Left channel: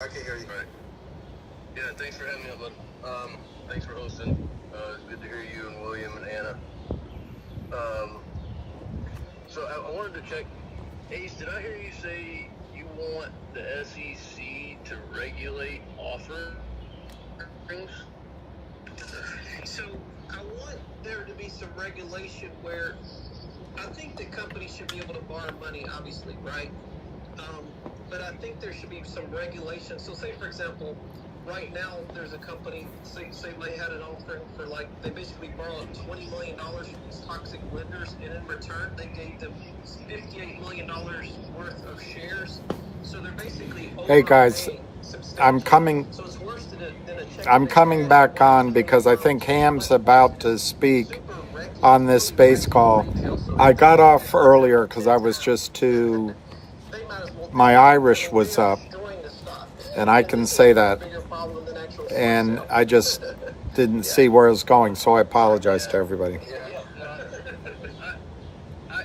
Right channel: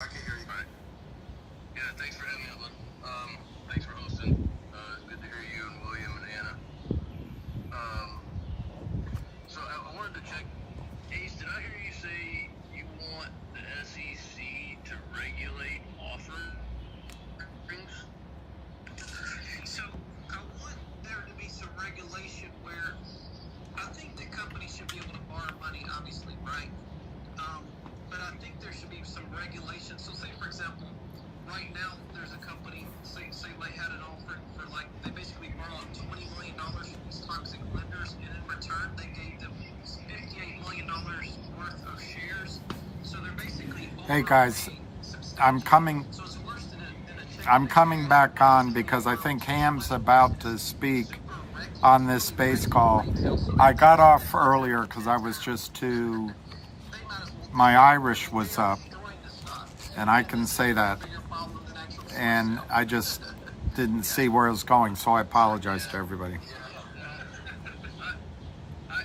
I can hear you. Right. Yeah, thanks for having me up, bud. Thanks for hosting. It's good to hear you and William and Anna. So I wanted to check. Ace, did I hear you say you want the SEC to regulate offerings? So I want there to be some regulation where I think that companies should be able to borrow money, obviously, right? But I think there should be some regulation. So say, for example, right now there's a company, say they had an offering for they basically borrowed $20 million from toxic lenders, and in return they gave them $58 million worth of shares. So they're basically Hey guys, I'm coming back on because I think Ham's about to speak on this space call. I got off earlier because I was just too, my Irish was up, and I can say that, and I just didn't see where it was going, so I apologize to everybody. I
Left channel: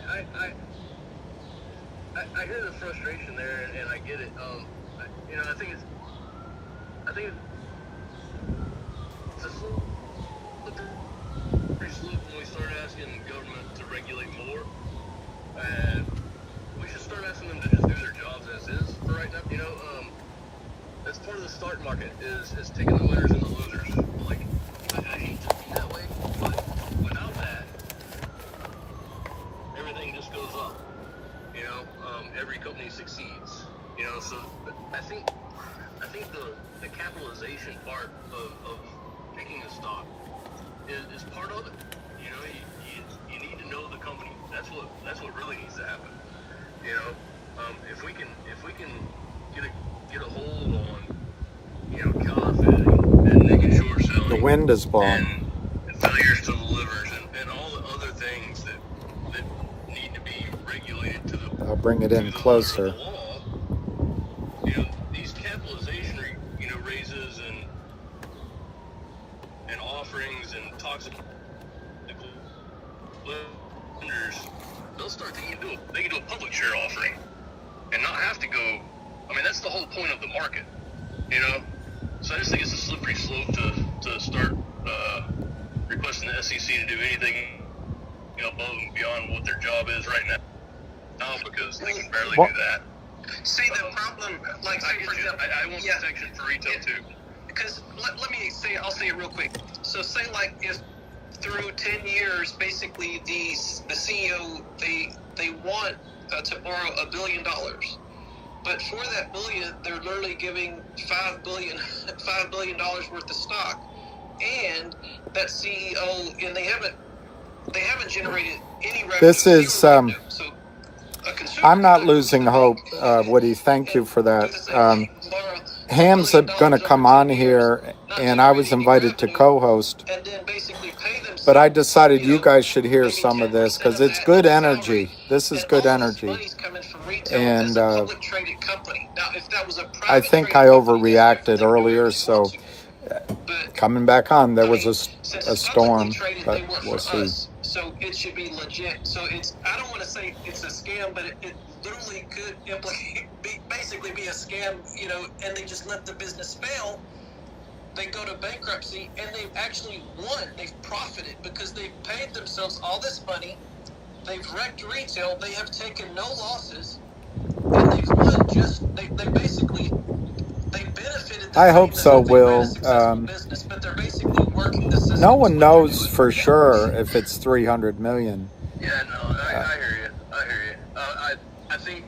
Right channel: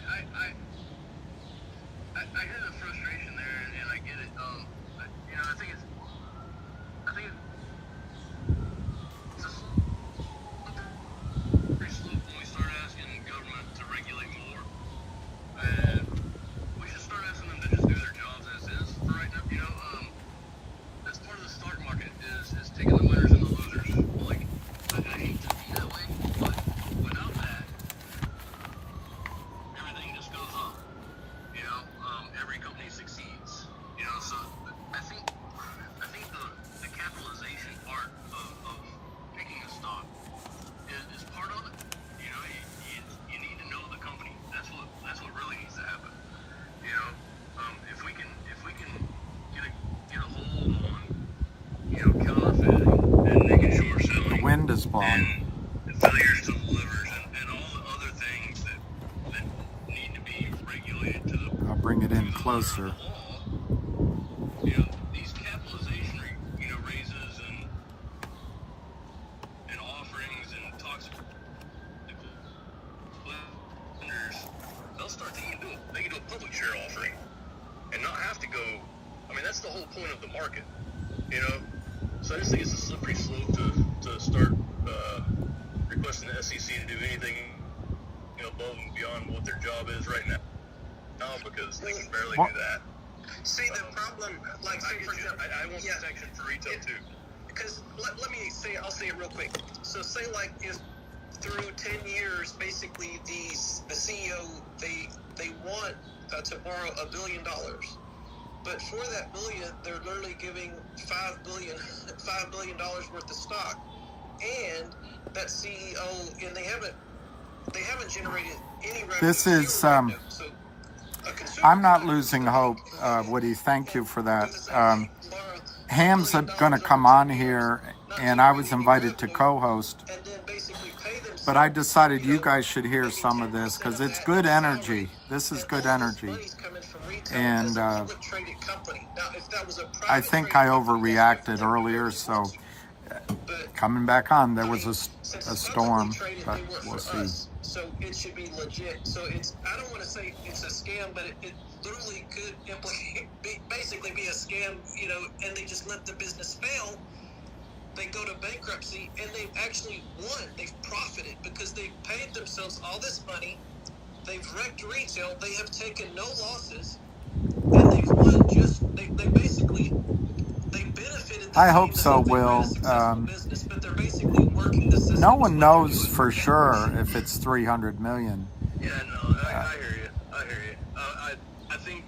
hear the frustration there, and I get it. I think it's a slippery slope when we start asking government to regulate more. We should start asking them to just do their jobs as is for right now. That's part of the stock market is taking the winners and the losers. I hate to be that way, but without that, everything just goes up. Every company succeeds. So I think the capitalization part of picking a stock is part of it. You need to know the company. That's what really needs to happen. If we can get a hold on counterfeiting and making sure selling, The wind is blowing. and failures to the livers and all the other things that need to be regulated to the I'll bring it in closer. These capitalization raises and offerings and toxic lenders, they'll start they can do a public share offering and not have to go. That's the whole point of the market, So I just think it's a slippery slope to start requesting the SEC to do anything above and beyond what their job is right now, because they can barely do that. See, the problem, say for example, I want protection for retail too. Because let me say, I'll say it real quick. So say if through 10 years, basically the CEO, they want to borrow $1 billion. But for that billion, they're literally giving $5 billion worth of stock. And that CEO, and they haven't generated any revenue. This is, So I'm not losing hope, Woody. Thank you for that. Ham's going to come on here, and I was invited to co-host. But I decided you guys should hear some of this because it's good energy. This is good energy. And I think I overreacted earlier, so coming back on, there was a storm, but we'll see. So it should be legit. So I don't want to say it's a scam, but it literally could basically be a scam, and they just let the business fail. They go to bankruptcy, and they've actually won. They've profited because they've paid themselves all this money. They've wrecked retail. They have taken no losses, and they've won. They benefited. I hope so, Will. Business, but they're basically working the system. No one knows for sure if it's 300 million. Yeah, no, I hear you. I think.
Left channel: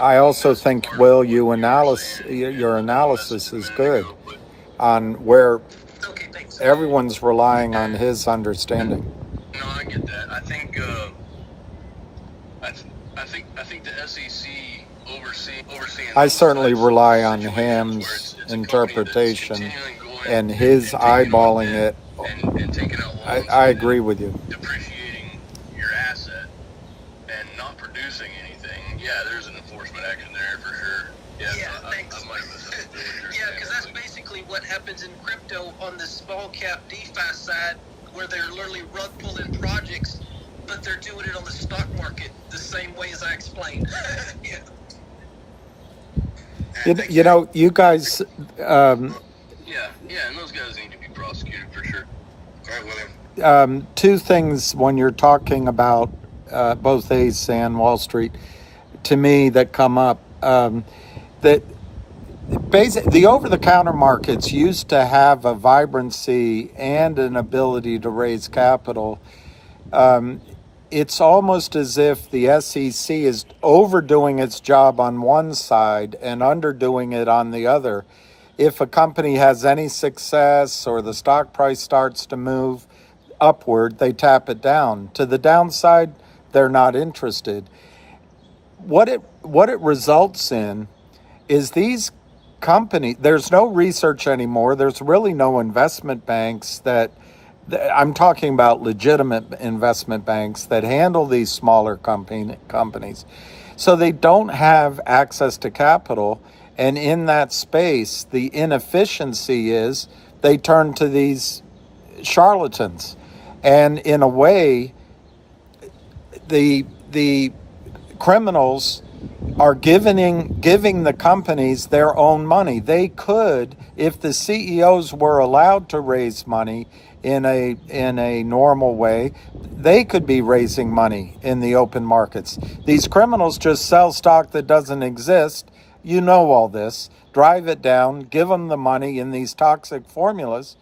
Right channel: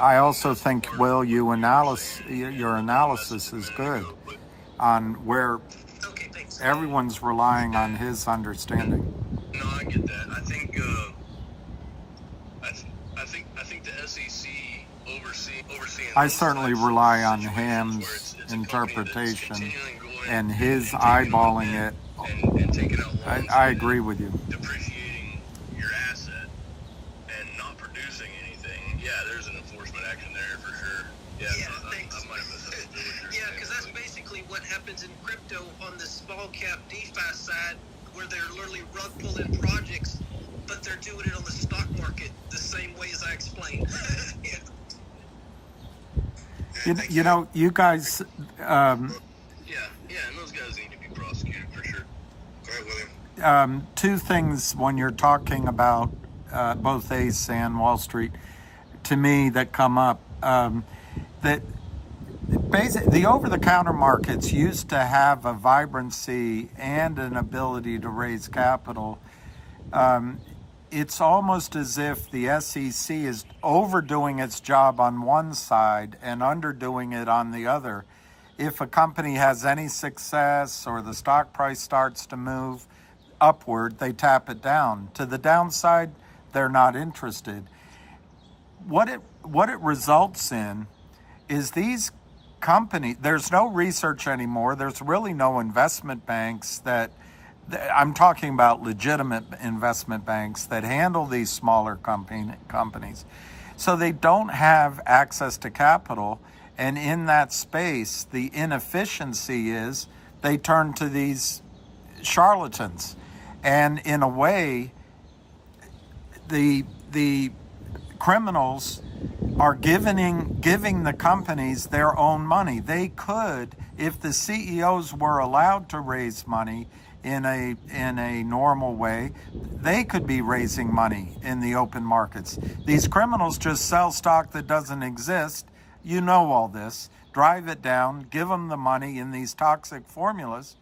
I also think, Will, your analysis is good on where everyone's relying on his understanding. No, I get that. I think the SEC overseeing. I certainly rely on Ham's interpretation and his eyeballing it. And taking out loans. I agree with you. Depreciating your asset and not producing anything. Yeah, there's an enforcement action there for sure. Thanks. Because that's basically what happens in crypto on the small cap DeFi side, where they're literally rug pulling projects, but they're doing it on the stock market the same way as I explained. You know, you guys, Yeah, and those guys need to be prosecuted for sure. All right, William. two things when you're talking about both ACE and Wall Street, to me, that come up. That the over-the-counter markets used to have a vibrancy and an ability to raise capital. It's almost as if the SEC is overdoing its job on one side and underdoing it on the other. If a company has any success or the stock price starts to move upward, they tap it down. To the downside, they're not interested. What it results in is these companies, there's no research anymore. There's really no investment banks that, I'm talking about legitimate investment banks that handle these smaller companies. So they don't have access to capital. And in that space, the inefficiency is they turn to these charlatans. And in a way, the criminals are giving the companies their own money. They could, if the CEOs were allowed to raise money in a normal way, they could be raising money in the open markets. These criminals just sell stock that doesn't exist. You know all this. Drive it down, give them the money in these toxic formulas.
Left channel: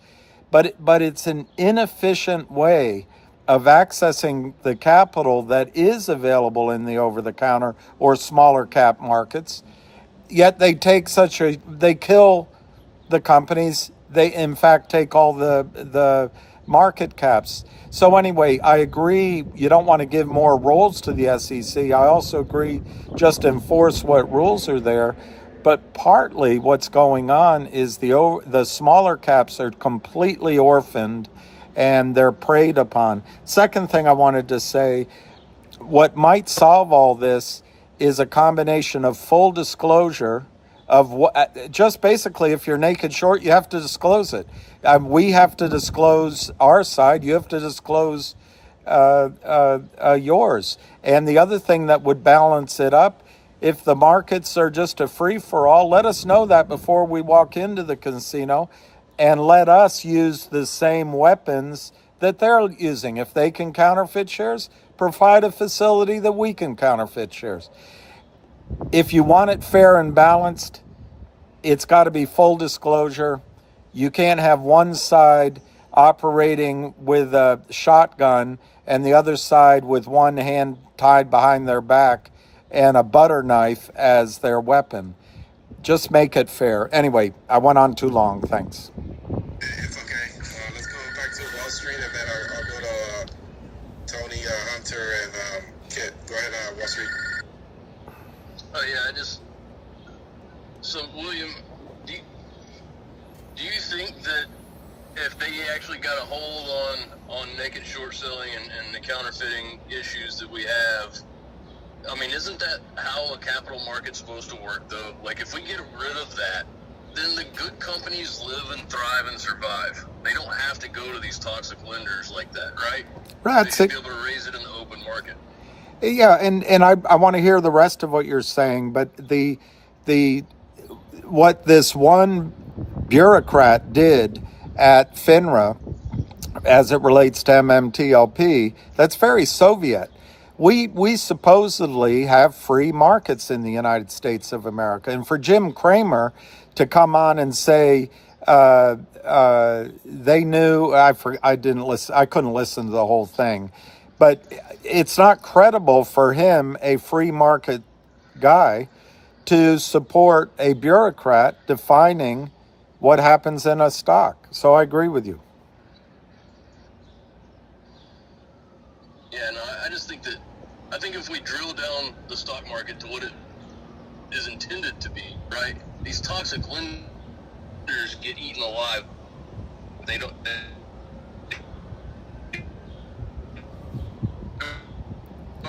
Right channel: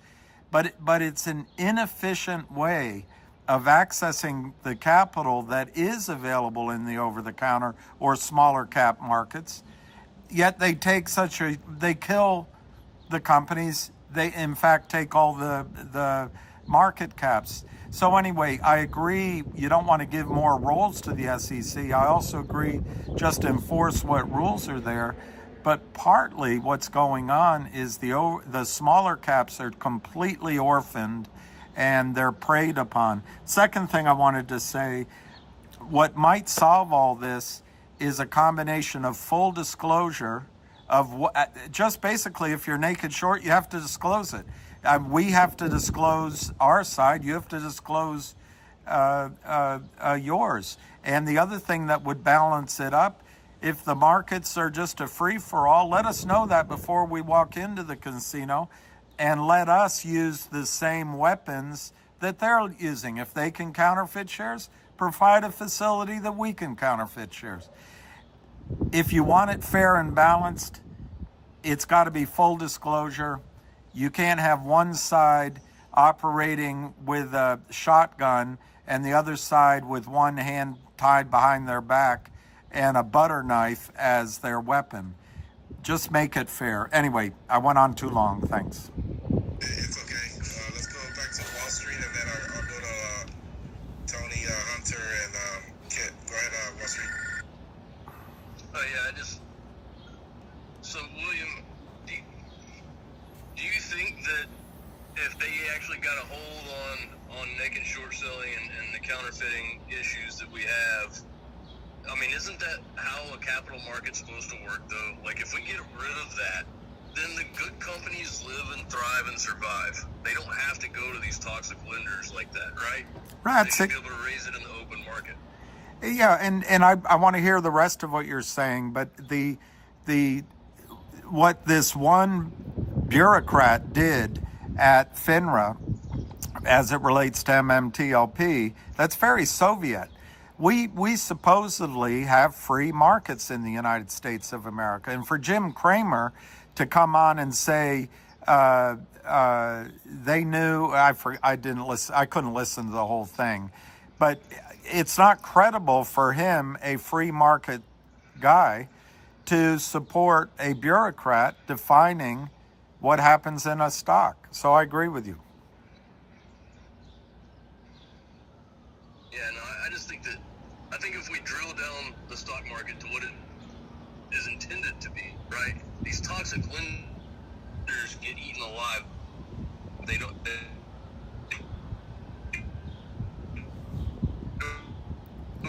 But it's an inefficient way of accessing the capital that is available in the over-the-counter or smaller cap markets. Yet they kill the companies. They, in fact, take all the market caps. So anyway, I agree you don't want to give more roles to the SEC. I also agree just enforce what rules are there. But partly what's going on is the smaller caps are completely orphaned and they're preyed upon. Second thing I wanted to say, what might solve all this is a combination of full disclosure of what, just basically, if you're naked short, you have to disclose it. We have to disclose our side. You have to disclose yours. And the other thing that would balance it up, if the markets are just a free-for-all, let us know that before we walk into the casino, and let us use the same weapons that they're using. If they can counterfeit shares, provide a facility that we can counterfeit shares. If you want it fair and balanced, it's got to be full disclosure. You can't have one side operating with a shotgun and the other side with one hand tied behind their back and a butter knife as their weapon. Just make it fair. Anyway, I went on too long. Thanks. It's okay. Let's go back to Wall Street, and then I'll go to Tony, Hunter, and Kit. Go ahead, Wall Street. Oh yeah, so William, do you think that if they actually got a hold on naked short selling and the counterfeiting issues that we have, I mean, isn't that how a capital market's supposed to work, though? Like, if we get rid of that, then the good companies live and thrive and survive. They don't have to go to these toxic lenders like that, right? Right. They should be able to raise it in the open market. Yeah, and I want to hear the rest of what you're saying, but what this one bureaucrat did at FINRA as it relates to MMTLP, that's very Soviet. We supposedly have free markets in the United States of America. And for Jim Cramer to come on and say they knew, I didn't listen, I couldn't listen to the whole thing. But it's not credible for him, a free market guy, to support a bureaucrat defining what happens in a stock. So I agree with you. Yeah, no, I think if we drill down the stock market to what it is intended to be, right? These toxic lenders get eaten alive. They don't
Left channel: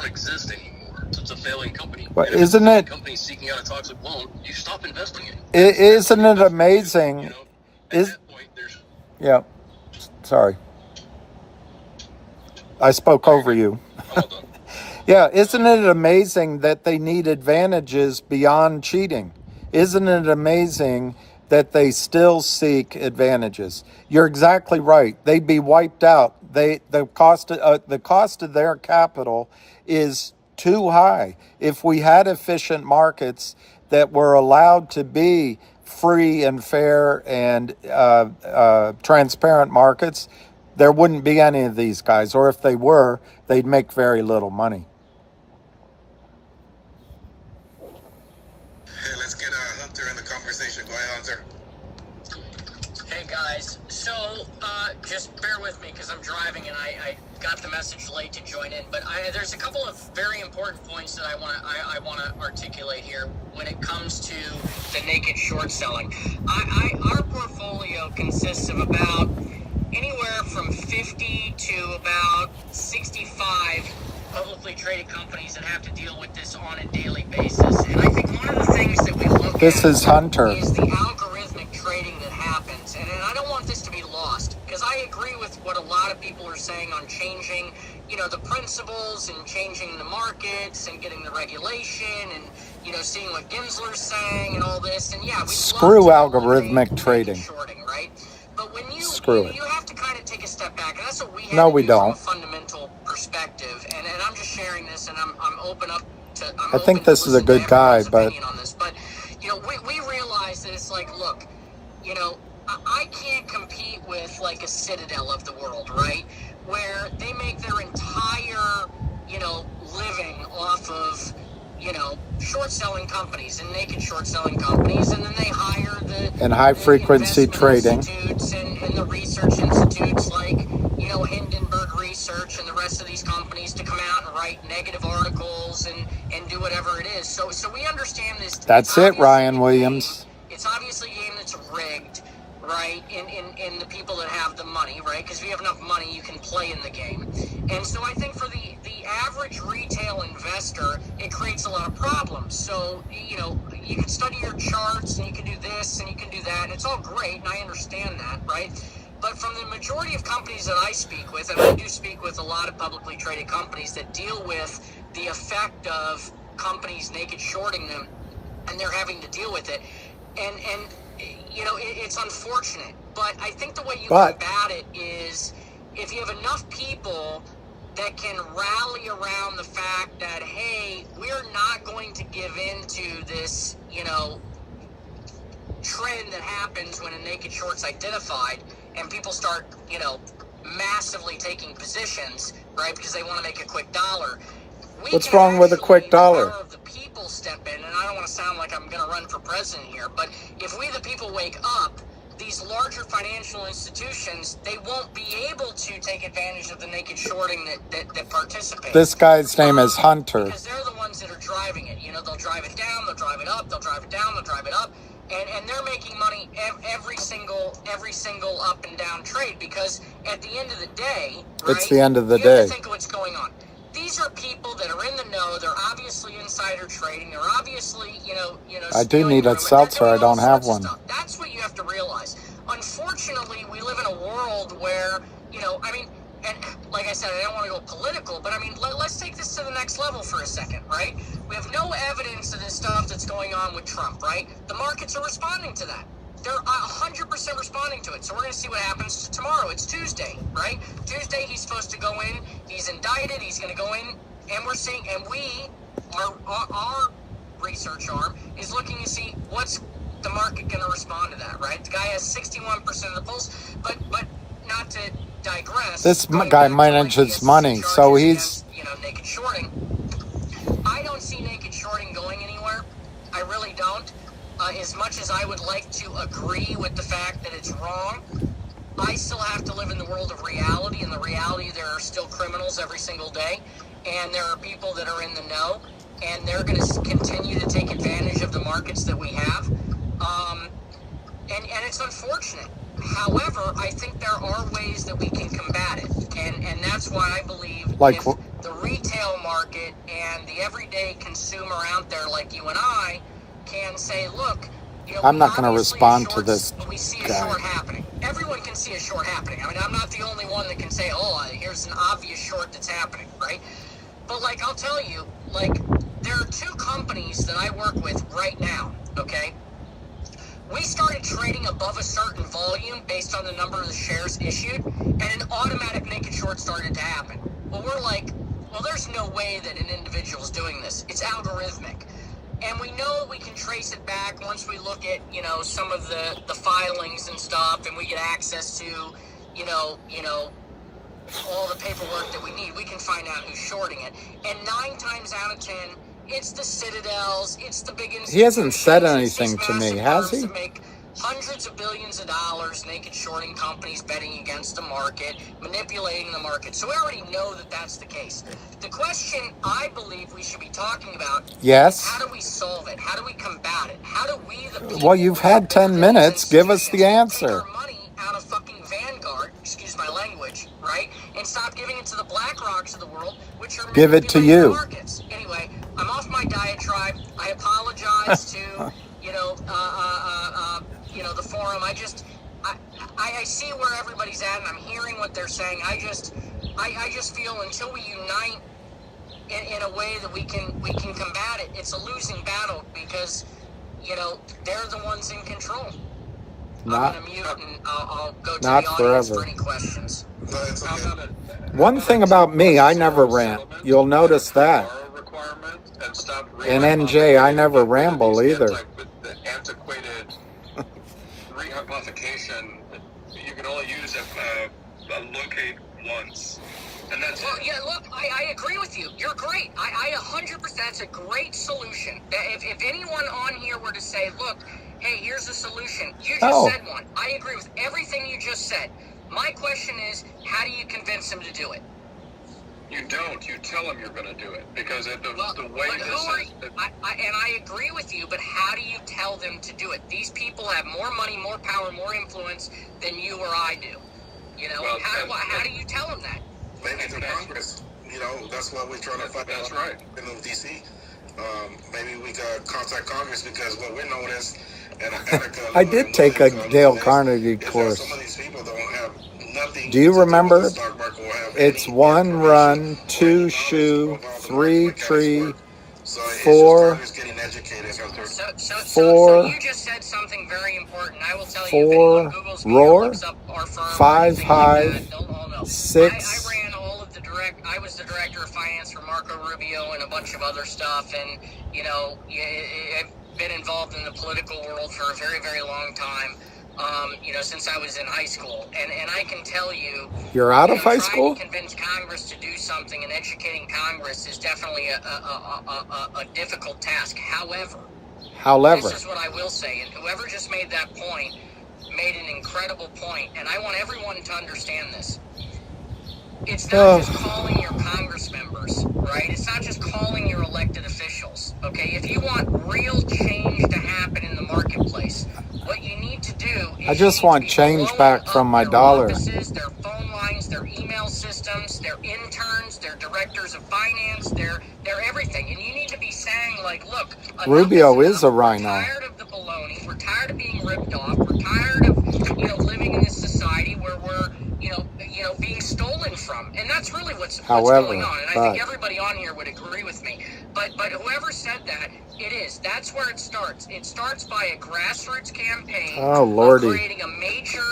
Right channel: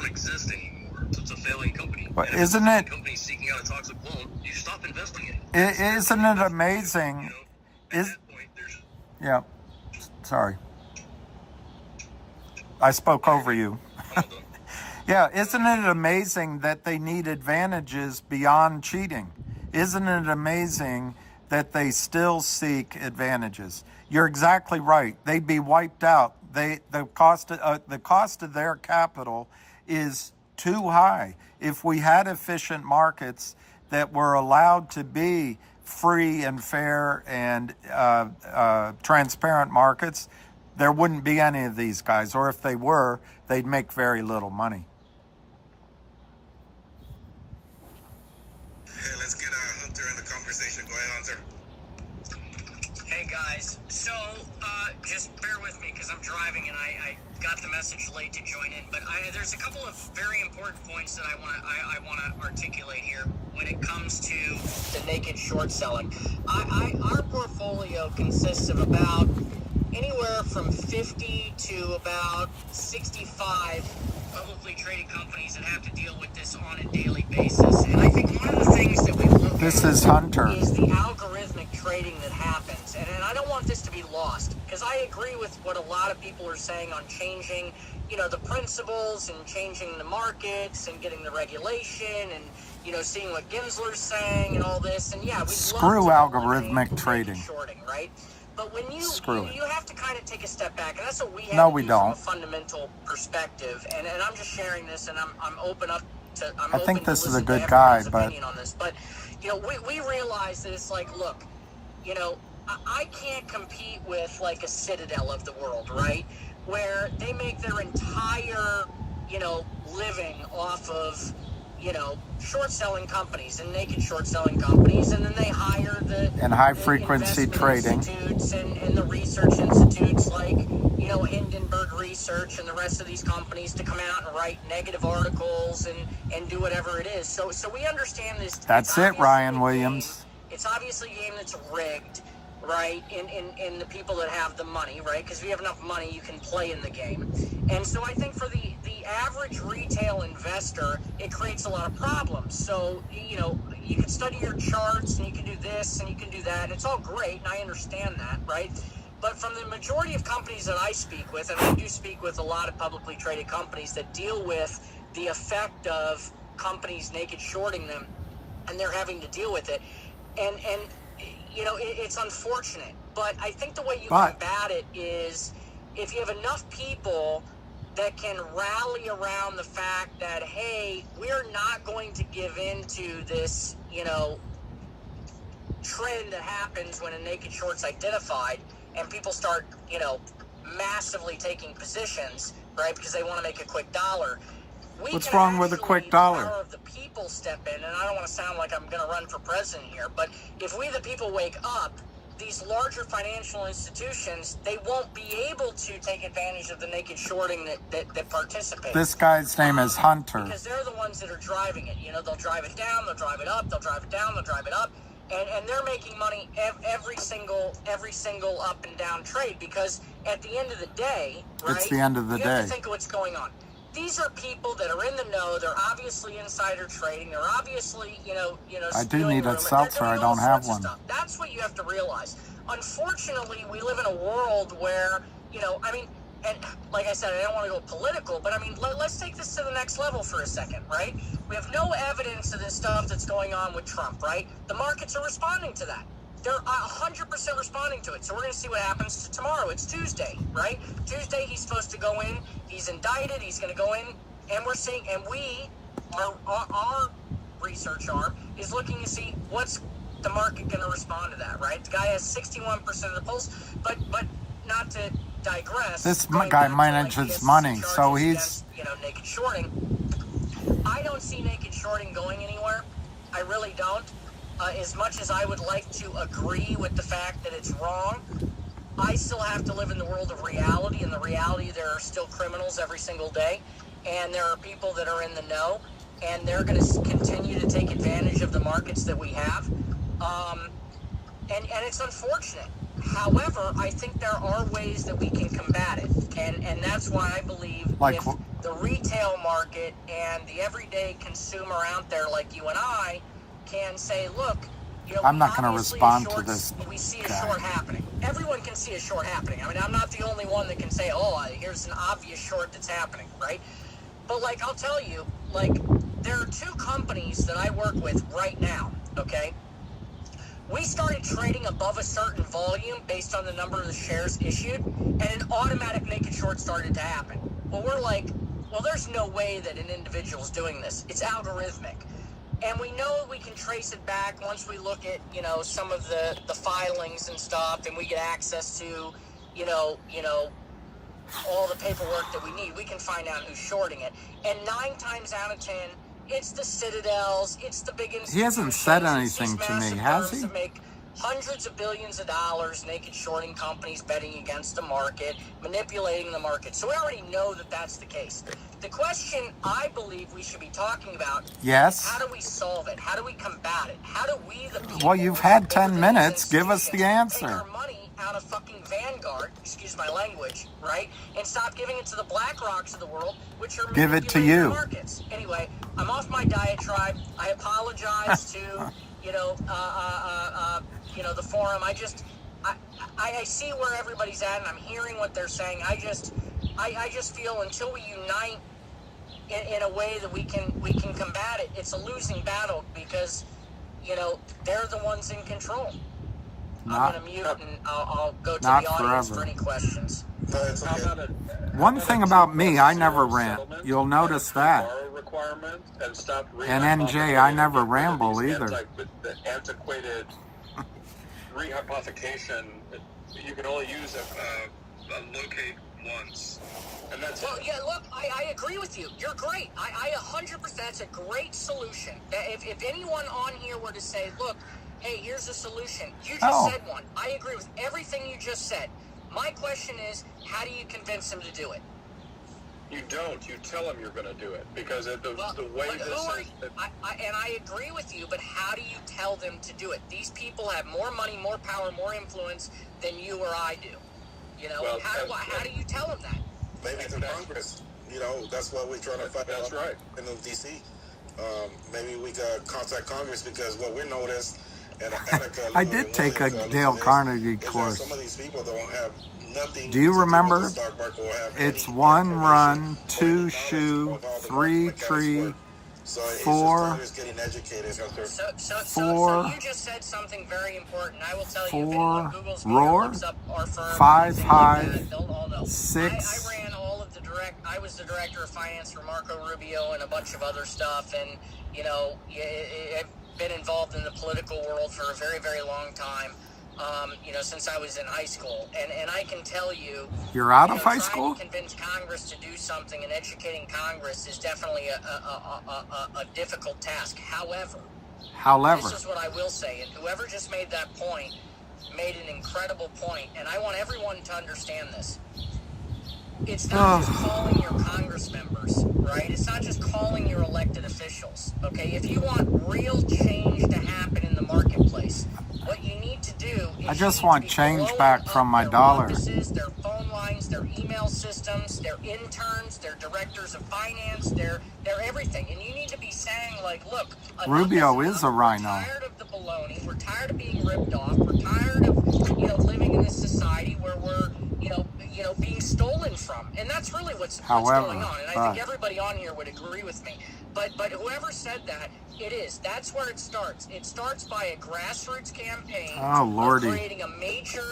exist anymore. So it's a failing company. But isn't it? Company seeking out a toxic loan, you stop investing in it. Isn't it amazing? You know, at that point, yeah. Sorry, I spoke over you. Yeah, isn't it amazing that they need advantages beyond cheating? Isn't it amazing that they still seek advantages? You're exactly right. They'd be wiped out. The cost of their capital is too high. If we had efficient markets that were allowed to be free and fair and transparent markets, there wouldn't be any of these guys. Or if they were, they'd make very little money. Hey, let's get Hunter in the conversation. Go ahead, Hunter. Hey guys, so just bear with me because I'm driving and I got the message late to join in, but there's a couple of very important points that I want to articulate here when it comes to the naked short selling. Our portfolio consists of about anywhere from 50 to about 65 publicly traded companies that have to deal with this on a daily basis. And I think one of the things that we look This at is Hunter. is the algorithmic trading that happens. And I don't want this to be lost because I agree with what a lot of people are saying on changing, the principles and changing the markets and getting the regulation and, seeing what Gensler's saying and all this. And yeah, Screw algorithmic trading. Shorting, right? But when you, Screw it. You have to kind of take a step back, and that's what we have No, to we do from don't. a fundamental perspective. And I'm just sharing this, and I'm open up to. I think this is a good guy, but we realize that it's like, look, I can't compete with like a Citadel of the world, right? Where they make their entire, living off of, short selling companies and naked short selling companies, and then they hire the in high frequency trading. institutes and the research institutes like, Hindenburg Research and the rest of these companies to come out and write negative articles and do whatever it is. So we understand this. That's it, Ryan Williams. It's obviously a game that's rigged, right, in the people that have the money, right? Because if you have enough money, you can play in the game. And so I think for the average retail investor, it creates a lot of problems. So, you can study your charts, and you can do this, and you can do that, and it's all great, and I understand that, right? But from the majority of companies that I speak with, and I do speak with a lot of publicly traded companies that deal with the effect of companies naked shorting them, and they're having to deal with it. And it's unfortunate, but I think the way you combat it is if you have enough people that can rally around the fact that, hey, we're not going to give in to this, trend that happens when a naked short's identified, and people start, massively taking positions, right, because they want to make a quick dollar. What's wrong with a quick dollar? The people step in, and I don't want to sound like I'm going to run for president here, but if we the people wake up, these larger financial institutions, they won't be able to take advantage of the naked shorting that participate. This guy's name is Hunter. Because they're the ones that are driving it. They'll drive it down, they'll drive it up, they'll drive it down, they'll drive it up, and they're making money every single up and down trade, because at the end of the day, right, It's the end of the you have to day. think of what's going on. These are people that are in the know. They're obviously insider trading. They're obviously, I do need a seltzer. I don't have one. That's what you have to realize. Unfortunately, we live in a world where, and like I said, I don't want to go political, but let's take this to the next level for a second, right? We have no evidence of this stuff that's going on with Trump, right? The markets are responding to that. They're 100% responding to it. So we're going to see what happens tomorrow. It's Tuesday, right? Tuesday, he's supposed to go in. He's indicted. He's going to go in. And we're seeing, and our research arm is looking to see what's the market going to respond to that, right? The guy has 61% of the pulse, but not to digress. This guy manages money, so he's... naked shorting. I don't see naked shorting going anywhere. I really don't. As much as I would like to agree with the fact that it's wrong, I still have to live in the world of reality, and the reality there are still criminals every single day, and there are people that are in the know, and they're going to continue to take advantage of the markets that we have. And it's unfortunate. However, I think there are ways that we can combat it, and that's why I believe Like if the retail market and the everyday consumer out there like you and I can say, look, I'm not going to respond to this we see a guy. short happening. Everyone can see a short happening. I'm not the only one that can say, oh, here's an obvious short that's happening, right? But I'll tell you, there are two companies that I work with right now, okay? some of the filings and stuff, and we get access to, all the paperwork that we need, we can find out who's shorting it. And 9 times out of 10, it's the Citadels, it's the big institutions. He hasn't said anything to me, has he? Make hundreds of billions of dollars naked shorting companies, betting against the market, manipulating the market. So we already know that that's the case. The question I believe we should be talking about Yes. is how do we solve it? How do we combat it? How do we, the people, Well, you've had 10 minutes. Give us the answer. take our money out of fucking Vanguard, excuse my language, right? And stop giving it to the BlackRocks of the world, which are Give it to manipulating you. the markets. Anyway, I'm off my diatribe. I apologize to the forum. I see where everybody's at, and I'm hearing what they're saying. I just feel until we unite in a way that we can combat it, it's a losing battle because they're the ones in control. Not, I'm gonna mute and I'll go to not the audience forever. for any questions. One thing about me, I never rant. You'll notice that. And NJ, I never ramble either. You can only use it locate once, and that's Well, yeah, look, I agree with you. You're great. I 100%, that's a great solution. If anyone on here were to say, look, hey, here's a solution. You just said one. I agree with everything you just said. My question is, how do you convince them to do it? You don't. You tell them you're going to do it because the way And I agree with you, but how do you tell them to do it? These people have more money, more power, more influence than you or I do. How do you tell them that? Maybe through Congress. That's what we're trying to find. That's right. We move DC. Maybe we got contact Congress because what we know is. I did take a Dale Carnegie course. Do you remember? It's 1 run, 2 shoe, 3 tree, 4 So you just said something very important. I will tell you. 4 roar, Looks up our firm, 5 hive, no. 6. I ran all of I was the director of finance for Marco Rubio and a bunch of other stuff, and I've been involved in the political world for a very, very long time. Since I was in high school, and I can tell you, You're out of high school? Trying to convince Congress to do something and educating Congress is definitely a difficult task. However, this is what I will say, and whoever just made that point made an incredible point, and I want everyone to understand this. It's not just calling your Congress members, right? It's not just calling your elected officials, okay? If you want real change to happen in the marketplace, what you need to do is I just want change back from my dollar. offices, their phone lines, their email systems, their interns, their directors of finance, their everything. And you need to be saying, like, look, Rubio is a rhino. We're tired of the baloney. We're tired of being ripped off. We're tired of living in this society where we're being stolen from. And that's really what's going on. And I think everybody on here would agree with me. But whoever said that, it is. That's where it starts. It starts by a grassroots campaign. Oh, Lordy. Of creating a major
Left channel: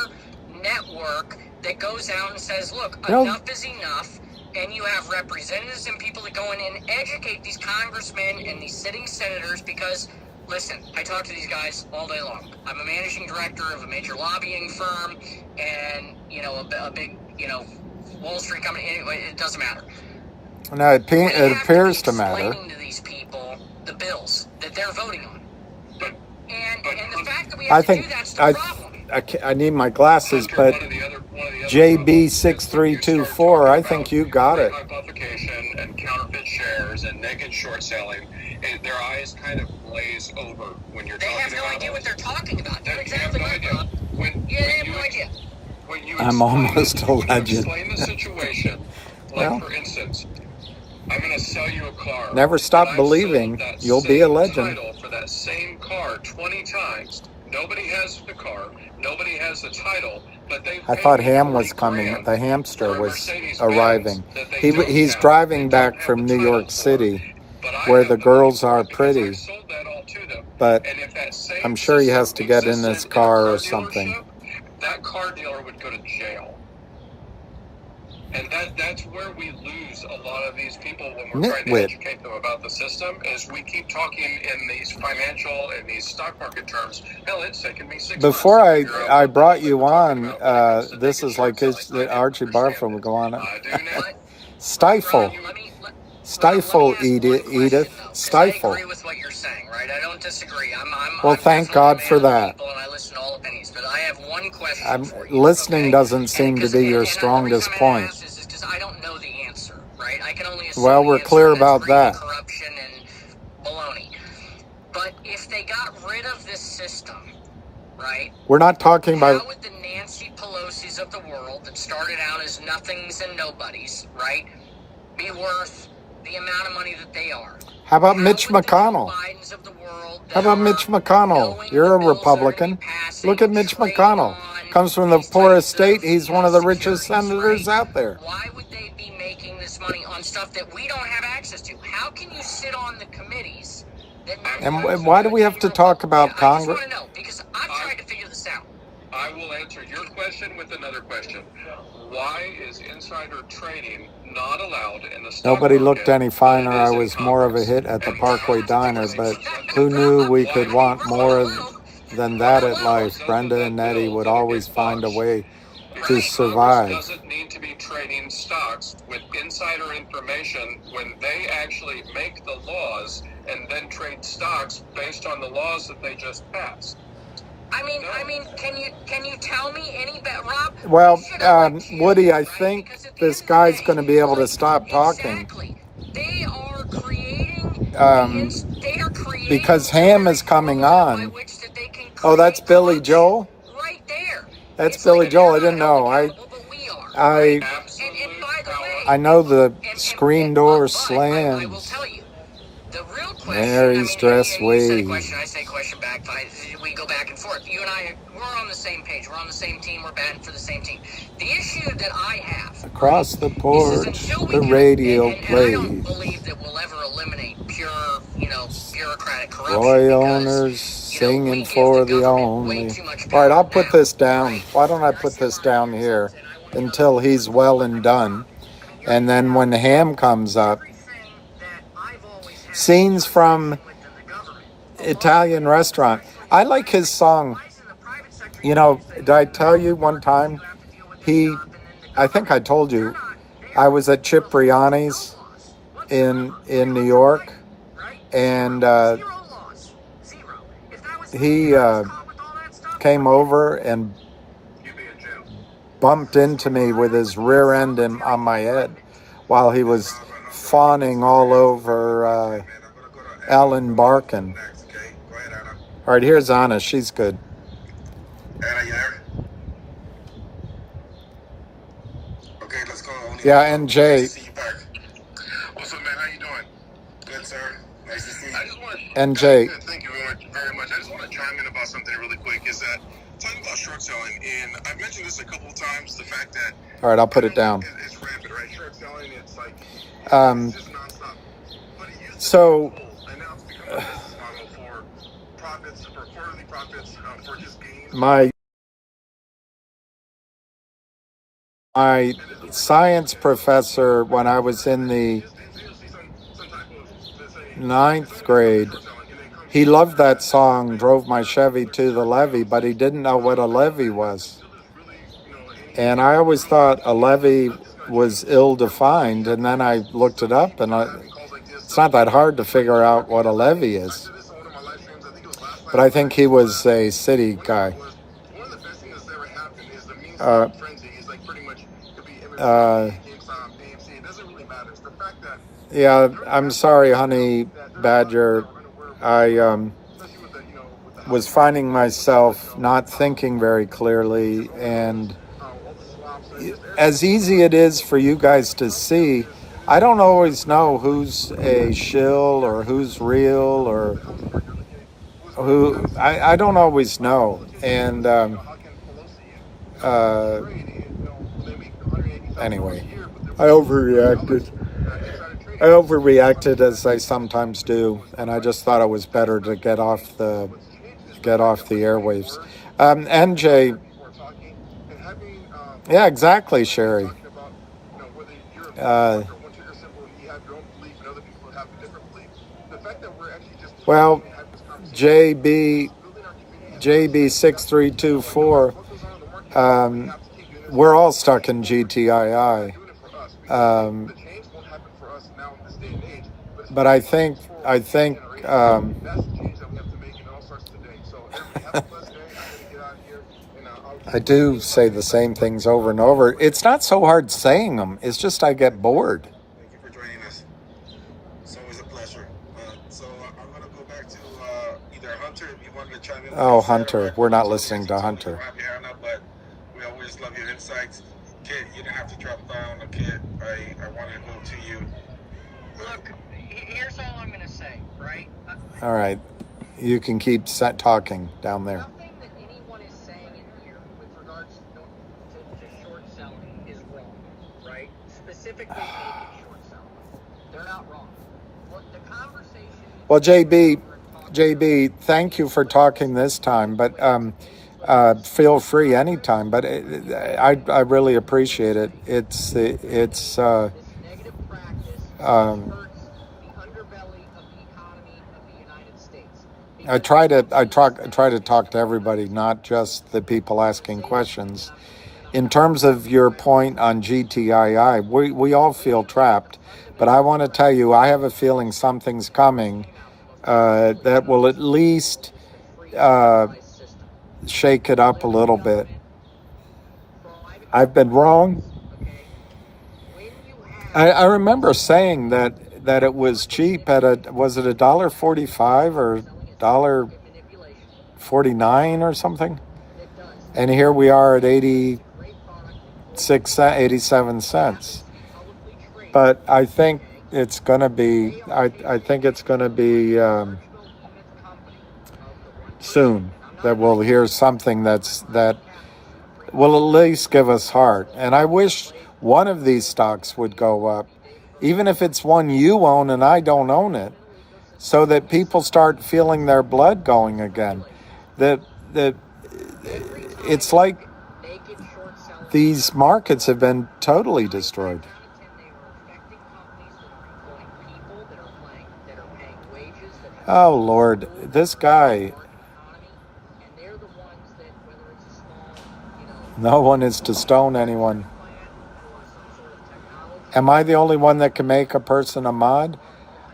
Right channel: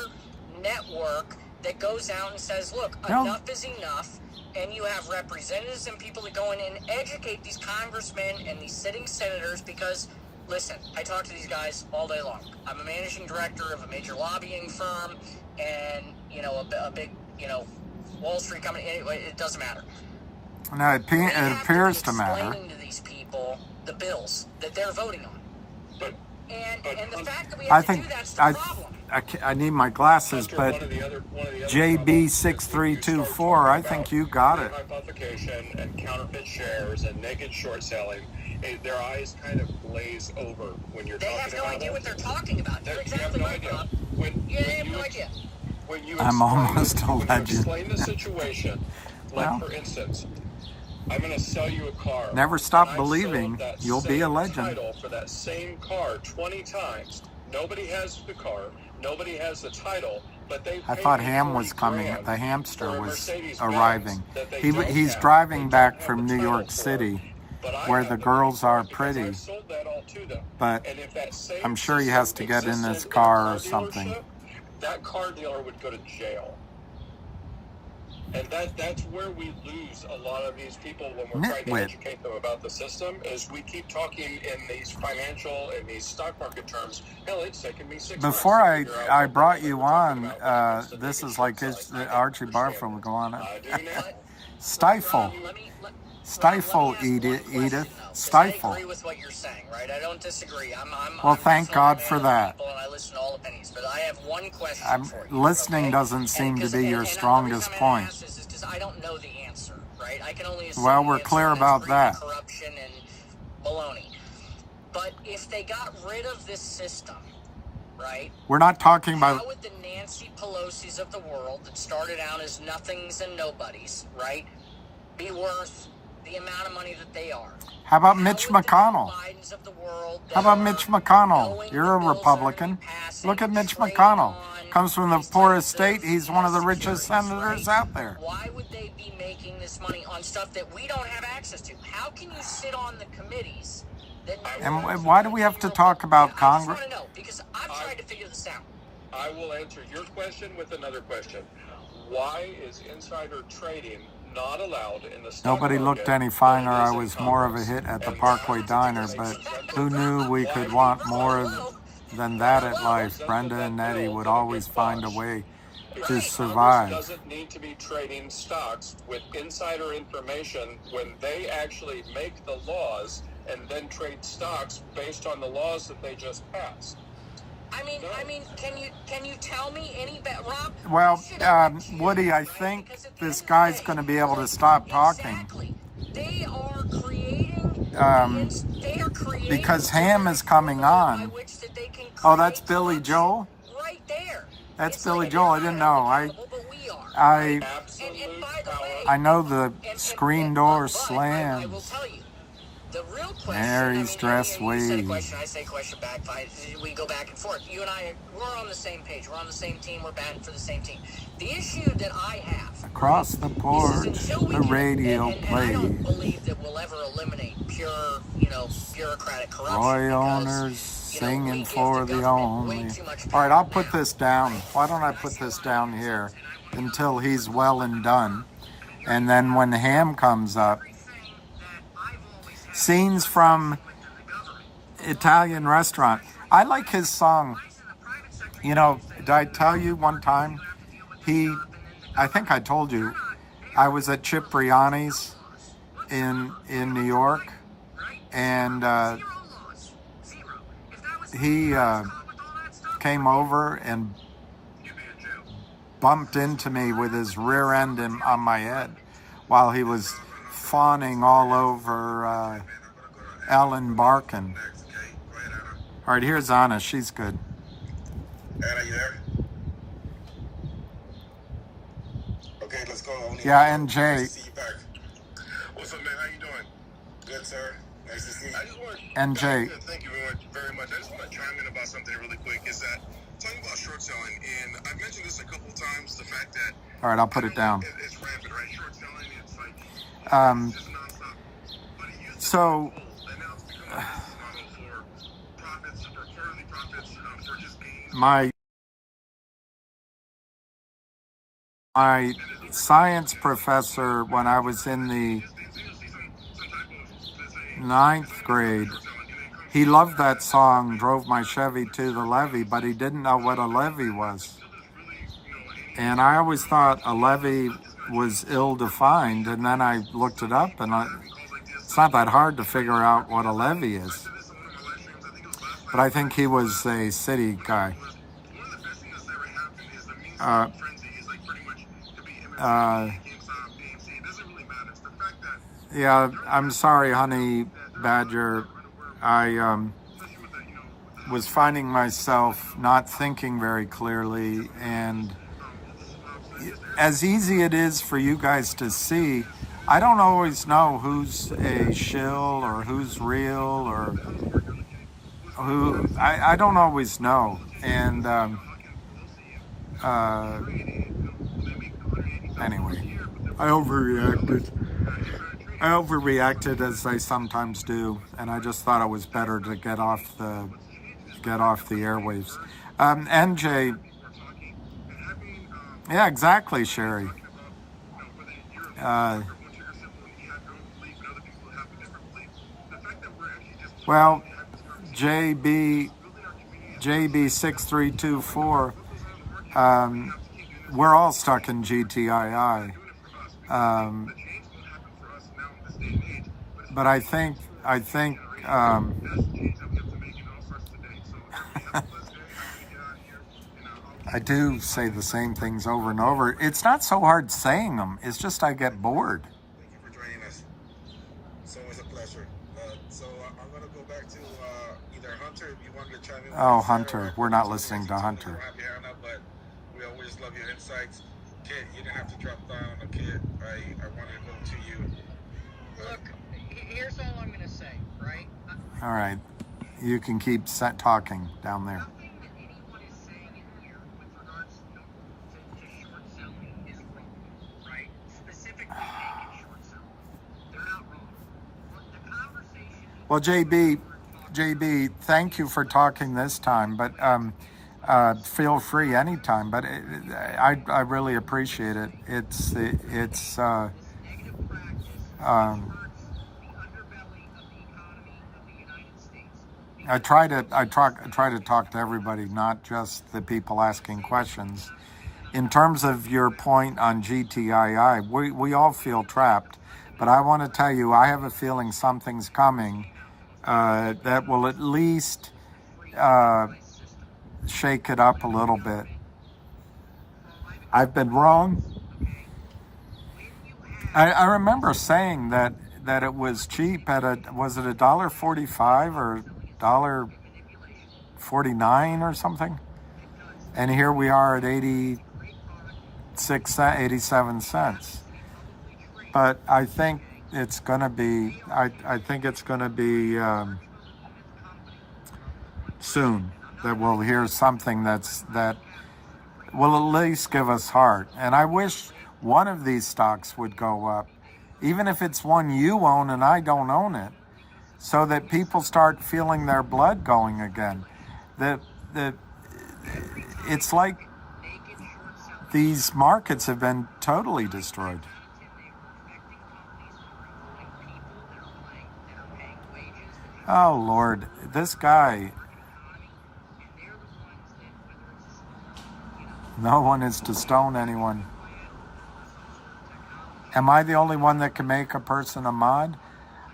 network that goes out and says, look, enough is enough. And you have representatives and people that go in and educate these congressmen and these sitting senators because, listen, I talk to these guys all day long. I'm a managing director of a major lobbying firm and, a big, Wall Street company. Anyway, it doesn't matter. No, it appears to matter. To these people the bills that they're voting on. And the fact that we I have think to do that's the problem. I need my glasses, but JB6324, I think you got it. Publication and counterfeit shares and naked short selling, and their eyes kind of glaze over when you're They talking have no about idea what they're talking about. They're exactly right. They have no idea. I'm almost a legend. Explain the situation. Like, Well, for instance, I'm going to sell you a car. never stop believing. You'll be a legend. For that same car 20 times. Nobody has the car. Nobody has the title. But I thought Ham was coming. The hamster was arriving. He's driving back from New York City, where the girls are pretty. But I'm sure he has to get in his car or something. That car dealer would go to jail. And that's where we lose a lot of these people when we're trying to Nitwit. educate them about the system, is we keep talking in these financial and these stock stock market terms. Hell, it's taken me 6 Before months to figure out I what brought the you fuck on, we're talking about because this they is can like turn his, something I Archie don't Barfoot understand. would go on. Do now. Stifle. Let me Stifle, ask one Edith. question though, because I Stifle. agree with what you're saying, right? I don't disagree. Well, I'm thank definitely a God man for of the that. people, and I listen to all opinions. But I have one question for you, Listening okay? doesn't And seem to because be your the reason strongest I'm point. asked is because I don't know the answer, right? I can only assume Well, the we're answer, clear and that's about greed and that. corruption and baloney. But if they got rid of this system, right? We're not talking about. How would the Nancy Pelosi's of the world that started out as nothings and nobodies, right, be worth the amount of money that they are? How about Mitch McConnell? How about Mitch McConnell? You're a Republican. Look at Mitch McConnell. Comes from the poorest state. He's one of the richest senators out there. Why would they be making this money on stuff that we don't have access to? How can you sit on the committees? And why do we have to talk about Congress? I just want to know, because I'm trying to figure this out. I will answer your question with another question. Why is insider trading not allowed in the stock Nobody looked market any finer. I was more of a hit at the Parkway Diner, but who knew we could want more than that at life? Brenda and Nettie would always find a way to survive. doesn't need to be trading stocks with insider information when they actually make the laws and then trade stocks based on the laws that they just passed. I mean, can you tell me any better, Rob? Well, Woody, I think this guy's going to be able to stop talking. Exactly. They are creating. They are creating Because Ham is coming on. Oh, that's Billy Joel? Right there. That's Billy Joel. I didn't know. I know the screen door slams. Mary's dress waves. I say question back. We go back and forth. You and I, we're on the same page. We're on the same team. We're batting for the same team. The issue that I have Across the porch, the radio plays. I don't believe that we'll ever eliminate pure, bureaucratic corruption. Roy owners singing for the only. All right, I'll put this down. Why don't I put this down here until he's well and done? And then when Ham comes up, scenes from Italian restaurant. I like his song. Did I tell you one time? I think I told you, I was at Cipriani's in New York, and he came over and bumped into me with his rear end on my head while he was fawning all over Alan Barkin. All right, here's Anna. She's good. Yeah, and Jay. What's up, man? How you doing? Good, sir. Nice to see you. And Jay. Thank you very much. I just want to chime in about something really quick. Is that talking about short selling, and I've mentioned this a couple of times. The fact that All right, I'll put it down. It's rampant, right? Short selling, it's like Um, it's just nonstop. But it used to so, be cool, and now it's become a business model for profits, for quarterly profits, for just gains. my science professor, when I was in the 9th grade, he loved that song, Drove My Chevy to the Levee, but he didn't know what a levee was. And I always thought a levee was ill-defined, and then I looked it up, and it's not that hard to figure out what a levee is. But I think he was a city guy. Yeah, I'm sorry, honey badger. I was finding myself not thinking very clearly, and as easy it is for you guys to see, I don't always know who's a shill or who's real or who. I don't always know, and anyway, I overreacted as I sometimes do, and I just thought it was better to get off the airwaves. NJ, yeah, exactly, Sherry. Well, JB JB6324, we're all stuck in GTII. But I think I do say the same things over and over. It's not so hard saying them. It's just I get bored. Thank you for joining us. It's always a pleasure. So I'm going to go back to either Hunter, if you want to chime in. Oh, Hunter. We're not listening to Hunter. But we always love your insights. Kit, you didn't have to drop down. Kit, I want to go to you. Look, here's all I'm going to say, right? All right. You can keep talking down there. Nothing that anyone is saying in here with regards to short selling is wrong, right? Specifically naked short selling. They're not wrong. What the conversation... Well, JB, thank you for talking this time, but feel free anytime. But I really appreciate it. It's this negative practice hurts the underbelly of the economy of the United States. I try to talk to everybody, not just the people asking questions. In terms of your point on GTII, we all feel trapped, but I want to tell you, I have a feeling something's coming that will at least shake it up a little bit. I've been wrong. I remember saying that it was cheap at was it $1.45 or $1.49 or something? And here we are at 87 cents. But I think it's going to be, I think it's going to be soon that we'll hear something that will at least give us heart. And I wish one of these stocks would go up, even if it's one you own and I don't own it, so that people start feeling their blood going again. It's like these markets have been totally destroyed. Oh, Lord, this guy. No one is to stone anyone. Am I the only one that can make a person a mod?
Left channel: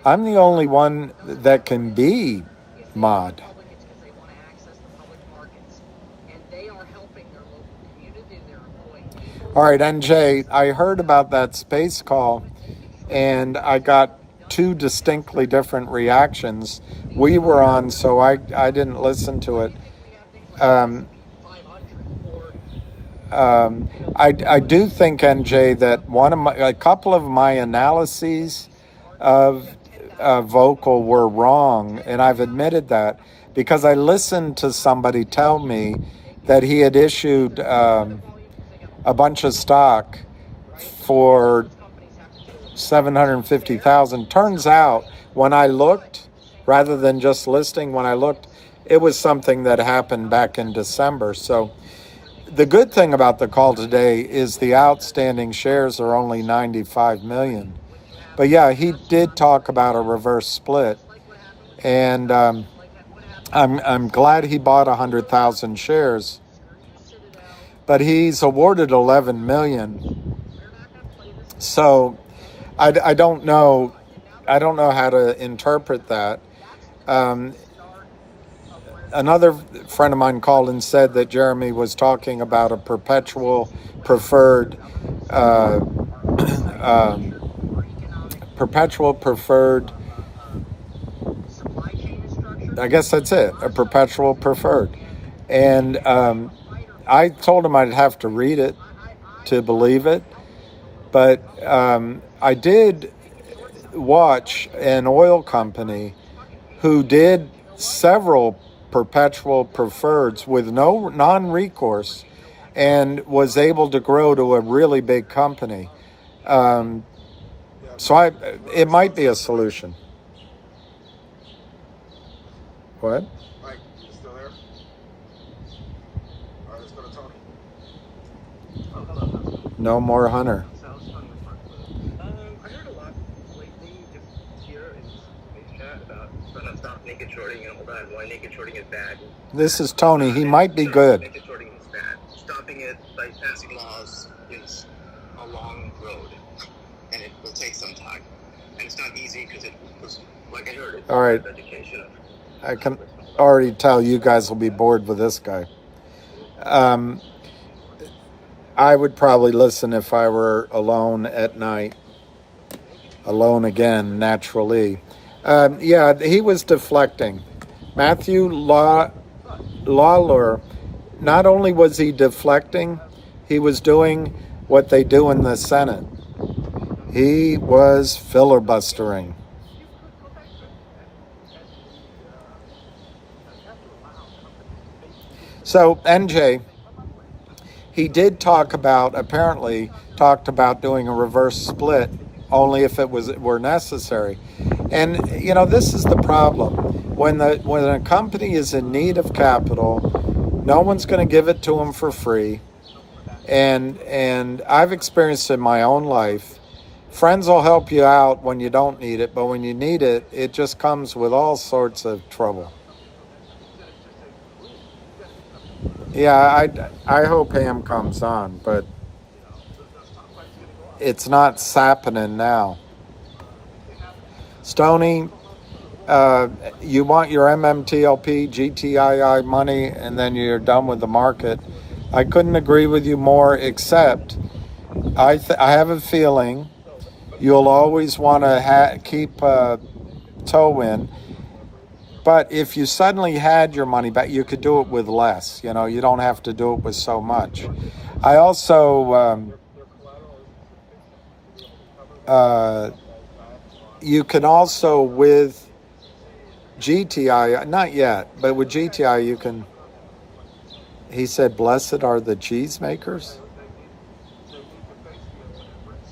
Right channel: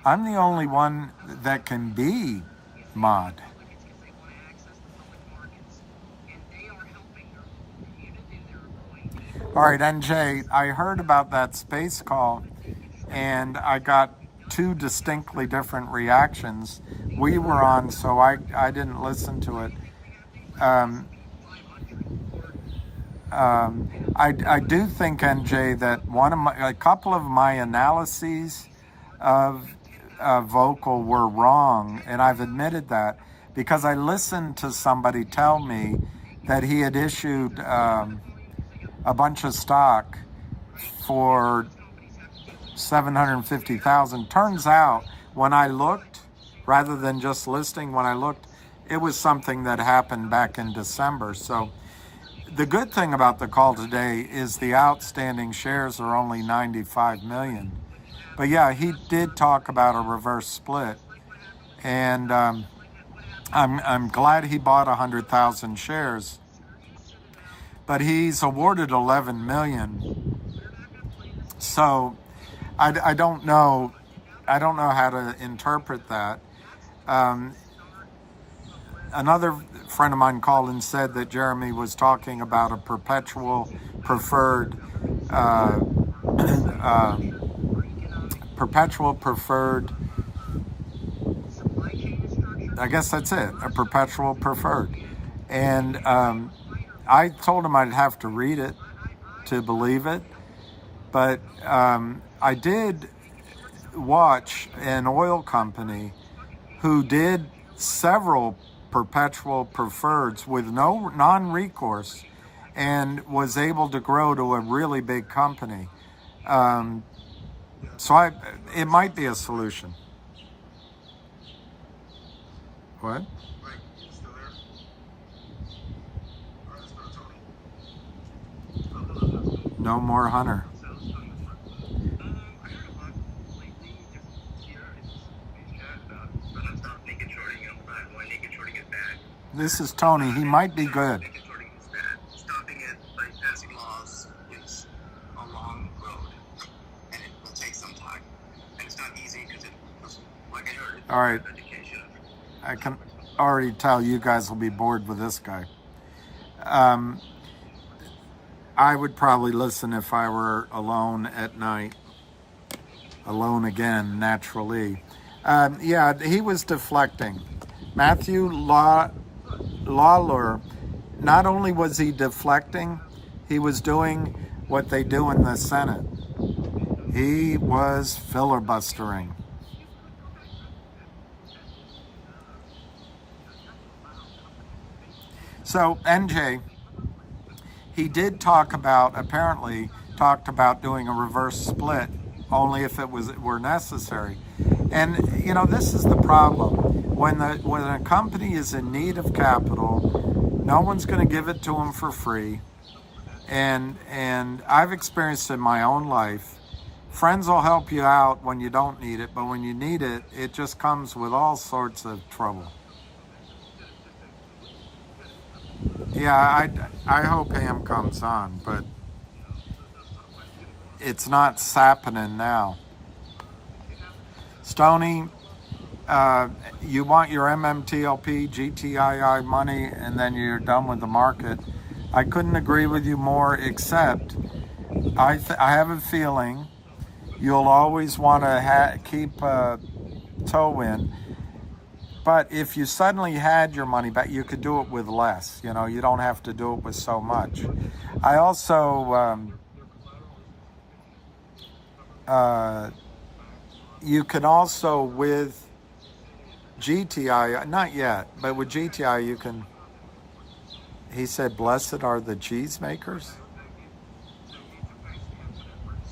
I'm the only one that can be mod. All right, NJ, I heard about that space call, and I got two distinctly different reactions. We were on, so I didn't listen to it. I do think, NJ, that a couple of my analyses of Vocal were wrong, and I've admitted that because I listened to somebody tell me that he had issued a bunch of stock for $750,000. Turns out, when I looked, rather than just listing, when I looked, it was something that happened back in December. So the good thing about the call today is the outstanding shares are only 95 million. But yeah, he did talk about a reverse split, and I'm glad he bought 100,000 shares. But he's awarded 11 million. So I don't know how to interpret that. Another friend of mine called and said that Jeremy was talking about a perpetual preferred I guess that's it, a perpetual preferred. And I told him I'd have to read it to believe it. But I did watch an oil company who did several perpetual preferreds with no non-recourse and was able to grow to a really big company. So it might be a solution. What? Mike, you still there? All right, let's go to Tony. No more Hunter. I heard a lot lately, just here in chat about naked shorting and all that, why naked shorting is bad. This is Tony. He might be good. Naked shorting is bad. Stopping it by passing laws is a long road, and it will take some time. And it's not easy because it was, like I heard, it's All right. education of I can already tell you guys will be bored with this guy. I would probably listen if I were alone at night. Alone again, naturally. Yeah, he was deflecting. Matthew Lawler, not only was he deflecting, he was doing what they do in the Senate. He was filibustering. So, NJ, he did talk about, apparently, talked about doing a reverse split only if it were necessary. And, you know, this is the problem. When a company is in need of capital, no one's going to give it to them for free. And I've experienced in my own life, friends will help you out when you don't need it, but when you need it, it just comes with all sorts of trouble. Yeah, I hope Ham comes on, but it's not happening now. Stoney, you want your MMTLP, GTII money, and then you're done with the market. I couldn't agree with you more, except I have a feeling you'll always want to keep toe in. But if you suddenly had your money back, you could do it with less. You know, you don't have to do it with so much. I also, you can also with GTI, not yet, but with GTI you can, he said, blessed are the cheese makers.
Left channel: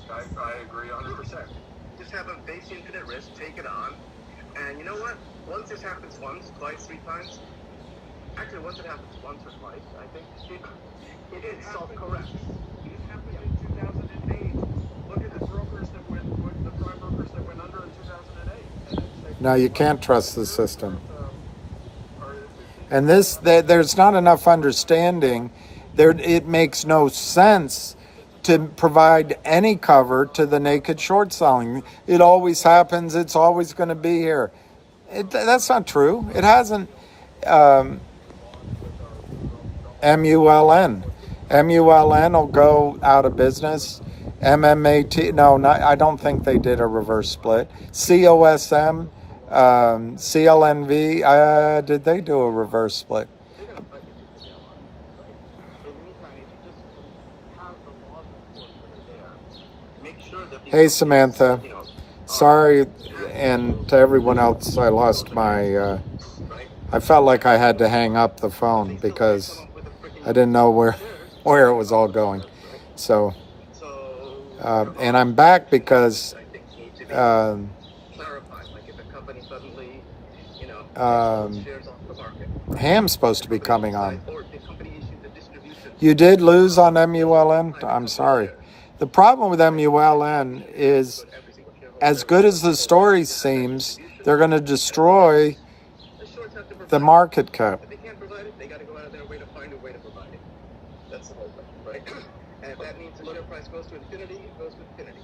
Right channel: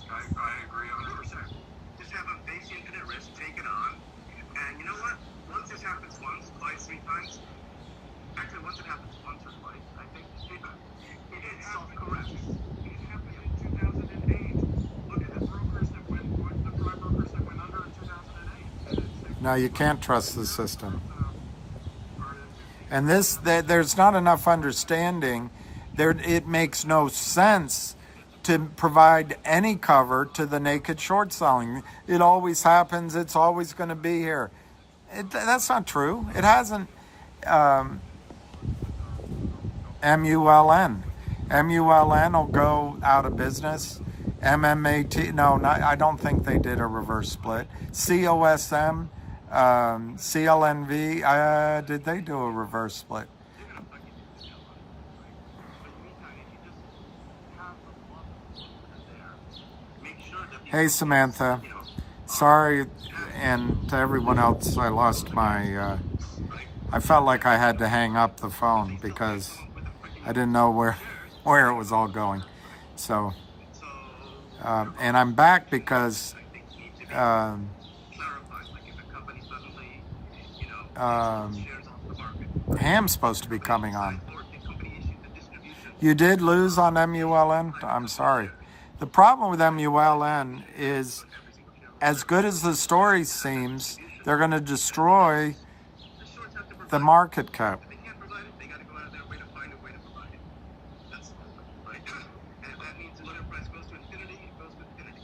I agree 100%. Just have a base infinite risk, take it on, and you know what? Once this happens once, twice, 3 times, actually once it happens once or twice, I think it self-corrects. It happened in 2008. Look at the brokers that went, the prime brokers that went under in 2008. No, you can't trust the system. And there's not enough understanding. It makes no sense to provide any cover to the naked short selling. It always happens. It's always going to be here. That's not true. It hasn't. MULN. MULN will go out of business. MMAT. No, I don't think they did a reverse split. COSM. CLNV. Did they do a reverse split? Hey, Samantha. Sorry, and to everyone else, I lost my, I felt like I had to hang up the phone because I didn't know where it was all going. So, and I'm back because Ham's supposed to be coming on. You did lose on MULN? I'm sorry. The problem with MULN is, as good as the story seems, they're going to destroy the market cap. If they can't provide it, they got to go out of their way to find a way to provide it. That's the whole thing, right? And if that means the share price goes to infinity, it goes to infinity.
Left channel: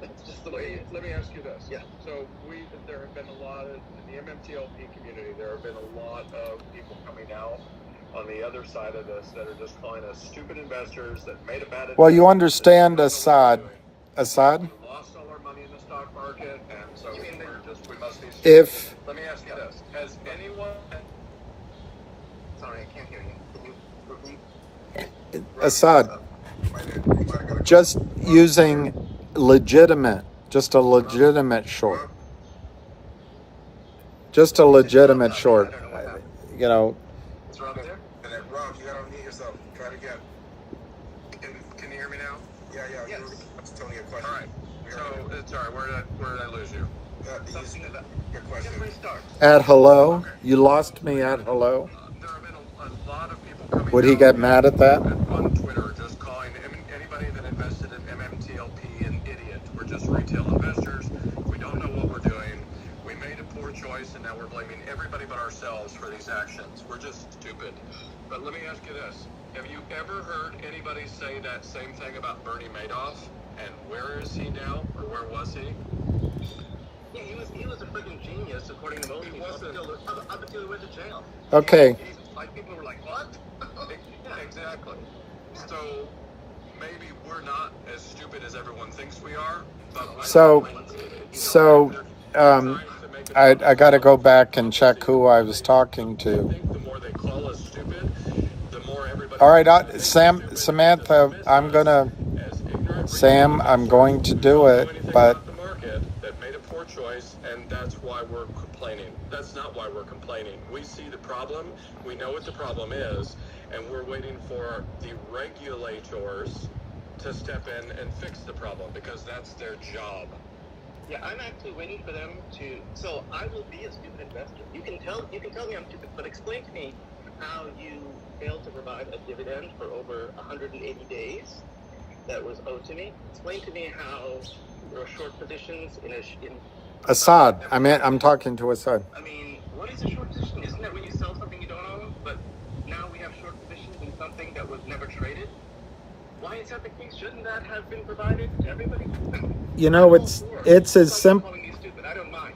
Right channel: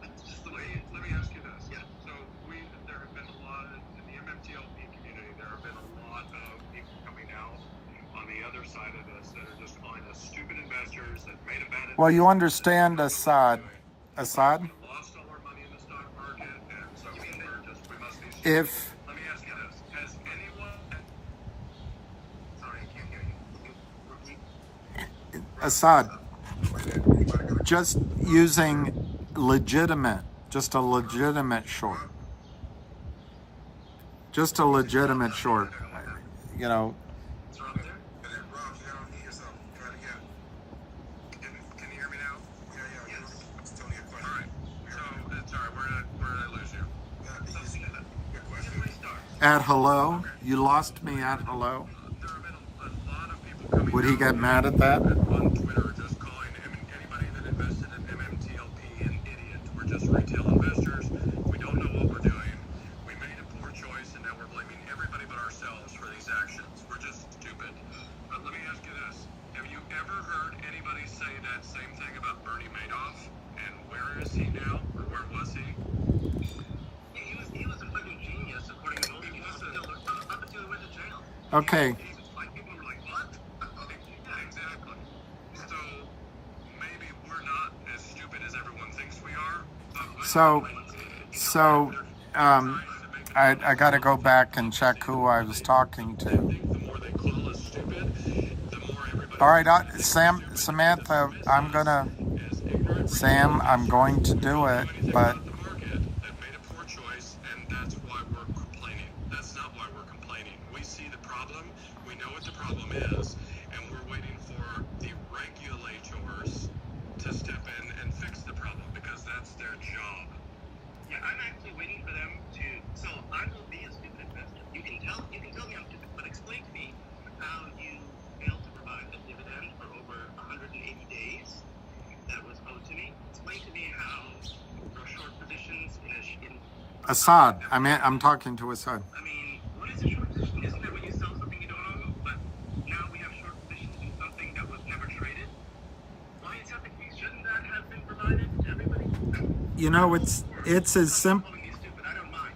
That's just the way. Let me ask you this. Yeah. So there have been a lot of, in the MMTLP community, there have been a lot of people coming out on the other side of this that are just calling us stupid investors that made a bad investment. Well, you understand Assad. Assad? We lost all our money in the stock market, and so we must be stupid. If Let me ask you this. Has anyone... Sorry, I can't hear you. Can you repeat? Assad, just using just a legitimate short. Just a legitimate short. You know, It's Rob there? And then, Rob, you gotta unmute yourself. Try it again. Can you hear me now? Yeah. Yes. That's Tony a question. All right. So, sorry, where did I lose you? Your question. Simply starts. at hello. You lost me at hello. There have been a lot of people coming Would he down get mad at that? on Twitter, just calling anybody that invested in MMTLP an idiot. We're just retail investors. We don't know what we're doing. We made a poor choice, and now we're blaming ourselves for these actions. We're just stupid. But let me ask you this. Have you ever heard anybody say that same thing about Bernie Madoff? And where is he now? Or where was he? Yeah, he was a freaking genius, according to most people. Up until he went to jail. Okay. Like, people were like, what? Yeah, exactly. So maybe we're not as stupid as everyone thinks we are. But I got to go back and check who I was talking to. The more they call us stupid, the more everybody. All right, Samantha, I'm going to do it, but The market that made a poor choice, and that's why we're complaining. That's not why we're complaining. We see the problem, we know what the problem is, and we're waiting for the regulators to step in and fix the problem because that's their job. Yeah, I'm actually waiting for them to. So I will be a stupid investor. You can tell me I'm stupid, but explain to me how you failed to provide a dividend for over 180 days that was owed to me. Explain to me how there are short positions in Assad. I'm talking to Assad. I mean, what is a short position? Isn't that when you sell something you don't own? But now we have short positions in something that was never traded. Why is that the case? Shouldn't that have been provided to everybody? You know, it's as simple. I don't mind.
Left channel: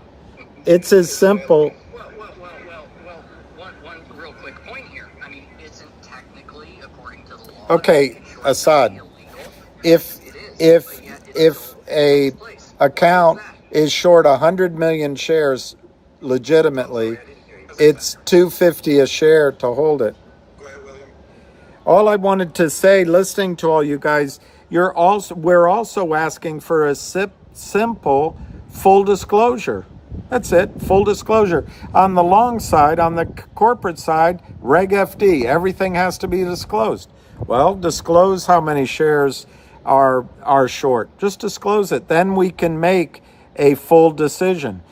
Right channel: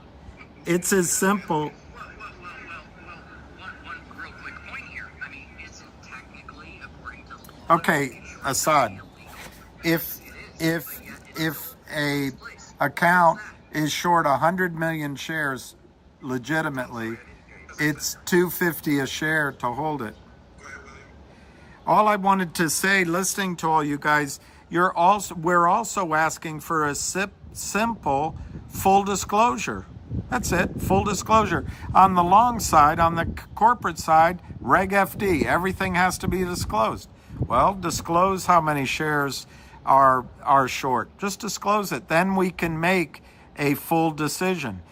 It's as simple. Well, one real quick point here. I mean, isn't technically, according to the law... Okay, Assad. If a account is short 100 million shares legitimately, it's $2.50 a share to hold it. Go ahead, William. All I wanted to say, listening to all you guys, we're also asking for a simple full disclosure. That's it, full disclosure. On the long side, on the corporate side, Reg FD, everything has to be disclosed. Well, disclose how many shares are short. Just disclose it. Then we can make a full decision.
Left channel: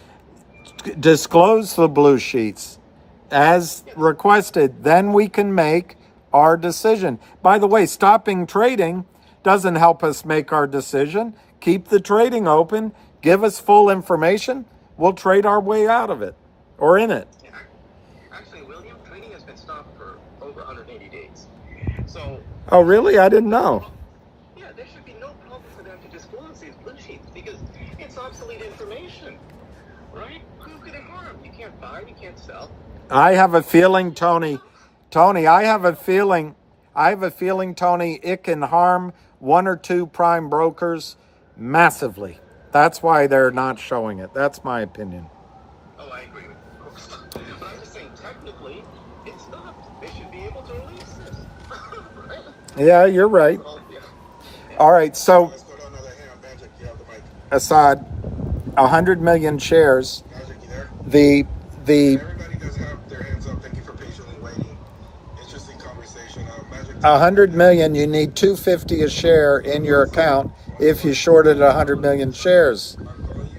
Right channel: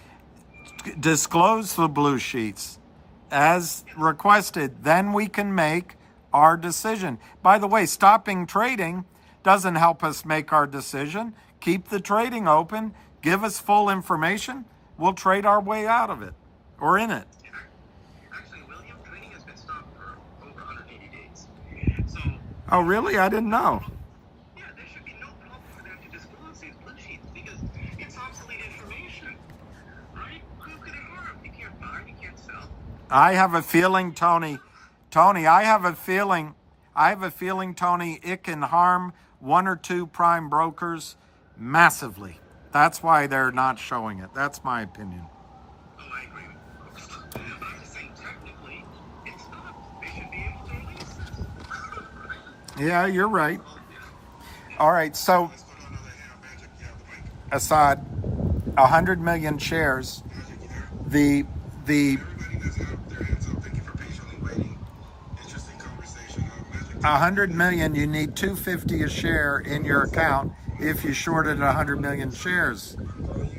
Disclose the blue sheets as requested. Then we can make our decision. By the way, stopping trading doesn't help us make our decision. Keep the trading open. Give us full information. We'll trade our way out of it or in it. Yeah, actually, William, trading has been stopped for over 180 days. So, Oh, really? I didn't know. yeah, there should be no problem for them to disclose these blue sheets because it's obsolete information, right? Who could it harm? You can't buy, you can't sell. I have a feeling, Tony, I have a feeling, Tony, it can harm one or two prime brokers massively. That's why they're not showing it. That's my opinion. Oh, I agree. But I'm just saying, technically, it's stopped. They should be able to release this. Right? Yeah, you're right. Well, yeah. All right, so Let's go to another hand. Magic, you have the mic. Assad, 100 million shares. Magic, you there? The Everybody does have their hands up. Thank you for patiently waiting. Interesting conversation. Magic. 100 million, you need $2.50 a share in your account if you shorted 100 million shares,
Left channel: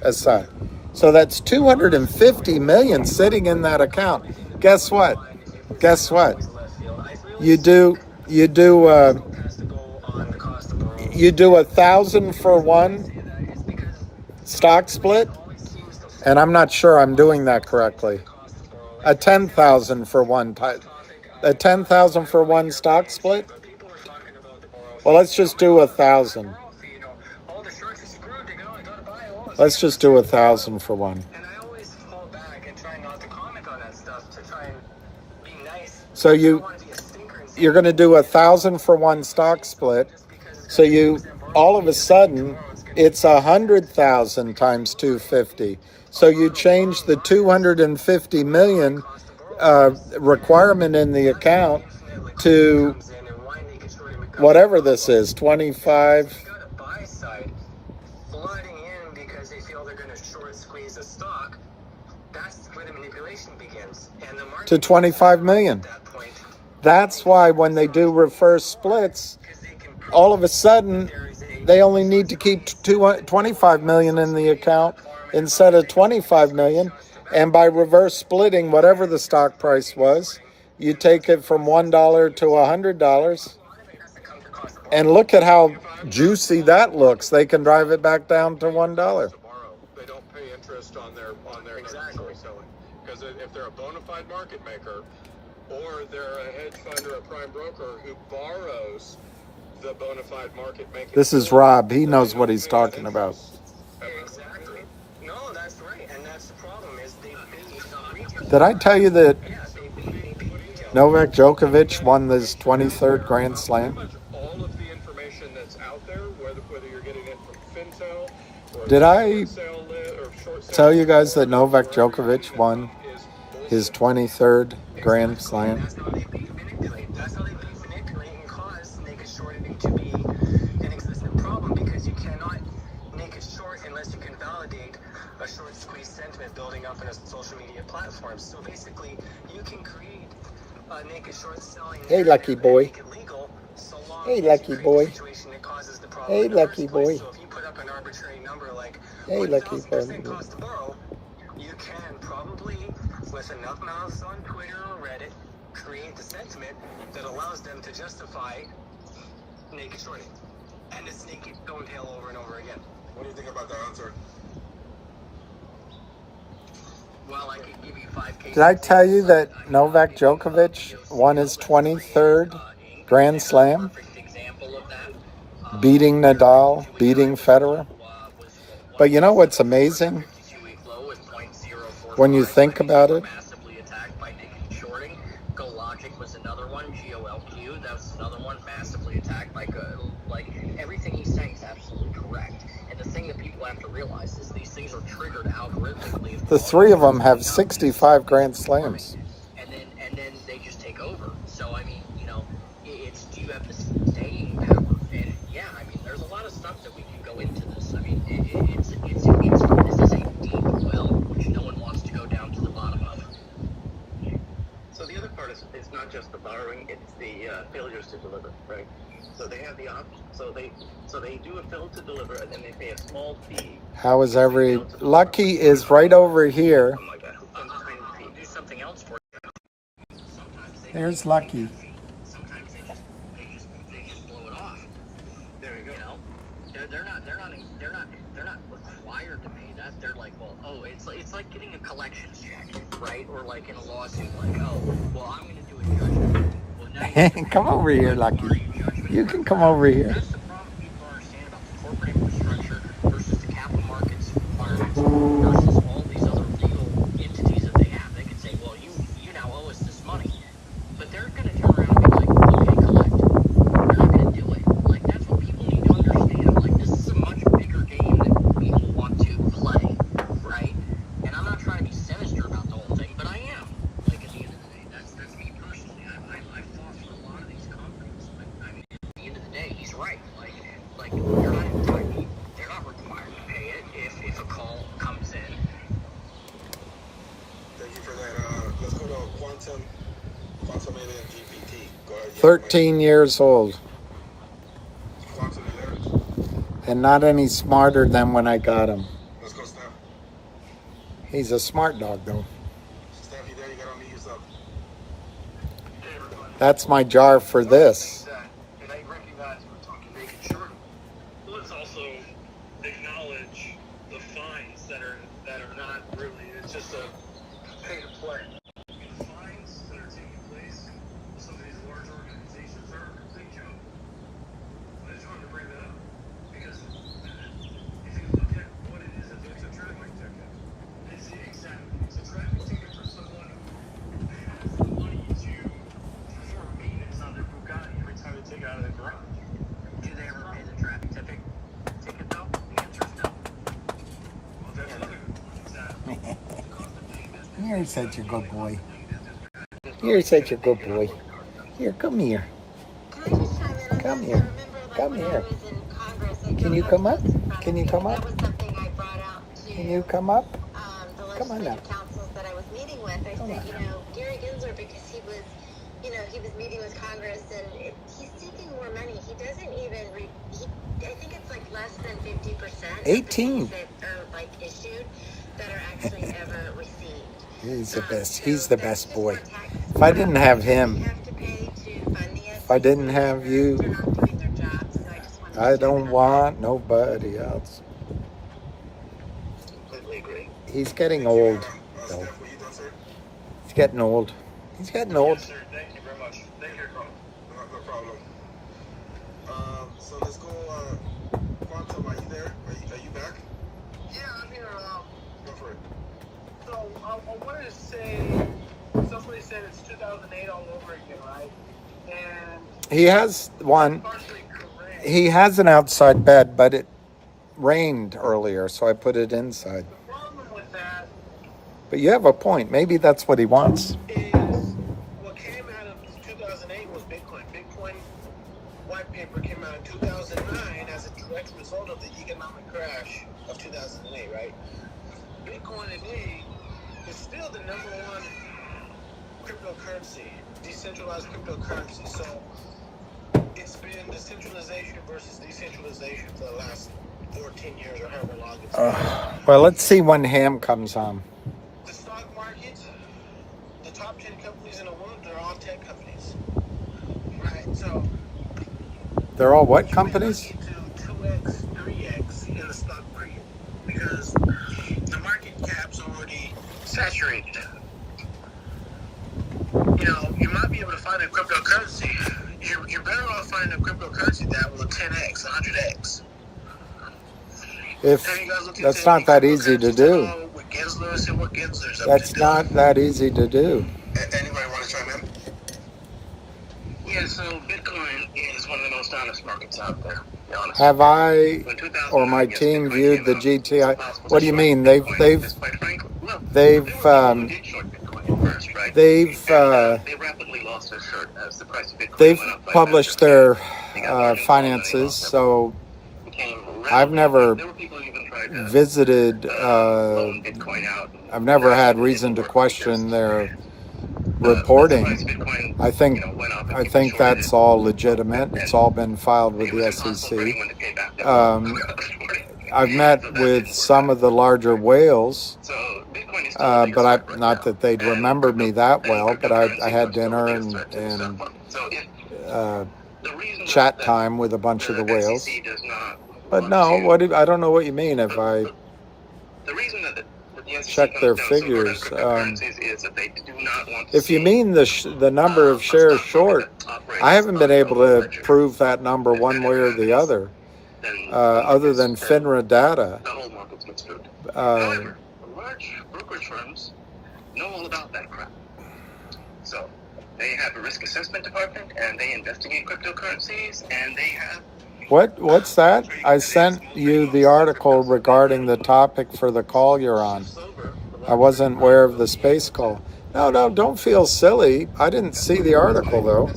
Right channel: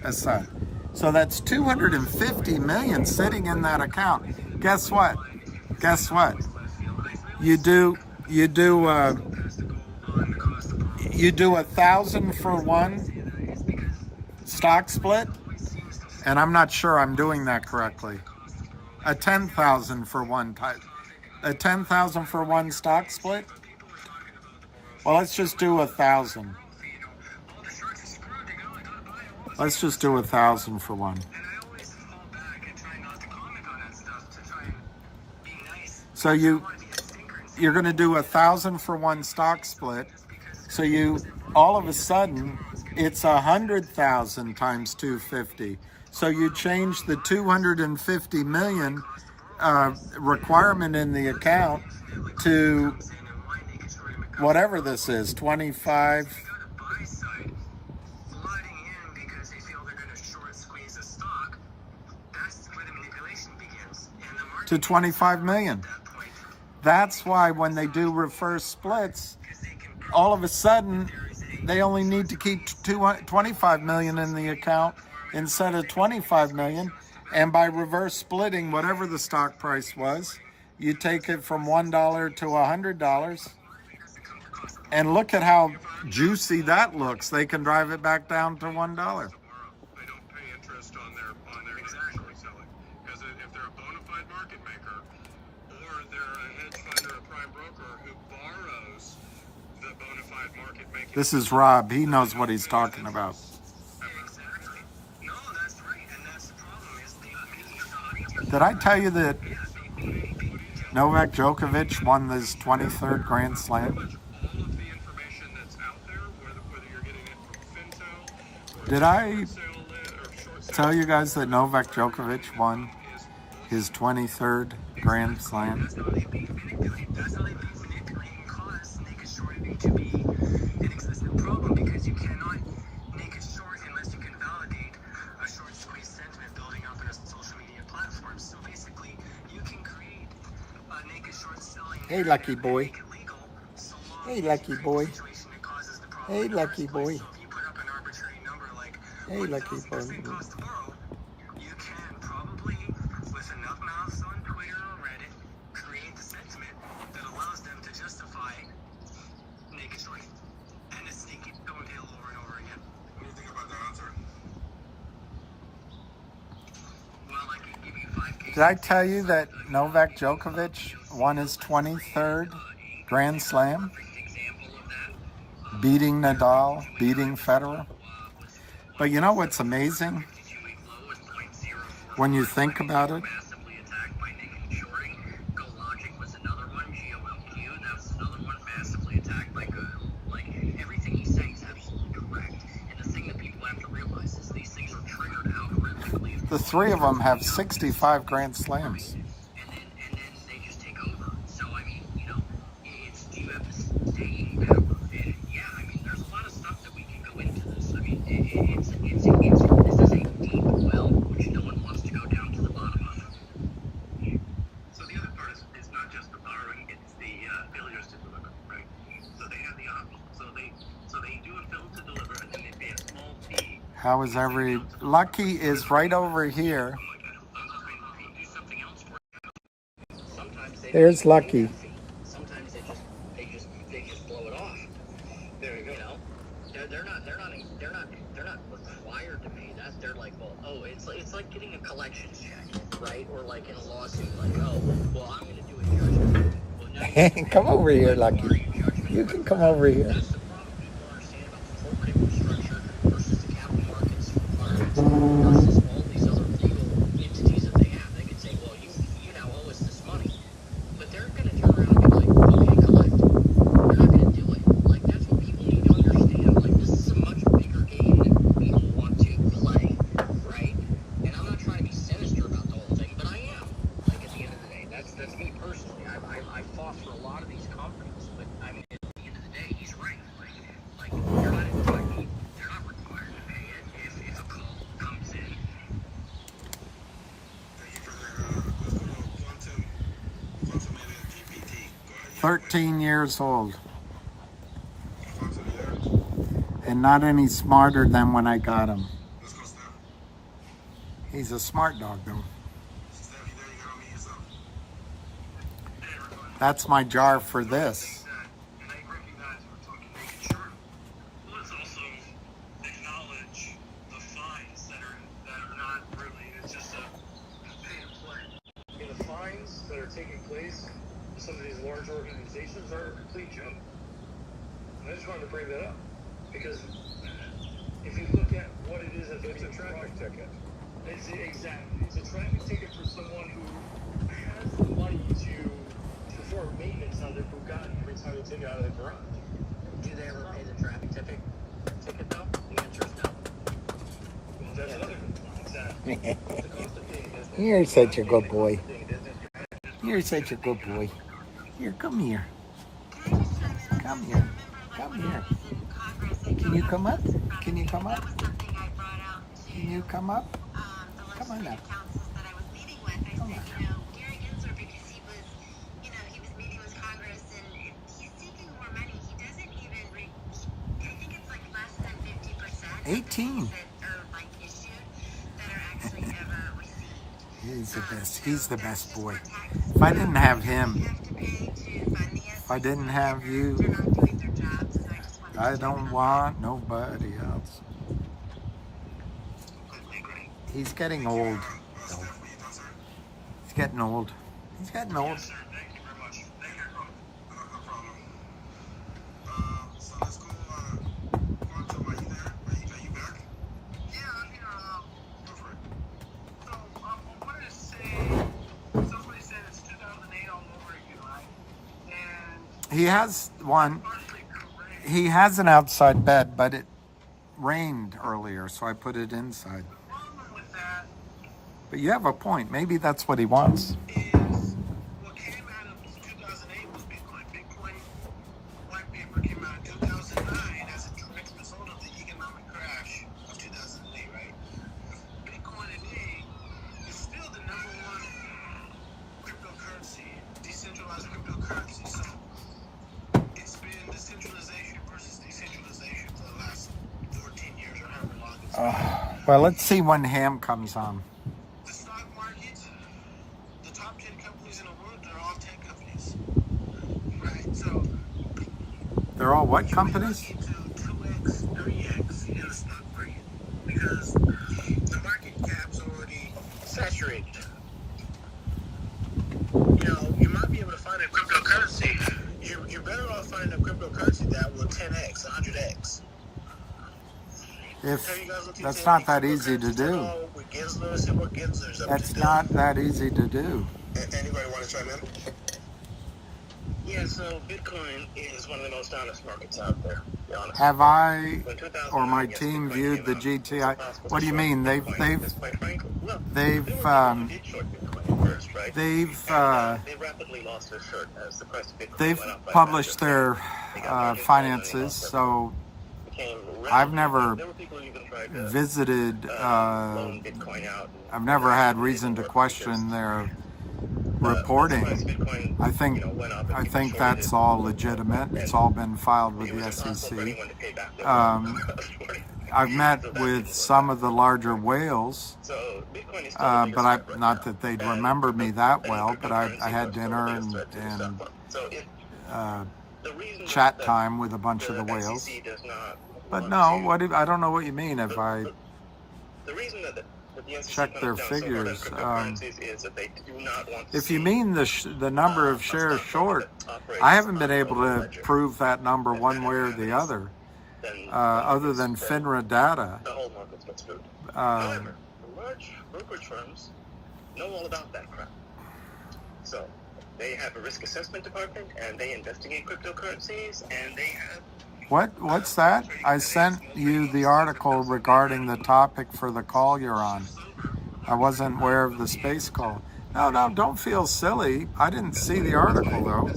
Assad. So that's 250 million sitting in that account. Guess what? You do 1,000 for one stock split, and I'm not sure I'm doing that correctly. A 10,000 for one stock split. Well, let's just do 1,000. Let's just do 1,000 for one. And I always fall back and try not to comment on that stuff to try and be nice. So you're going to do 1,000 for one stock split. So all of a sudden it's 100,000 times 250. So you change the 250 million requirement in the account to whatever this is, 25. To 25 million. That's why when they do reverse splits, all of a sudden they only need to keep 25 million in the account instead of 25 million. And by reverse splitting, whatever the stock price was, you take it from $1 to $100. And look at how juicy that looks. They can drive it back down to $1. They don't pay interest on their exactly selling. because if they're a bona fide market maker, or they're a hedge fund or a prime broker who borrows the bona fide market maker. This is Rob. He knows what he's talking about. Exactly. No, that's right, and that's the problem is they beat Did I tell you that they beat Novak Djokovic won this 23rd Grand Slam? Pretty much all of the information that's out there, whether you're getting it from FinTel or Did I short sale tell you guys that Novak Djokovic won his 23rd Grand Slam? That's how they manipulate. That's how they manipulate and cause naked shorting to be an existent problem, because you cannot naked short unless you can validate a short squeeze sentiment building up in a social media platform. So basically, you can create a naked short selling. Hey, lucky boy. Make it legal, so long Hey, as you lucky create boy. the situation that causes the problem Hey, in the first lucky place. boy. So if you put up an arbitrary number like Hey, lucky 1,000% boy. cost to borrow, you can probably, with enough mouths on Twitter or Reddit, create the sentiment that allows them to justify naked shorting. And it's naked going tail over and over again. What do you think about that answer? Well, I could give you 5 cases. Did I tell you that Novak Djokovic won his 23rd Grand Slam? Perfect example of that. Beating Nadal, beating Federer. But you know what's amazing? When you think about it, Massively attacked by naked shorting. Logic was another one. GOLQ, that's another one. Massively attacked by like everything he's saying is absolutely correct. And the thing that people have to realize is these things are triggered algorithmically. the three of them have 65 Grand Slams. And then they just take over. So I mean, you know, it's, do you have the staying power? And yeah, I mean, there's a lot of stuff that we can go into this. I mean, this is a deep well which no one wants to go down to the bottom of. So the other part is not just the borrowing; it's the failures to deliver, right? So they have the option. So they do a fail to deliver, and then they pay a small fee. How is every... Lucky is right over here. Like that. Sometimes they do something else for you. Sometimes they There's Lucky. Sometimes they just blow it off. There you go. You know, they're not required to pay that. They're like, well, oh, it's like getting a collections check, right? Or like in a lawsuit, like, oh, well, I'm going to do a judgment. Well, now you Come over here, Lucky. You can come over here. That's the problem people understand about the corporate infrastructure versus the capital markets requirements versus all these other legal entities that they have. They can say, well, you now owe us this money. But they're going to turn around and be like, okay, collect. They're not going to do it. Like, that's what people need to understand. Like, this is a much bigger game that people want to play, right? And I'm not trying to be sinister about the whole thing, but I am. Like, at the end of the day, that's me personally. I've fought for a lot of these companies, but I mean, at the end of the day, he's right. Like they're not required to pay it if a call comes in. Thank you for that. Let's go to Quantum Alien GPT. Go ahead. 13 years old. Quantum, you there? And not any smarter than when I got him. Let's go, Steph. He's a smart dog, though. Steph, you there? You gotta unmute yourself. That's my jar for this. And I recognize we're talking naked short. Let's also acknowledge the fines that are not really, it's just a pay to play. I mean, the fines that are taking place for some of these large organizations are a complete joke. I just wanted to bring that up because if you look at what it is, it's a traffic ticket. It's a traffic ticket for someone who has the money to perform maintenance on their Bugatti every time they take it out of the garage. Do they ever pay the traffic ticket though? The answer is no. Well, that's another complaint. Exactly. The cost of doing business. You're such a good boy. You're such a good boy. Here, come here. Can I just chime in on Come this? here. I remember, like, Come when here. I was in Congress, I Can don't you know come if up? this is in front Can of you me, come but up? That was something I brought out to Can you come up? the Come on legislative now. councils that I was meeting with. I Come said, on. you know, Gary Gensler, because he was meeting with Congress, and he's seeking more money. He doesn't even, I think it's like less than 50% 18. of the fees that are like issued that are actually ever received. He's the best. So He's the that's best just boy. more taxes If I didn't have him, you have to pay to fund the if I didn't have you, they're not doing their job, so I just wanted to I share don't that. want nobody else. Completely agree. He's getting old, though. Steph, were you done, sir? getting old. He's getting old. Yes, sir. Thank you very much. Thank you. No problem. So let's go. Quantum, are you there? Are you back? Yeah, I'm here. Go for it. So I wanted to say, somebody said it's 2008 all over again, right? And He has one. partially correct. He has an outside bed, but it rained earlier, so I put it inside. The problem with that But you have a point. Maybe that's what he wants. is what came out of 2008 was Bitcoin. Bitcoin white paper came out in 2009 as a direct result of the economic crash of 2008, right? Bitcoin today is still the #1 cryptocurrency, decentralized cryptocurrency. So it's been decentralization versus decentralization for the last 14 years or however long it's been. Well, let's see when Ham comes on. The stock market, the top 10 companies in the world, they're all tech companies. Right? So They're all what companies? to 2x, 3x in the stock market because the market cap's already saturated. You know, you might be able to find a cryptocurrency. You're better off finding a cryptocurrency that will 10x, 100x. If that's not that easy to do. That's not that easy to do. Anybody want to chime in? Yeah, so Bitcoin is one of the most honest markets out there. Have I or my team viewed the GTI? What do you mean? They've published their finances, so I've never visited. I've never had reason to question their reporting. I think that's all legitimate. It's all been filed with the SEC. I've met with some of the larger whales, but not that they'd remember me that well. But I had dinner and chat time with a bunch of the whales. But no, I don't know what you mean if I check their figures. If you mean the number of shares short, I haven't been able to prove that number one way or the other than FINRA data. Large brokerage firms know all about that crap. So they have a risk assessment department, and they investigate cryptocurrencies, and they have. What's that? I sent you the article regarding the topic for the call you're on. I wasn't aware of the space call. No, don't feel silly. I didn't see the article, though.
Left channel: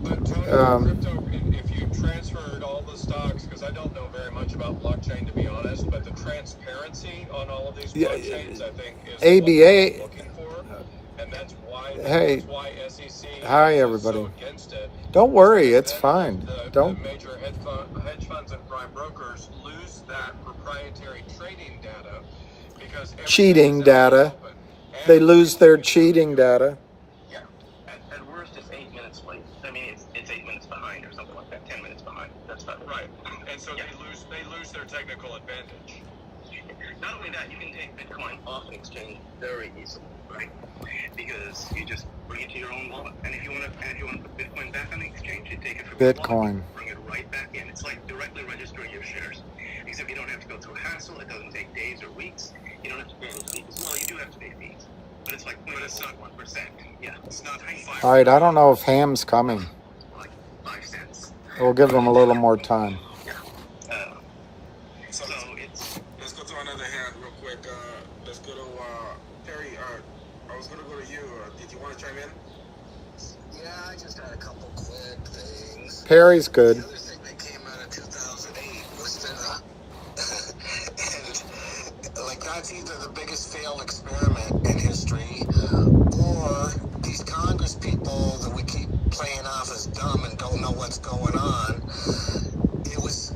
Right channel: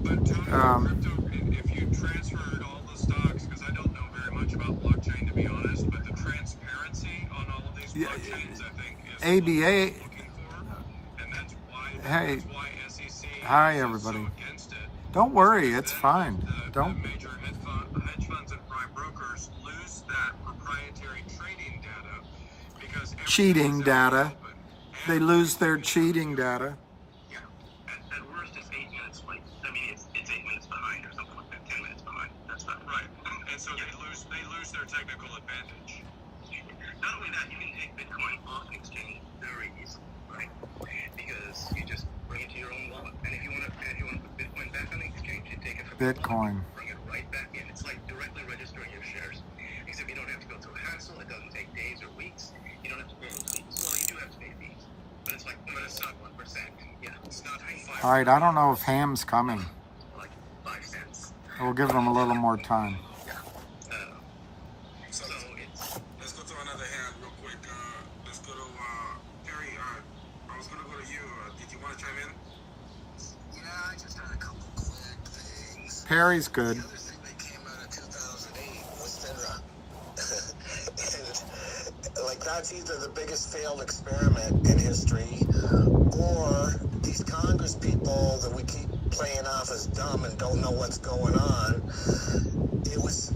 But crypto, if you transferred all the stocks, because I don't know very much about blockchain to be honest, but the transparency on all of these blockchains, I think, is ABA. what we're looking for, and that's why. Hey, that's why SEC hi is everybody. so against it. Don't worry, it's Then fine. The Don't. major hedge funds and prime brokers lose that proprietary trading data because Cheating data. They lose their cheating data. Yeah, at worst it's 8 minutes late. I mean, it's 8 minutes behind or something like that. 10 minutes behind. That's not Right, and so they lose their technical advantage. Not only that, you can take Bitcoin off an exchange very easily, right? Because you just bring it to your own wallet, and if you want to put Bitcoin back on the exchange, you take it from your Bitcoin. wallet, bring it right back in. It's like directly registering your shares, except you don't have to go through a hassle. It doesn't take days or weeks. You don't have to pay any fees. Well, you do have to pay fees, but it's like 0.1%. Yeah, it's not 5. All right, I don't know if Ham's coming. Like 5 cents. We'll give him a little more time. So let's go to another hand real quick. Let's go to Perry. I was going to go to you. Did you want to chime in? Yeah, I just had a couple quick things. Perry's good. The other thing that came out of 2008 was that, and like that's either the biggest failed experiment in history, or these Congress people that we keep playing off as dumb and don't know what's going on. It was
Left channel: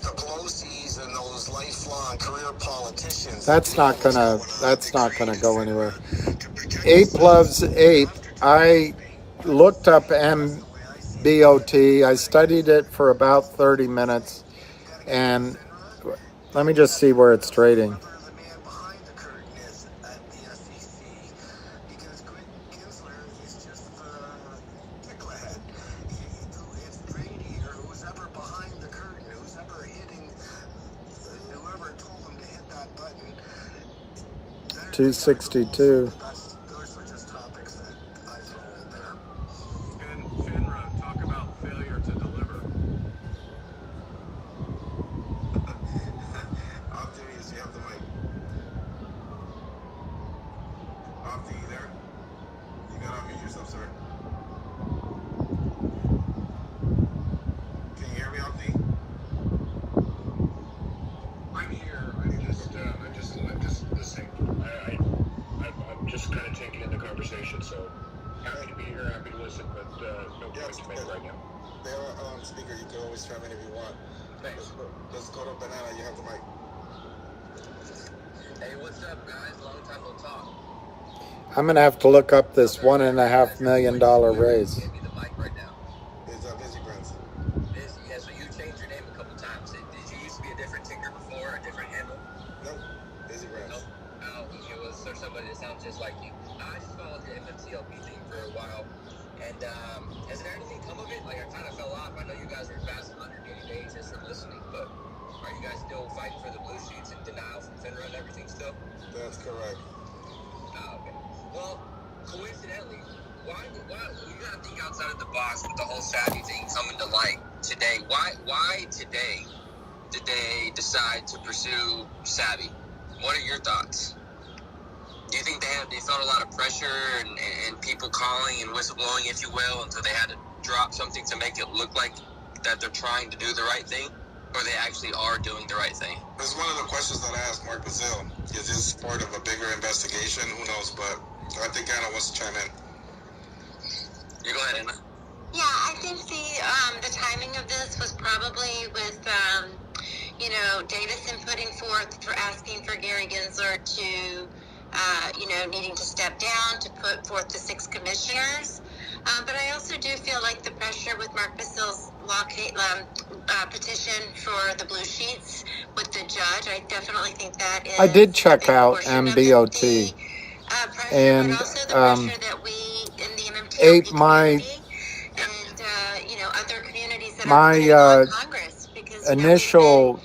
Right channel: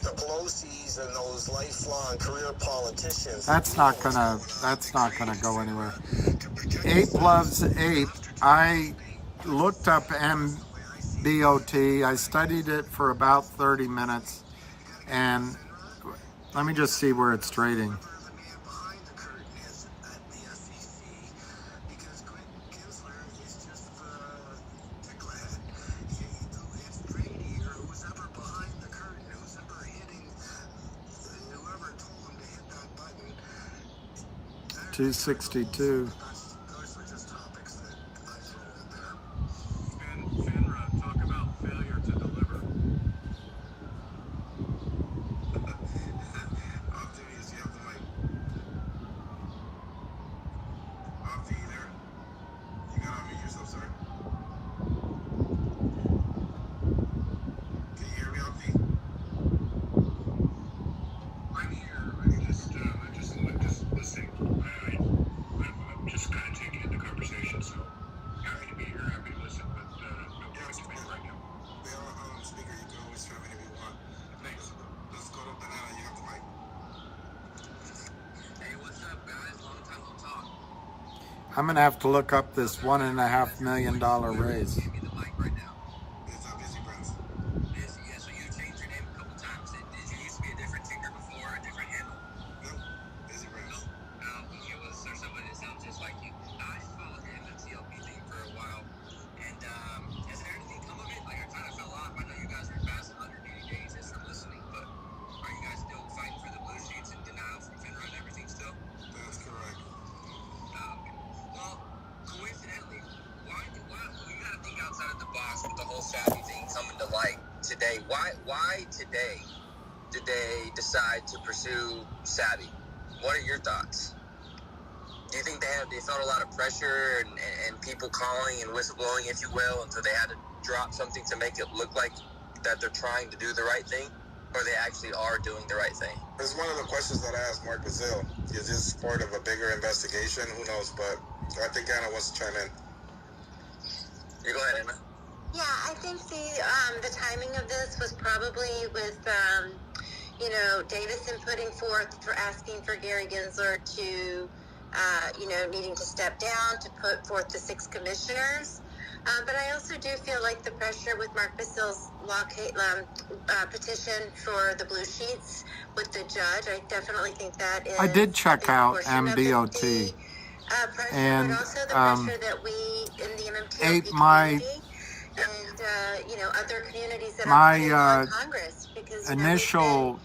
the Pelosi's and those lifelong career politicians. That's not gonna go anywhere. Ape loves ape. I looked up MBOT. I studied it for about 30 minutes, and let me just see where it's trading. The man behind the curtain is at the SEC because 262. Those were just topics that I throw in there. FINRA, talk about failure to deliver. Optimus, you have the mic. Opti, you there? You gotta unmute yourself, sir. Can you hear me, Opti? I'm here. I'm just listening. I'm just kind of taking in the conversation. So happy to be here, happy to listen, but no points to make right now. They're on speaker. You can always chime in if you want. Thanks. Let's go to Banana. You have the mic. Hey, what's up, guys? Long time no talk. I'm gonna have to look up this $1.5 million raise. Give me the mic right now. It's Busy Prince. Busy, yeah. So you changed your name a couple times. Did you used to be a different ticker before, a different handle? Nope. Busy Prince. Oh, was there somebody that sounds just like you? I just followed your MMTLP thing for a while, and has there anything come of it? Like I kind of fell off. I know you guys were past 180 days just from listening, but are you guys still fighting for the blue sheets and denial from FINRA and everything still? That's correct. Oh, okay. Well, coincidentally, why you gotta think outside of the box with the whole savvy thing coming to light today? Why today did they decide to pursue savvy? What are your thoughts? Do you think they felt a lot of pressure and people calling and whistleblowing, if you will, until they had to drop something to make it look like that they're trying to do the right thing, or they actually are doing the right thing? That's one of the questions that I asked Mark Brazil. Is this part of a bigger investigation? Who knows? But I think Anna wants to chime in. You go ahead, Anna. Yeah, I think the timing of this was probably with Davison putting forth for asking for Gary Gensler to needing to step down to put forth the 6 commissioners. But I also do feel like the pressure with Mark Bissell's petition for the blue sheets with the judge, I definitely think that is. I did check out MBOT, and my initial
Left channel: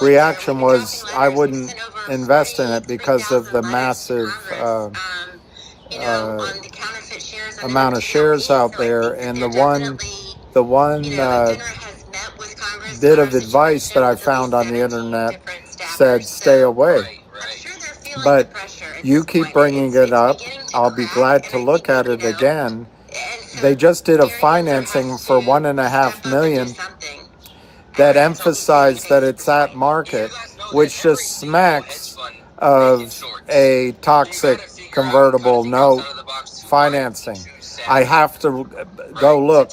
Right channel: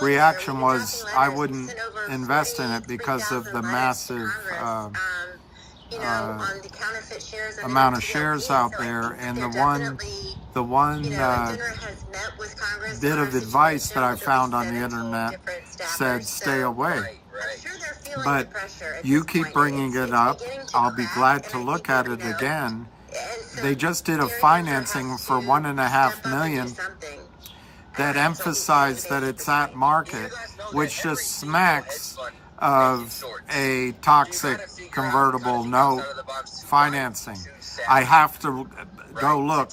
reaction was I wouldn't invest in it because of the massive amount of shares out there, and the one bit of advice that I found on the internet said stay away. But you keep bringing it up. I'll be glad to look at it again. They just did a financing for $1.5 million that emphasized that it's at market, which just smacks of a toxic convertible note financing. I have to go look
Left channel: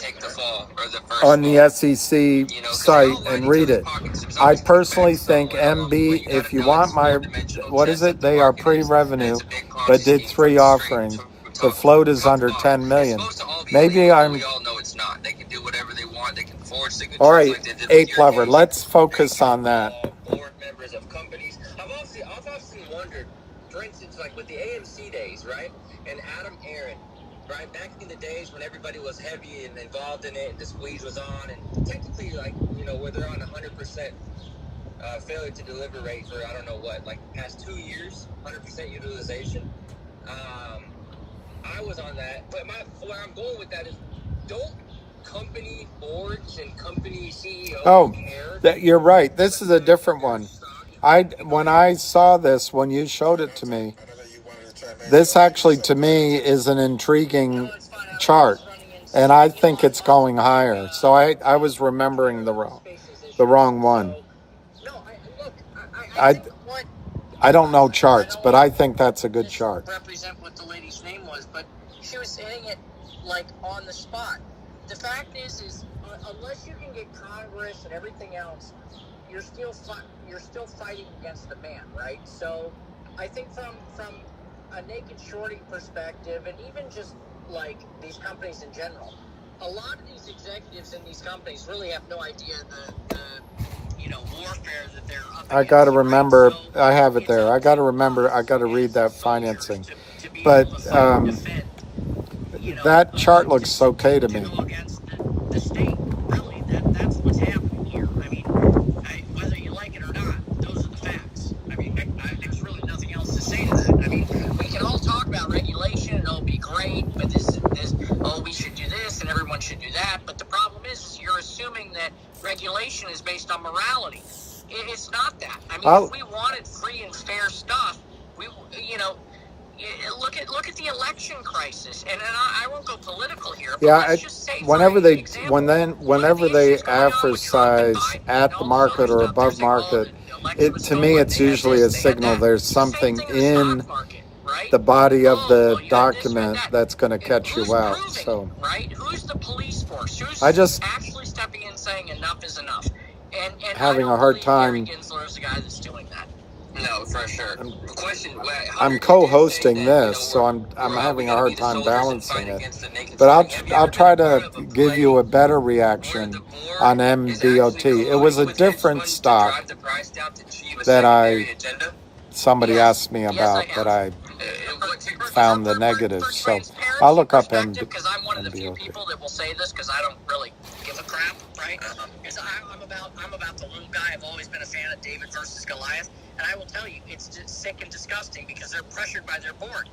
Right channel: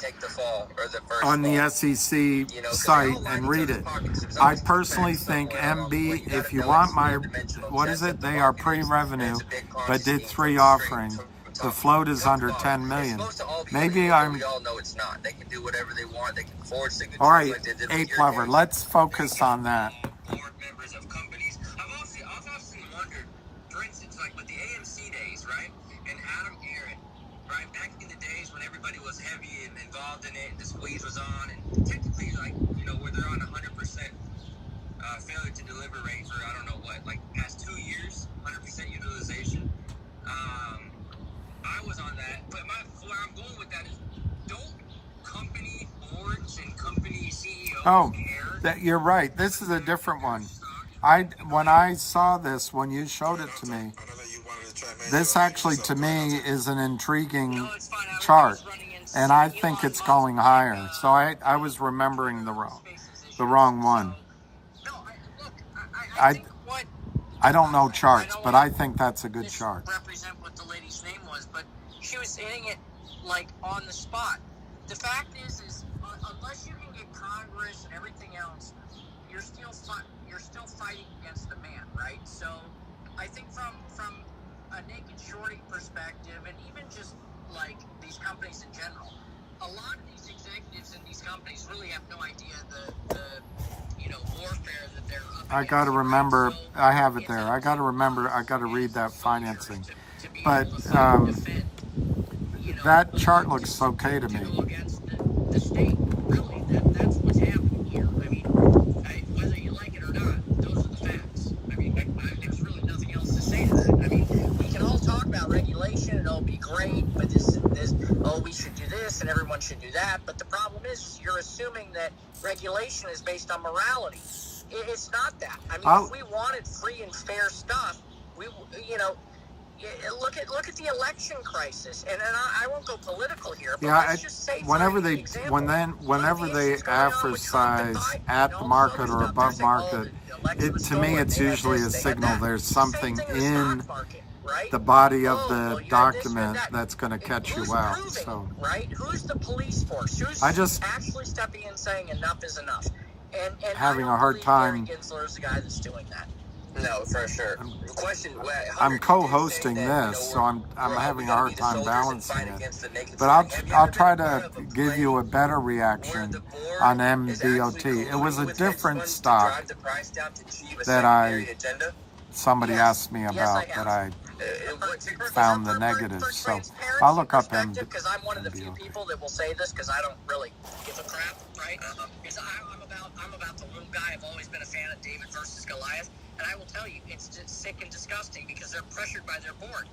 on the SEC site and read it. I personally think MB, if you want my, what is it? They are pre-revenue, but did 3 offerings. The float is under 10 million. Maybe I'm... All right, Ape Lover, let's focus on that. Board members of companies. I've often wondered, for instance, like with the AMC days, right? And Adam Aaron, right? Back in the days when everybody was heavy and involved in it, the squeeze was on, and technically, like, where they're on 100% failure to deliver rate for, I don't know what, like the past 2 years, 100% utilization. I was on that, but where I'm going with that is, don't company boards and company CEOs care? You're right. This is a different one. When I saw this, when you showed it to me, this actually to me is an intriguing chart, and I think it's going higher. So I was remembering the wrong one. I don't know charts, but I think that's a good chart. Represent what the lady's name was, but she was saying it like on the spot. The fact is unless you can get Congress and everything else, you're still fighting against the man, right? So I think from a naked shorting perspective, and even just like these companies in general, a lot of these executives in these companies really have no idea the warfare that they're up against. I got to remember, I have it there. I got to remember, I got to read that financing. But that chart looks okay to me. Against the state, really, that's what's happening here. I mean, whether you like it or not, those are the facts. I mean, there's really nothing else to say to that. I mean, regulation is based on morality. It's not that. I mean, Well, if we wanted free and fair stuff, we, you know, look at the election crisis. And I won't go political here. But yeah, let's just say, whenever for they example, whenever they advertise at the market or above market, to me it's usually a signal there's something in the body of the document that's going to catch you out. So right? Who's the police force? Who's I just actually stepping in saying enough is enough? And having I a don't hard believe Gary time. Gensler is the guy that's doing that. No, for sure. The question, I'm co-hosting this, so I'm having a hard time balancing it. But I'll try to give you a better reaction on MBOT. It was a different stock that somebody asked me about that I found the negatives. So I'll look up because I'm one of the few MBOT. people that will say this because I don't really give a crap, right? Because I'm about the little guy. I've always been a fan of David versus Goliath, and I will tell you, it's just sick and disgusting because they're pressured by their board.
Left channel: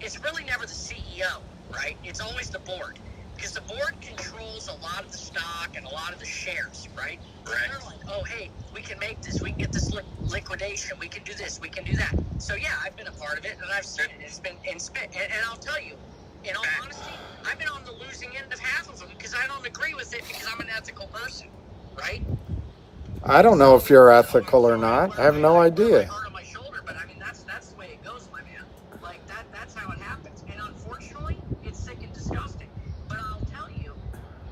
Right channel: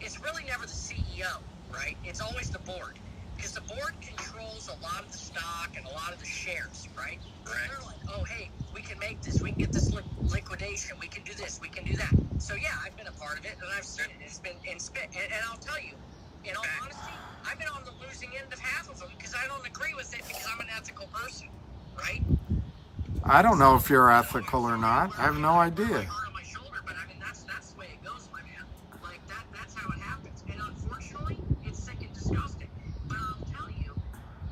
It's really never the CEO, right? It's always the board because the board controls a lot of the stock and a lot of the shares, right? Right. They're like, oh, hey, we can make this. We can get this liquidation. We can do this. We can do that. So yeah, I've been a part of it, and I've seen it. It's been and I'll tell you, in all honesty, I've been on the losing end of half of them because I don't agree with it because I'm an ethical person, right? I don't know if you're ethical or not. I have no idea. On my shoulder, but I mean that's the way it goes, my man. Like that's how it happens. And unfortunately, it's sick and disgusting. But I'll tell you,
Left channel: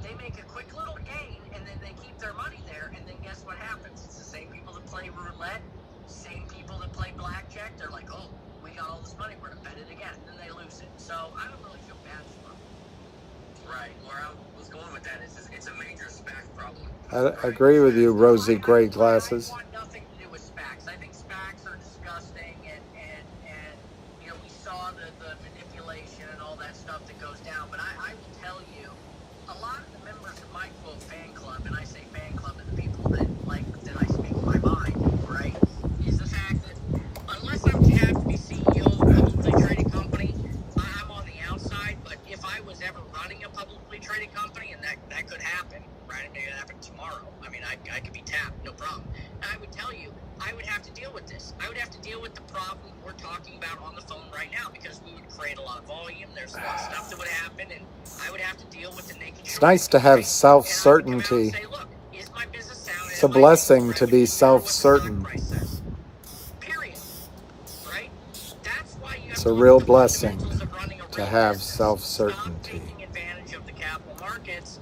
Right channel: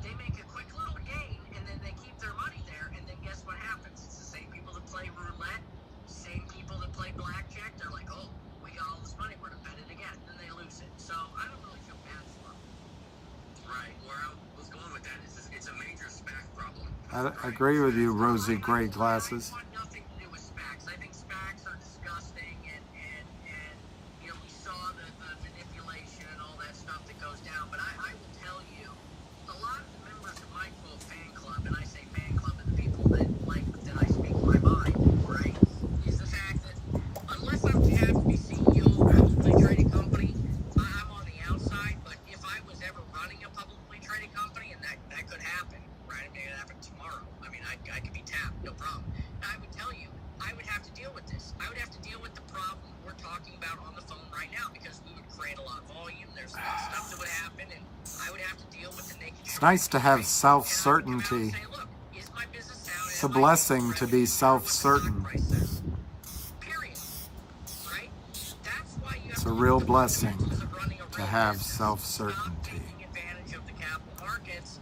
they make a quick little gain and then they keep their money there, and then guess what happens? It's the same people that play roulette, same people that play blackjack. They're like, oh, we got all this money, we're gonna bet it again, and then they lose it. So I don't really feel bad for them. Right, where I was going with that is it's a major SPAC problem. I agree with you, rosy gray glasses. I want nothing to do with SPACs. I think SPACs are disgusting, and you know, we saw the manipulation and all that stuff that goes down. But I will tell you, a lot of the members of my quote fan club, and I say fan club to the people that like that I speak my mind, right, is the fact that unless I have to be CEO of a publicly traded company, I'm on the outside. But if I was ever running a publicly traded company, and that could happen, right? It may happen tomorrow. I mean, I could be tapped, no problem. And I would tell you, I would have to deal with this. I would have to deal with the problem we're talking about on the phone right now because we would create a lot of volume. There's a lot of stuff that would happen, and I would have to deal with the naked. It's nice to have self-certainty. It's a blessing to be self-certain. Period. Right? That's why you have It's a real blessing to have self-certainty. taking advantage of the capital markets,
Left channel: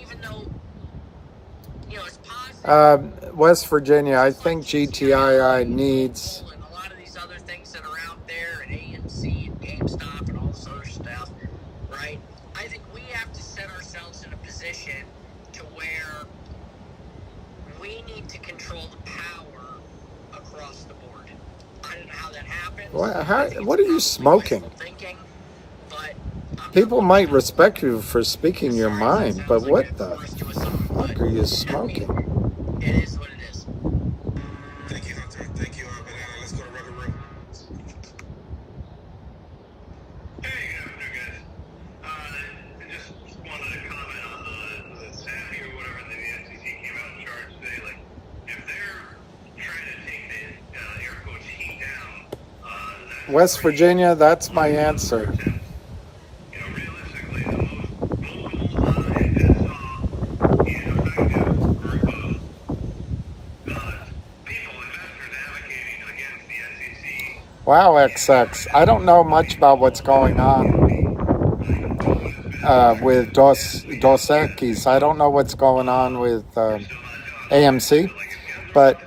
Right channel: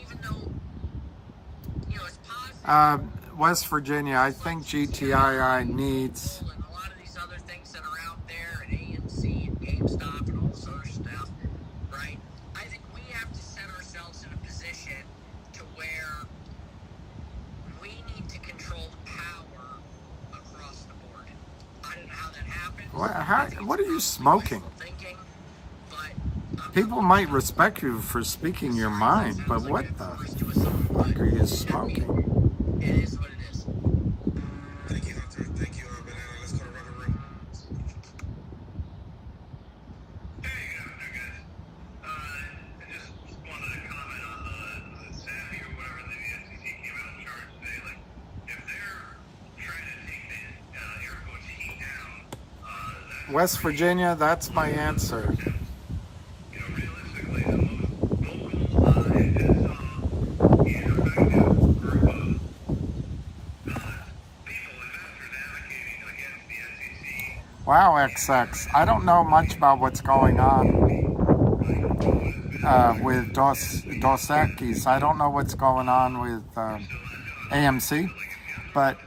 even though, you know, it's positive. West Virginia, I think GTII needs. And a lot of these other things that are out there, and AMC and GameStop and all this other stuff, right? I think we have to set ourselves in a position to where we need to control the power across the board. I don't know how that happens. What are you smoking? Thinking, but People might respect you for speaking your mind, but what the fuck are you smoking? it is what it is. Thank you, Hunter. Thank you, Banana. Let's go to Roddick Room. Hey, good afternoon, guys. I just wanted to comment on the SAFI or whatever the SEC came out and charged today. Like, if they're trying to take the air quotes heat down, West Virginia, that's my answer. you know, realistically, the most vocal and pissed off and effective group of people, investors advocating against the SEC. Wow, XX. I don't know much about what's going on with Dos Equis. I don't know what's going on with AMC, but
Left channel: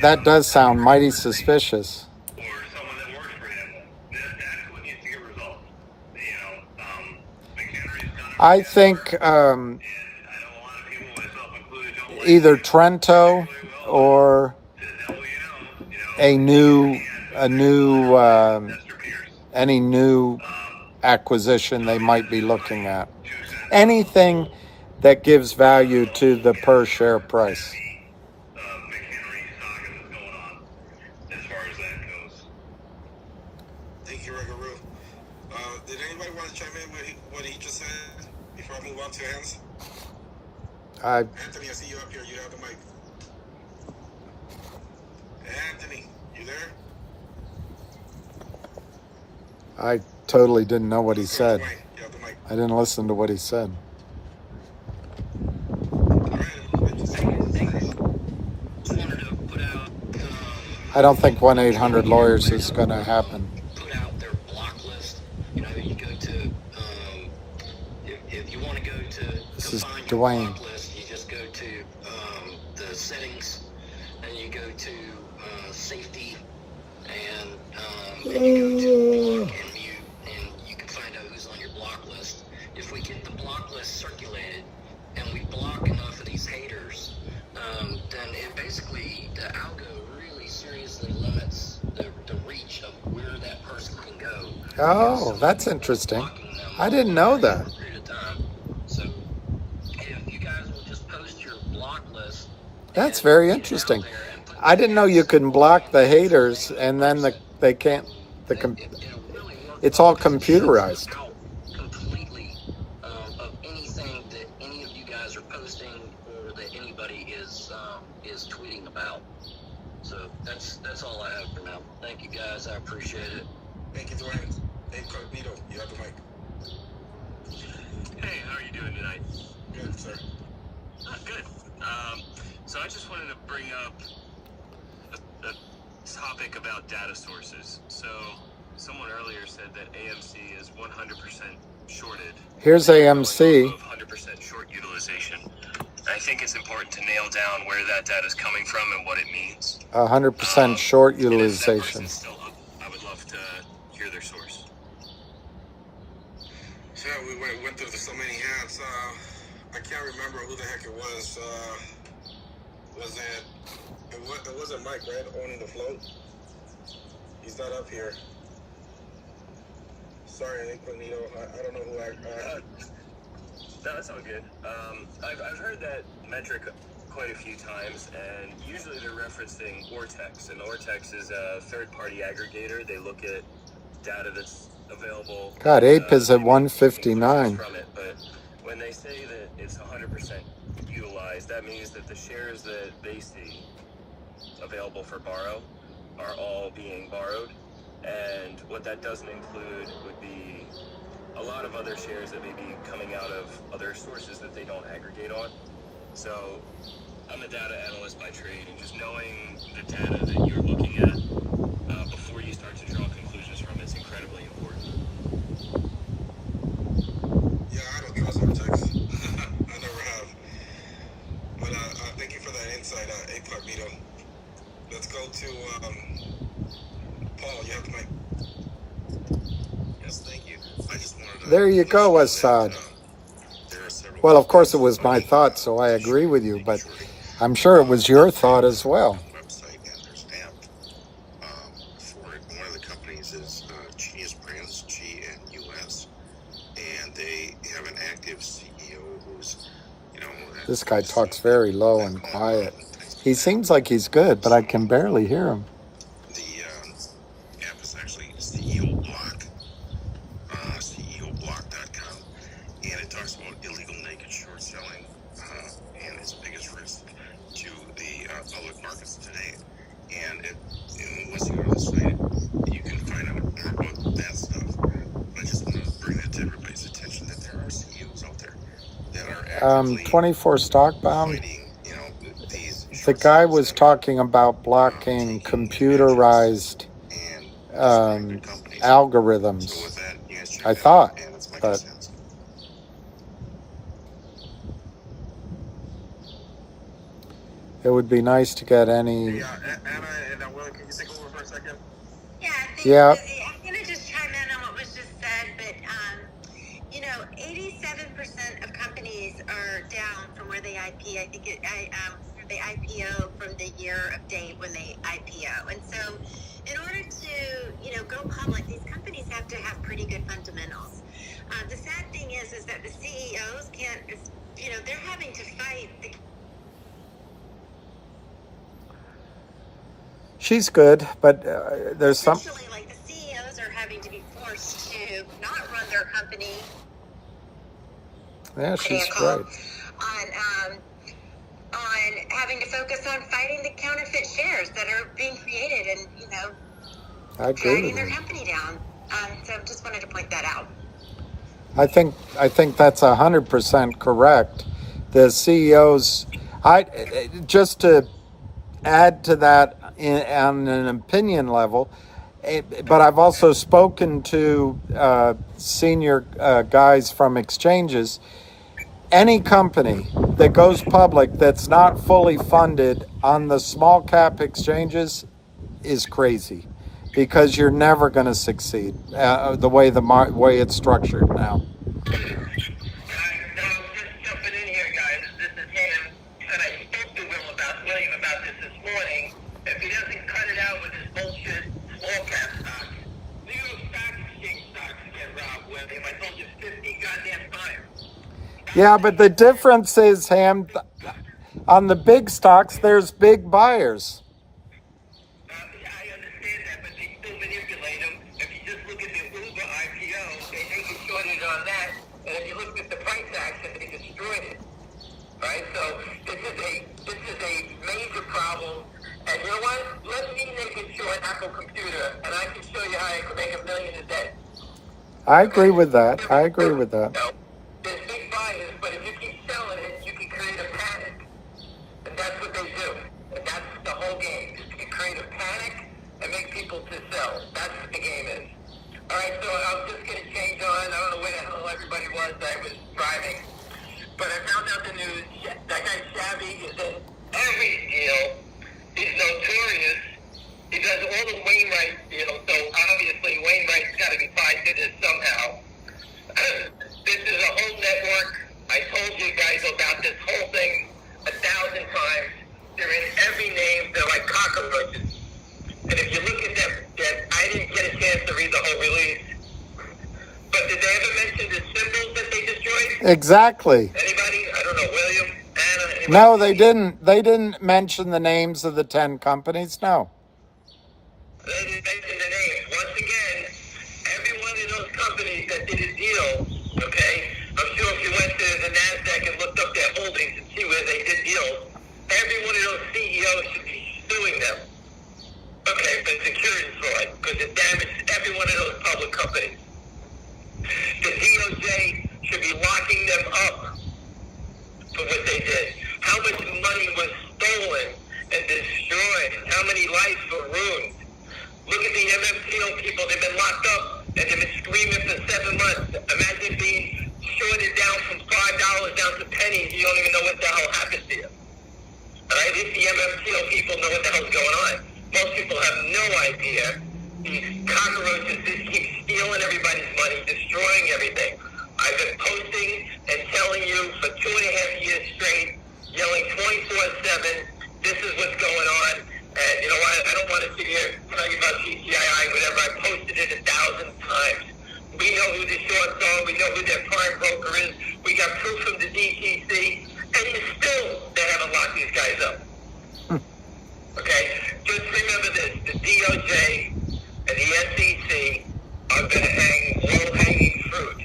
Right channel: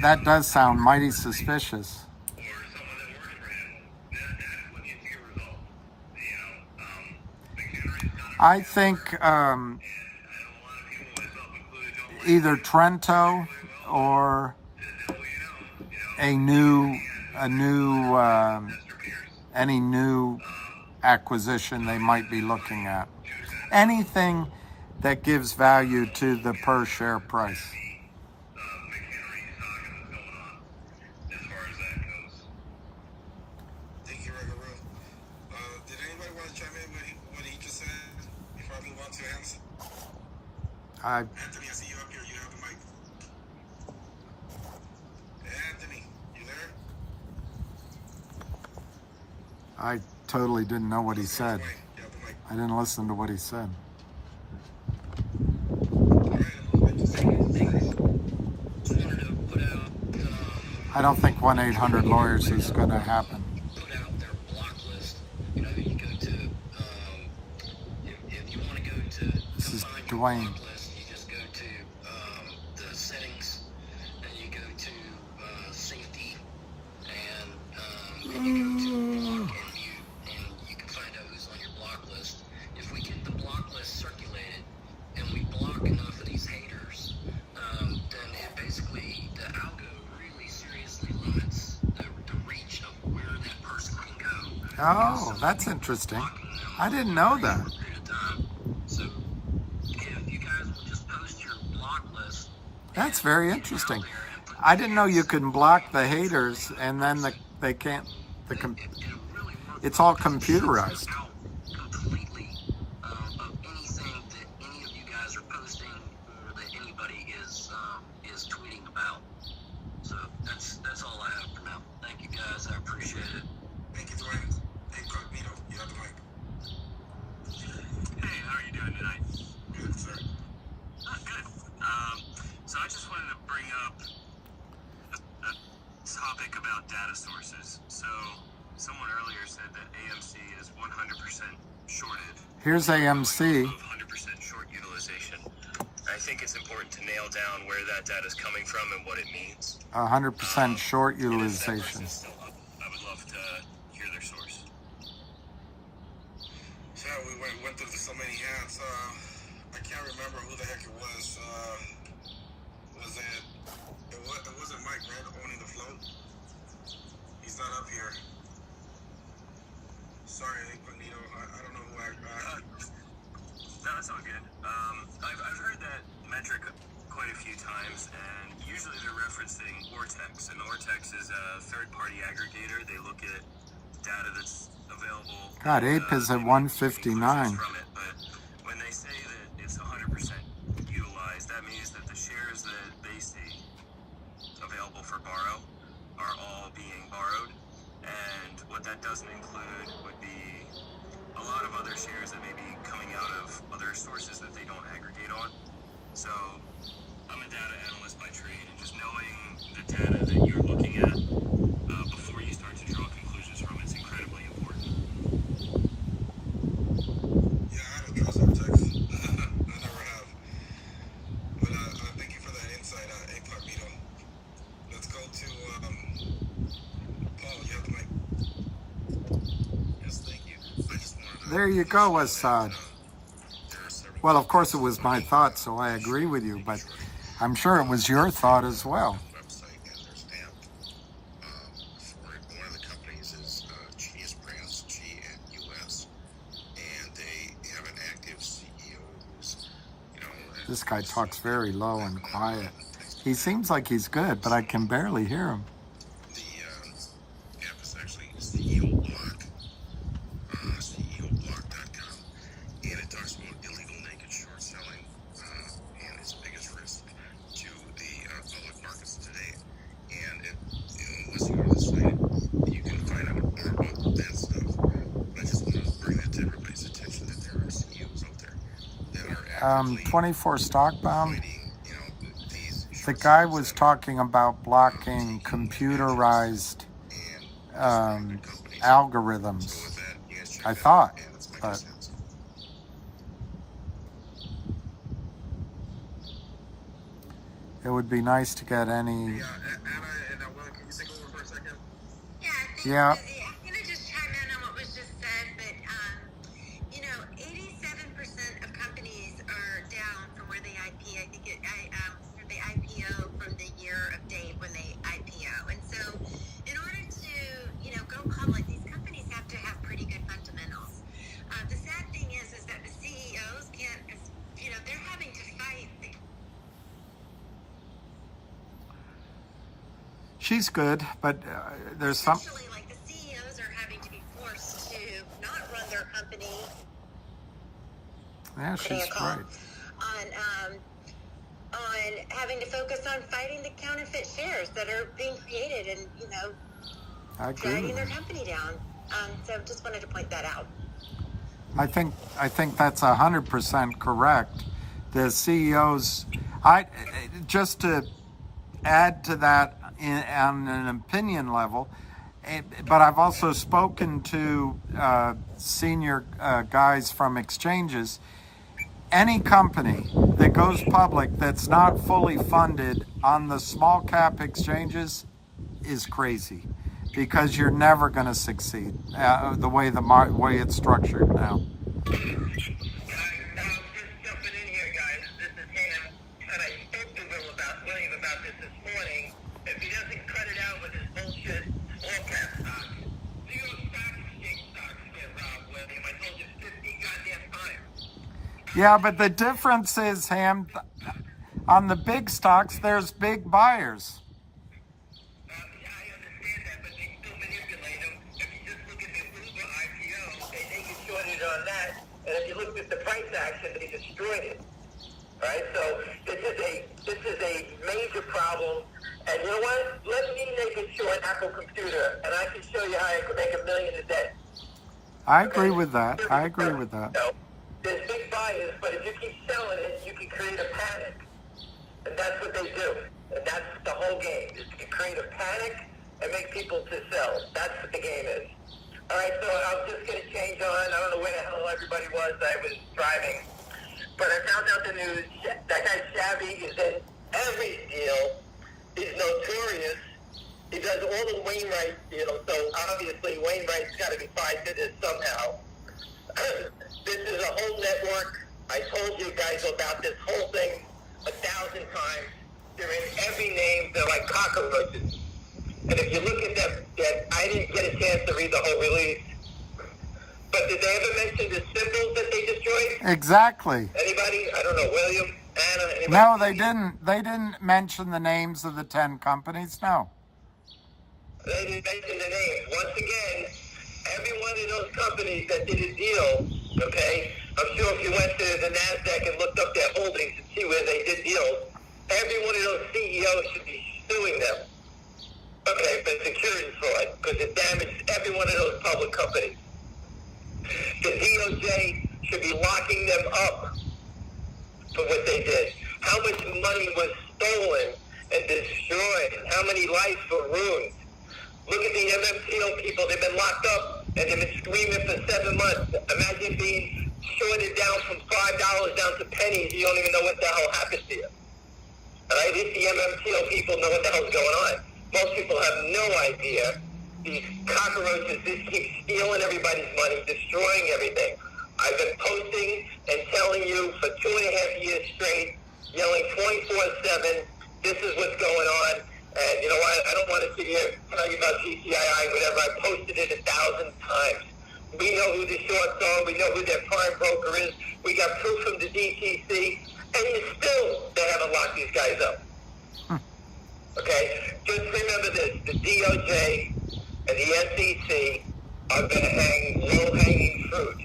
that does sound mighty suspicious. Or someone that works for him, that's what needs to get resolved. You know, McHenry's done it. I think And I know a lot of people, myself included, don't like either Trento or any new acquisition they might be looking at. Anything that gives value to the per share price. McHenry saga that's going on as far as that goes. Thank you, Ruggaroo. Did anybody want to chime in with what he just said before I move on to Hans? Anthony, I see you up here. You have the mic. Anthony, you there? I totally didn't know what he said. You have the mic. I didn't listen to what he said. I don't think 1-800-Lawyers is going to happen. Put out their block list. You know, you go to, if you want to go to This is define your Dwayne. block list, you just go to the settings, and you go to safety, and then you go to block and mute, and you can find out who's on your block list. If we get the block list circulated, and we block enough of these haters, then it basically, the algo really seriously limits the reach of where that person can go. Oh, that's interesting. I didn't know that. So if you guys will just post your block list. That's very interesting. I didn't know you can block the haters and then they can't. It's all computerized. Completely of anything that any of you guys are posting or that anybody is tweeting about. So that's all I have for now. Thank you guys. I appreciate it. Thank you, Dwayne. Hey, Carlito, you have the mic. Hey, how are you doing tonight? Good, sir. Good. So I just wanted to bring up a topic about data sources. So someone earlier said that AMC is 100% shorted. Here's AMC. 100% short utilization. I think it's important to nail down where that data is coming from and what it means. 100% short And if that utilization. person's still up, I would love to hear their source. Yeah, we went through so many hats. I can't remember who the heck it was. It wasn't Mike, right? Owning the float. He's not up here. Sorry, Incognito. I don't know who No, that's all good. I've heard that metric quite a few times, and usually they're referencing Ortex, and Ortex is a third-party aggregator. They look at data that's available. God, Ape is at 159. From it, but when they say that it's 100% utilized, that means that the shares that they see available for borrow are all being borrowed, and what that doesn't include would be a lot of other shares that may be coming out of other sources that they don't aggregate on. So I'm a data analyst by trade, and just knowing the data that you're looking at before you start to draw conclusions from it's incredibly important. Yeah, I don't trust Ortex. I never have. But thank you for that insight, Incognito. Let's go to Paul. You have the mic. Yes, thank you. I just wanted to... There you go, Assad. Well, of course it was my thought, so I agree with you, but I'm sure it was your thought as well. Website, and there's an app for it. One of the companies is Genius Brands, GNUS, and they have an active CEO who's, you know... This guy talks very low and quiet. He seems like he's good, but I can barely hear him. The app is actually CEO Block, CEOBlock.com, and it talks about illegal naked short selling and its biggest risk to the public markets today. And once you go to the site, you can find out more about that stuff. I just want to bring it to everybody's attention that there are CEOs out there that are actively 24 stockbound. fighting, you know, these The short guy sellers was that are talking about blocking computerized and companies. So algorithms. with that, you guys check I that thought, out, and it's my but 2 cents. it would be nice to get any. Anna and Will, can you take over for a second? Yeah, thanks, Yeah. Lizzie. I'm going to just chime in on what was just said, but, 87% of companies are down from where they IP. I think they IPO from the year of date when they IPO. And so in order to, go public, these companies have to have pretty good fundamentals. The sad thing is that the CEOs can't, they're having to fight the She's good, but there's some. essentially, like, the CEOs are having to be forced to not run their company. Yeah, she's right. On having to focus on fighting the counterfeit shares that are being created and, you know, I agree dragging with their you. company down. So just wanted to point that out. I think that's 100% correct. The CEOs, just to add to that on an opinion level, but I've also spoken to senior guys from exchanges. Any company that goes public that's not fully funded on the small cap exchanges is crazy, because you're never going to succeed the way way it's structured now. Guys, just jumping in here, guys. This is Ham. And I spoke to William about this morning. If he doesn't cut it out with his bullshit small cap stocks, New York Stock Exchange stocks get robbed, William. I told you 50 goddamn times. Yeah, but the difference is, Ham, on the big stocks, there's big buyers. I understand that, but they still manipulate them. If you just look at the Uber IPO, they get shorted on that. And if you look at the price action, they destroyed it. Right? So this is a major problem. And you know what? Let me make a short Apple computer, and I can show you how I can make $1 million a day. I agree with that. I agree with that. No, there's big buyers, but if you keep selling it, you can create a panic. And that's what they do. And that's the whole game. Is you create a panic and make people to sell. That's what the game is. All right, so I'm just going to change on. I don't know where the hell everybody was. I was driving. But I found out the news. That guy Shabby is in every deal. He's notorious. He does all the Wainwright deals, so obviously Wainwright's got to be tied to this somehow. This is a whole network. I told you guys about this whole thing 1,000 times. They're in every name. They're like cockroaches. And if you look at them, I didn't get a chance to read the whole release. But did they ever mention the symbols that they destroyed? Exactly. Anybody? I don't know. William? Anna? Anybody? No, they didn't. They didn't mention the names of the 10 companies. No. They didn't mention the names. Once again, every one of those companies that did a deal, okay, I'm sure if you went to the NASDAQ and looked up their holdings and see where they did deals, every one of those CEOs should be suing them. Okay, for securities fraud, because it damaged every one of those public companies. The DOJ should be locking them up for what they did. How much money was stolen and destroyed? How many lives were ruined? Look at the MMTL people. They've been locked up and they've been screaming for 7 months. Imagine being shorted down from $5 down to pennies. You don't even know what the hell happened to you. All right? These MMTL people know what the hell's going on. Most people have no idea. These cockroaches just keep stealing everybody's money, destroying everything. I've been posting and telling you for 2.5 years straight, yelling 24/7, this is what's going on. And you know what? I don't want to sit here tell you about GTII, whatever. I posted it 1,000 times. We know who the shorts are. We know who their prime broker is. We got proof from the DTC. And you still haven't locked these guys up. Okay? Just remember this. The DOJ and the SEC are going to hang low-hanging fruit.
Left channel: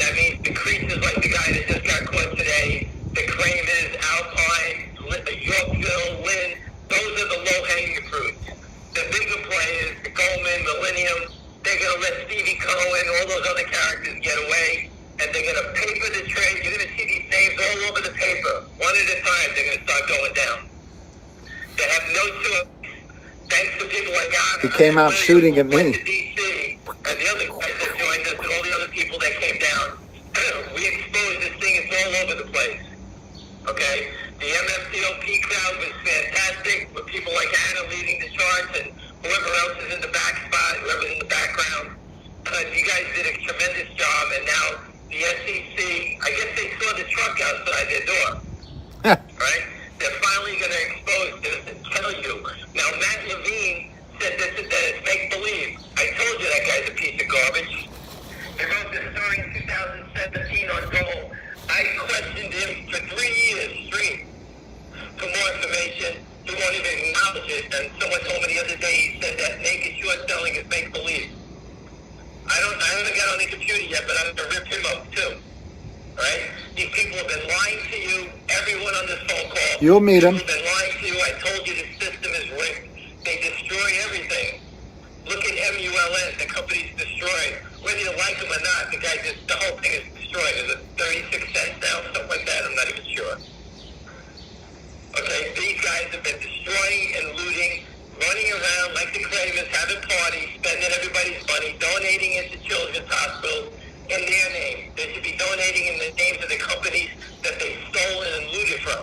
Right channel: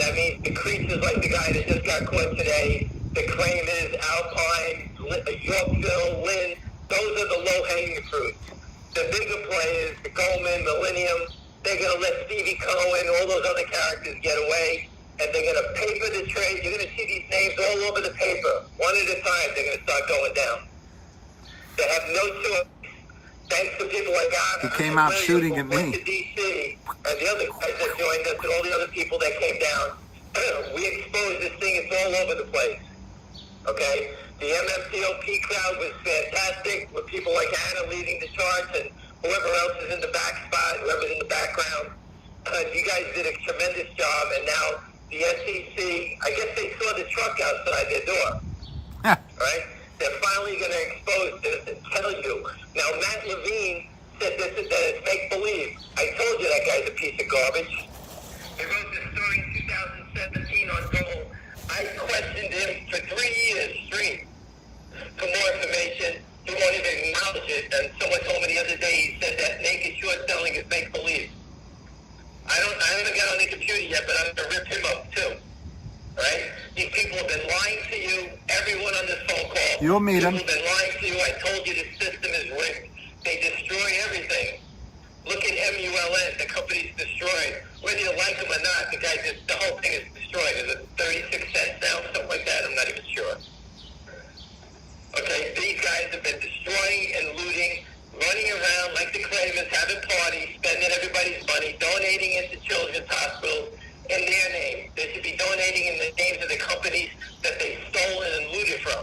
That means the creases like the guy that just got caught today, the Kramers, Alpine, the Yorkville, Lynn, those are the low-hanging fruits. The bigger players, the Goldman, Millennium, they're going to let Stevie Cohen, all those other characters get away, and they're going to paper the trade. You're going to see these names all over the paper. One at a time, they're going to start going down. They have no choice. Thanks to people like us. He came out shooting at me. To DC, and the other guys that joined us, and all the other people that came down. We exposed this thing. It's all over the place. Okay? The MMTLP crowd was fantastic, with people like Anna leading the charts and whoever else is in the back spot, whoever's in the background. You guys did a tremendous job, and now the SEC, I guess they saw the truck outside their door. Right? They're finally going to expose this and tell you. Now, Matt Levine said this and that it's make-believe. I told you that guy's a piece of garbage. They wrote this story in 2017 on Google. I questioned him for 3 years straight for more information. He won't even acknowledge it. And someone told me the other day, he said that naked short selling is make-believe. I haven't got on the computer yet, but I'm going to rip him up too. Right? These people have been lying to you. Everyone on this phone call. You'll meet him. Have been private parties spending everybody's money, donating it to children's hospitals in their name. They should be donating in the names of the companies that they stolen and looted from.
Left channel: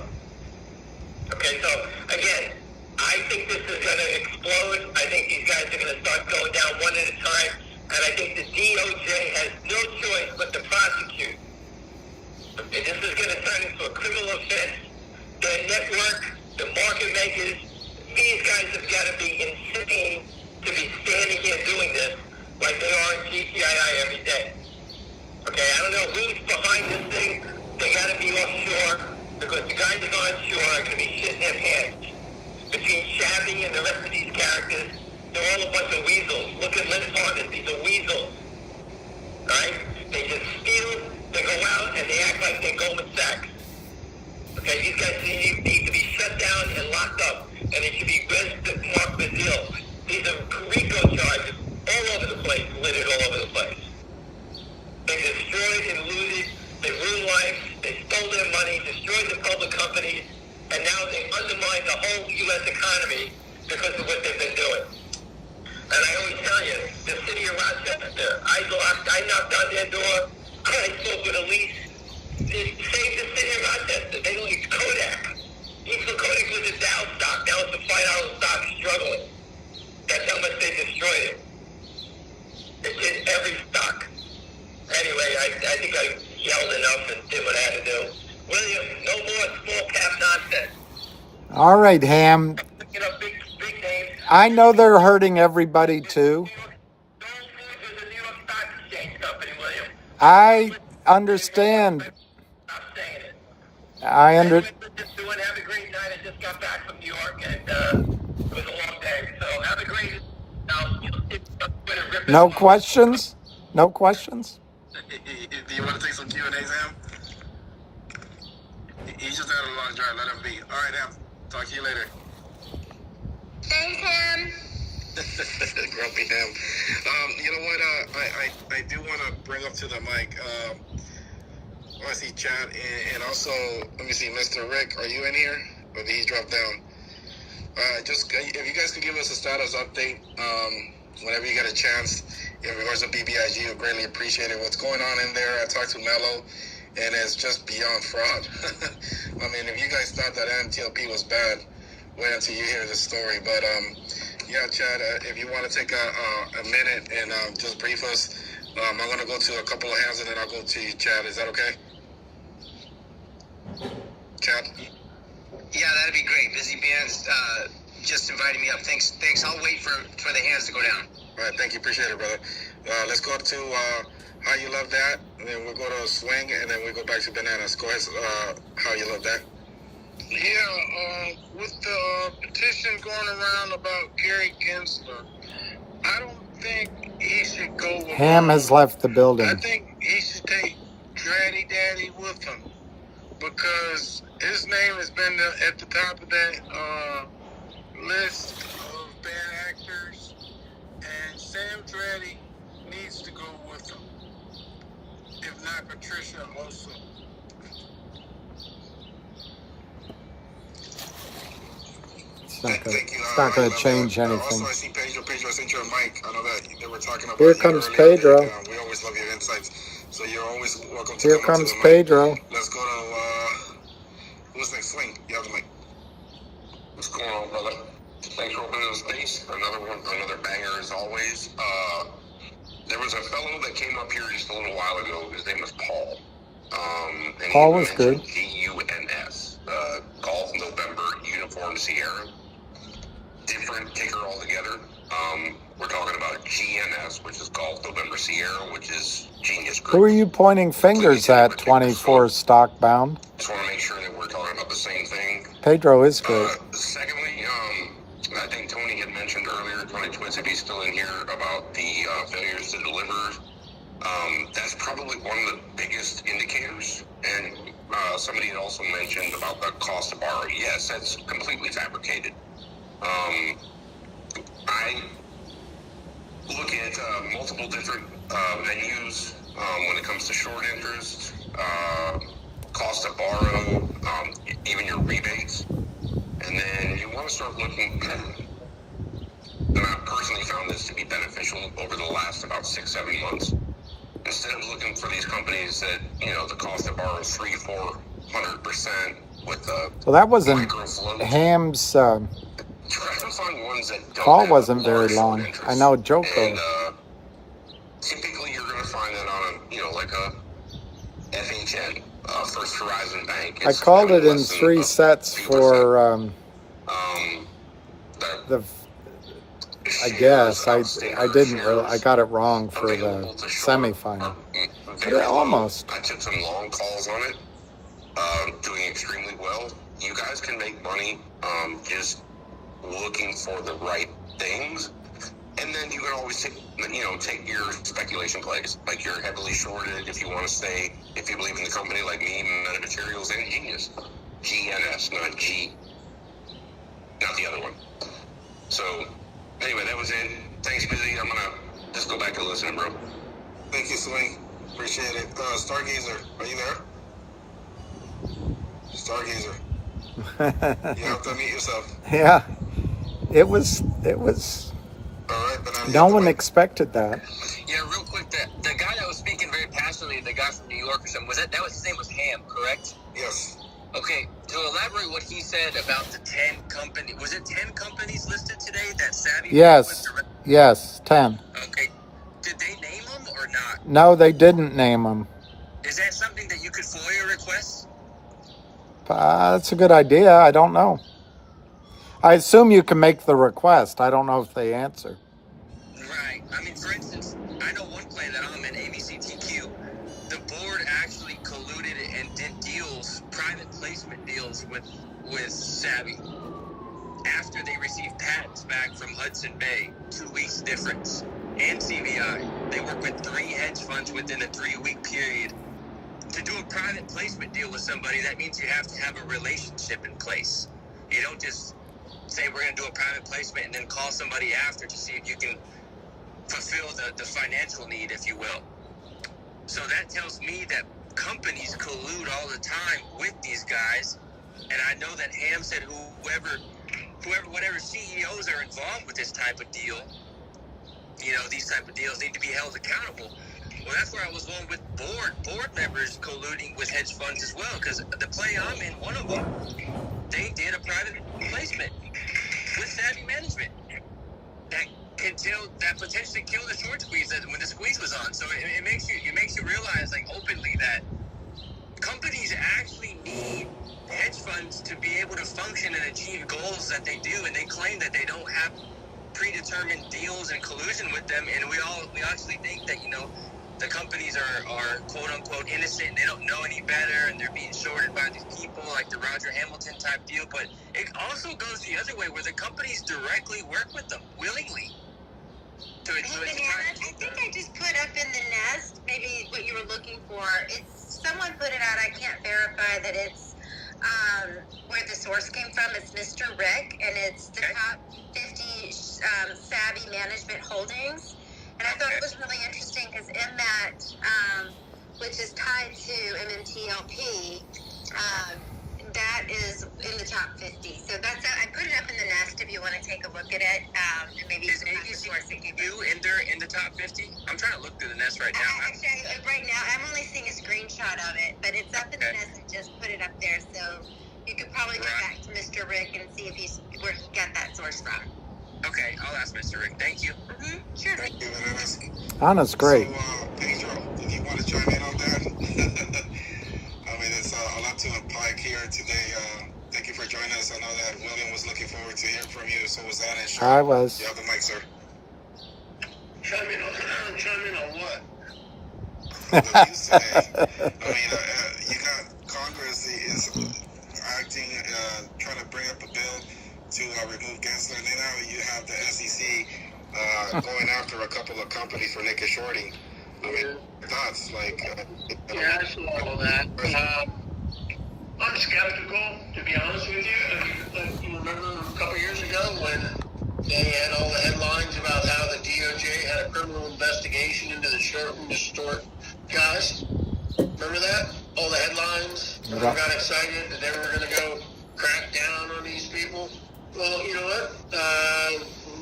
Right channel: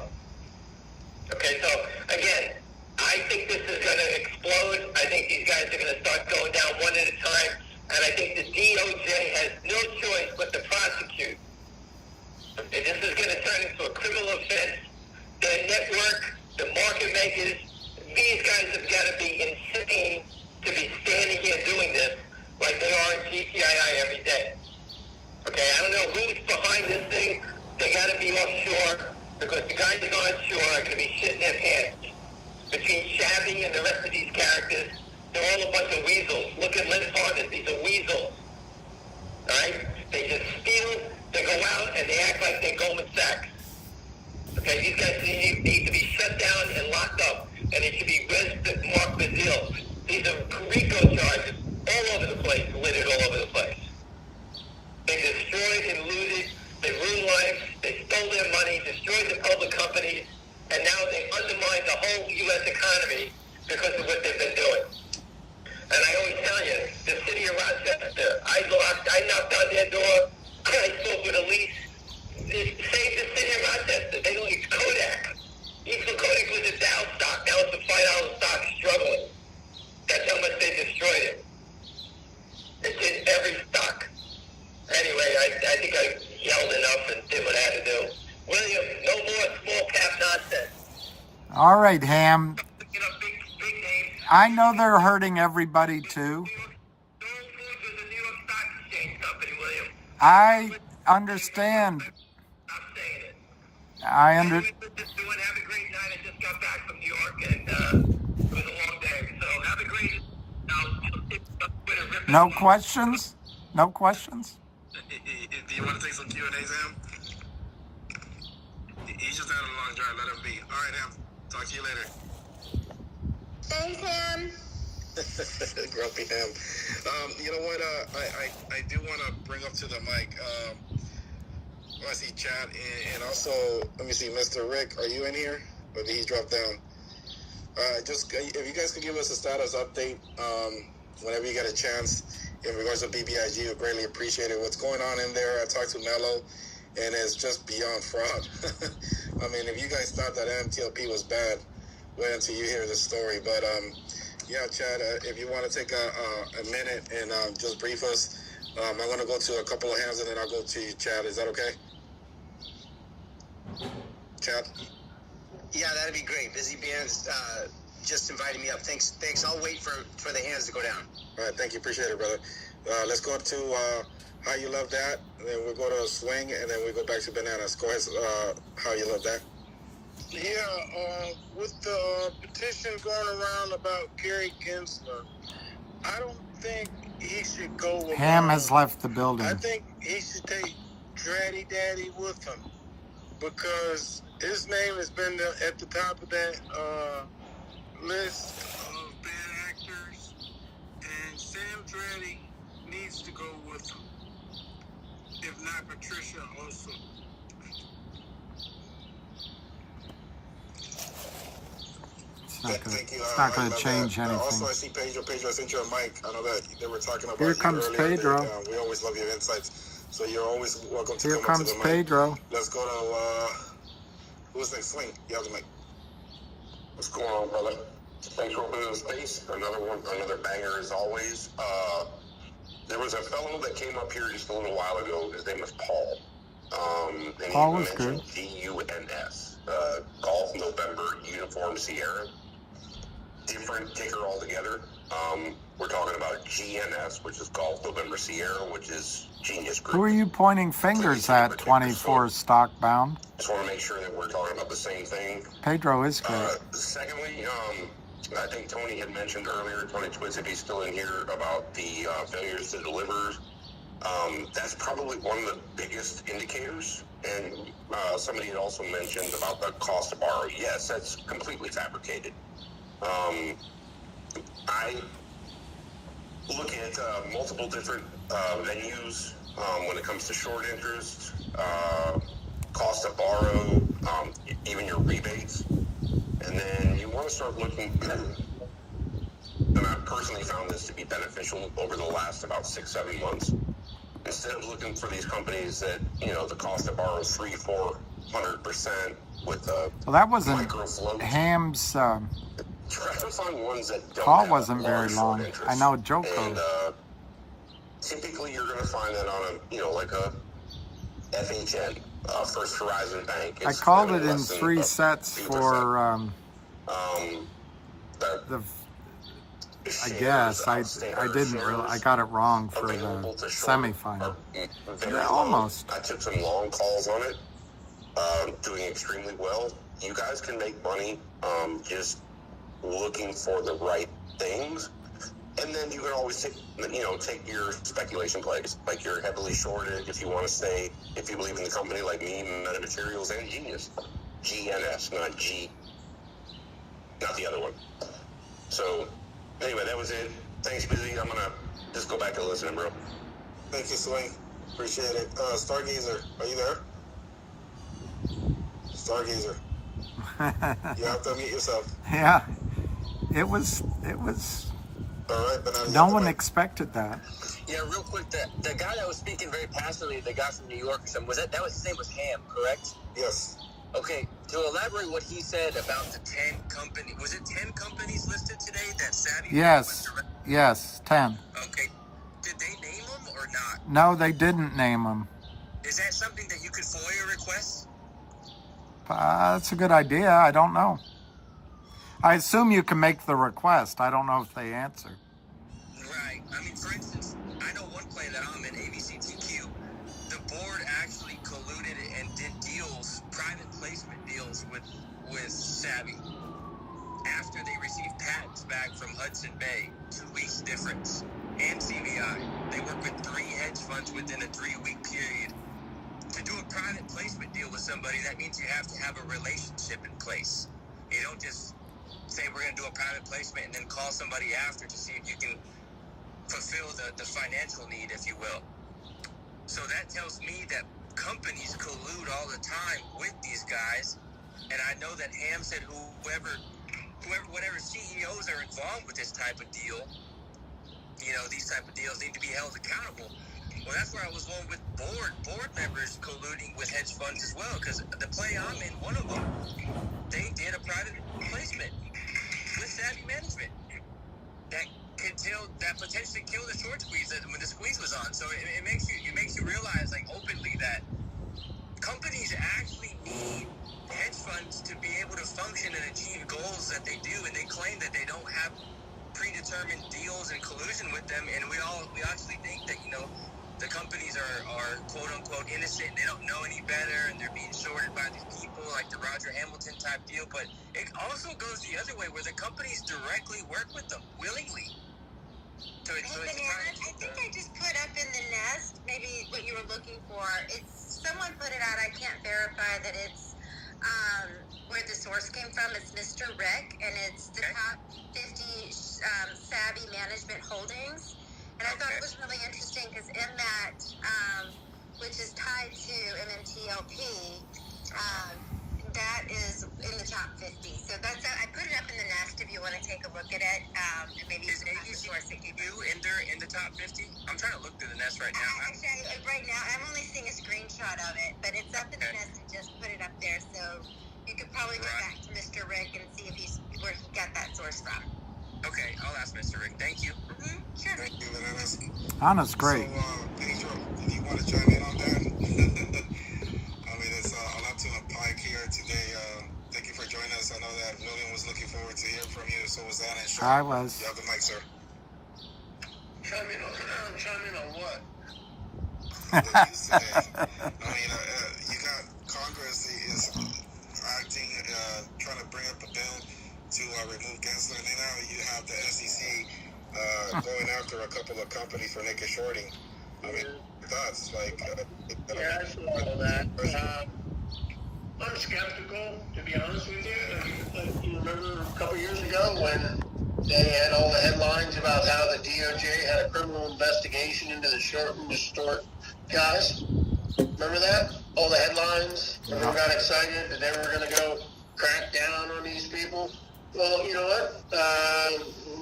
Okay, so again, I think this is going to explode. I think these guys are going to start going down one at a time, and I think the DOJ has no choice but to prosecute. Okay, this is going to turn into a criminal offense. The network, the market makers, these guys have got to be insisting to be standing here doing this like they are in GTII every day. Okay, I don't know who's behind this thing. They got to be offshore, because the guys onshore are going to be shitting their pants. Between Shabby and the rest of these characters, they're all a bunch of weasels. Look at Lynn Harden, these are weasels. Right? They just steal, they go out, and they act like they're Goldman Sachs. Okay, these guys need to be shut down and locked up, and they should be registered Mark Brazil. These are RICO charges all over the place, littered all over the place. They destroyed and looted, they ruined lives, they stole their money, destroyed the public companies, and now they undermine the whole U.S. economy because of what they've been doing. And I always tell you, the city of Rochester, I knocked on their door, I spoke with a lease. They saved the city of Rochester. They leased Kodak. Even Kodak was a down stock. Now it's a $5 stock struggling. That's how much they destroyed it. It did every stock. Anyway, I think I yelled enough and did what I had to do. William, no more small cap nonsense. All right, Ham. You know, big names. I know they're hurting everybody too. I understand. I Have a great night. I just got back from New York, and it was a long day. So have a great. No questions? No questions? Do you want to take some Q&A, Sam? He just had a long drive. Let him be. All right, Ham. Talk to you later. Thanks, Ham. Grumpy Ham. You know what? I do want to bring up to the mic. I see Chad and also, let me see, Mr. Rick. Are you in here? Or did he drop down? Just if you guys can give us a status update whenever you get a chance in regards to BBIG, I greatly appreciate it. What's going on in there? I talked to Mello, and it's just beyond fraud. I mean, if you guys thought that MTLP was bad, wait until you hear this story. But yeah, Chad, if you want to take a minute and just brief us, I'm going to go to a couple of hands and then I'll go to you, Chad. Is that okay? Chad? Yeah, that'd be great. Busy Beans just invited me up. Thanks. I'll wait for the hands to go down. All right, thank you. Appreciate it, brother. Let's go to How You Love That, and then we'll go to Swing, and then we'll go back to Bananas. Go ahead, How You Love That. Yeah, with the petition going around about Gary Gensler, I don't think he should go. Ham has left the building. I think he should take Granny Daddy with him, because his name has been at the top of that list of bad actors, and Sam Dreddy needs to go with him, if not Patricia also. It's not going to change anything. Also, I see Pedro. Pedro, I sent you a mic. I know that you were talking about. Here comes Pedro. We always love your insights, so you're always welcome to Here come comes to the mic. Pedro. Let's go to who's next? Swing. You have the mic. What's going on, brother? Thanks for opening the space. Another banger as always. There was a fellow that came up here just a little while ago. His name was Paul. Paul was good. GUNS. Golf November Uniform Sierra. Different ticker altogether. We're talking about GNS, which is Golf November Sierra, which is Genius Group. Who are you pointing fingers at, 24 stockbound? Just want to make sure that we're talking about the same thing. Pedro is great. Secondly, I think Tony had mentioned earlier, Tony Twits, if he's still in here, about the failures to deliver. That's probably one of the biggest indicators. And somebody had also mentioned about the cost of borrowing. Yes, that's completely fabricated. I look at multiple different venues when it comes to short interest, cost to borrow, even your rebates, and then So that wasn't Ham's call wasn't very long. I know Joko. Typically, you're going to find that on a, like a FHN, First Horizon Bank. I called it in 3 sets for the. I guess I didn't really. I got it wrong for the semifinal, but it almost. I took some long calls on it, doing extremely well. You guys can make money just looking for the right things, and then you can always take your speculation plays. Like you're heavily shorted if you want to say, if you believe in the company like me, Meta Materials and Genius, GNS, not G, not the other one. So anyway, that was it. Thanks, Busy. I'm gonna just go back and listen, bro. Thank you, Swing. Appreciate it. Stargazer, are you there? Stargazer. You have to unmute yourself. Yeah, it was. No one expected that. Yeah, real quick, the guy that was speaking very passionately, the guy from New York or something, his name was Ham, correct? Yes. Okay, to elaborate what he said about the 10 companies, was it 10 companies listed today that Savvy? Yes, 10. Okay, did they name them or not? No, they didn't name them. Is that something that you could FOIA request? That's a good idea. I don't know. I assume you can make the request. I don't know if they answer. Right. I mean, for instance, I know one plan that I'm in, ABCTQ. The board actually colluded and did deals, private placement deals with Savvy. After they received patents back from Hudson Bay, 2 weeks difference, and CVI. They work with 3 hedge funds within a 3-week period. To do a private placement deal with somebody, that means you have to have a relationship in place. You don't just say we're going to do a private placement and then call somebody after to see if you can fulfill the financial need, if you will. So that tells me that companies collude all the time with these guys. And I know that Ham said whatever CEOs are involved with this type of deal, these type of deals need to be held accountable. Well, that's where I was going with board members colluding with hedge funds as well, because the play I'm in, one of them, they did a private placement with Savvy Management that potentially killed the short squeeze when the squeeze was on. So it makes you realize, like, openly that companies actually need hedge funds to be able to function and achieve goals that they do, and they claim that they don't have predetermined deals and collusion with them, and we actually think that the companies are quote unquote innocent and they don't know any better and they're being shorted by these people, like the Roger Hamilton type deal. But it also goes the other way, where the companies directly work with them willingly. I think I just put up in the nest maybe what you were looking for. Someone put it out. I can't verify that it's where the source came from. It's Mr. Rick, and it's the top 50 Savvy Management holdings. And I thought it was really interesting because MMAT, which is tied to MMTLP, that is in the top 50. So that's I put it up in the nest if you want to take a look at it. And maybe is ABCTQ in the top 50? I'm trying to look through the nest right now. Actually, right now I'm only seeing a screenshot of it, but it's up in the nest and just put it up there. So you could probably go back to Mr. Rick and see where he got that source from. Okay, I'll ask Mr. Rick. Thank you. Sure. Anna's great. Pedro, did you want to chime in on that? I mean, it's a lot to unpack here today. Thank you for joining us. I know that William was looking forward to hearing from you. So was that. I was. You have the mic, sir. Chime in on what? You say, you got Congress is acting, trying to bring up a bill to remove Gensler. And then now you have the SEC going after a couple of companies for naked shorting. I mean, thoughts like. Yeah, I saw all that. I'm skeptical, to be honest with you. A couple years ago when they had all the headlines about how the DOJ had a criminal investigation into the short guys. Remember that? All the headlines. Everyone got excited that they were going to go crack down on these people. Well, you know what?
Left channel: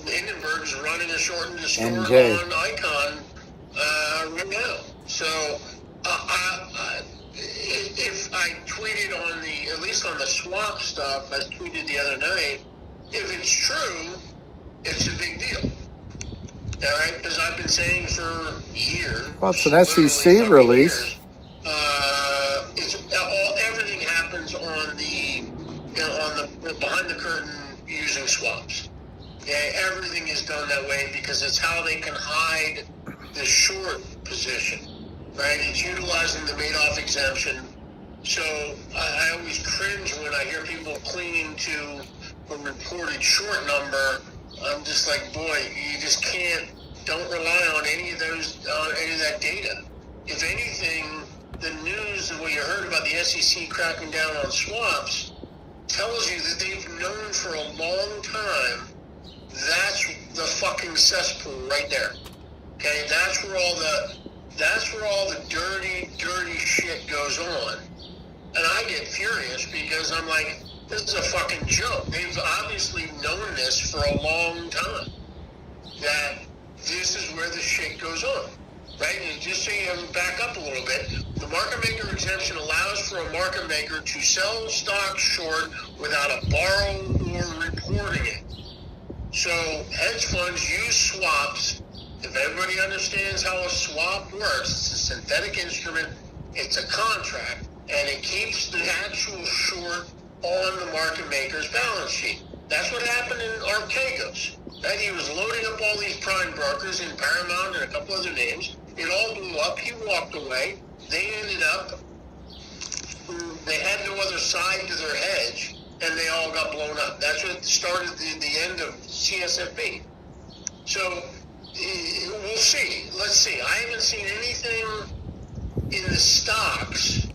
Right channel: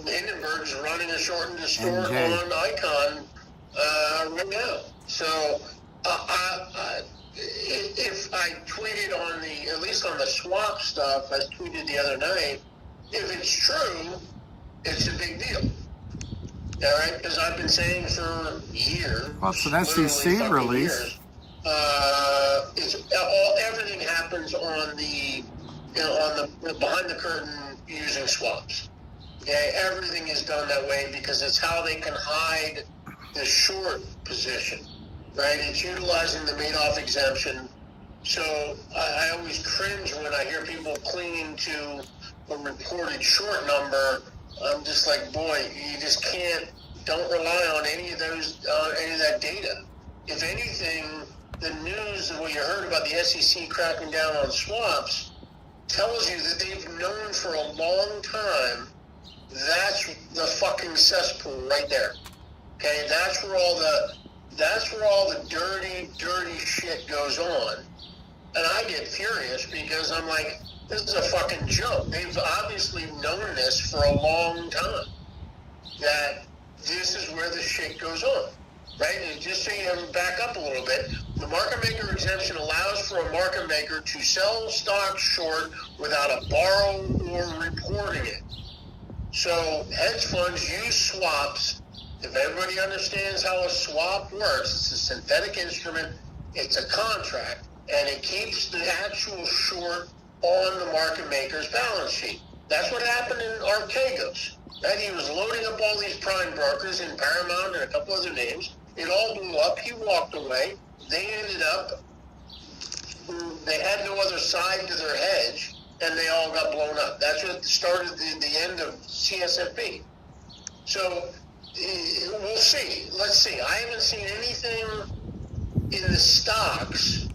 Hindenburg's running a short and distort on Icon right now. So if I tweeted at least on the swap stuff, tweeted the other night, if it's true, it's a big deal. All right, because I've been saying for years. Well, it's an SEC release. Everything happens on the, on the behind the curtain using swaps. Okay, everything is done that way because it's how they can hide the short position. Right, it's utilizing the Madoff exemption. So I always cringe when I hear people clinging to a reported short number. I'm just like, boy, you just don't rely on any of that data. If anything, the news that we heard about the SEC cracking down on swaps tells you that they've known for a long time that's the fucking cesspool right there. Okay, that's where all the dirty shit goes on. And I get furious because I'm like, this is a fucking joke. They've obviously known this for a long time, that this is where the shit goes on, right? And just so you back up a little bit, the market maker exemption allows for a market maker to sell stock short without a borrow or reporting it. So hedge funds use swaps. If everybody understands how a swap works, it's a synthetic instrument, it's a contract, and it keeps the actual short on the market maker's balance sheet. That's what happened in Archegos. And he was loading up all these prime brokers in Paramount and a couple other names. It all blew up. He walked away. They ended up, they had no other side to their hedge, and they all got blown up. That's what started the end of CSFB. So we'll see. Let's see. I haven't seen anything in the stocks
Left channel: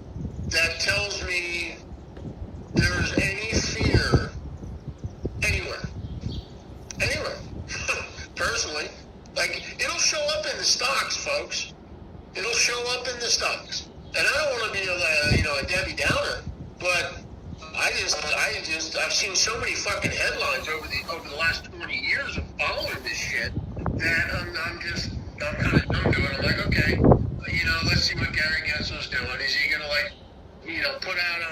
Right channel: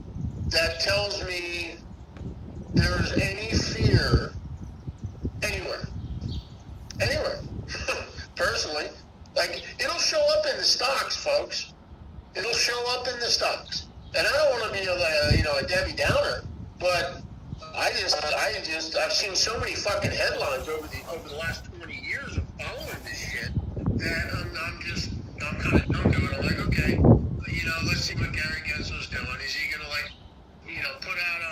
that tells me there's any fear anywhere. Personally. Like, it'll show up in the stocks, folks. It'll show up in the stocks. And I don't want to be a Debbie Downer, but I've seen so many fucking headlines over the last 20 years of following this shit that I'm kind of numb to it. I'm like, okay, let's see what Gary Gensler's doing. Is he gonna put out a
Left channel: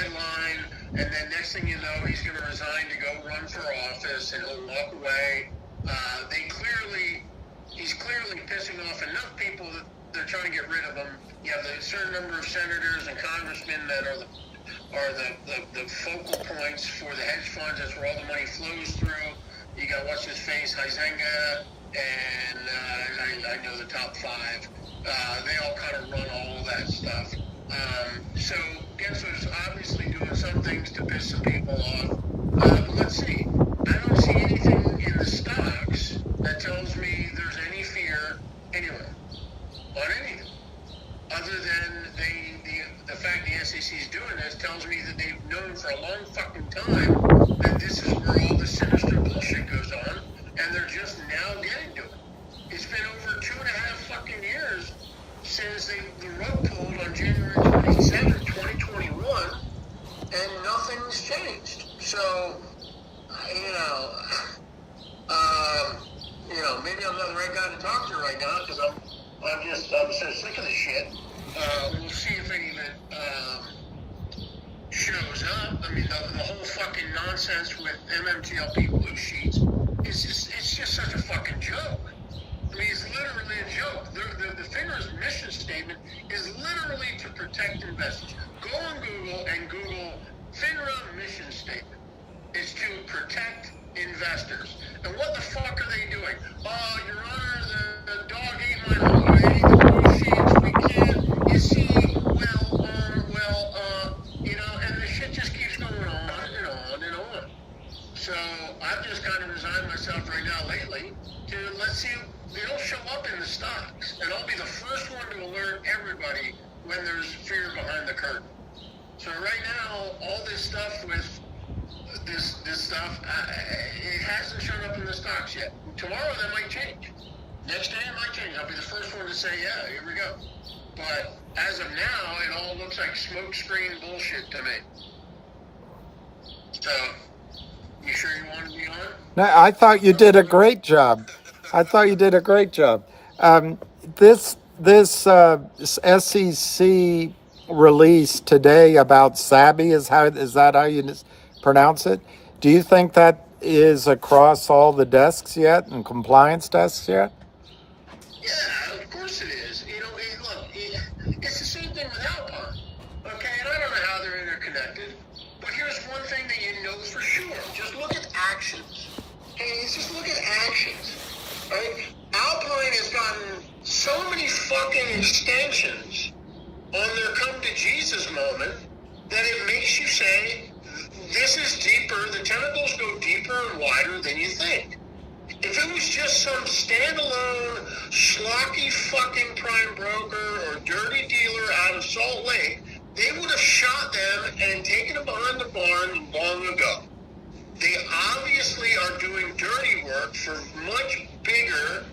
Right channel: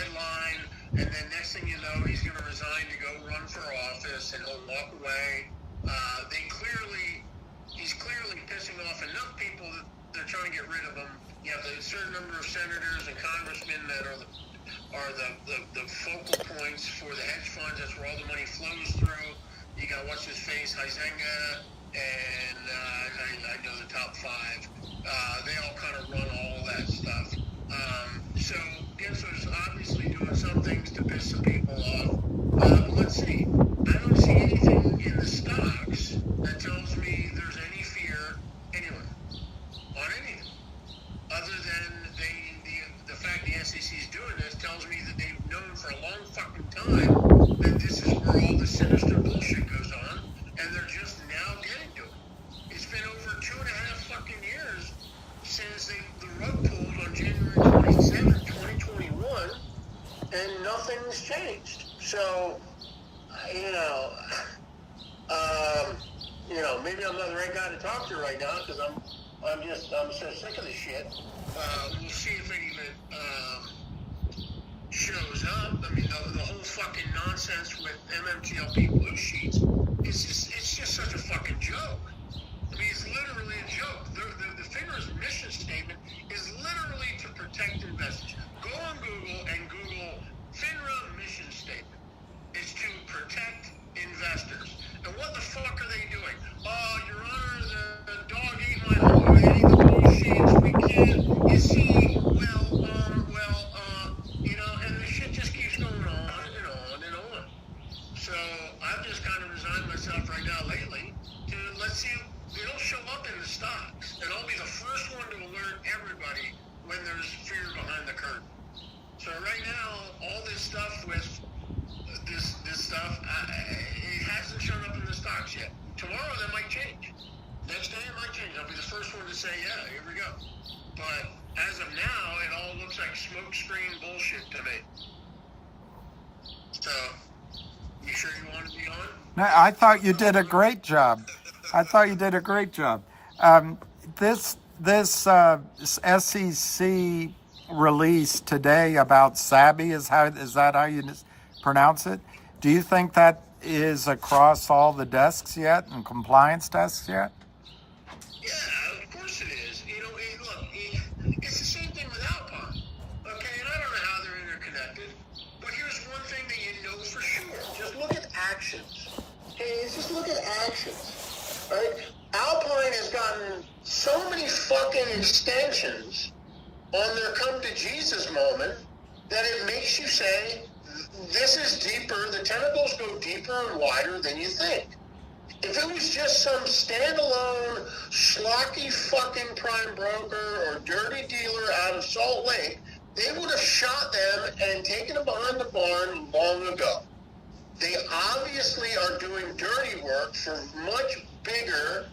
headline, and then next thing you know, he's gonna resign to go run for office, and he'll walk away. He's clearly pissing off enough people that they're trying to get rid of him. You have a certain number of senators and congressmen that are the focal points for the hedge funds. That's where all the money flows through. You got what's his face, Huizenga, and I know the top five. They all kind of run all of that stuff. So Gensler's obviously doing some things to piss some people off. Let's see. I don't see anything in the stocks that tells me there's any fear anywhere on anything. Other than the fact the SEC is doing this tells me that they've known for a long fucking time that this is where all the sinister bullshit goes on, and they're just now getting to it. It's been over 2.5 fucking years since the rug pulled on January 27th, 2021, and nothing's changed. So, maybe I'm not the right guy to talk to right now because I'm so sick of this shit. We'll see if it even shows up. I mean, the whole fucking nonsense with MMTLP blue sheets it's just such a fucking joke. I mean, it's literally a joke. The FINRA's mission statement is literally to protect investors. Go on Google and Google FINRA mission statement. It's to protect investors. And what the fuck are they doing? Oh, Your Honor, the dog ate my home. I ate the blue sheets. We can't. You see, and the shit just keeps going on and on and on. So I've just kind of resigned myself right now lately to let's see. It'll show up in the stocks, and I'll be the first one to alert everybody when there's fear behind the curtain. So right now, all this stuff with this stuff, it hasn't shown up in the stocks yet. Tomorrow that might change. Next day it might change. I'll be the first one to say, yeah, here we go. But as of now, it all looks like smoke screen bullshit to me. So, you sure you want to be on? No, I thought you did a great job. This SEC release today about SABI, is that how you pronounce it? Do you think that is across all the desks yet and compliance desks yet? Yeah, of course it is. You know, it's the same thing with Alpine. Okay, and I don't know how they're interconnected, but here's one thing that you know for sure. Just look at actions. Hey, just look at actions. Right? Alpine has gotten so many fucking extensions on their come to Jesus moment that it makes you say, this is deeper, the tentacles go deeper and wider than you think. If it was just some standalone, schlocky fucking prime broker or dirty dealer out of Salt Lake, they would have shot them and taken them behind the barn long ago. They obviously are doing dirty work for much bigger,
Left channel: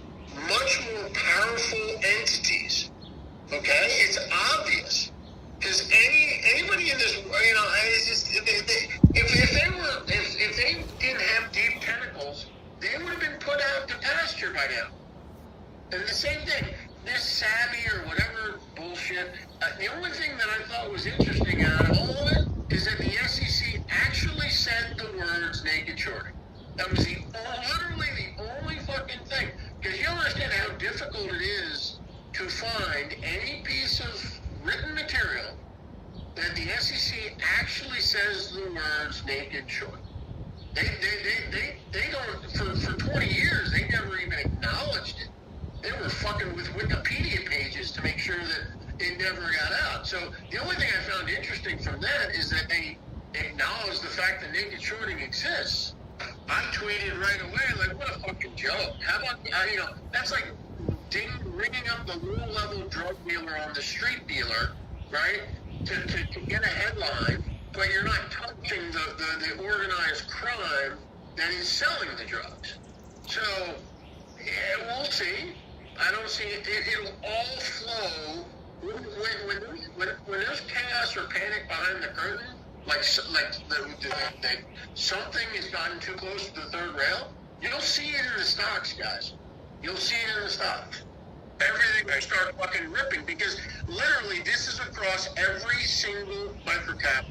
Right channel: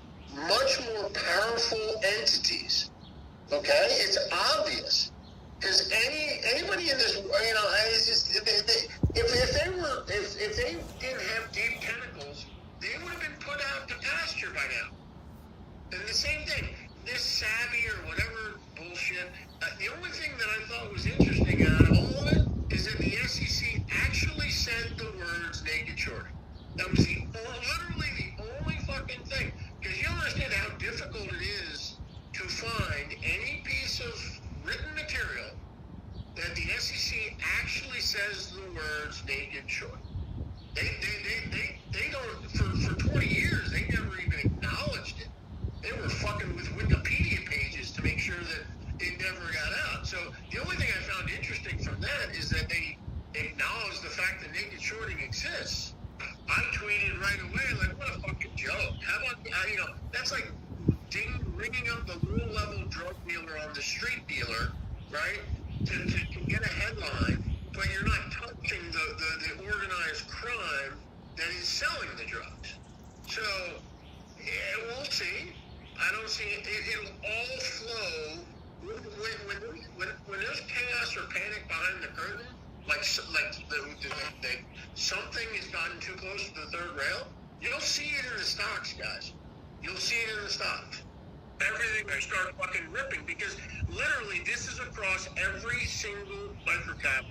much more powerful entities. Okay? It's obvious. Because anybody in this, you know, it's just, if they didn't have deep tentacles, they would have been put out to pasture by now. And the same thing, this savvy or whatever bullshit, the only thing that I thought was interesting out of all of it is that the SEC actually said the words naked shorting. That was literally the only fucking thing. Because you understand how difficult it is to find any piece of written material that the SEC actually says the words naked shorting. They don't, for 20 years, they never even acknowledged it. They were fucking with Wikipedia pages to make sure that it never got out. So the only thing I found interesting from that is that they acknowledge the fact that naked shorting exists. I tweeted right away, like, what a fucking joke. How about, you know, that's like ringing up the low-level drug dealer on the street dealer, right, to get a headline, but you're not touching the organized crime that is selling the drugs. So, yeah, we'll see. I don't see it. It'll all flow. When there's chaos or panic behind the curtain, like something has gotten too close to the third rail, you'll see it in the stocks, guys. You'll see it in the stocks. Everything will start fucking ripping because literally this is across every single microcap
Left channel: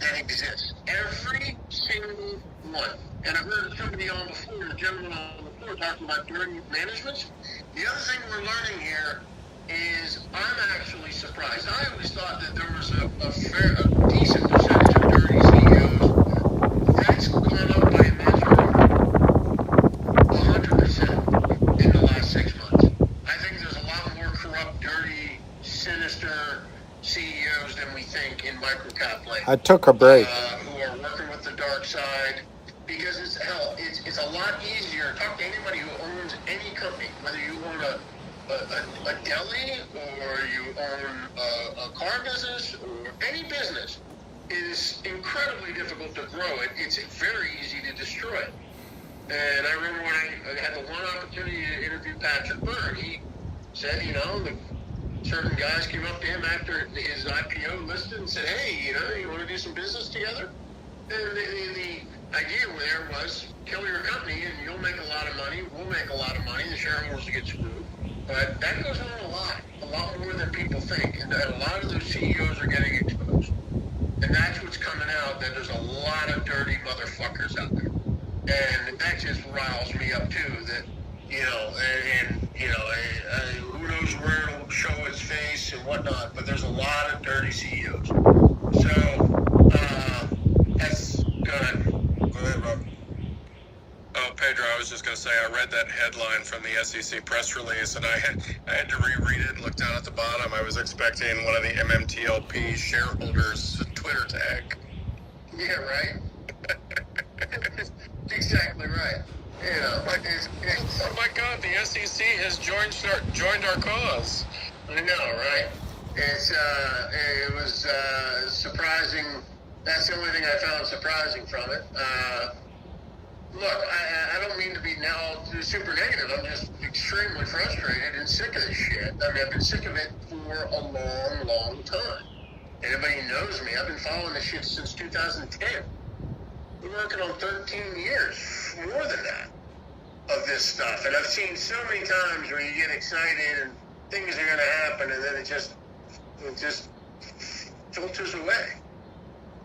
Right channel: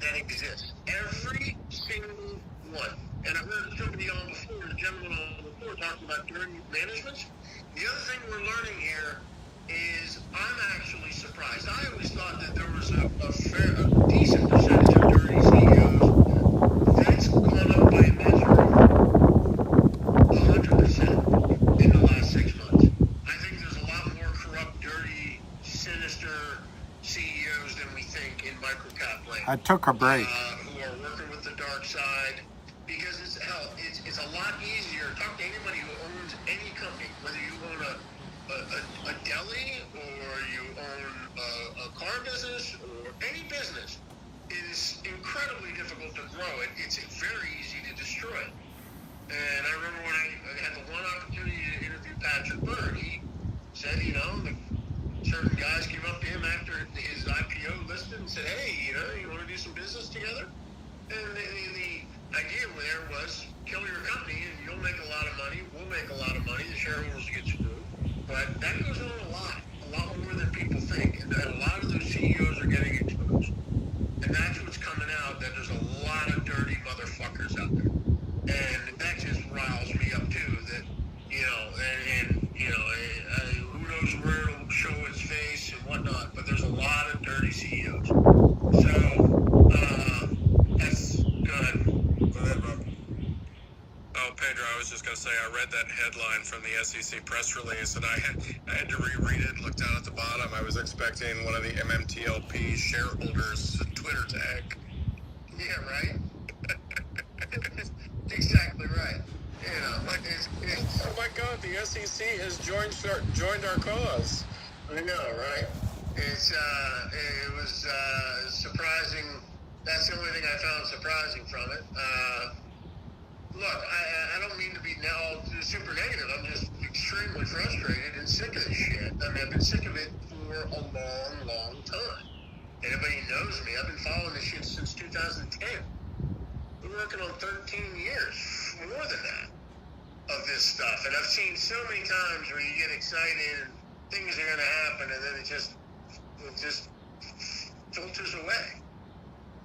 that exists. Every single one. And I've heard somebody on before, the gentleman on before, talking about dirty management. The other thing we're learning here is I'm actually surprised. I always thought that there was a decent percentage of dirty CEOs. That's gone up by a measure of 100% in the last 6 months. I think there's a lot more corrupt, dirty, sinister CEOs than we think in microcap land. I took a break. Who are working with the dark side because it's a lot easier. Talk to anybody who owns any company, whether you own a deli or you own a car business or any business. It is incredibly difficult to grow it. It's very easy to destroy it. And I remember when I had the one opportunity to interview Patrick Byrne, he said, you know, certain guys came up to him after his IPO listed and said, hey, you want to do some business together? And the idea there was kill your company and you'll make a lot of money, we'll make a lot of money, the shareholders get screwed. But that goes on a lot more than people think. And a lot of those CEOs are getting exposed. And that's what's coming out, that there's a lot of dirty motherfuckers out there. And that just riles me up too, that, who knows where it'll show its face and whatnot, but there's a lot of dirty CEOs. So, that's good. Go ahead, Rob. Oh, Pedro, I was just going to say, I read that headline from the SEC press release, and I had to reread it and look down at the bottom. I was expecting one of the MMTLP shareholders' Twitter tag. Yeah, right? Exactly right. You know, oh my God, the SEC has joined our cause. I know, right? It was surprising. That's the only thing I found surprising from it. Look, I don't mean to be now super negative. I'm just extremely frustrated and sick of this shit. I mean, I've been sick of it for a long, long time. Anybody knows me, I've been following this shit since 2010. We're working on 13 years, more than that, of this stuff. And I've seen so many times where you get excited and things are going to happen, and then it just filters away.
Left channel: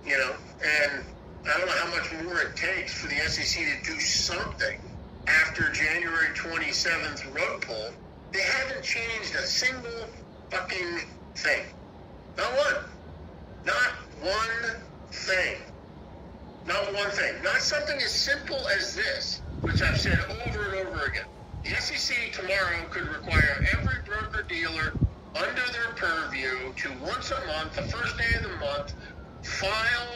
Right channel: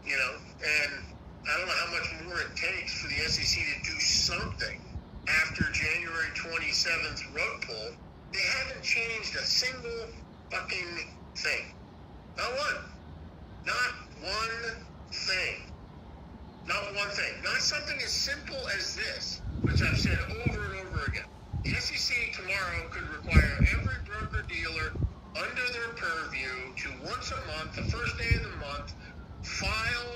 You know, and I don't know how much more it takes for the SEC to do something after January 27th rug pull. They haven't changed a single fucking thing. Not one. Not one thing. Not one thing. Not something as simple as this, which I've said over and over again. The SEC tomorrow could require every broker-dealer under their purview to once a month, the first day of the month, file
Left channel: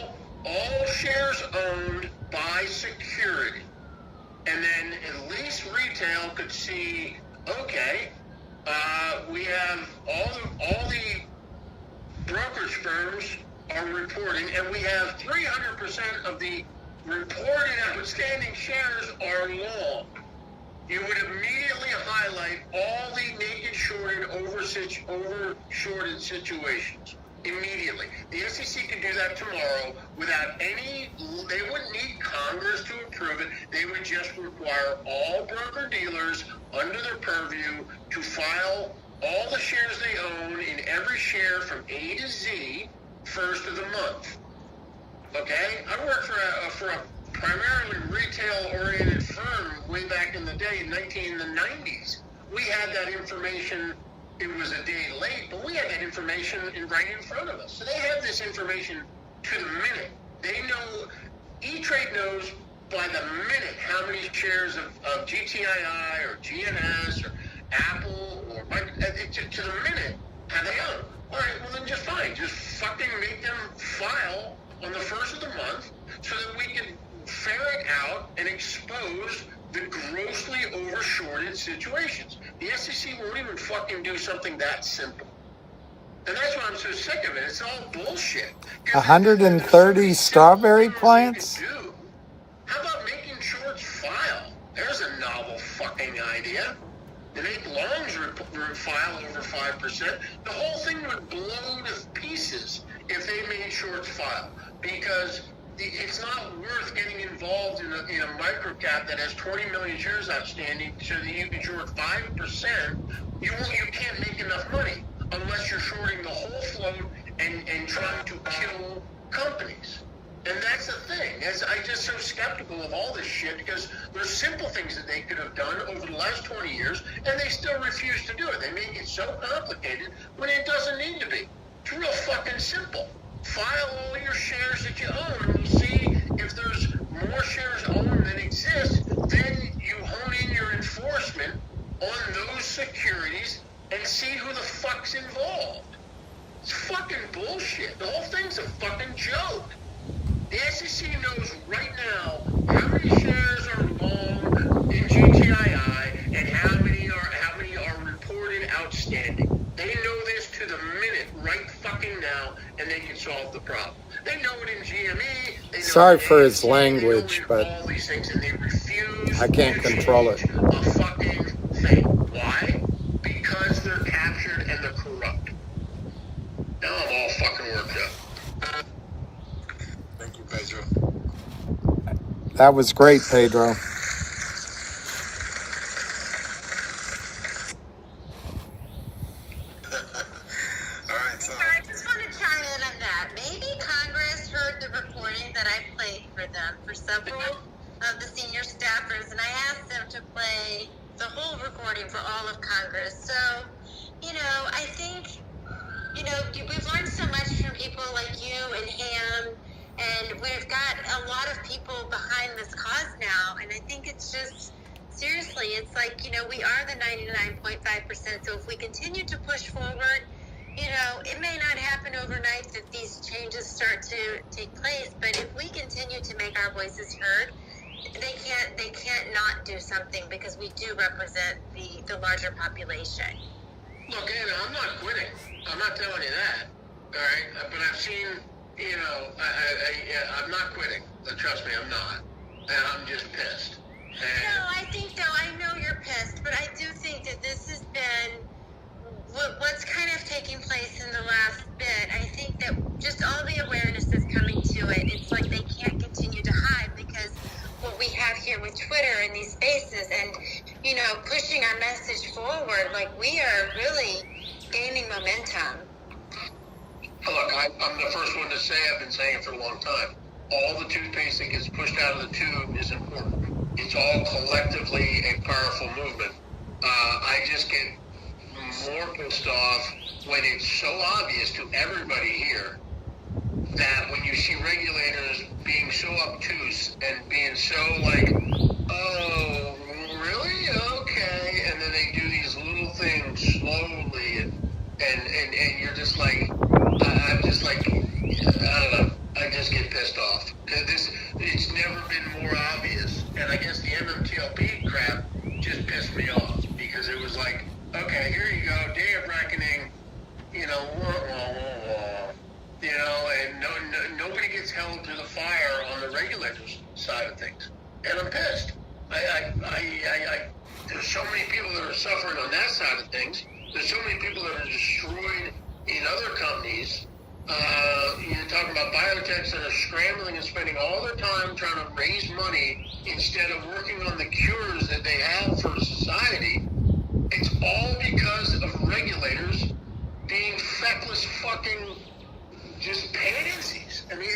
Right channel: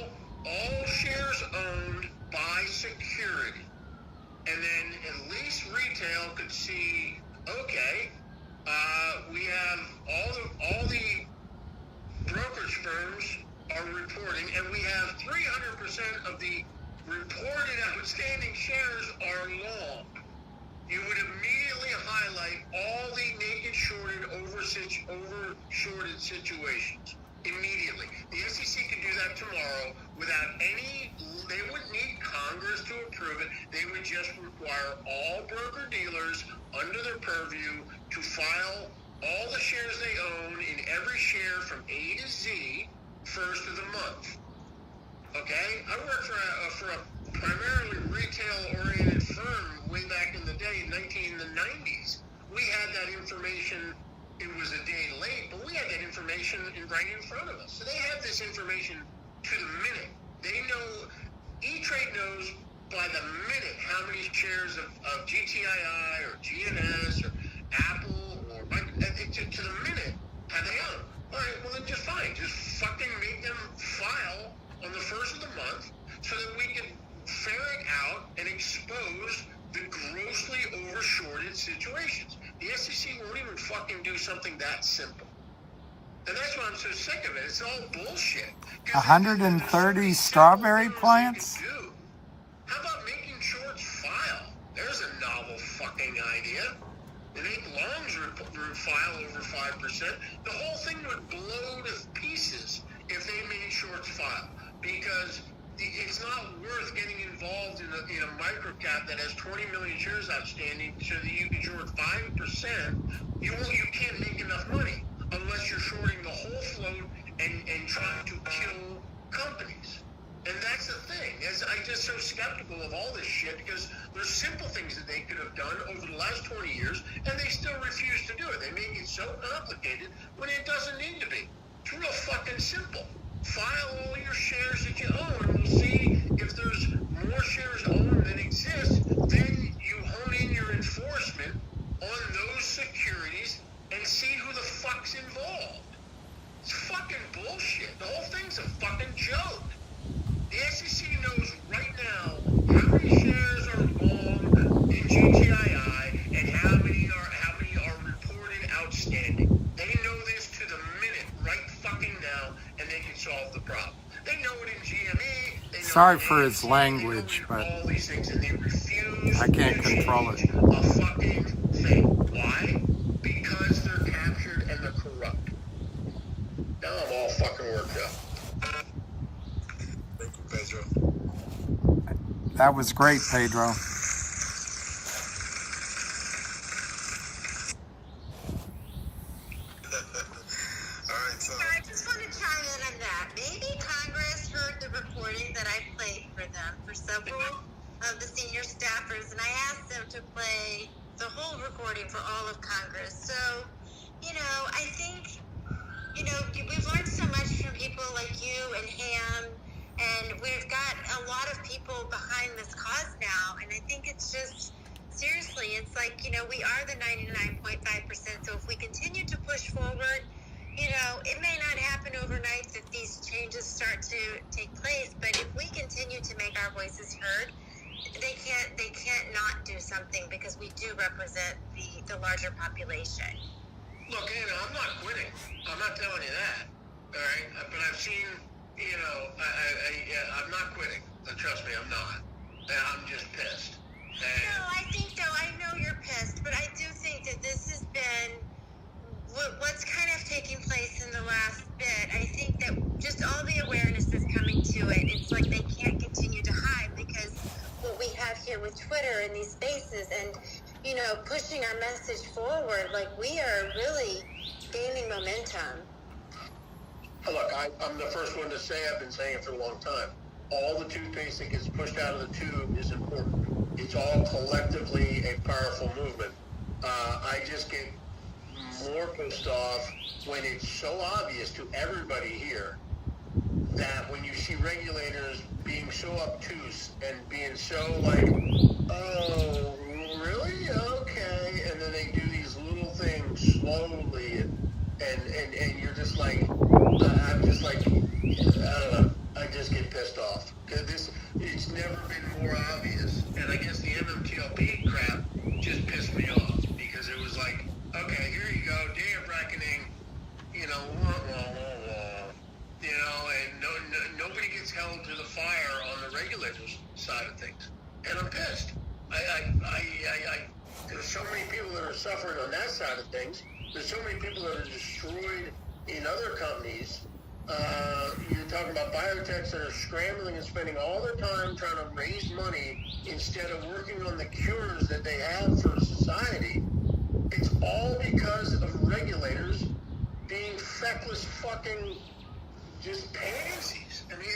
all shares owned by security. And then at least retail could see, okay, we have all the brokerage firms are reporting, and we have 300% of the reported outstanding shares are long. You would immediately highlight all the naked shorted, over shorted situations. Immediately. The SEC could do that tomorrow without any, they wouldn't need Congress to approve it. They would just require all broker-dealers under their purview to file all the shares they own in every share from A to Z first of the month. Okay? I worked for a primarily retail-oriented firm way back in the day, in the 90s. We had that information. It was a day late, but we had that information right in front of us. So they have this information to the minute. They know, E-Trade knows by the minute how many shares of GTII or GNS or Apple or to the minute how they own. All right, well then just fine. Just fucking make them file on the first of the month so that we can ferret out and expose the grossly overshorted situations. The SEC won't even fucking do something that simple. And that's why I'm so sick of it. It's all bullshit. 130 strawberry plants? How about making shorts file? There's a novel fucking idea. To make longs file over 5%. The whole thing would blow to pieces if they made shorts file. Because it's not worth getting involved in a microcap that has 20 million shares outstanding so that you can short 5%. You can't make enough money unless you're shorting the whole float and trying to kill companies. And that's the thing. I'm just so skeptical of all this shit because there's simple things that they could have done over the last 20 years and they still refuse to do it. They make it so complicated when it doesn't need to be. It's real fucking simple. File all your shares that you own and we'll see if there's more shares owned than exist. Then you hone in your enforcement on those securities and see who the fuck's involved. It's fucking bullshit. The whole thing's a fucking joke. The SEC knows right now how many shares are long in GTII and how many are reported outstanding. They know this to the minute right fucking now, and they can solve the problem. They know it in GME. Sorry for his language, but all these things, and they refuse I can't to control it. change a fucking thing. Why? Because they're captured and they're corrupt. Now I'm all fucking worked up. Thank you, Pedro. That was great, Pedro. I just want to chime in on that. Maybe Congress heard the reporting that I played for them for several of the senior staffers, and I asked them to play the whole recording for all of Congress. So, I think, we've learned so much from people like you and Ham, and we've got a lot of people behind this cause now, and I think it's just, seriously, it's like, we are the 99.5%, so if we continue to push forward, it may not happen overnight that these changes start to take place, but if we continue to make our voices heard, they can't not do something because we do represent the larger population. Look, Anna, I'm not quitting. I'm not telling you that. All right? But I've seen, I'm not quitting. Trust me, I'm not. And I'm just pissed. No, I know you're pissed, but I do think that this has been what's kind of taking place in the last bit. I think that just all the awareness is coming to it. It's like they can't continue to hide because what we have here with Twitter and these spaces and, pushing our message forward, like we are really gaining momentum. Look, side of things. And I'm pissed. There's so many people that are suffering on that side of things. There's so many people that are destroyed in other companies. You're talking about biotechs that are scrambling and spending all their time trying to raise money instead of working on the cures that they have for society. It's all because of regulators being feckless fucking just pansies. I mean,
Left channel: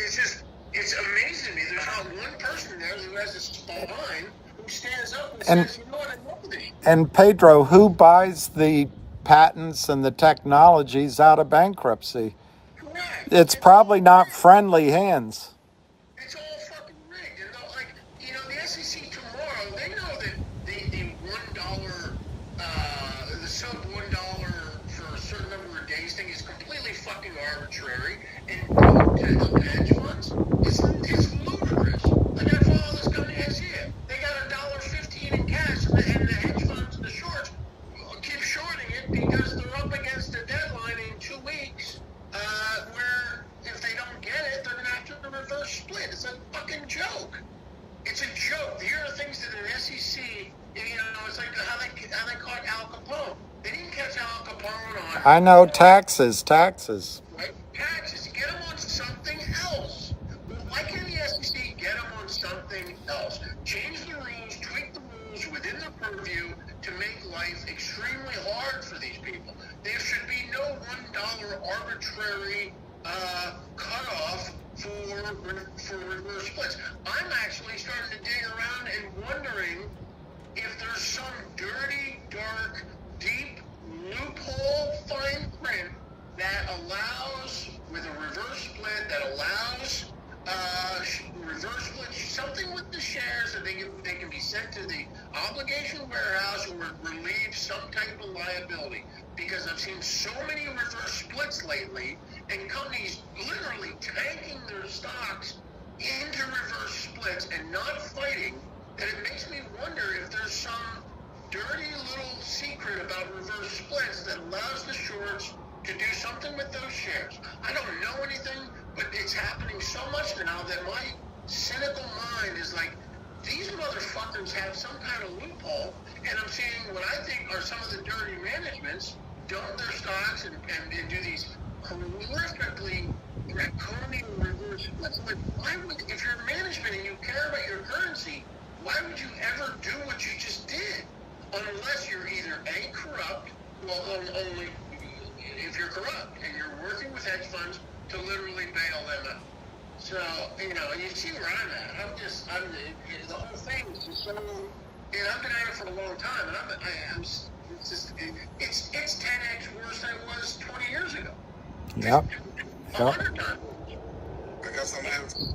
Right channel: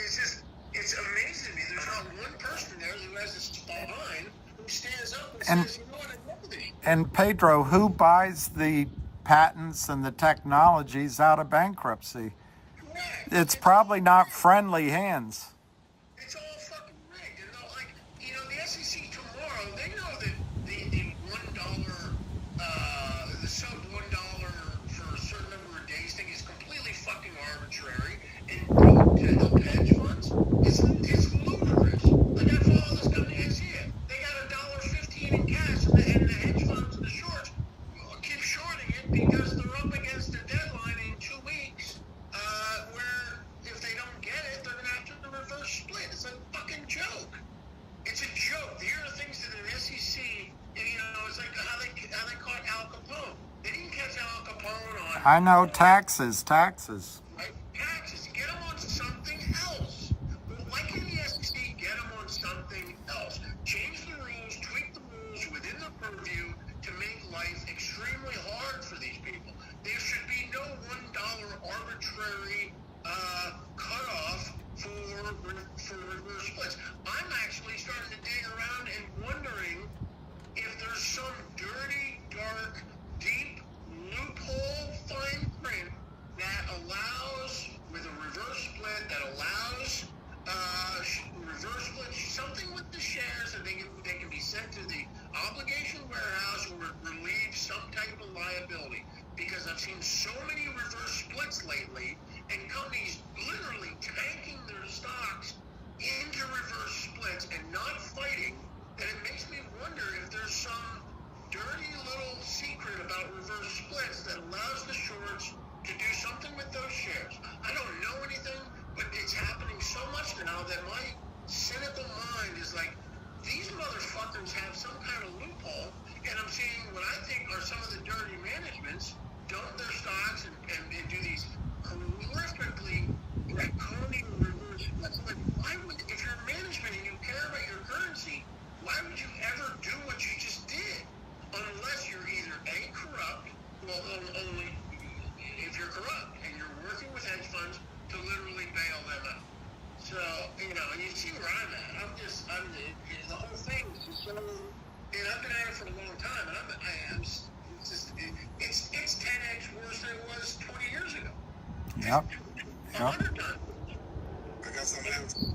it's amazing to me. There's not one person there who has a spine who stands up and says, you know what, I know thee. And Pedro, who buys the patents and the technologies out of bankruptcy? Correct. It's probably not friendly hands. It's all fucking rigged. And like, you know, the SEC tomorrow, they know that the $1, the sub $1 for a certain number of days thing is completely fucking arbitrary. And to help the hedge funds, it's ludicrous. Like I follow this company SEC. They got $1.15 in cash, and the hedge funds, the shorts, keep shorting it because they're up against a deadline in 2 weeks. Where if they don't get it, they're gonna have to reverse split. It's a fucking joke. It's a joke. Here are things that an SEC, you know, it's like how they caught Al Capone. They didn't catch Al Capone on. I know, taxes. Right? Taxes. Get them on something else. Why can't the SEC get them on something else? Change the rules, tweak the rules within the purview to make life extremely hard for these people. There should be no $1 arbitrary cutoff for reverse splits. I'm actually starting to dig around and wondering if there's some dirty, dark, deep loophole fine print that allows, with a reverse split, that allows reverse split, something with the shares that they can be sent to the obligation warehouse or relieve some type of liability. Because I've seen so many reverse splits lately, and companies literally tanking their stocks into reverse splits and not fighting, that it makes me wonder if there's some dirty little secret about reverse splits that allows the shorts to do something with those shares. I don't know anything, but it's happening so much now that my cynical mind is like, these motherfuckers have some kind of loophole, and I'm seeing what I think are some of the dirty managements dump their stocks and do these horrifically draconian reverse splits. But why would, if you're management and you care about your currency, why would you ever do what you just did? Unless you're either A, corrupt, well, only if you're corrupt and you're working with hedge funds to literally bail them out. So, you know, you see where I'm at. The whole thing is just so, and I've been at it for a long time, and it's 10x worse than it was 20 years ago. Yep. 100 times. I got something else.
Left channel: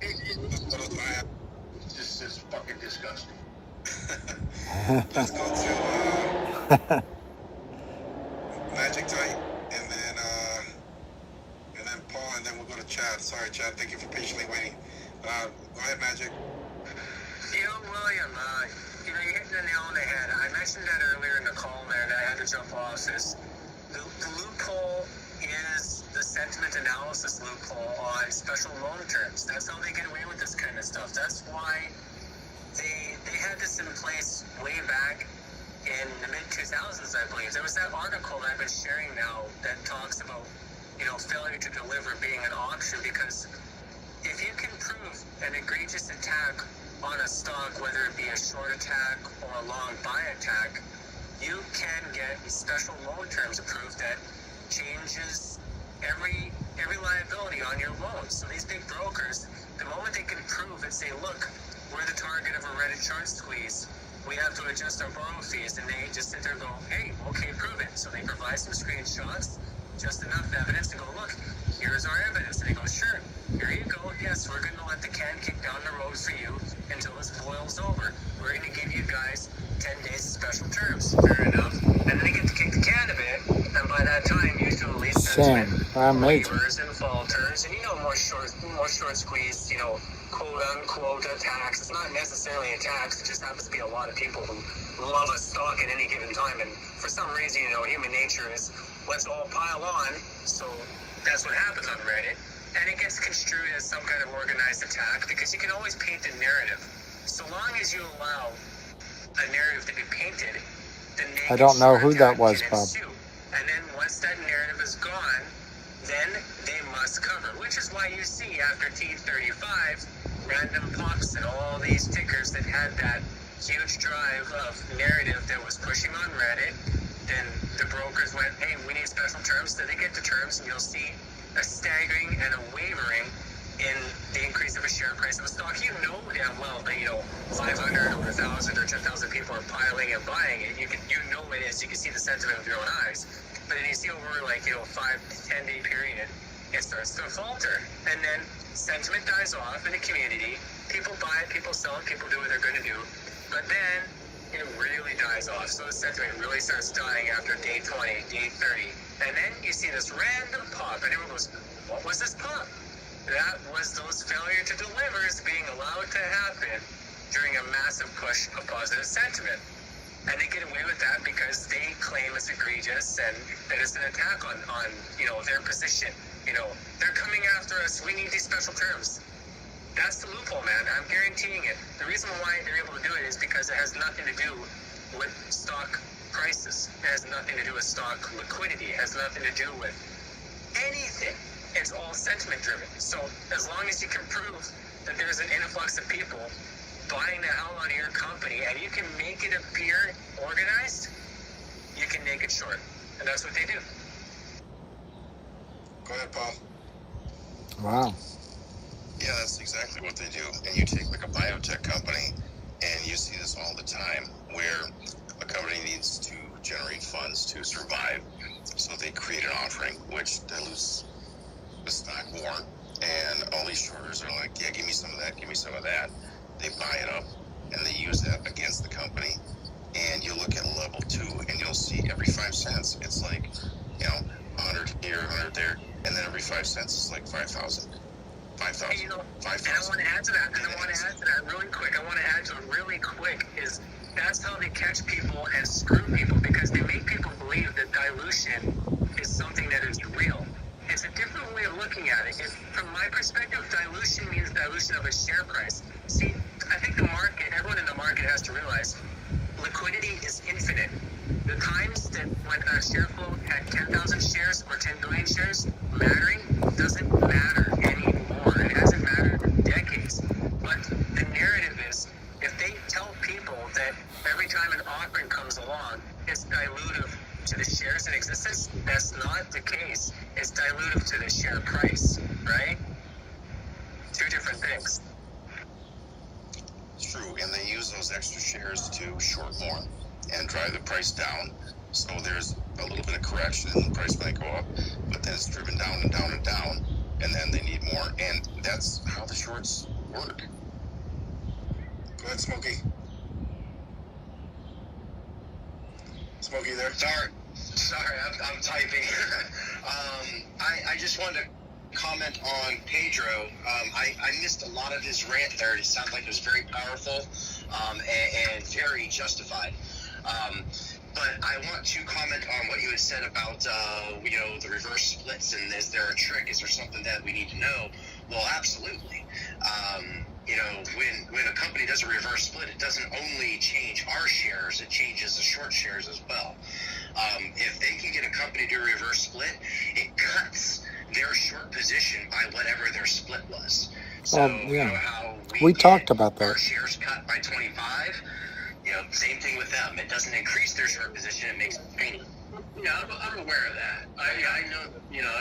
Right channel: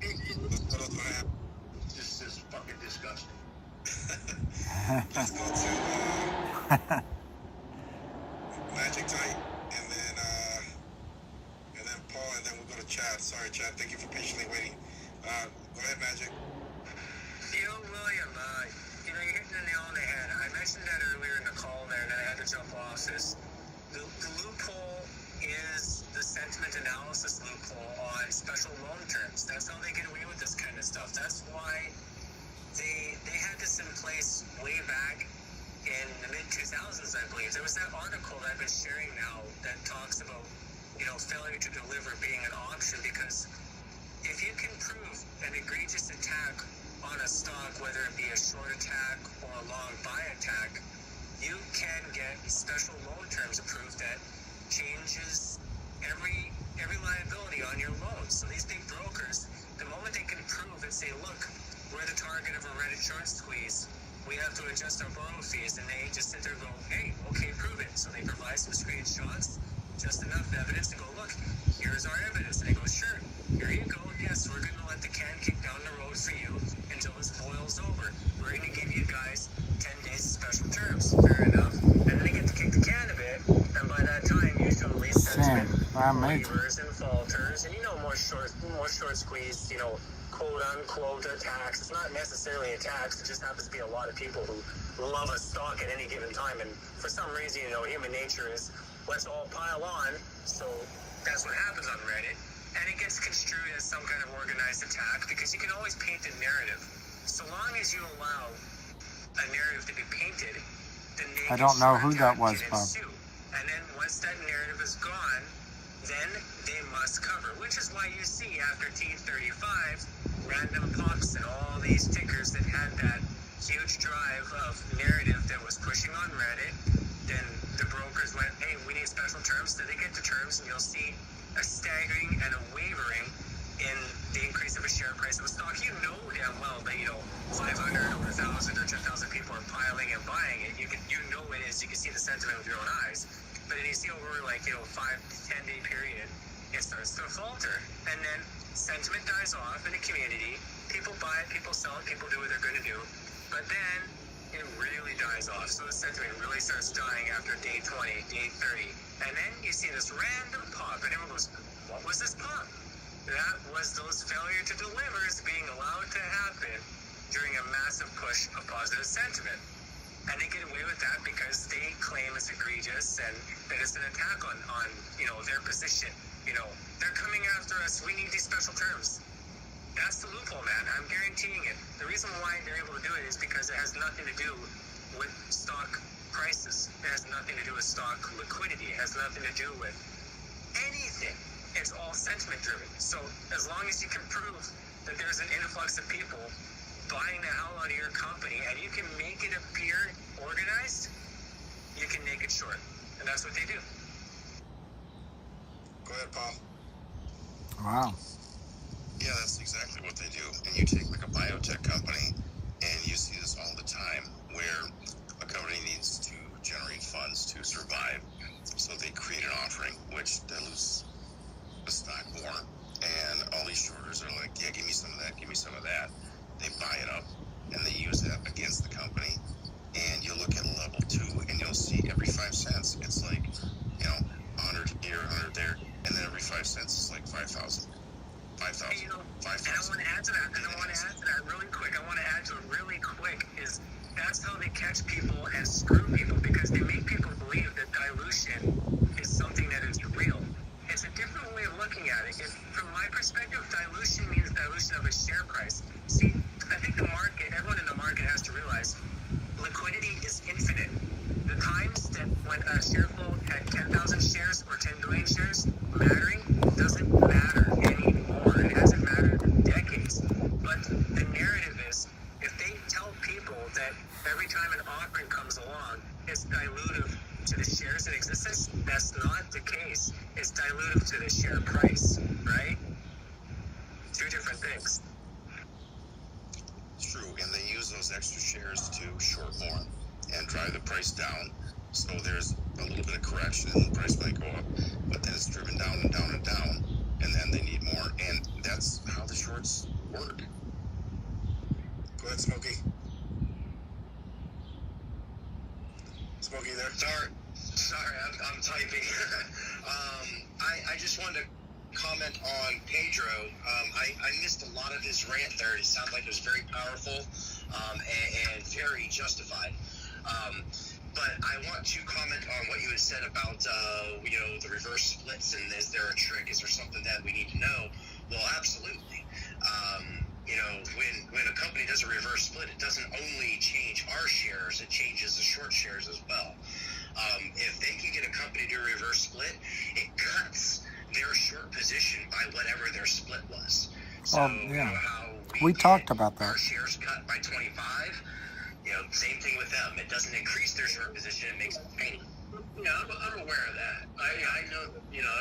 It's just fucking disgusting. Let's go to Magic Tight, and then Paul, and then we'll go to Chad. Sorry, Chad. Thank you for patiently waiting. Go ahead, Magic. William, you hit the nail on the head. I mentioned that earlier in the call there that I had to jump off. The loophole is the sentiment analysis loophole on special loan terms. That's how they get away with this kind of stuff. That's why they had this in place way back in the mid-2000s, I believe. There was that article that I've been sharing now that talks about, you know, failure to deliver being an option, because if you can prove an egregious attack on a stock, whether it be a short attack or a long buy attack, you can get special loan terms approved that changes every liability on your loan. So these big brokers, the moment they can prove and say, look, we're the target of a Reddit short squeeze, we have to adjust our borrow fees, and they just sit there and go, hey, okay, prove it. So they provide some screenshots, just enough evidence to go, look, here's our evidence. And they go, sure, here you go. Yes, we're going to let the can kick down the road for you until this boils over. We're going to give you guys 10 days of special terms. Fair enough. And then they get to kick the can a bit, and by that time, usually there's been waivers and falters, and you know, more short squeeze, you know, quote-unquote attacks. It's not necessarily attacks, it just happens to be a lot of people love a stock at any given time, and for some reason, you know, human nature is let's all pile on, so that's what happens on Reddit. and it gets construed as some kind of organized attack because you can always paint a narrative. So long as you allow the narrative to be painted, the I don't know who that was, can Bob. ensue. And then once that narrative is gone, then they must cover, which is why you see after T35 random pops and all these tickers that had that huge drive of narrative that was pushing on Reddit. Then the brokers went, hey, we need special terms. Then they get the terms, and you'll see a staggering and a wavering in the increase of a share price of a stock. You know damn well that, 500 or 1,000 or 10,000 people are piling and buying it. You know it is. You can see the sentiment with your own eyes. But then you see over 5 to 10 day period, it starts to falter. And then sentiment dies off in the community. People buy it, people sell it, people do what they're going to do. But then it really dies off. So the sentiment really starts dying after day 20, day 30. And then you see this random pop, and everyone goes, what was this pop? That was those failure to delivers being allowed to happen during a massive push of positive sentiment. And they get away with that because they claim it's egregious and it's an attack on their position. They're coming after us. We need these special terms. That's the loophole, man. I'm guaranteeing it. The reason why they're able to do it is because it has nothing to do with stock prices. It has nothing to do with stock liquidity. It has nothing to do with anything. It's all sentiment driven. So as long as you can prove that there's an influx of people buying the hell out of your company and you can make it appear organized, you can make it short. And that's what they do. Go ahead, Paul. Wow. Yeah, that's exactly what they do. And you take like a biotech company, and you see this all the time, where a company needs to generate funds to survive, so they create an offering, which dilutes the stock more, and all these shorters are like, yeah, give me some of that, give me some of that. They buy it up, and they use that against the company, and you look at level 2, and you'll see every 5 cents, it's like, 100 here, 100 there, and then every 5 cents is like 5,000. 5,000. And I want to add to that really quick. Is that's how they catch people and screw people, because they make people believe that dilution is something that is real. It's a different way of looking at it. From my perspective, dilution means dilution of a share price. See, I think everyone in the market has to realize liquidity is infinite. The times that when a share flow had 10,000 shares or 10 million shares mattering doesn't matter anymore. It hasn't mattered in decades. But the narrative is, if they tell people that every time an offering comes along, it's dilutive to the shares in existence, that's not the case. It's dilutive to the share price, right? Two different things. It's true, and they use those extra shares to short more and drive the price down. So there's a little bit of correction, and the price might go up, but then it's driven down and down and down, and then they need more, and that's how the shorts work. Go ahead, Smokey. Smokey, there? Sorry, I'm typing. I just wanted to comment on Pedro. I missed a lot of his rant there. It sounded like it was very powerful and very justified. But I want to comment on what you had said about, the reverse splits, and is there a trick? Is there something that we need to know? Well, absolutely. When a company does a reverse split, it doesn't only change our shares, it changes the short shares as well. If they can get a company to do a reverse split, it cuts their short position by whatever their split was. So, how we talked about that. Our shares cut by 25, same thing with them. It doesn't increase their short position, it makes it pain. Yeah, I'm aware of that. I know,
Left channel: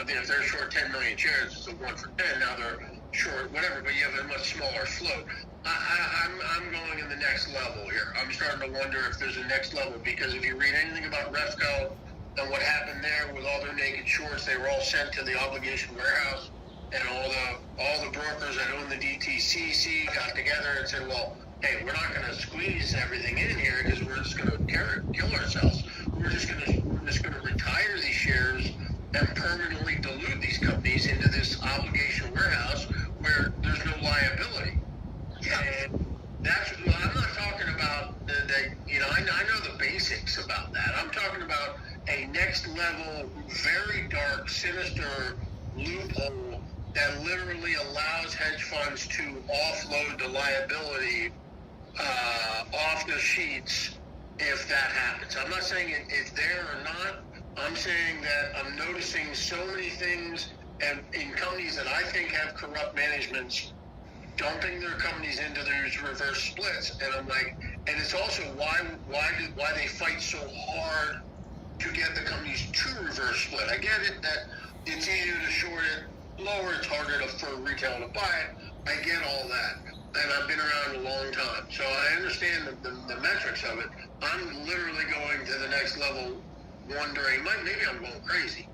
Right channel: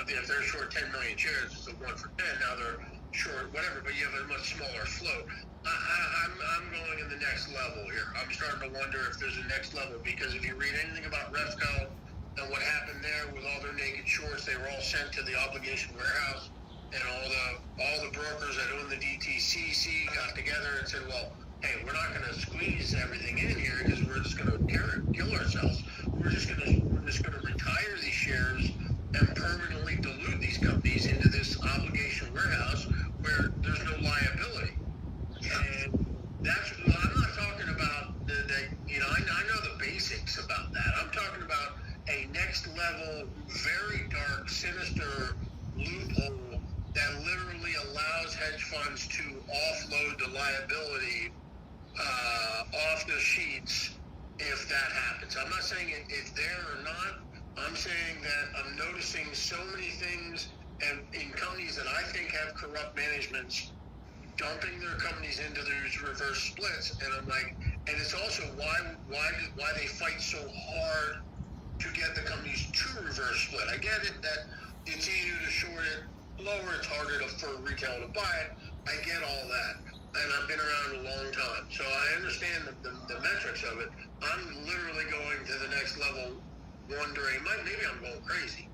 if they're short 10 million shares, it's a 1 for 10. Now they're short whatever, but you have a much smaller float. I'm going in the next level here. I'm starting to wonder if there's a next level, because if you read anything about Refco and what happened there with all their naked shorts, they were all sent to the obligation warehouse, and all the brokers that own the DTCC got together and said, well, hey, we're not going to squeeze everything in here because we're just going to kill ourselves. We're just going to retire these shares and permanently dilute these companies into this obligation warehouse where there's no liability. And I'm not talking about I know the basics about that. I'm talking about a next level, very dark, sinister loophole and to offload the liability off the sheets if that happens. I'm not saying it's there or not. I'm saying that I'm noticing so many things and in companies that I think have corrupt managements dumping their companies into those reverse splits, and I'm like, and it's also why they fight so hard to get the companies to reverse split. I get it that it's easier to short it, lower it's harder for retail to buy it. I get all that, and I've been around a long time, so I understand the metrics of it. I'm literally going to the next level, wondering, maybe I'm going crazy,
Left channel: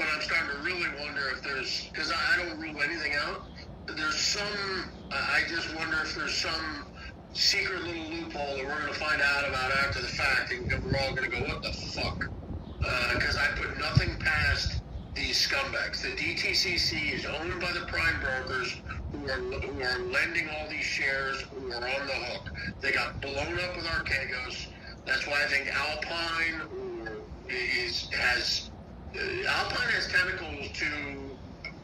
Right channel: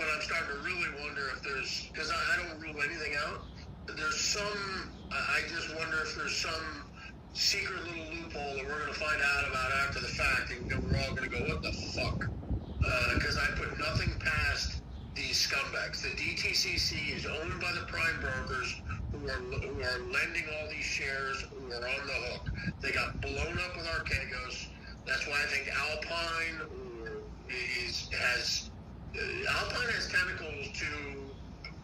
but I'm starting to really wonder if there's, because I don't rule anything out. There's some, I just wonder if there's some secret little loophole that we're going to find out about after the fact, and we're all going to go, what the fuck? Because I put nothing past these scumbags. The DTCC is owned by the prime brokers who are lending all these shares, who are on the hook. They got blown up with Archegos. That's why I think Alpine Alpine has tentacles to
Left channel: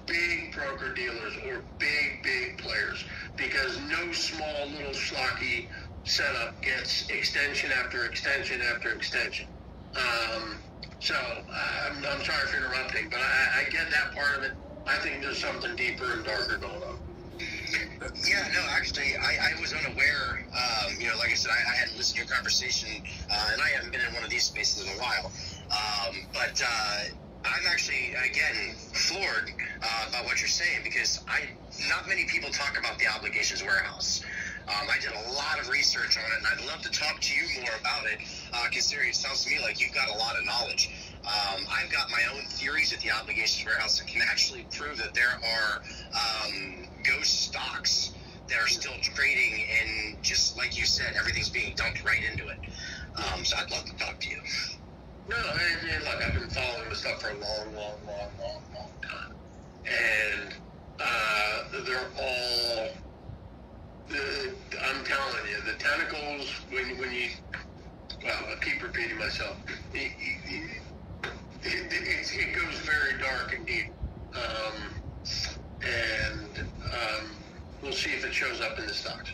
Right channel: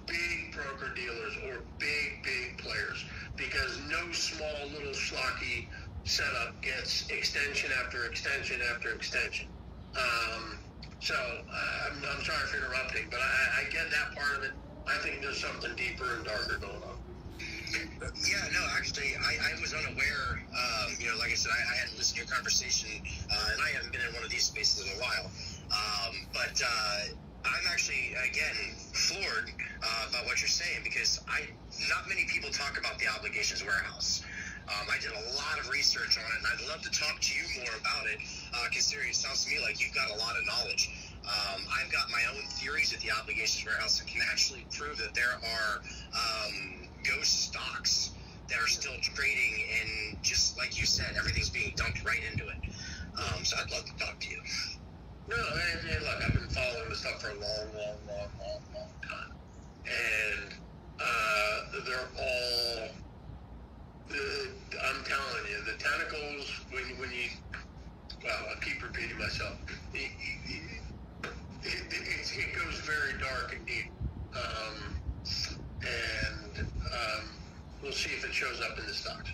big broker dealers or big players, because no small little schlocky setup gets extension after extension after extension. So I'm sorry for interrupting, but I get that part of it. I think there's something deeper and darker going on. Yeah, no, actually, I was unaware. Like I said, I hadn't listened to your conversation, and I haven't been in one of these spaces in a while. But I'm actually, again, floored about what you're saying, because not many people talk about the obligations warehouse. I did a lot of research on it, and I'd love to talk to you more about it, because it sounds to me like you've got a lot of knowledge. I've got my own theories at the obligations warehouse that can actually prove that there are ghost stocks that are still trading, and just like you said, everything's being dumped right into it. So I'd love to talk to you. No, I mean, look, I've been following this stuff for a long time. And they're all, I'm telling you, the tentacles, when you, well, I keep repeating myself, it goes very dark and deep. We'll see if it shows up in the stocks.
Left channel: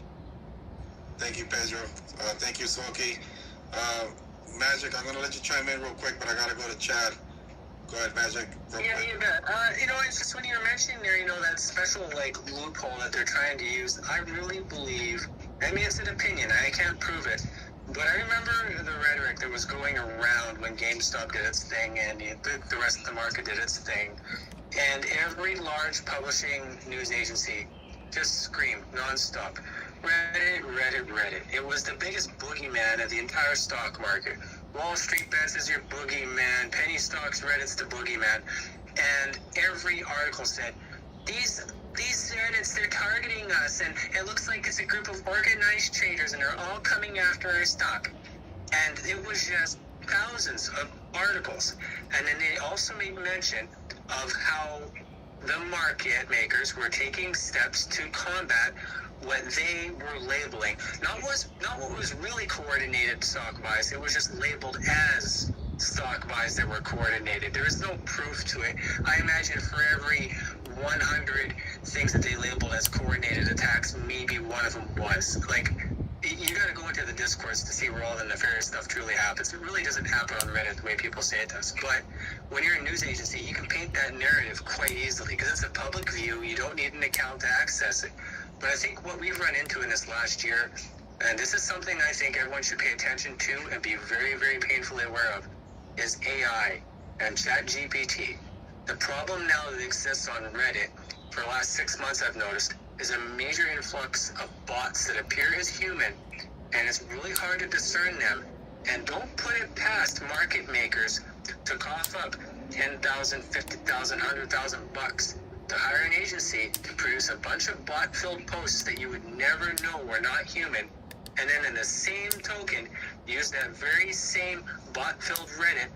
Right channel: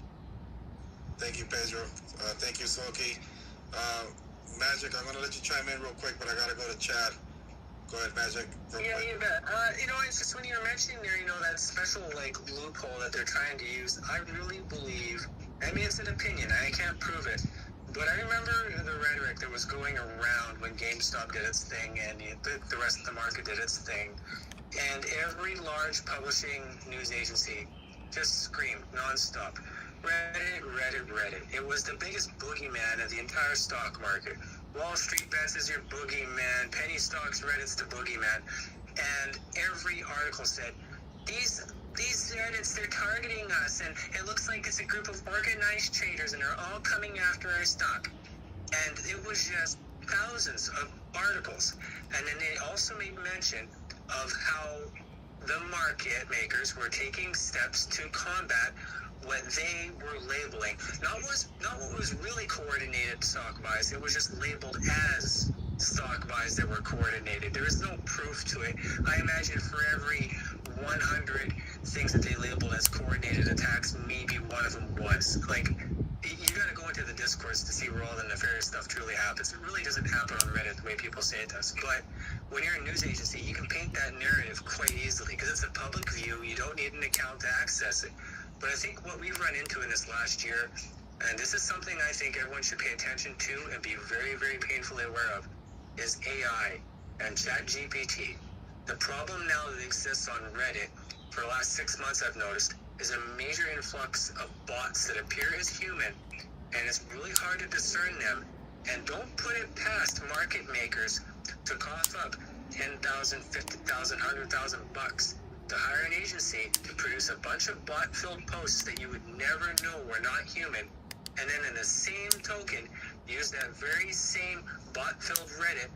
Thank you, Pedro. Thank you, Smokey. Magic, I'm going to let you chime in real quick, but I got to go to Chad. Go ahead, Magic. Yeah, you bet. It's just when you were mentioning there, that special, loophole that they're trying to use, I really believe, it's an opinion, I can't prove it, but I remember the rhetoric that was going around when GameStop did its thing and the rest of the market did its thing, and every large publishing news agency just screamed nonstop, Reddit. It was the biggest boogeyman of the entire stock market. Wall Street Bets is your boogeyman. Penny stocks, Reddit's the boogeyman. And every article said, these Reddits, they're targeting us, and it looks like it's a group of organized traders, and they're all coming after our stock. And it was just thousands of articles. And then they also made mention of how the market makers were taking steps to combat what they were labeling, not what was really coordinated stock buys. It was just labeled as stock buys that were coordinated. There is no proof to it. I imagine for every 100 things that they labeled as coordinated attacks, maybe one of them was. You gotta go into the discourse to see where all the nefarious stuff truly happens. It really doesn't happen on Reddit the way people say it does. But when you're a news agency, you can paint that narrative quite easily, because it's a public view. You don't need an account to access it. But I think what we've run into in this last year, and this is something I think everyone should pay attention to and be very, very painfully aware of, is AI and ChatGPT. The problem now that exists on Reddit for the last 6 months, I've noticed, is a major influx of bots that appear as human, and it's really hard to discern them. And don't put it past market makers to cough up $10,000, $50,000, $100,000 to hire an agency to produce a bunch of bot-filled posts that you would never know were not human, and then in the same token, use that very same bot-filled Reddit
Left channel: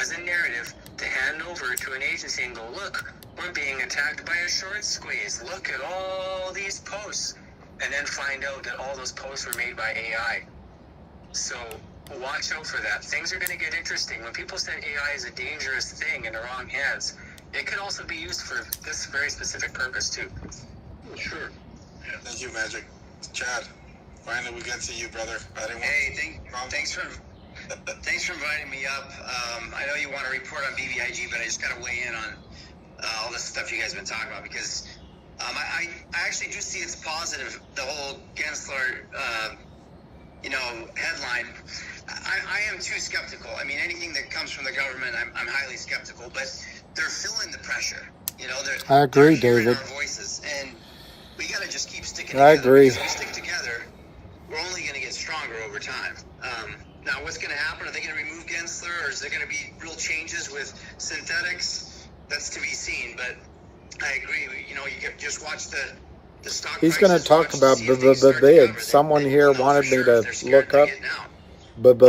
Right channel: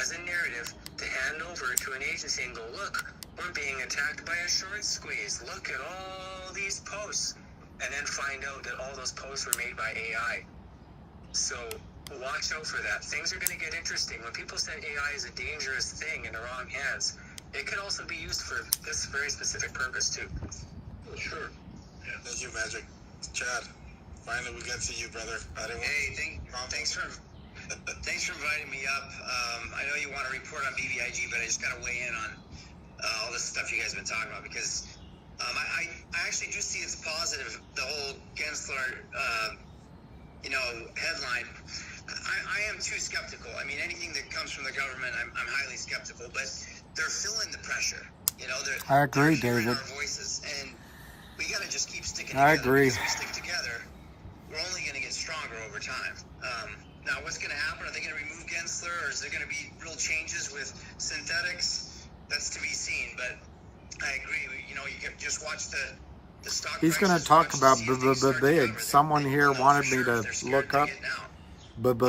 as a narrative to hand over to an agency and go, look, we're being attacked by a short squeeze. Look at all these posts. And then find out that all those posts were made by AI. So watch out for that. Things are going to get interesting. When people say AI is a dangerous thing in the wrong hands, it could also be used for this very specific purpose too. Sure. you, Magic. Chad, finally we got to you, brother. Thanks for inviting me up. I know you want to report on BBIG, but I just got to weigh in on all this stuff you guys have been talking about, because I actually do see it's positive, the whole Gensler, headline. I am too skeptical. I mean, anything that comes from the government, I'm highly skeptical, but they're feeling the pressure. I agree, they're hearing David. our voices, and we got to just keep sticking I together. agree. If we stick together, we're only going to get stronger over time. Now, what's going to happen? Are they going to remove Gensler, or is there going to be real changes with synthetics? That's to be seen, but I agree. You can just watch the stock. He's going to talk about big. Someone here wanted me to look up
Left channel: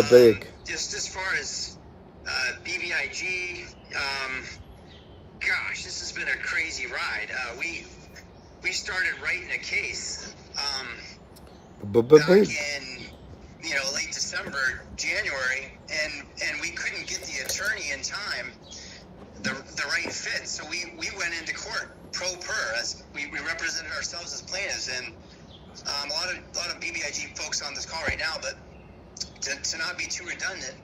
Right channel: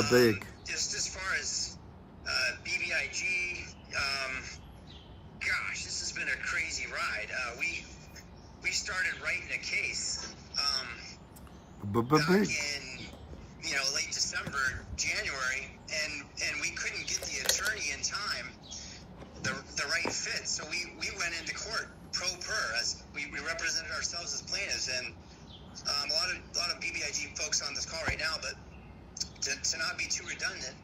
big. Just as far as BBIG, gosh, this has been a crazy ride. We started writing a case back in late December, January, and we couldn't get the attorney in time, the right fit. So we went into court pro per. We represented ourselves as plaintiffs, and a lot of BBIG folks on this call right now, but to not be too redundant,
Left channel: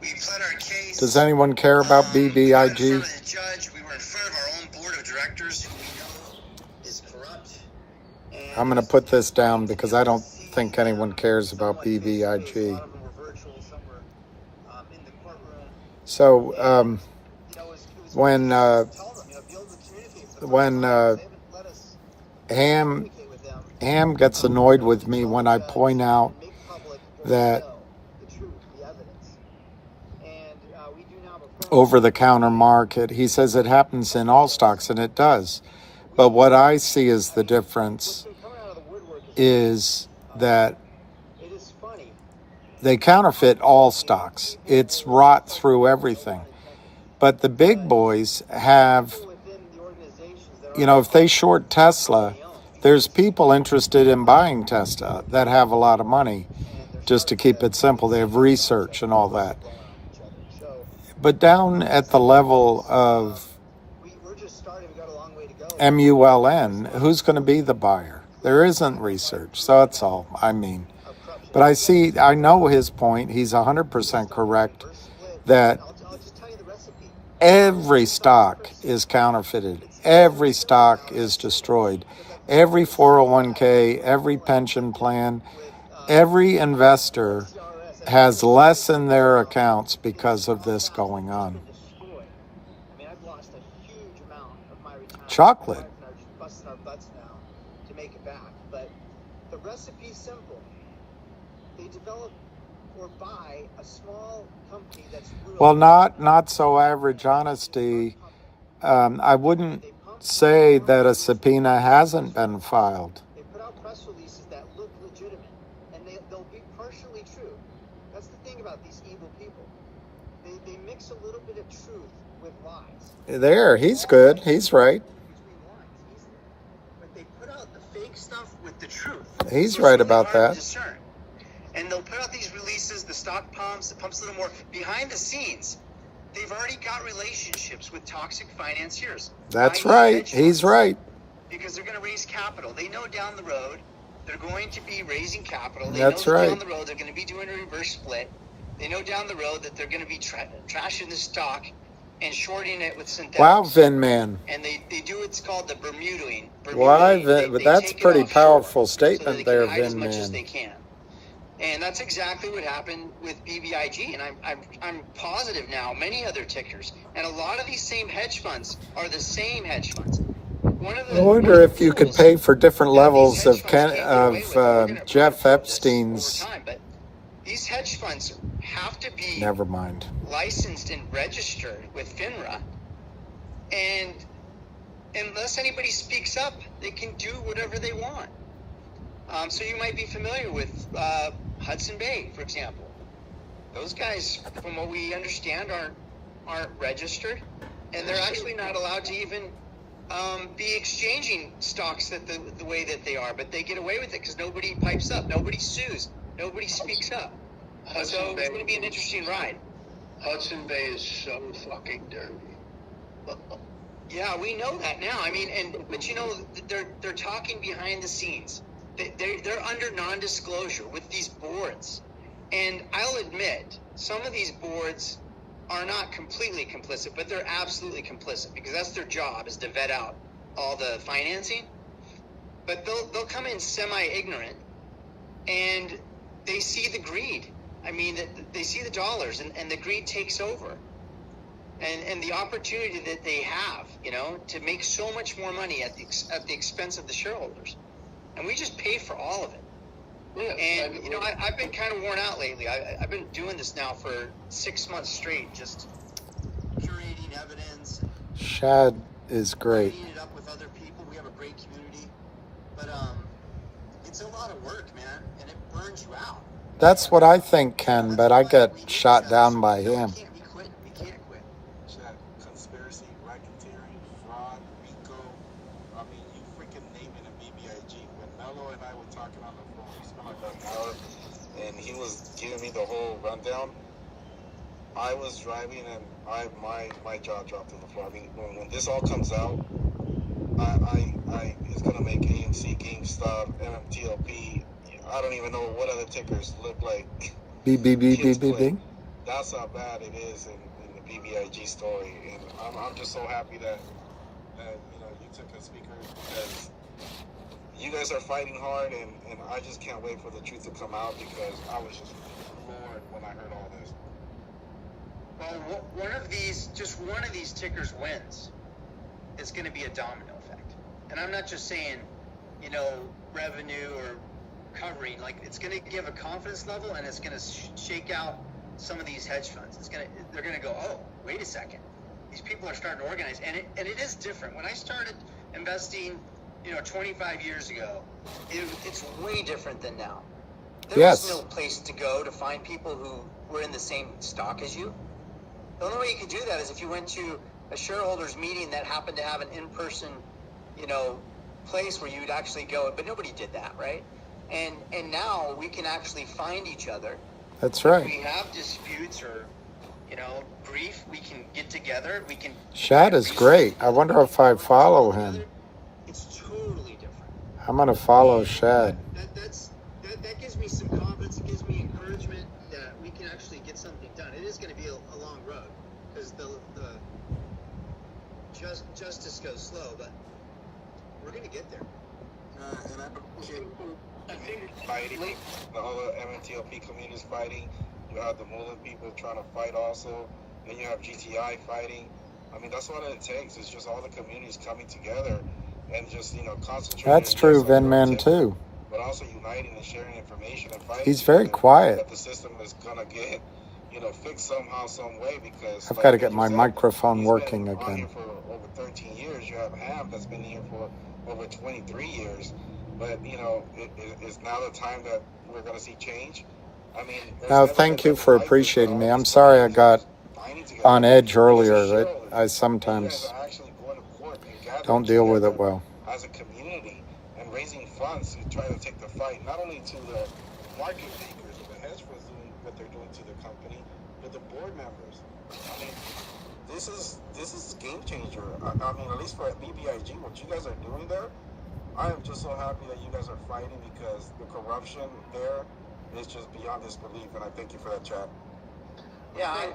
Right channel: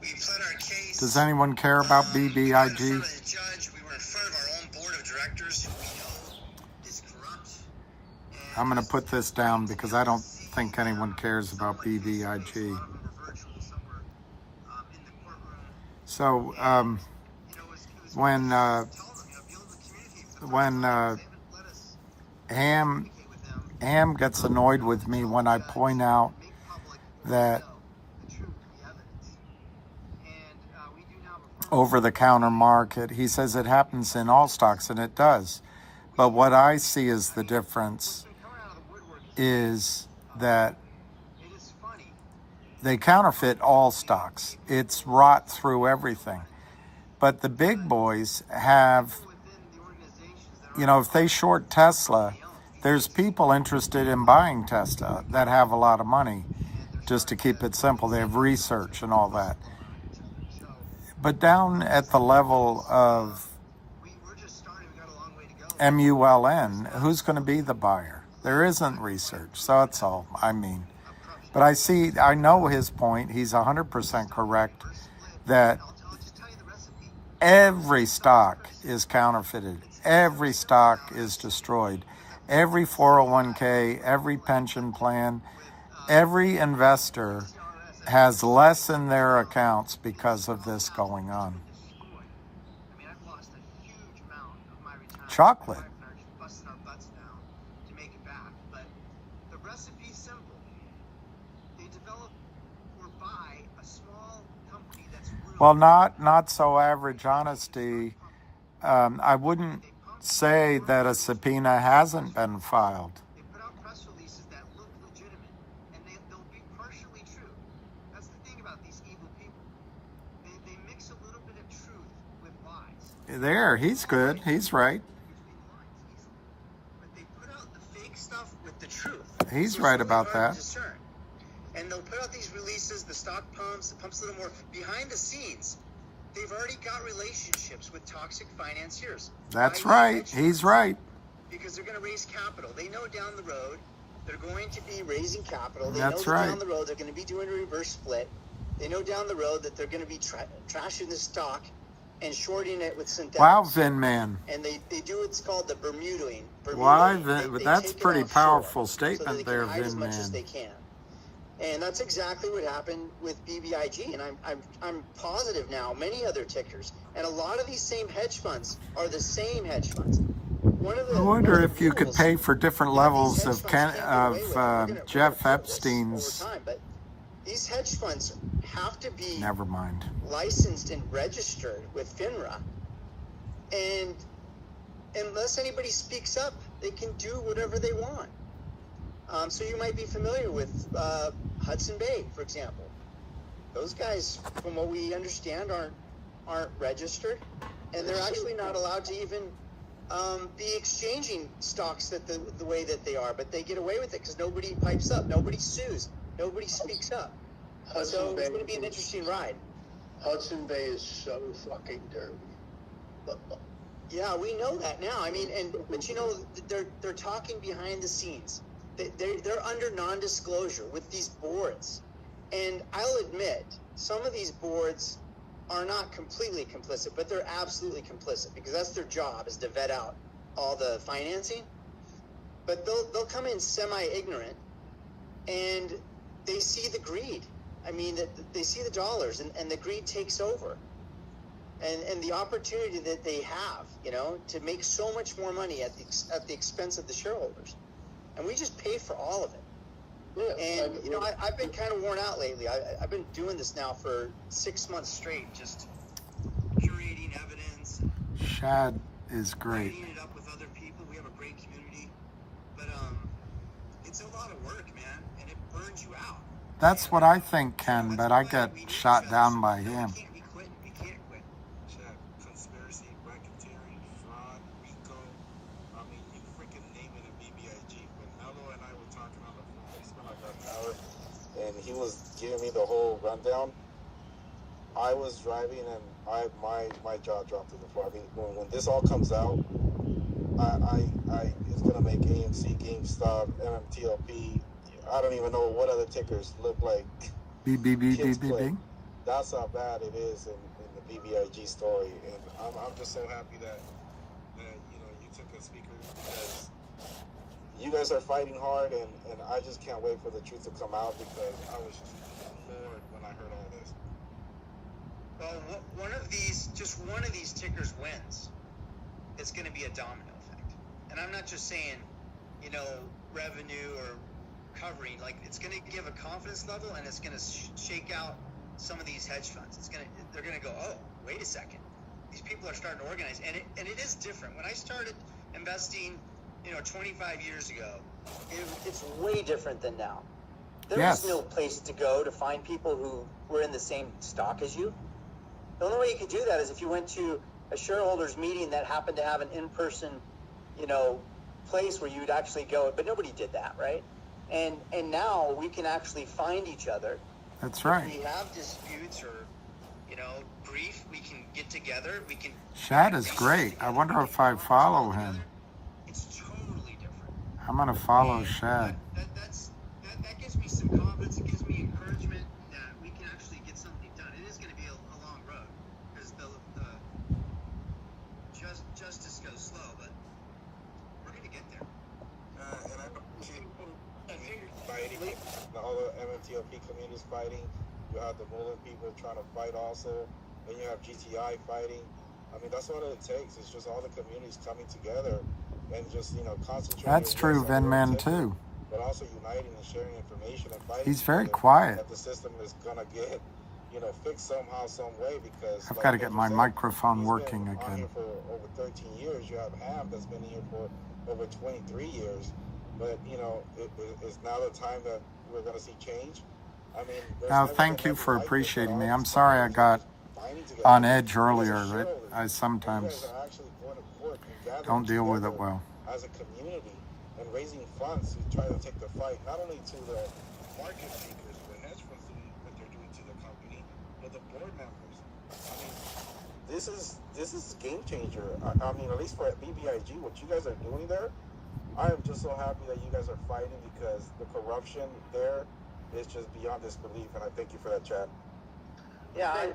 we pled our case. Does anyone care about BBIG? We were in front of the judge. We were in front of our own board of directors, who we know is corrupt. I'm going to put this down because I don't think anyone cares about BBIG. So when Ham gets annoyed with me when I point out that over-the-counter market, he says it happens in all stocks, and it does. But what I see as the difference is that they counterfeit all stocks. It's rot through everything. But the big boys have, if they short Tesla, there's people interested in buying Tesla that have a lot of money. Just to keep it simple, they have research and all that. But down at the level of MULN, who's going to be the buyer? There isn't research, so that's all I mean. But I know his point. He's 100% correct that every stock is counterfeited. Every stock is destroyed. Every 401k, every pension plan, every investor has less in their accounts because of this going on. Chocolate. Well, not so average honesty. I wouldn't say that a subpoena hasn't been filed. They put out press releases that look legitimate, and they'll be partially true. That's the thing about these evil people. They mix a little bit of truth with lies. There, he's good. He's right. But they put out the fake stuff with the truth. He's right about that. And they'll put out these releases, the stock pumps, it pumps a little more. Behind the scenes, they've already got relationships with toxic financiers. That's right. He's right. Because they're going to raise capital. They know down the road they're going to be raising capital. That's right. Down the road they're going to be doing a reverse split. They know down the road that they're going to be trashing the stock and shorting it with synthetics. Wow, Vinman. And they do what's called the Bermudaing. Why? But that's a pretty powerful statement there, Vinman. And that's exactly what happened with BBIG, and I'm positive now, many other tickers, and a lot of these same hedge funds are the same hedge funds. I wonder if you could pay for different levels of Jeff Epstein's. These hedge funds have to be Never mind. Licensed and registered with FINRA, and unless anybody speaks up, they can do whatever they want. So you might be familiar with Hudson Bay, for example. Those guys, from what we understand, aren't registered, and they're actually not allowed to even be exchanging stocks the way that they are. But they get away with it because nobody pipes up, nobody sues, nobody speaks up. So it's going to be an interesting ride. Hudson Bay is some fucking dirt. Yeah, we know that now. I mean, but they're talking behind the scenes. standard non-disclosure with these boards. And I'll admit, some of these boards are not completely complicit, but they're absolutely complicit because that's their job, is to vet out all the financing. But they'll come in semi-ignorant, and they see the greed. I mean, they see the dollars, and the greed takes over. And the opportunity that they have, you know, to make so much more money at the expense of the shareholders. And we just pay for all of it. And, you know, I've been kind of worn out lately. I've been doing this now for 6 months straight, just curating evidence. Shad is great. Cleaning it up with other people. We have a great community. But it's a lot of work, man, and it burns you out. That's what I think, Ken, but I get shot down by him. We can't quit. Shad, conspiracy, racketeering, fraud, RICO. I mean, you freaking name it in BBIG. When Mello and I were talking on the phone, we spent like an hour, and he was giving me the whole rundown. I was driving, and my jaw dropped on the floor. I mean, when this all comes out, it's gonna make AMC, GameStop, MMTLP. I don't even know what other tickers look like. B. That's how bad it is in the BBIG story. And I'm just so happy that you know, you took a speaker, because you guys are fighting hard, and I just can't wait for the truth to come out, because I was just floored when I heard all this. One of these tickers wins, it's going to be a domino effect. And I'm not just saying, you know, revenue or covering. Like, it's going to give a confidence level, and it's going to shake out some of these hedge funds. They're going to go, oh, wait a second, these people are starting to organize, and it is different. When I started investing, you know, 25 years ago, it's way different than now. There's still a place to go to find people who were in the same stock as you. The only way you can do that is if you went to a shareholders meeting that happened to have an in-person, you know, place where you'd actually go, but nobody did that, right? And now we can actually find each other. That's right. If we have disputes or, you know, grief, we can get together. We can. Shad is great. I wonder if I follow him. It's totally different. I'm gonna follow Shad. That gives me some confidence. It gives me encouragement that we can actually get something done. It is going to be a long road because the justice goes slow, but we're going to get there. And I appreciate fighting. The whole MMTLP community is fighting. You have the Mullen people trying to fight also. And you have GTI fighting. I mean, that's what it takes. It's just all the communities coming together and just, you know, concentrating. That's true, Vinman, too. But also uniting and sharing information and fighting. He's very quiet. That the system is going to get, you know, fixed somehow, some way, because I've got to get my microphone working again. For over 13 years, you have HAM that's been here for over 23 years. But, you know, it's now the time that we're going to see change. I mean, No, thank you for appreciating me. I'm sorry I got on edge earlier. I sometimes don't deal with it well. as a community and raising funds and trying to take the fight not only to the market makers of the hedge funds doing what they're doing to the company, but the board members. I mean, this is game changer. I mean, at least for BBIG, what you guys are doing there, I am just so happy that you guys are fighting, because the corruption there is just beyond disbelief, and I thank you for that, chat. Yeah, I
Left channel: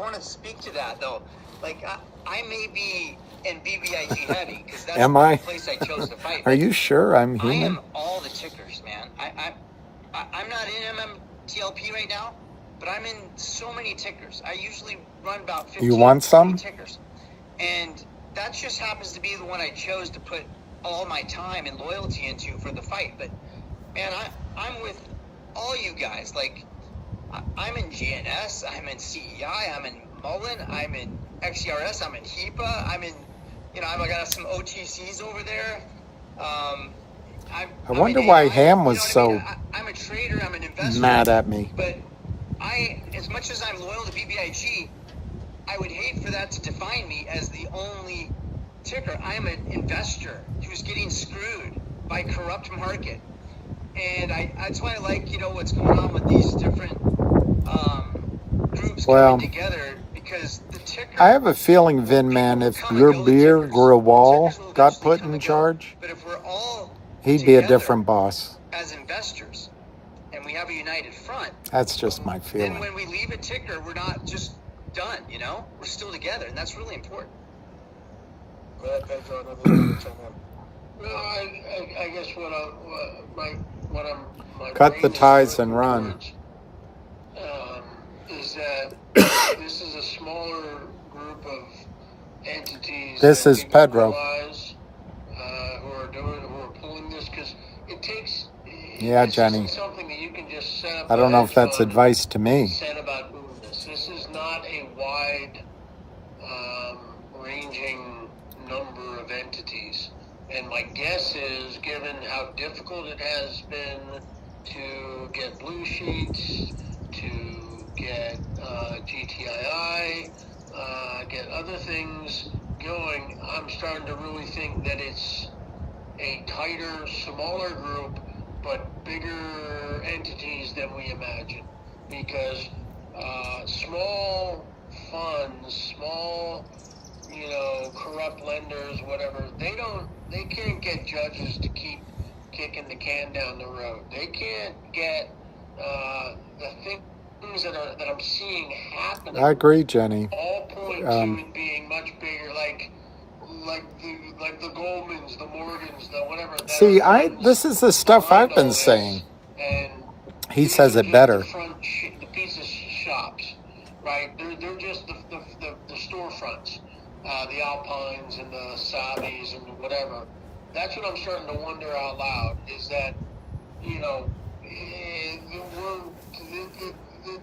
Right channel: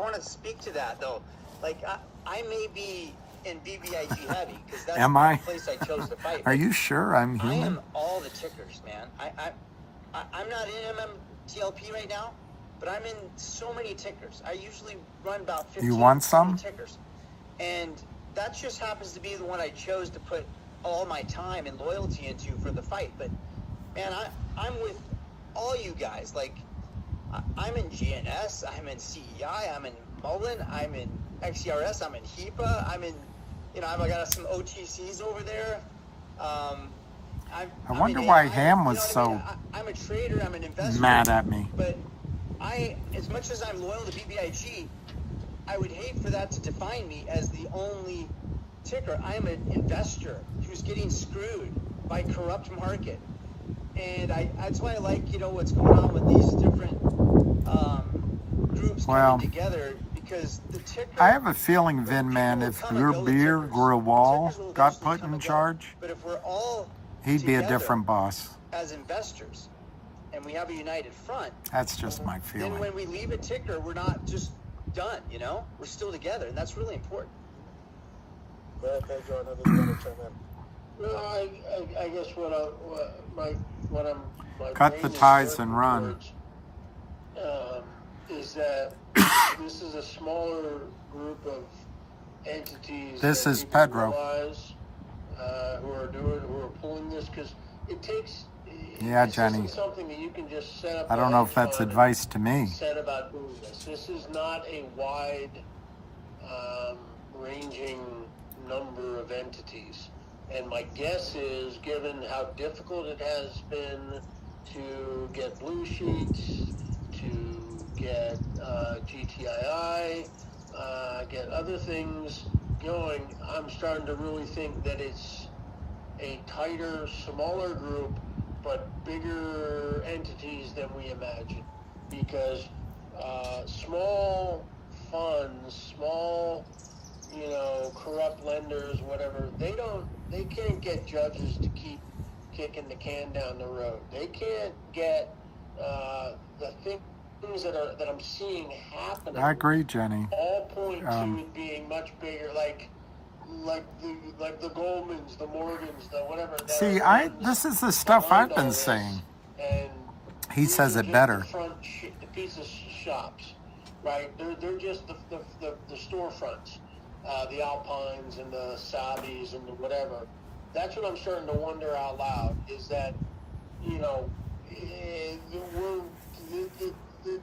want to speak to that though. Like, I may be in BBIG heavy because that's Am I? the place I chose to fight. Are you sure I'm I human? am all the tickers, man. I'm not in MMTLP right now, but I'm in so many tickers. I usually run about 15 You want some? tickers, and that just happens to be the one I chose to put all my time and loyalty into for the fight. But man, I'm with all you guys. Like, I'm in GNS, I'm in CEI, I'm in Mullen, I'm in XERS, I'm in HEPA, I'm in, you know, I got some OTCs over there. I wonder why Ham was so I'm a trader, I'm an investor. mad at me. But as much as I'm loyal to BBIG, I would hate for that to define me as the only ticker. I'm an investor who's getting screwed by corrupt market. And that's why I like, you know, what's going on with these different groups coming together, because the ticker, I have a feeling, Vinman, if your beer Grewal got put in charge, he'd be a different boss. as investors, That's just my And feeling. when we leave a ticker, we're not just done, you know? We're still together, and that's really important. I guess what I'm Cut the ties and run. is that this is a smaller group of entities. This is Pedro. Who are pulling this, because it takes. Yeah, this Jenny. isn't something that you can just set up I don't know if that's advice to me. said about movements. This is not a wide ranging number of entities. And my guess is, given how difficult it has been to get blue sheets, to get GTII, get other things going, I'm starting to really think that it's a tighter, smaller group, but bigger entities than we imagine. Because small funds, small, corrupt lenders, whatever, they can't get judges to keep kicking the can down the road. They can't get the things that I'm seeing happen. I agree, Jenny. All point to it being much bigger, like the Goldmans, the Morgans, the whatever. See, this is the stuff I've been saying. He says it better. The pizza shops, right? They're just the storefronts, the Alpines and the Sabis and whatever. That's what I'm starting to wonder out loud, is that,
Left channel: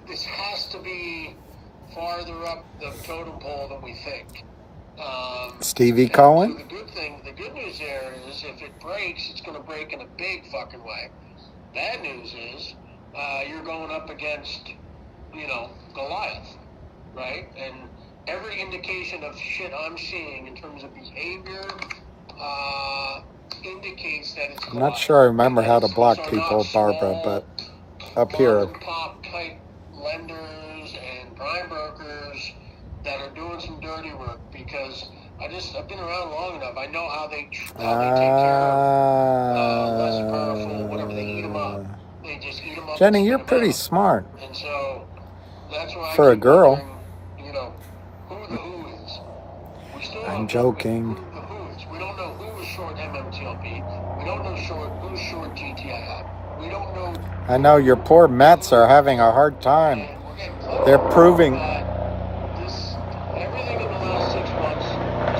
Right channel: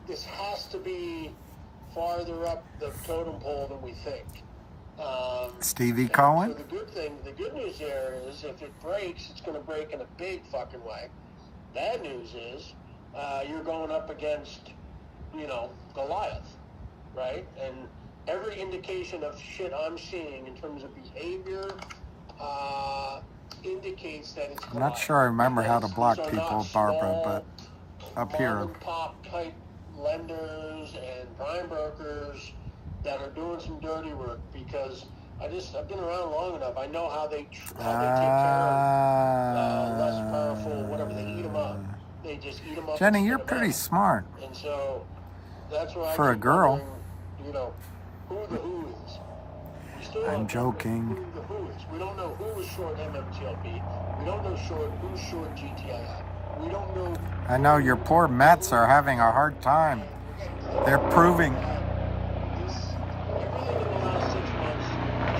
this has to be farther up the totem pole than we think. Stevie Cohen? The good news there is, if it breaks, it's going to break in a big fucking way. Bad news is, you're going up against, Goliath, right? And every indication of shit I'm seeing in terms of behavior indicates that it's I'm not sure I remember how to block people, Barbara, but up here. Top-type lenders and prime brokers that are doing some dirty work, because I've been around long enough. I know how they take care of less powerful, whatever they eat them up. They just eat them up. Jenny, you're pretty smart. And so that's why For a girl. who the who is. We still I'm don't joking. know who is. We don't know who is short MMTLP. We don't know who's short GTII. We don't know. I know your poor Mets are having a hard time. They're proving. Everything in the last 6 months is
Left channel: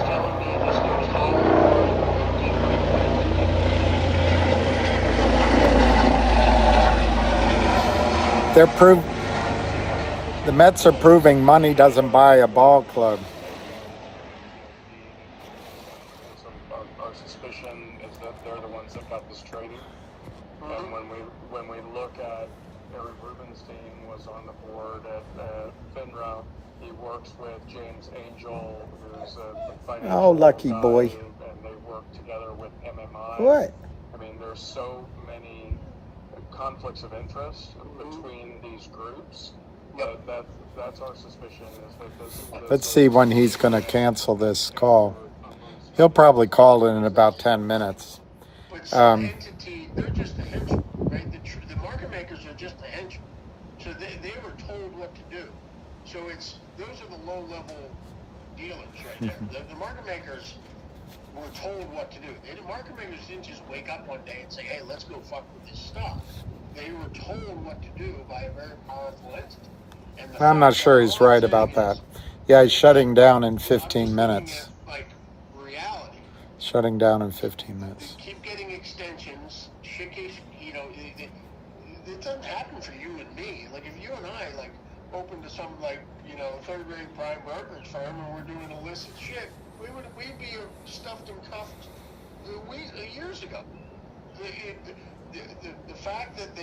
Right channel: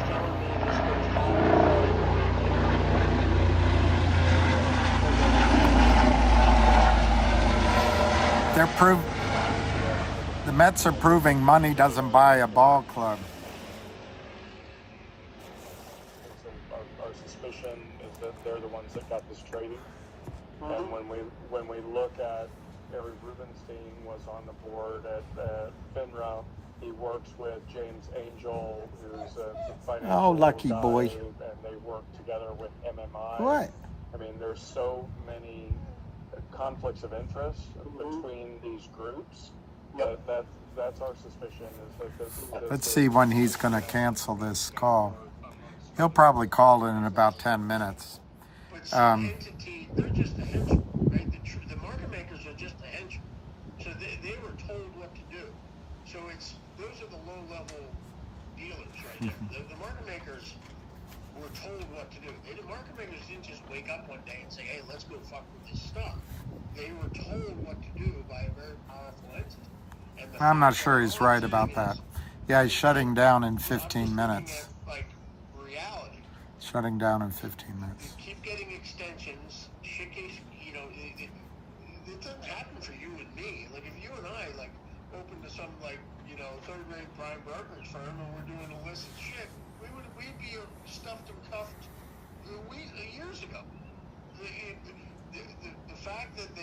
telling me this goes to The Mets are proving money doesn't buy a ball club. Our suspicion is that they're the ones that got this traded. And when we look at Barry Rubenstein was on the board at FINRA. He works with James Angel, who's a financial Oh, lucky boy. and they work together with MMI. What? I mean, there's so many conflicts of interest between these groups. That's our suspicion, is that this Let's see when he's going to cancel this call. He'll probably call it in about 10 minutes. But some entity, they're just a henchman, right? The market makers are just a henchman. So they were told what to do. So those are the low-level dealers right there. The market makers were told what to do. The market makers didn't just wake up one day and say, hey, let's go fuck with this stuff. They were told what to do by a very powerful entity. I'm not sure he's right about that. Yeah, he's shutting down in 15 minutes. Like reality. Shutting down in 15 minutes. They keep getting extensions. Shit gets, it doesn't happen for you and me. Like if you and I opened to some third-rate prime brokerage firm and we're doing illicit shit, we'd be stuffed and cuffed years ago. The fact that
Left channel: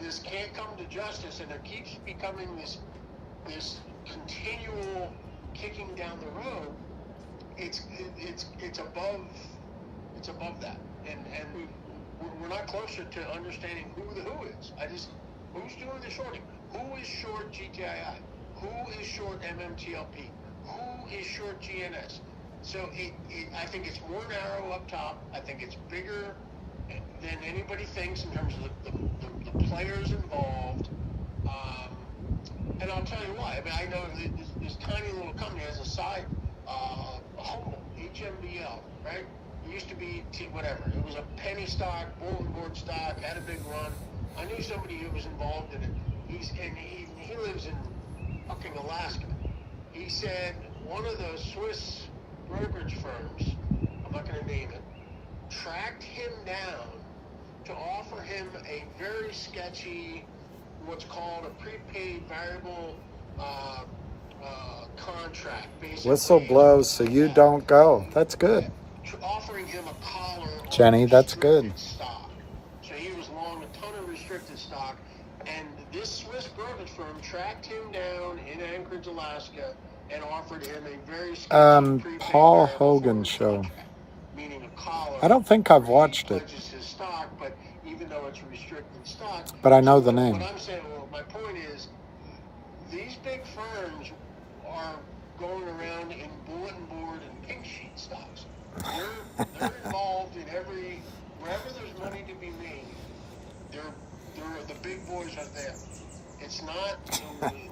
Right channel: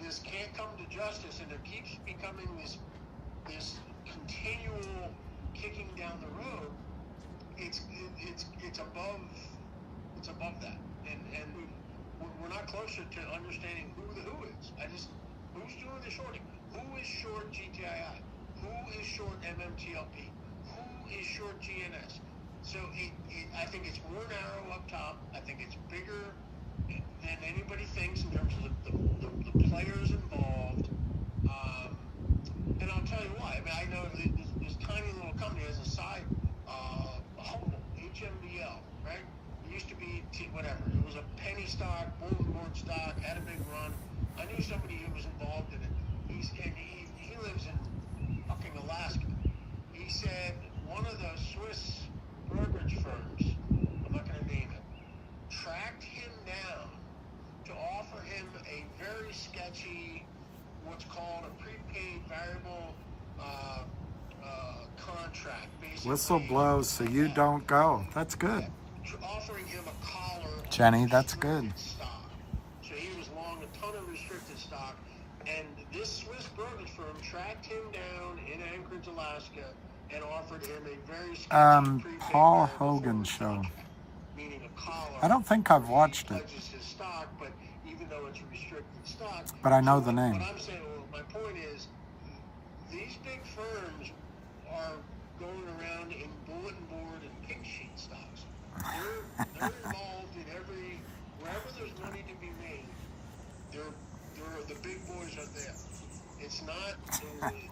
this can't come to justice and it keeps becoming this continual kicking down the road, it's above that, and we're not closer to understanding who the who is. Who's doing the shorting? Who is short GTII? Who is short MMTLP? Who is short GNS? So I think it's more narrow up top. I think it's bigger than anybody thinks in terms of the players involved. mean, I know this tiny little company has a side, Humble, HMBL, right? It used to be whatever. It was a penny stock, bulletin board stock, had a big run. I knew somebody who was involved in it. He lives in fucking Alaska. He said one of the Swiss brokerage firms, I'm not going to name it, tracked him down to offer him a very sketchy, what's called a prepaid variable contract. Whistle blows so you don't go. That's good. Offering him a collar on Jenny, that's good. stock. So he was long a ton of restricted stock, and this Swiss brokerage firm tracked him down in Anchorage, Alaska, and offered him a very sketchy Paul Hogan show. meaning a collar. I don't think I've watched it, Pledges his stock, but even though it's a restricted stock, but I know the name. what I'm saying, well, my point is, these big firms are going around in bulletin board and pink sheet stocks. They're involved in wherever there's money to be made, the big boys are there. It's not,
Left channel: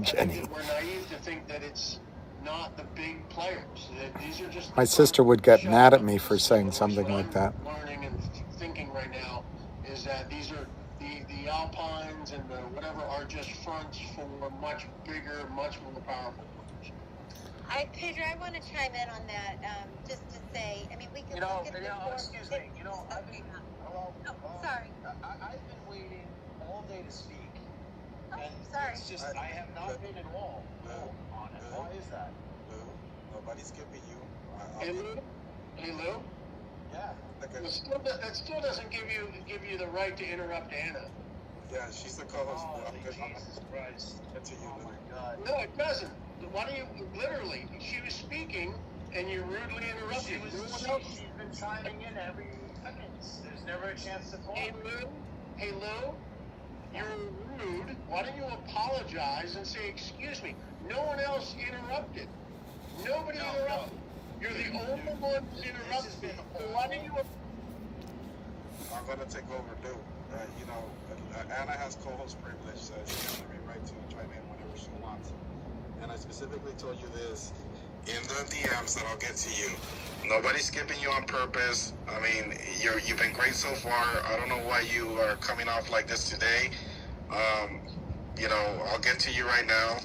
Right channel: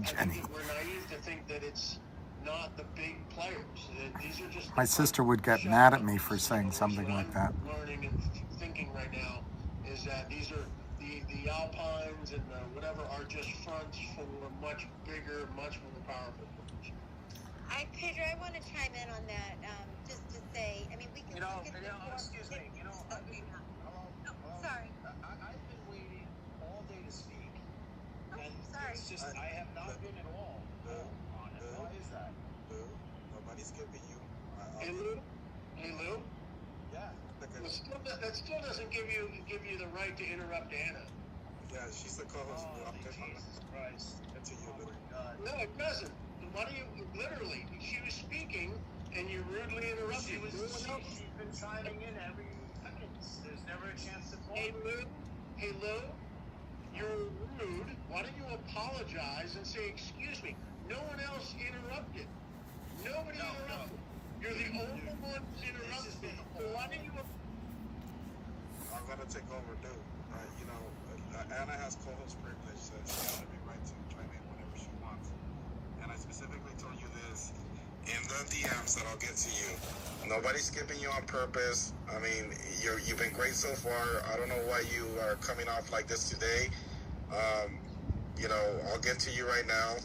Jenny. we're naive to think that it's not the big players. These are just My sister would get mad at me for saying something like that. learning and thinking right now is that these are the Alpines and the whatever are just fronts for much bigger, much more powerful firms. Pedro, I want to chime in on that, just to say, I mean, we can look at the excuse me, sorry. I've been waiting all day to speak. And sorry. it's just, I have not been involved on it. Why is that? Nobody's giving you. Hey Lou? Hey Lou? Yeah. That still doesn't give you the right to interrupt Anna. Yeah, she's the co-host. Jesus Christ. That's you, Lou. No, it doesn't. Why do you literally? She was speaking, and you rudely interrupted. She's been chiming in every second. There's never a chance to talk. Hey Lou, you're rude. Why don't you apologize and say excuse me? No one else interrupted. Nobody interrupted. You're the only one who's interrupted. Why don't you? I'm gonna take over, dude. Anna has co-host privilege, so she has every right to chime in whenever she wants. And I specifically told you this in the DMs that I'll get to you. Nobody's skipping you on purpose. I mean, you've been great so far. I don't know why you are coming off like this today. I'll get to you right now.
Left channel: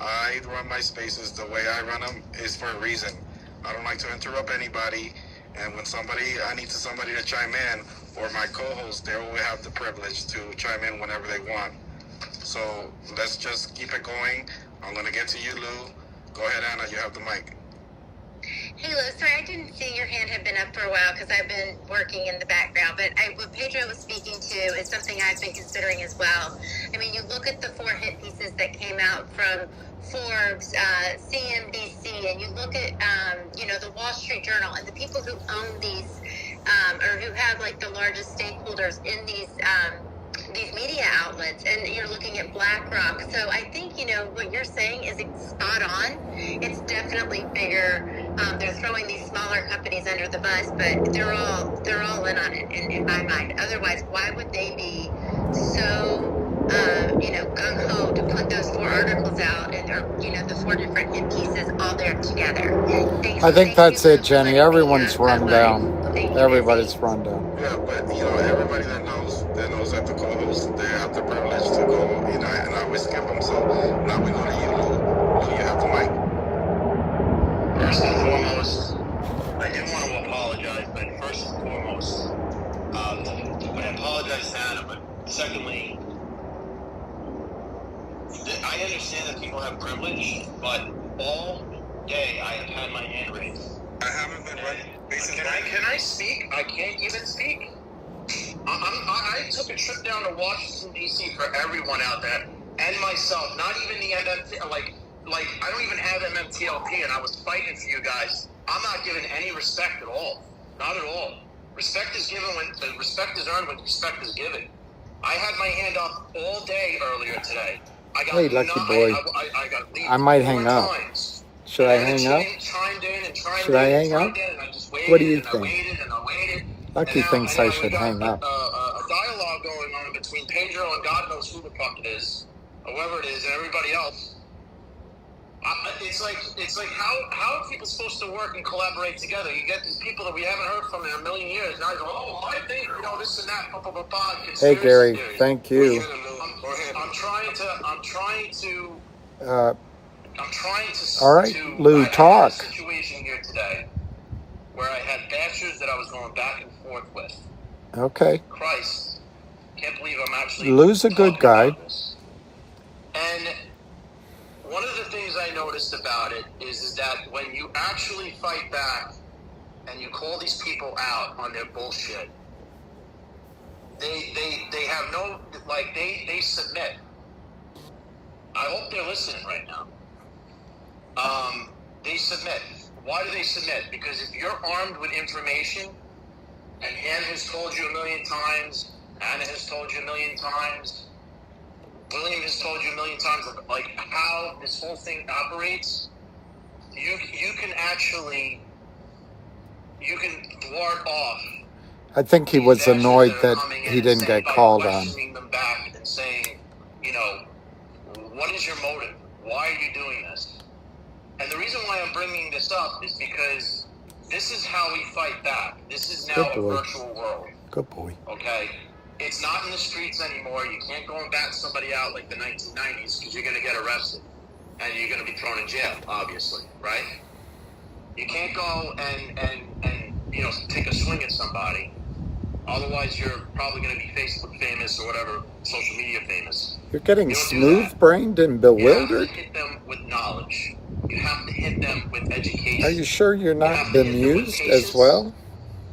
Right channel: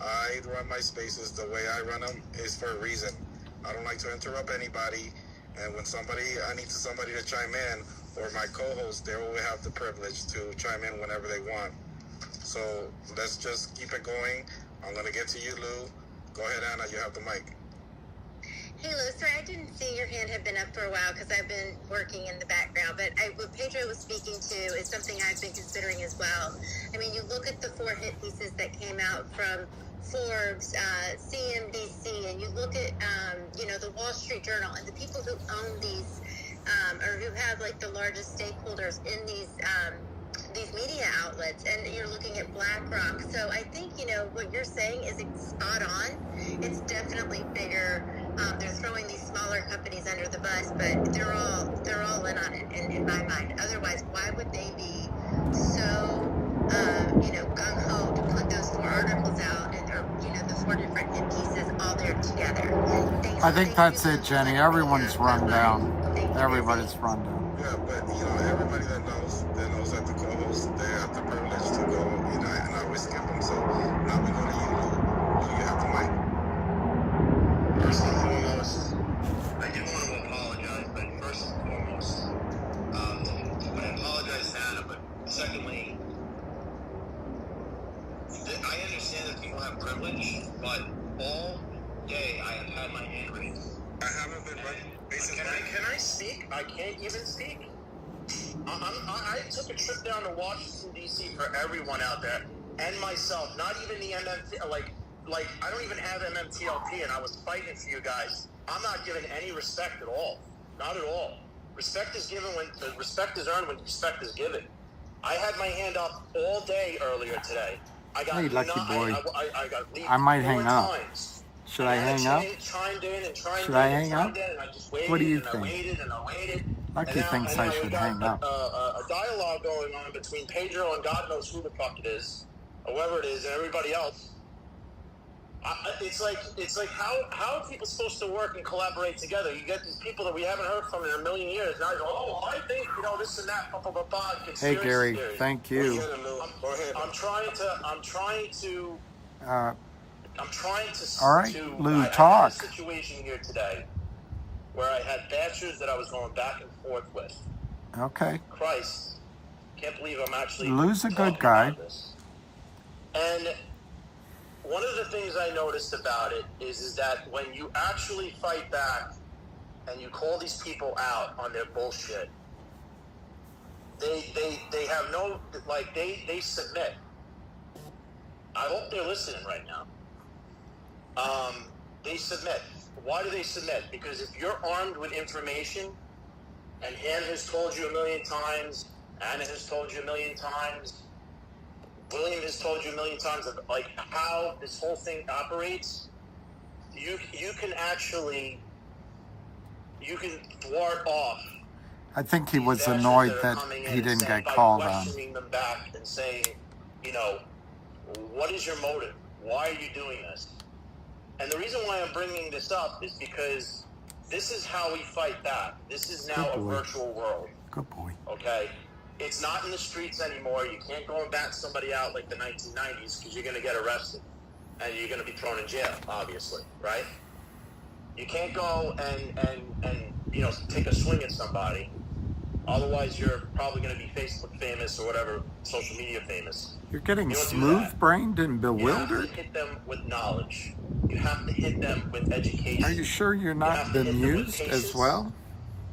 I run my spaces the way I run them is for a reason. I don't like to interrupt anybody. And when I need somebody to chime in, or my co-host, they will have the privilege to chime in whenever they want. So let's just keep it going. I'm going to get to you, Lou. Go ahead, Anna. You have the mic. Hey, Lou, sorry, I didn't see your hand had been up for a while because I've been working in the background, but what Pedro was speaking to is something I've been considering as well. I mean, you look at the 4 hit pieces that came out from Forbes, CNBC, and you look at, the Wall Street Journal, and the people who own these, or who have, like, the largest stakeholders in these media outlets, and you're looking at BlackRock. So I think, what you're saying is spot on. It's definitely bigger. They're throwing these smaller companies under the bus, but they're all in on it in my mind. Otherwise, why would they be so gung-ho to put those 4 articles out, or the 4 different hit pieces all there together? I think that's it, Jenny. Everyone's run down. Everybody's run down. Yeah, but everybody that knows that the co-host, they have the privilege to go, and I always skip them. So now we go to you, Lou. You have the mic. First and foremost, I do want to apologize, but first and foremost, I apologize to Anna, but secondly, I understand that people have privilege, but all day I have had my hand raised. I haven't been ready. Can I speak? I can't even speak. I took a trip down to Washington, D.C. for everyone out there, and myself, not even the MMTLP, like I don't even have MMTLP, and I was fighting for you guys. I'm not giving any respect at all. Not at all. Respect is given when respect is earned, when respect is given. I had my hand up all day earlier today. Hey, lucky boy. I might hang up. Should I hang up? Should I hang up? What do you think? Lucky thinks I should hang up. A dialogue going on between Pedro and God knows who the fuck is, whoever it is, and everybody else. It's like how are people supposed to work and collaborate together? You get these people that we haven't heard from in a million years. Now you're, oh, my thing, this and that, blah, blah, blah, blah. Hey, Gary, thank you. I'm trying to. All right, Lou, talk. Situation here today where I had bashers that I was going back and forth with. Okay. Christ, can't believe I'm actually. Lou's a good guy. And one of the things I noticed about it is that when you actually fight back and you call these people out on their bullshit, they have no, like, they submit. I hope they're listening right now. They submit. Why do they submit? Because if you're armed with information, and Ann has told you a million times, Anna has told you a million times, William has told you a million times, like how this whole thing operates, you can actually, you can ward off. I think he was annoyed that he didn't get called on. And saying, what is your motive? Why are you doing this? And the reason why I'm bringing this up is because this is how we fight back. This is now a virtual world. Good boy. Okay? It's not in the streets anymore. You can't go and bat somebody out like the 1990s because you're going to get arrested and you're going to be thrown in jail, obviously, right? You can't go and take a swing at somebody. Otherwise, you're probably going to be Facebook famous or whatever, social media famous. You're getting smooth-brained and bewildered? You have to hit them with knowledge. You have to hit them with education. Are you sure you're not bemused as well?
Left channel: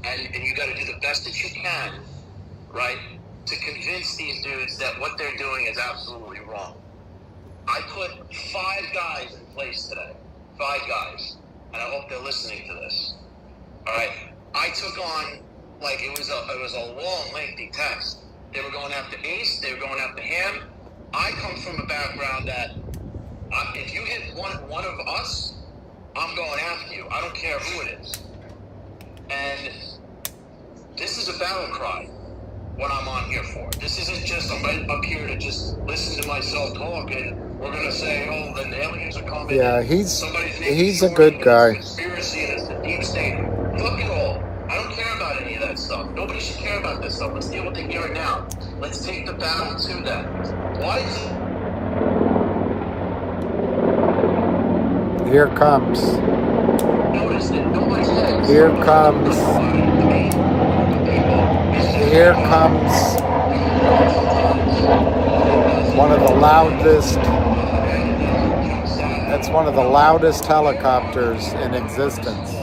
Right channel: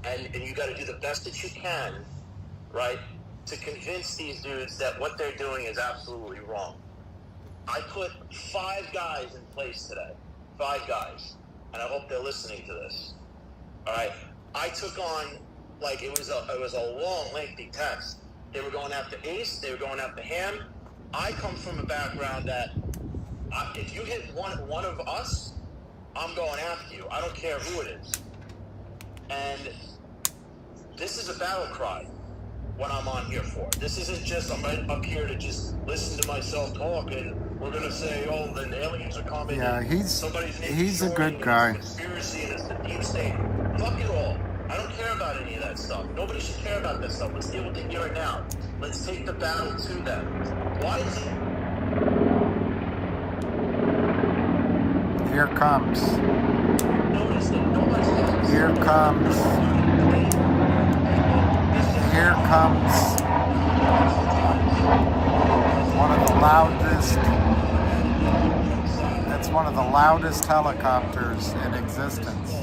And you got to do the best that you can, right, to convince these dudes that what they're doing is absolutely wrong. I put 5 guys in place today. 5 guys. And I hope they're listening to this. All right? I took on, like, it was a long, lengthy test. They were going after Ace. They were going after him. I come from a background that if you hit one of us, I'm going after you. I don't care who it is. And this is a battle cry, what I'm on here for. This isn't just up here to just listen to myself talk and we're going to say, oh, then aliens are coming. Yeah, he's a good guy. Conspiracy and it's the deep state. Fuck it all. I don't care about any of that stuff. Nobody should care about this stuff. Let's deal with it here and now. Let's take the battle to them. Why is it? Here comes. Here comes. Here comes one of the loudest. That's one of the loudest helicopters in existence.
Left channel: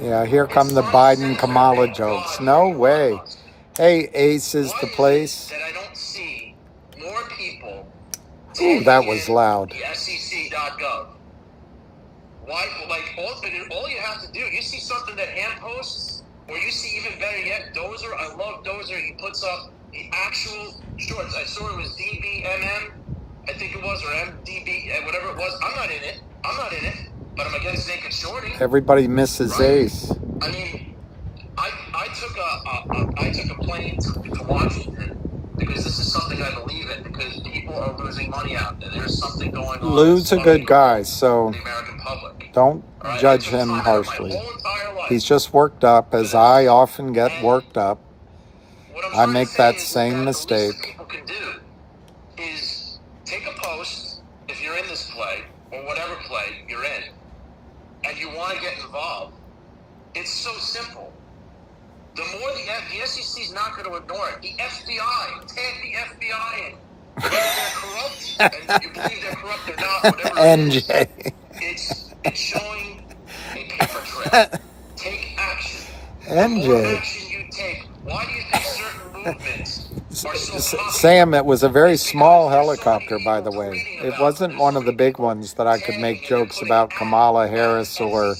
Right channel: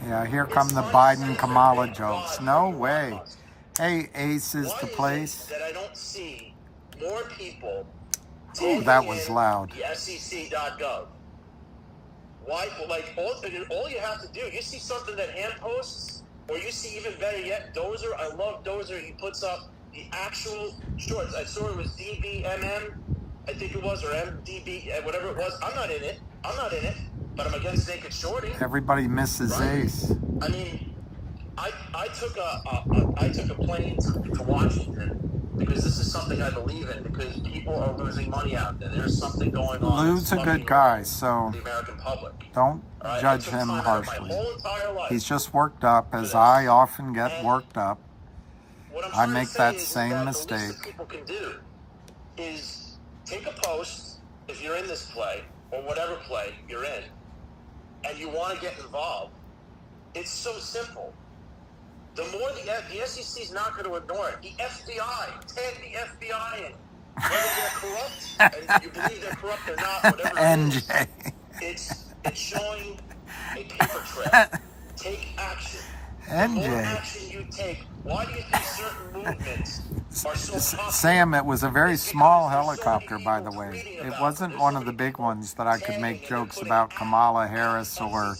Yeah, here come the Biden Kamala jokes. No way. Hey, Ace is the place. Ooh, that was loud. Why, like, all you have to do, you see something that Ann posts, or you see even better yet, Dozer, I love Dozer, he puts up the actual shorts. I saw it was DBMM, I think it was, or MDB, whatever it was. I'm not in it, but I'm against naked shorty. Everybody misses Ace. I mean, I took a plane to Washington because this is something I believe in, because people are losing money out there. There's something going on. Lou's a good guy, so don't judge him harshly. He's just worked up, as I often get worked up. I make that same mistake. Is take a post if you're in this play or whatever play you're in, and you want to get involved. It's so simple. The more the SEC is not going to ignore it. The FBI, tag the FBI in. Corrupt, and you believe they're corrupt or not, whatever. NJ. It's showing a paper trail. Take action. NJ. Why do you think certain movements are so Sam, it was a very small helicopter, by the way. It wasn't one of the big ones that I could make jokes about Kamala Harris or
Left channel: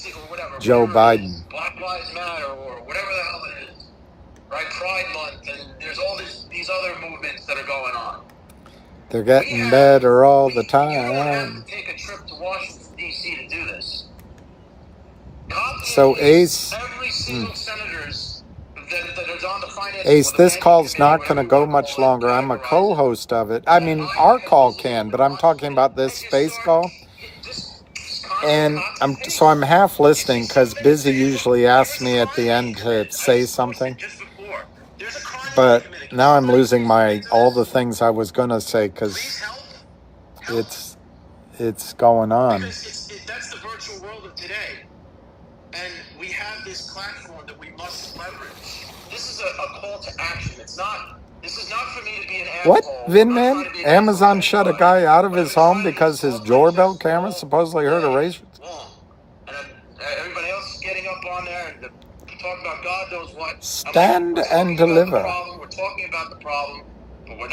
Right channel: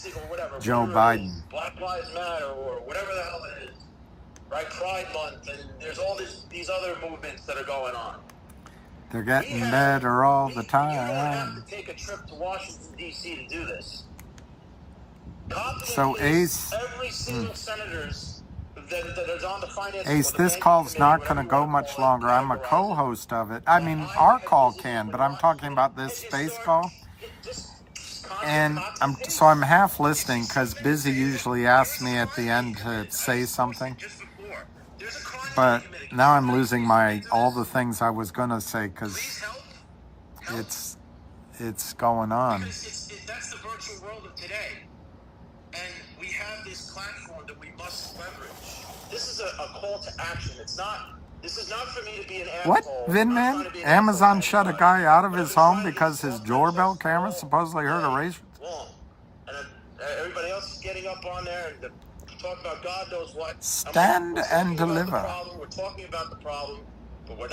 Joe Biden. Black Lives Matter or whatever the hell it is, right? Pride Month, and there's all these other movements that are going on. They're getting better all the time. Take a trip to Washington, D.C. to do this. So Ace... Every single senators that is on the finance Ace, this call's not going to go much longer. I'm a co-host of it. I mean, our call can, but I'm talking about this space call. And I'm half listening because Busy usually asks me at the end to say something. But now I'm losing all the things I was going to say because it's going on. Because that's the virtual world of today. And we have this platform that we must leverage. This is a call to action. This is not for me to be an asshole. What, Vinman? Amazon shut a guy out of his home because his doorbell camera supposedly heard a race? Everybody else is getting up on there to talk about God knows what. Stand and deliver. We're talking about the problem, but we're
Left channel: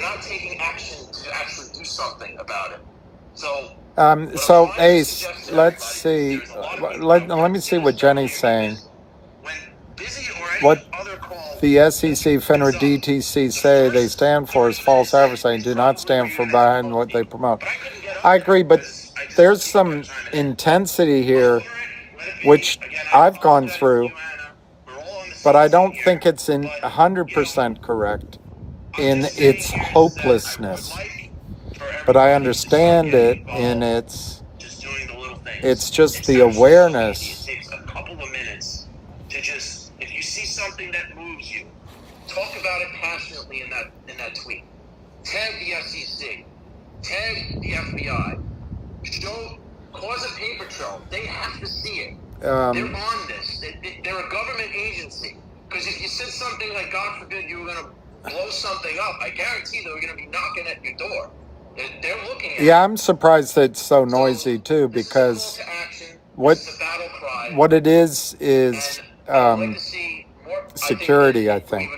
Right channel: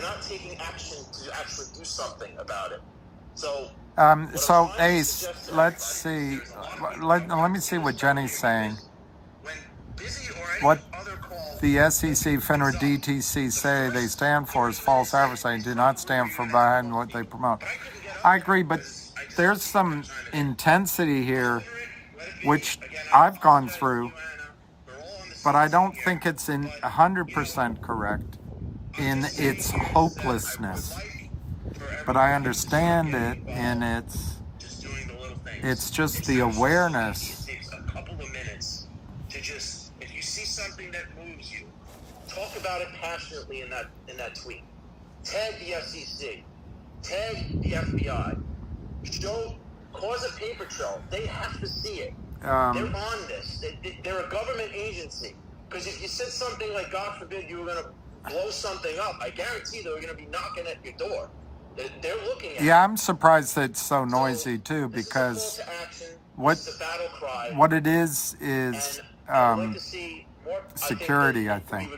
not taking action to actually do something about it. So Ace, let's see. Let me see what Jenny's saying. What the SEC, FINRA, DTC say they stand for is false advertising, do not stand for behind what they promote. I agree, but there's some intensity here, which I've gone through, but I don't think it's 100% correct in its hopelessness. But I understand it in it's just the awareness. Takes a couple of minutes to just, if you see something that moves you, talk about it passionately in that tweet. Tag the FCC, tag the FBI, cause a paper trail. They have to see it. They're on this. They're a government agency. Because if you said something like, God forbid, you were going to blow something up, I guarantee they're going to be knocking at your door. Yeah, I'm surprised that it's so noisy too, because what it is security, I think,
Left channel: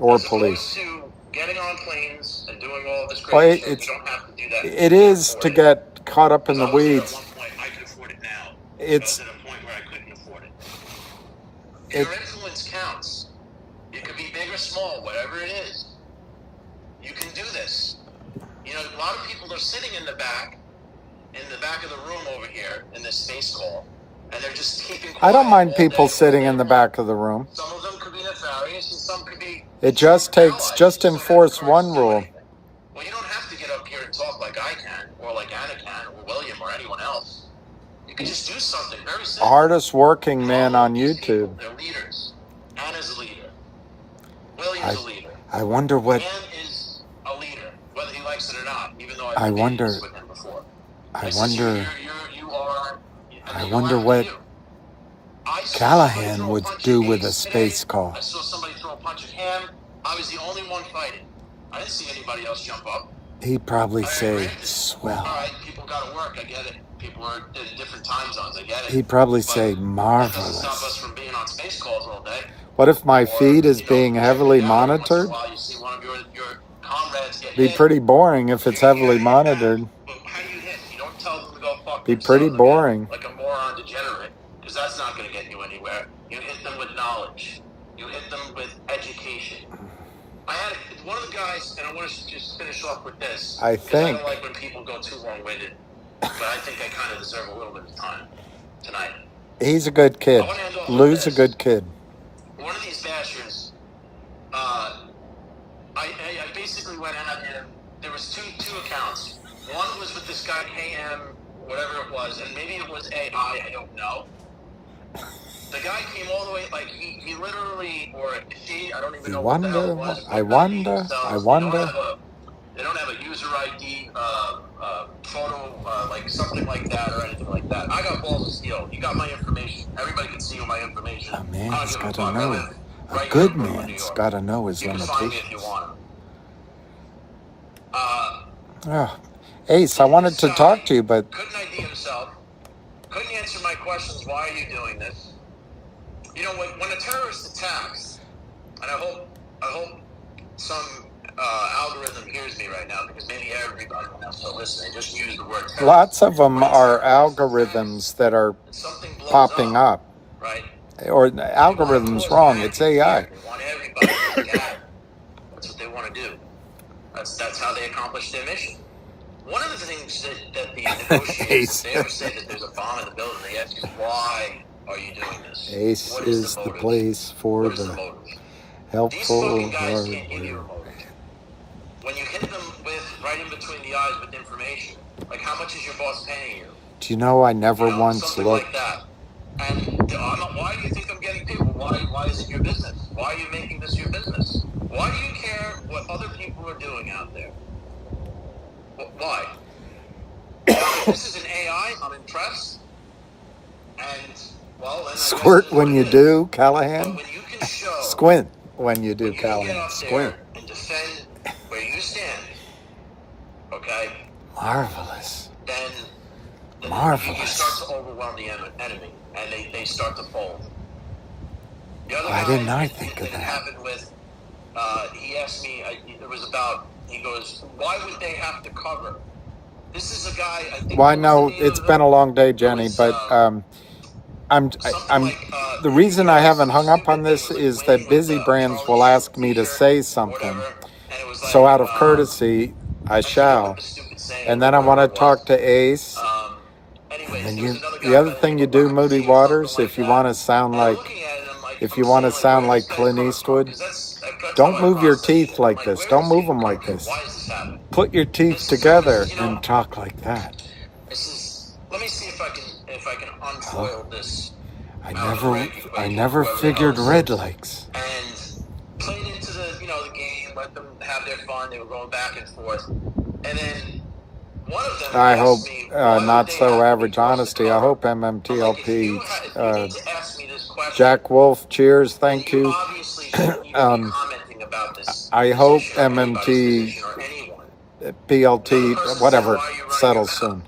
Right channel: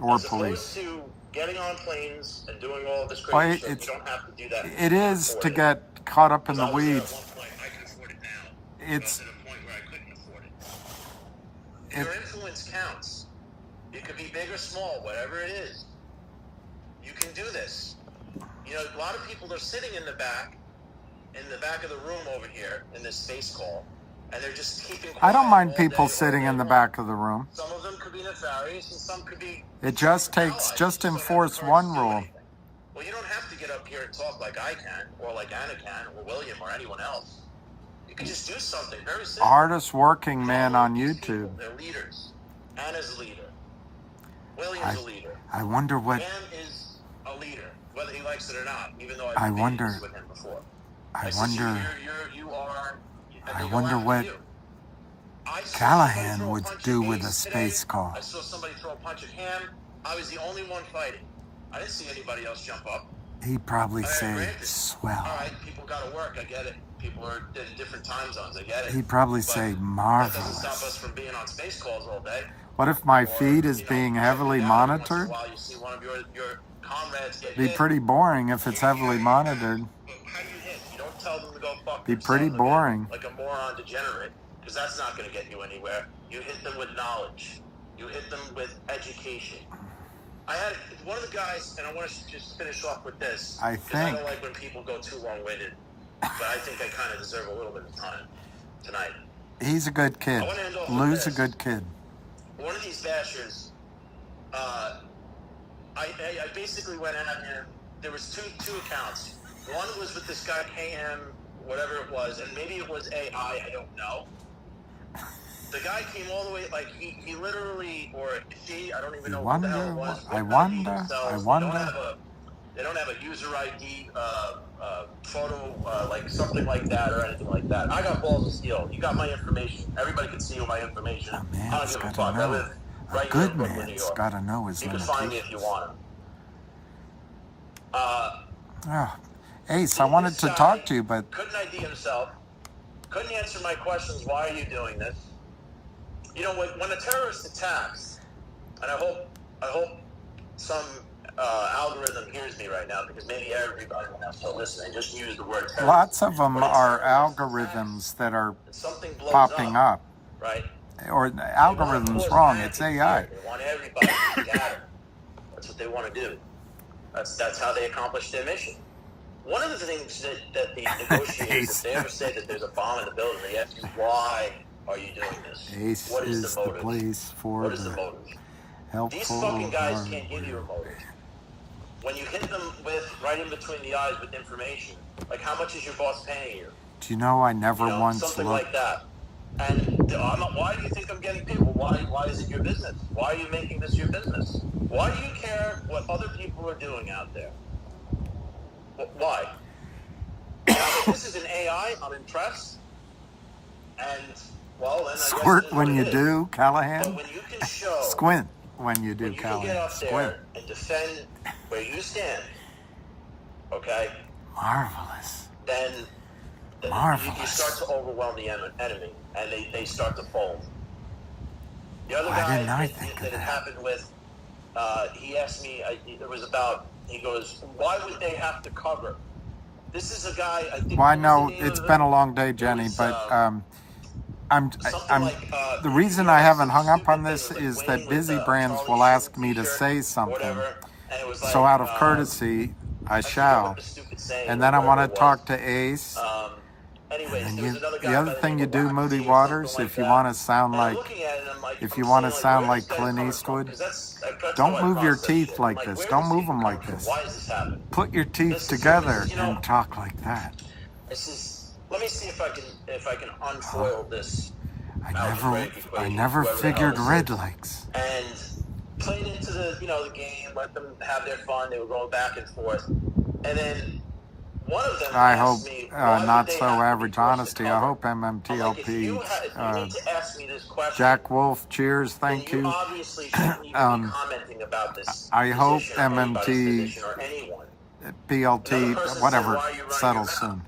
or police. Well, it is to get caught up in the weeds. Your influence counts. It could be big or small, whatever it is. You can do this. You know, a lot of people are sitting in the back of the room over here in this space call, and they're just keeping quiet. I don't mind people sitting in the back of the room. Some of them could be nefarious, and some could be. It just enforce one rule. Well, you don't have to get up here and talk like I can, or like Anna can, or William, or anyone else. You can just do something very simple. Hardest working man on YouTube. They're leaders. Anna's a leader. William's a leader. I wonder what. Cam is a leader, whether he likes it or not. Even though I wonder what Callahan would do with a space call. I saw somebody throw a punch at him. I was the only one fighting. I didn't see anybody else jump up. He'd probably say, swell. All right, people got to work. I get it. People are in different time zones. I get it. He'd probably say, Stop us marvelous. from being on space calls all day. What if my feed is being heavily monitored? While you see one of your comrades get Be hit. pretty boring if it's heavily monitored. But how do you hit? You don't tell them to go fuck Be pretty themselves boring. like a moron degenerate, because that's not going to get you anywhere. You hit them with knowledge. You hit them with education. I had one of the guys, and I want to just finish off with this. I think. I don't like when people go too long-winded, but I think I kind of deserve a little bit of time tonight. He's a good kid. Lou's a good kid. One of these bastards, I basically went out and there was two accounts. One was with this guy KM, whatever it was, and maybe it was AI, I don't know. The guy came all the way, like he literally, or she, I don't even know what the hell it was. I wonder. They don't have a user ID, photo, like something like that or anything like that. I got balls of steel. You got my information. Everybody can see my information. A man's got to know. A good man's got to know his limitations. Oh, Ace, I wanted to talk to you, but Couldn't ID himself. Couldn't answer my questions. Why are you doing this? You know, when a terrorist attacks, and I hope some algorithm hears me right now, because maybe everybody that's still listening just use the word terrorist. lots of them are algorithms that are popping up. Right? Or the algorithm's wrong. It's AI. That's what they want to do. That's how they accomplish their mission. One of the things that the negotiators there said that there's a bomb in the building. They asked, why are you doing this? Ace is the place for the helpful hardware. When you hit them with right in between the eyes with information, like how much is your boss paying you? Do you know I never once Something looked? like that. And why do you think I'm getting paid? Why is it your business? Why are you making this your business? Why do you care what other people are doing out there? Why? This is an AI. I'm impressed. And well, Squirt when you do, Callahan. Squint when you do, Callahan. Squint. and defend where you stand. Okay. Marvelous. You Marvelous. start to overwhelm the enemy, and they start to fold. Why didn't I think of that? Happened with, he asked me, it was about, he goes, why would they have to cover? This is a guy, I think. Well, I know it's been a long day, Jenny, but the reason I haven't hung up on this is that Busy Brands will ask me to say something. So out of courtesy, I shall. And then I want to talk to Ace. And then the other thing you do, Moody Waters, if you want to sound like Clint Eastwood, don't move your teeth like this. Don't move them like this. Put your teeth together and talk like that. Let me see if I can unfoil this. I never figured Red Lakes. And played into the game, let them have their fun. They were going back and forth. And then one of them I hope not so average honesty. I hope MMTLP, Jack Wolf, cheers, thank you. I hope MMT, PLT, whatever, settles soon.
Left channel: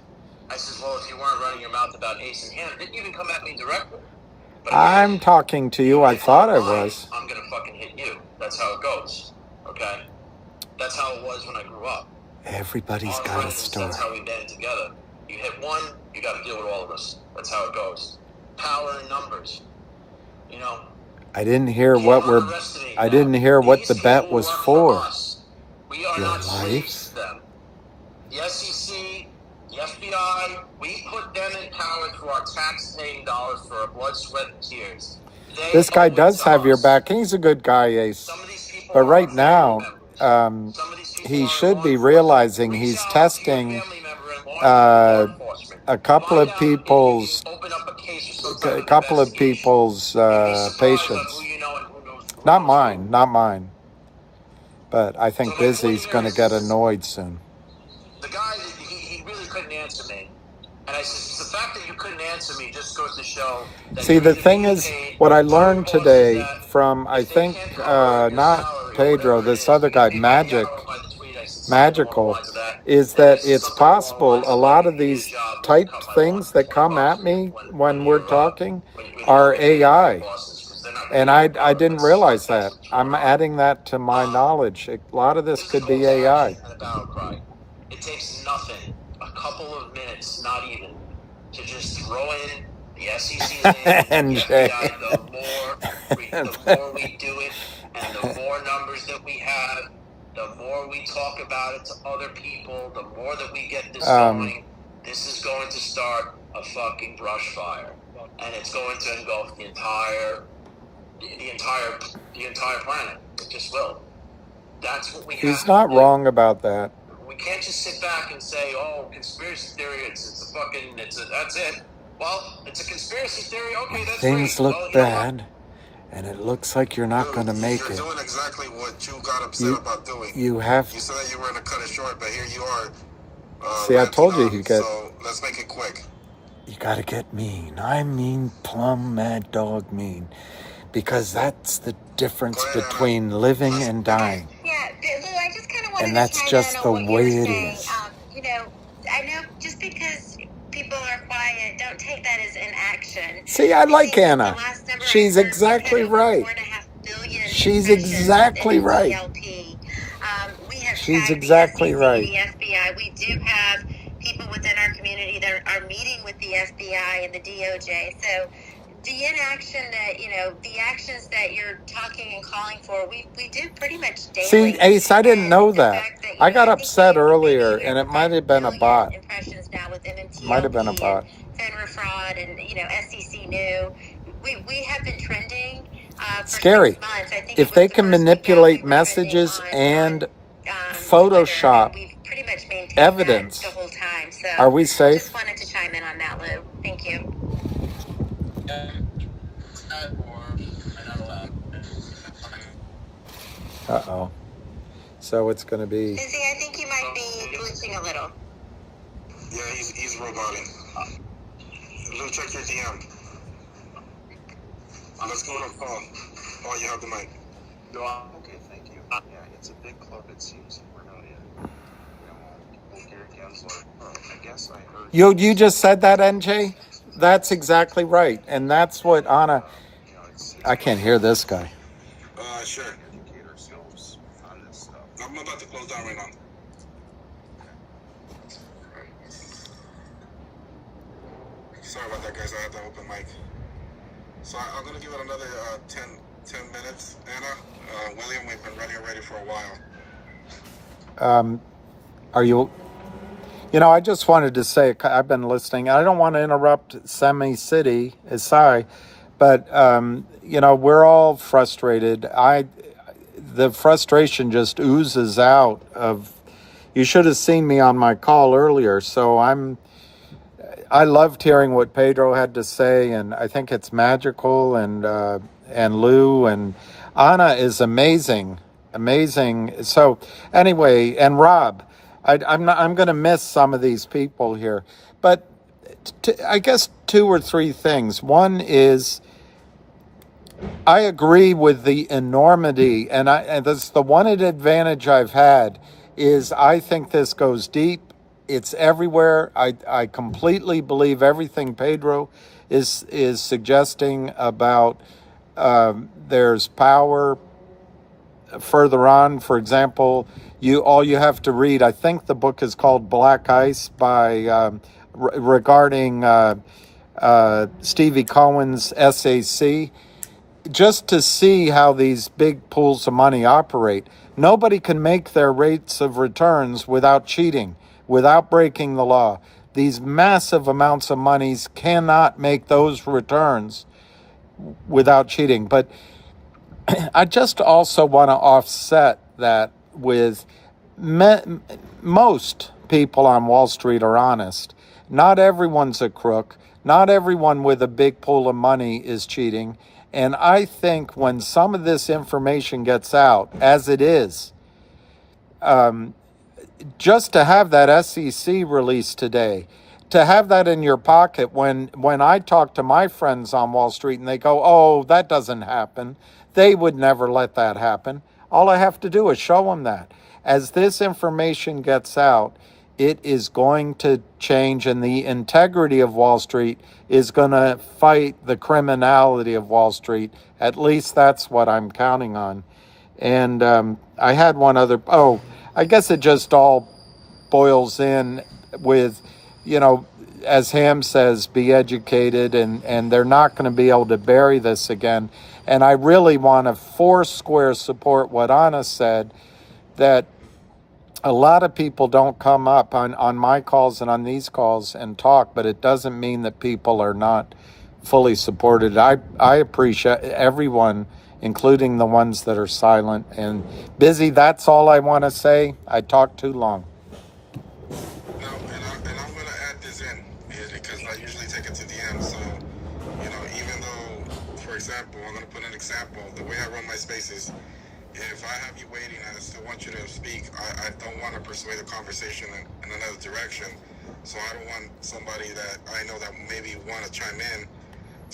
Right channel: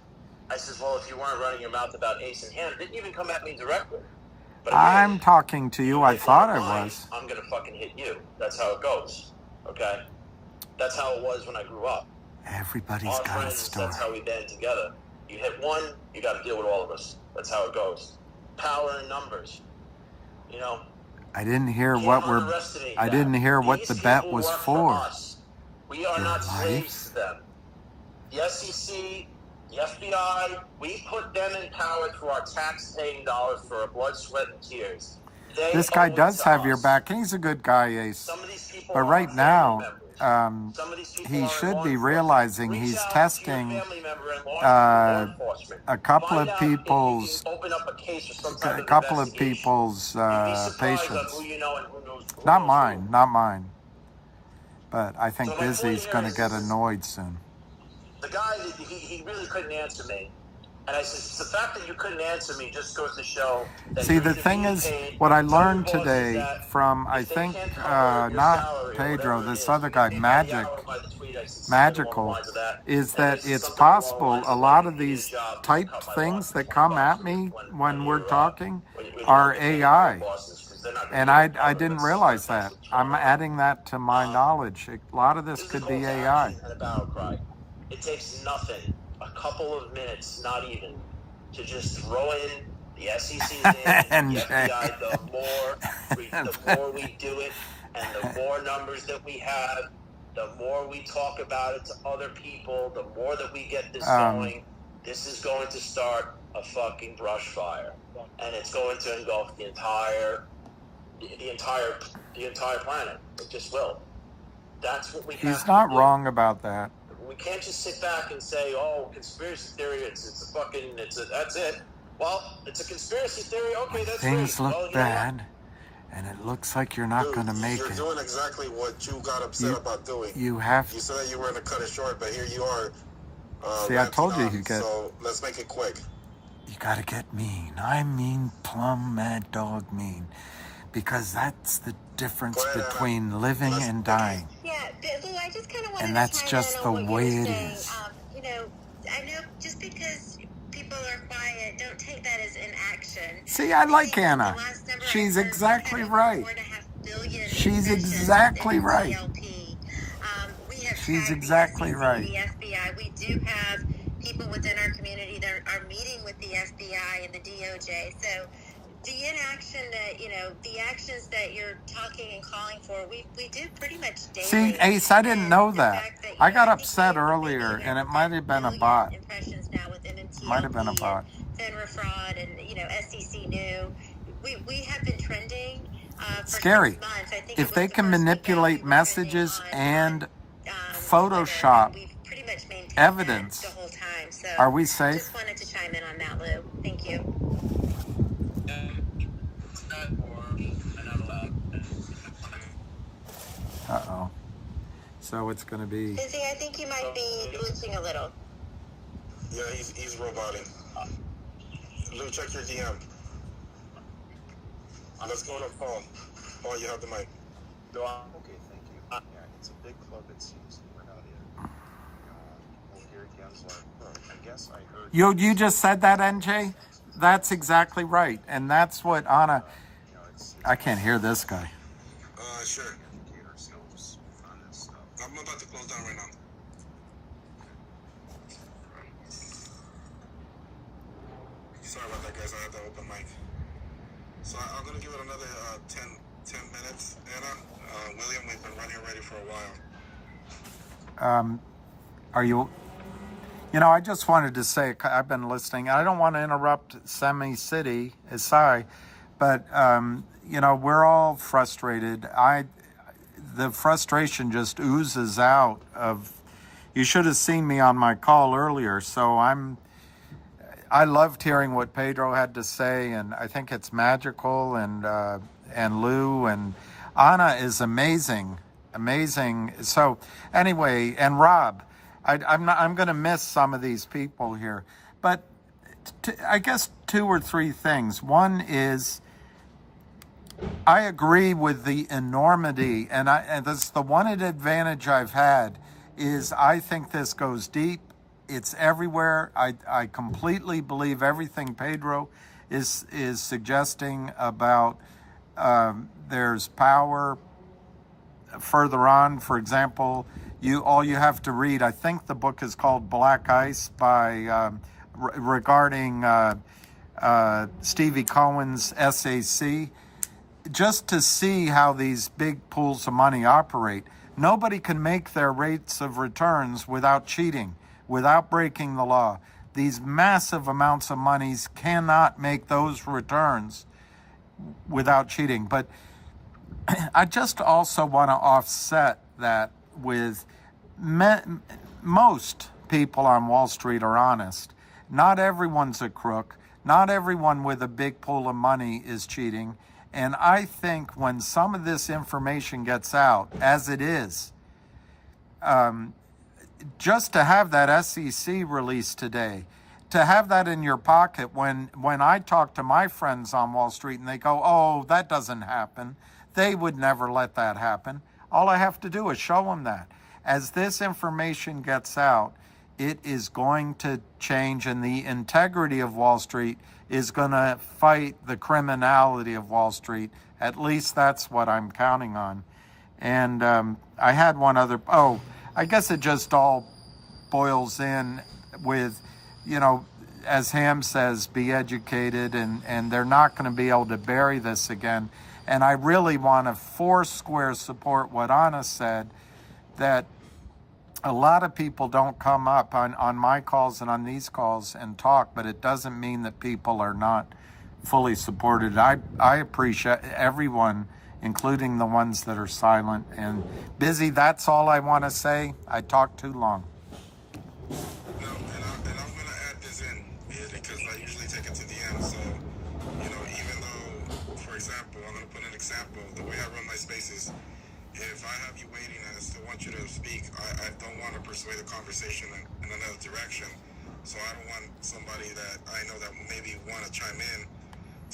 I said, well, if you weren't running your mouth about Ace and Hannah, didn't even come at me directly. I'm talking to you. I thought I was. I'm going to fucking hit you. That's how it goes. Okay? That's how it was when I grew up. Everybody's got a story. That's how we banded together. You hit one, you got to deal with all of us. That's how it goes. Power in numbers. I didn't hear what the bet was for. Your life? The SEC, the FBI, we put them in power for our tax-paying dollars for our blood, sweat, and tears. This guy does have your back, and he's a good guy, Ace. But right now, he should be realizing he's testing a couple of people's patience. Not mine. But I think Busy's going to get annoyed soon. The guy, he really couldn't answer me. And I said, the fact that you couldn't answer me just goes to show. See, the thing is, what I learned today from, I think, not Pedro, this other guy, Magical, is that it's possible a lot of these type things that come at me when we're talking are AI. And I didn't realize that. I'm adding that to my knowledge. A lot of this could be AI. It takes nothing, a couple of minutes, not even, to just throw in the SEC. And Jay. The more we do it, and the more numbers that we have, the more we talk about it to other people, the more that we get this going, this is going to start a fucking brush fire. And it's going to engulf the entire planet. It just will. That's what we He's not wrong about that. We can't just sit back and say, oh, conspiracy theory, that's it. Well, it's a conspiracy theory, okay, that's Things great. look bad, and it looks like you're not going to make it. Doing exactly what you got upset about doing. You have... You said you were going to cut it short, but here you are. See, I told you he'd get... So let's make it quick. You got to get mean. I mean plumb mad dog mean. Because that's the difference between living and dying. Yeah, Lou, I just kind of wanted And that's to just the way it is. I know just because people are quiet, don't take that as inaction. See, I like Anna. She's exactly right. She's exactly right. She's exactly right. The FBI, we do have people within our community that are meeting with the FBI and the DOJ. So the inaction that, the actions that you're talking and calling for, we do pretty much daily. See, Ace, I didn't know that. I got upset earlier, and it might have been a bot. Might have been a bot. FINRA fraud and, SEC new. We have Scary. If they can manipulate messages and Photoshop evidence, are we safe? Just wanted to chime in on that, Lou. Thank you. Uh-oh. So it's going to be... Lizzie, I think you might be glitching a little. Yeah, he's roboting. Go check your DM. Let's go on the phone while you have the mic. No, okay, thank you. Yeah, it's a big club, it seems. We're not in. I guess I heard. You just said that, NJ? That's exactly right. And that's what Anna... I can't hear this guy. Sure. I'm about to close down right now. Sorry about that, guys. I had to open mic. So I'm going to give it another 10 minutes, Anna. William, we've been running already for a while. Are you... You know, I just wanted to say, I've been listening. I don't want to interrupt Semi City, sorry, but, you know, we're all frustrated. The frustration just oozes out of... You should have seen me on my call earlier, so I loved hearing what Pedro had to say, and I think it's magical, and Lou, and Anna is amazing. So, anyway, and Rob... I'm going to miss some of these people here, but I guess 2 or 3 things. One is I agree with the enormity, and that's the one advantage I've had is I think this goes deep. It's everywhere. I completely believe everything Pedro is suggesting about there's power further on. For example, all you have to read, I think the book is called Black Ice by regarding Stevie Cohen's SAC, just to see how these big pools of money operate. Nobody can make their rates of returns without cheating, without breaking the law. These massive amounts of monies cannot make those returns without cheating. But I just also want to offset that with most people on Wall Street are honest. Not everyone's a crook. Not everyone with a big pool of money is cheating. And I think when some of this information gets out, as it is, just to have that SEC release today, to have that in your pocket when I talk to my friends on Wall Street and they go, oh, that doesn't happen. They would never let that happen. All I have to do is show them that. As this information gets out, it is going to change, and the integrity of Wall Street is going to fight the criminality of Wall Street. At least that's what I'm counting on. And I had one other... Oh, I guess it just all boils in with, you know, as Ham says, be educated, and they're not going to be able to bury this again. And I really want to foursquare support what Anna said, that a lot of people don't come up on my calls and on these calls and talk, but it doesn't mean that people are not fully supported. I appreciate everyone, including the ones that are silent and busy. That's all I want to say. I talked too long. And I'm going to add this in because I usually take it to the end. So, you know, even though, for example, I'm going to put an example, the way I run my spaces, if I have you waiting and I still want you to speak, I don't want to persuade the conversation in another direction. So I don't want somebody that I know that maybe want to chime in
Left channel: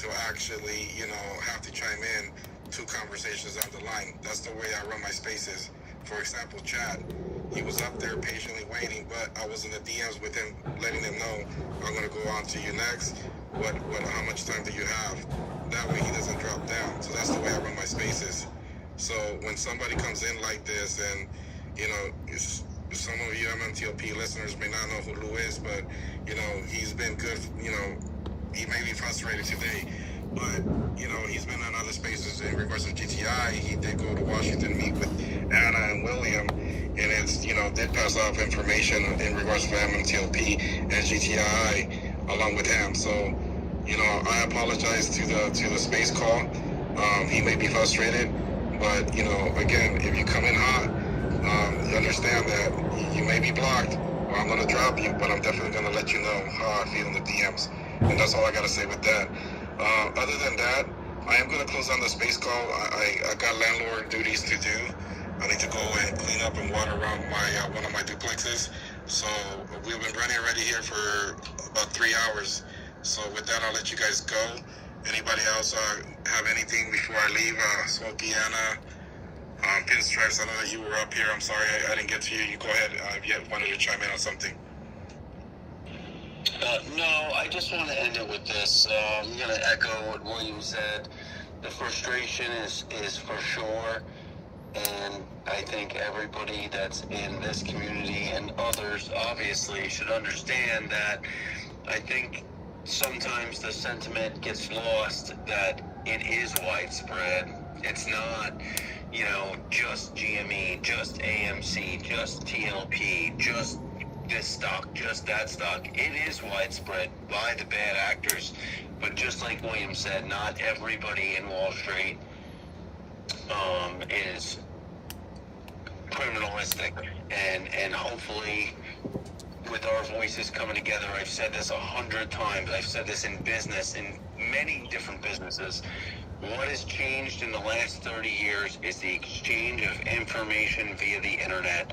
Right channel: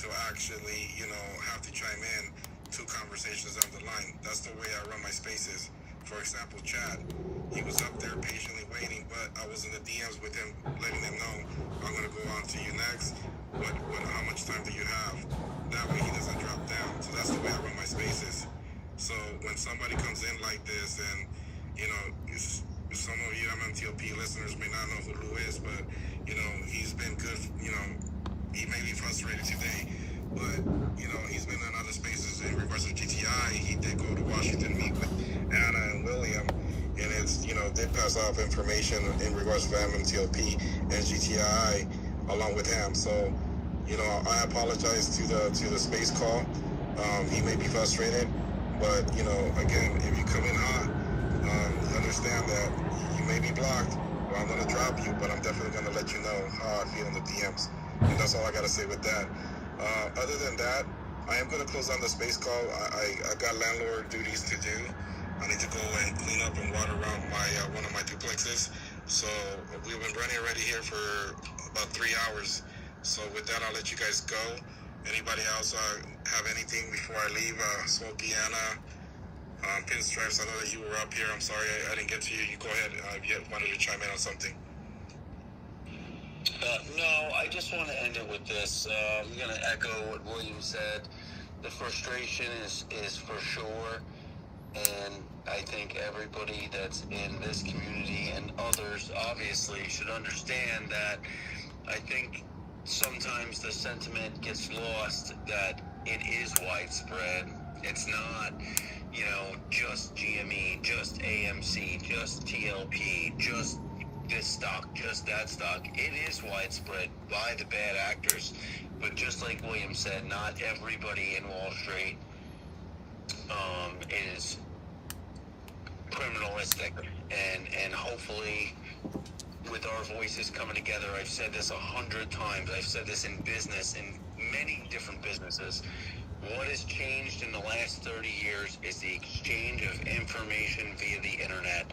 to actually, you know, have to chime in 2 conversations down the line. That's the way I run my spaces. For example, Chad, he was up there patiently waiting, but I was in the DMs with him, letting him know, I'm going to go on to you next. How much time do you have? That way he doesn't drop down. So that's the way I run my spaces. So when somebody comes in like this, and, you know, some of you MMTLP listeners may not know who Lou is, but, you know, he's been good, you know, he may be frustrated today, but, you know, he's been in other spaces in regards to GTI. He did go to Washington, meet with Anna and William, and it's, you know, did pass off information in regards to MMTLP and GTI along with him. So, you know, I apologize to the space call. He may be frustrated, but you know, again, if you come in hot, you understand that you may be blocked. I'm gonna drop you, but I'm definitely gonna let you know how I feel in the DMs, and that's all I gotta say with that. Other than that, I am gonna close on the space call. I got landlord duties to do. I need to go and clean up and water around my one of my duplexes. So we've been running already here for about 3 hours. So with that, I'll let you guys go. Anybody else have anything before I leave? Smokey, Anna, Pinstripes, I know that you were up here. I'm sorry I didn't get to you. You go ahead if you wanted to chime in on something. No, I just want to end it with this. I'm going to echo what William said. The frustration is for sure. And I think everybody that's in this community and others obviously should understand that I think sometimes the sentiment gets lost that it is widespread. It's not, you know, just GME, just AMC, just TLP, just this stock, just that stock. It is widespread by the bad actors. But just like William said, not everybody in Wall Street is criminalistic, and hopefully with our voices coming together, I've said this 100 times, I've said this in business, in many different businesses, what has changed in the last 30 years is the exchange of information via the internet,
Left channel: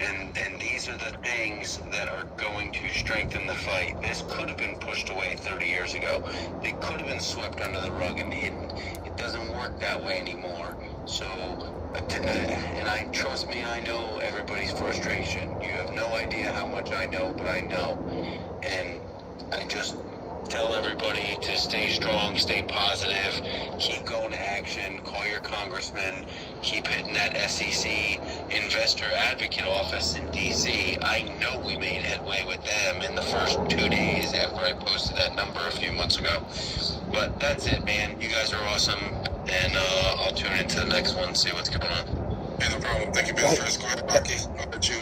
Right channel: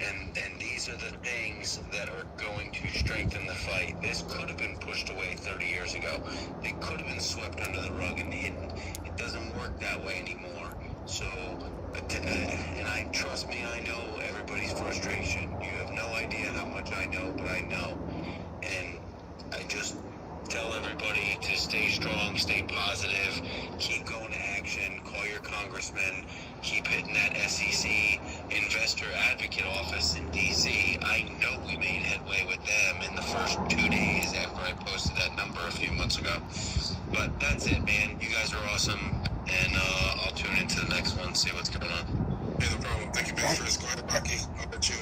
and these are the things that are going to strengthen the fight. This could have been pushed away 30 years ago. It could have been swept under the rug, and it doesn't work that way anymore. So, and trust me, I know everybody's frustration. You have no idea how much I know, but I know. And I just tell everybody to stay strong, stay positive, keep going to action, call your congressman, keep hitting that SEC investor advocate office in DC. I know we made headway with them in the first 2 days after I posted that number a few months ago. But that's it, man. You guys are awesome, and I'll tune into the next one, see what's going on. Hey, no problem. Thank you, Ben. First, go ahead, Rocky. I'll let you,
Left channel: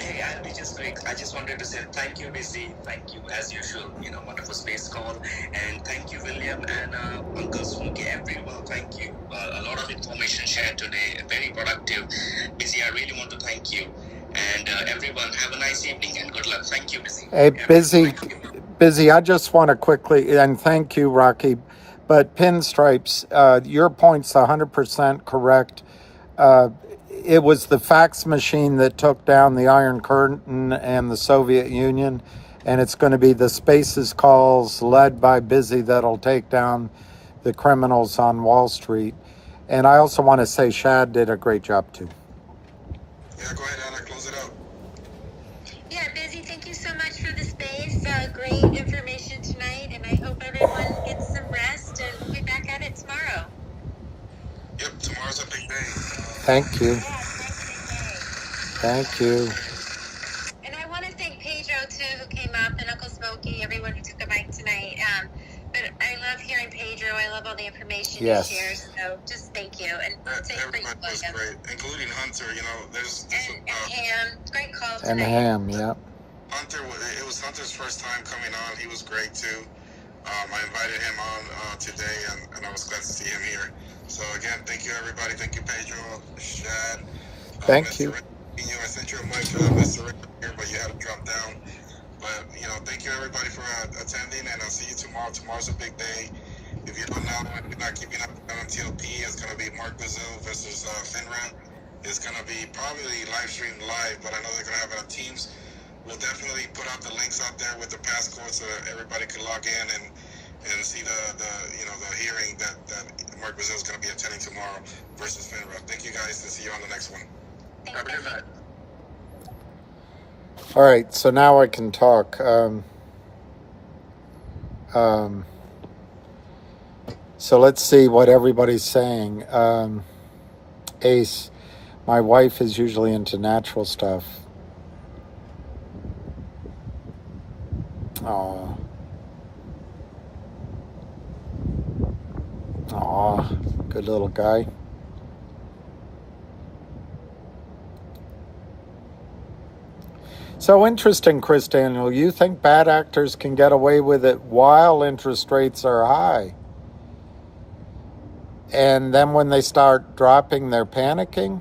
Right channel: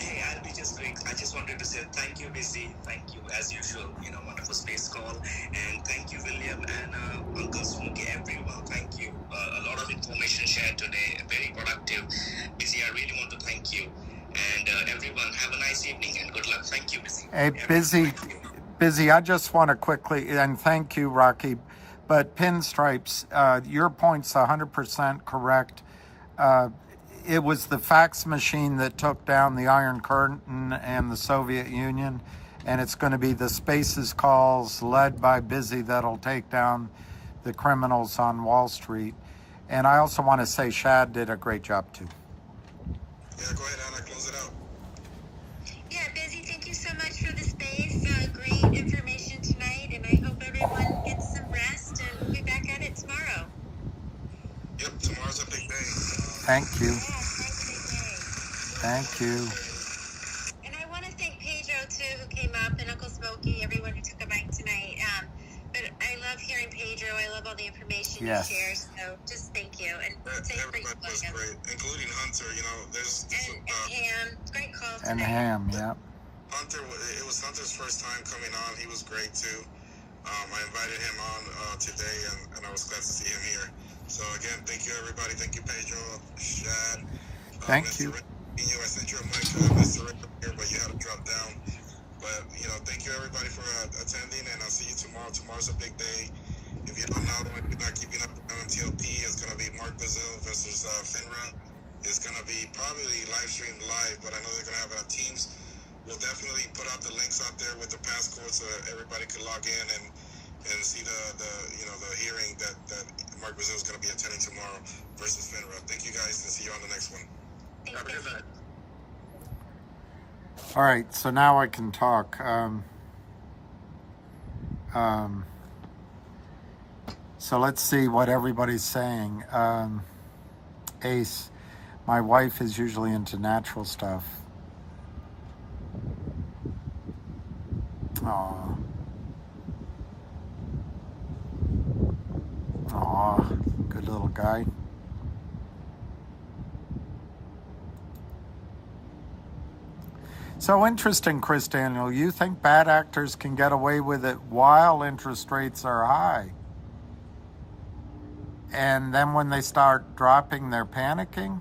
Hey, I'll be just quick. I just wanted to say thank you, Busy. Thank you, as usual. You know, wonderful space call. And thank you, William and Uncle Smokey, everyone. Thank you. A lot of information shared today. Very productive. Busy, I really want to thank you. And everyone, have a nice evening and good luck. Thank you, Busy. Hey, Busy, I just want to quickly, and thank you, Rocky, but Pinstripes, your point's 100% correct. It was the fax machine that took down the Iron Curtain and the Soviet Union, and it's going to be the Spaces calls led by Busy that'll take down the criminals on Wall Street. And I also want to say Shad did a great job too. Yeah, go ahead, Anna, close it out. Yeah, Busy, thank you so much for the space. Great information tonight, and I hope everyone gets some rest, and we'll be back at it tomorrow. Yep, tomorrow's a big day. Thank you. Thank you. And I want to thank Pedro, too, who came up, and Uncle Smokey, everyone who took a mic tonight. But I love hearing Pedro. I love all the information he shares. So just thank you. And everybody was great, including Hunter. You know, there's and Ham. Great call tonight. And Ham, yeah. Hunter, it was Hunter's first time coming on. He was great, too. I invited him on today, and I was glad to see him here. So, again, thank you, everybody. Thank you, Pedro, Shad. Thank you. I sent you a mic to Mr. Rick here, but you had to drop down. But, you know, thank you, everybody, for attending, and I'll see you tomorrow. Tomorrow's a big day. If you don't know, if you're not keeping up with MMTLP, it's going to be Mark Brazil versus FINRA. It's going to be probably live streamed live, but I know they're going to have it on Teams. We'll definitely put out the links out there with the passcode so that everybody can log in and see the hearing that Mark Brazil is going to be attending tomorrow versus FINRA. Thank you guys, and see you on the next one. Have a good night. All right, so now I can talk. So let's see what everybody's saying. Ace, my wife is usually into natural stuff. Aw, good little guy. So interesting, Chris Daniel. You think bad actors can get away with it while interest rates are high? And then when they start dropping, they're panicking?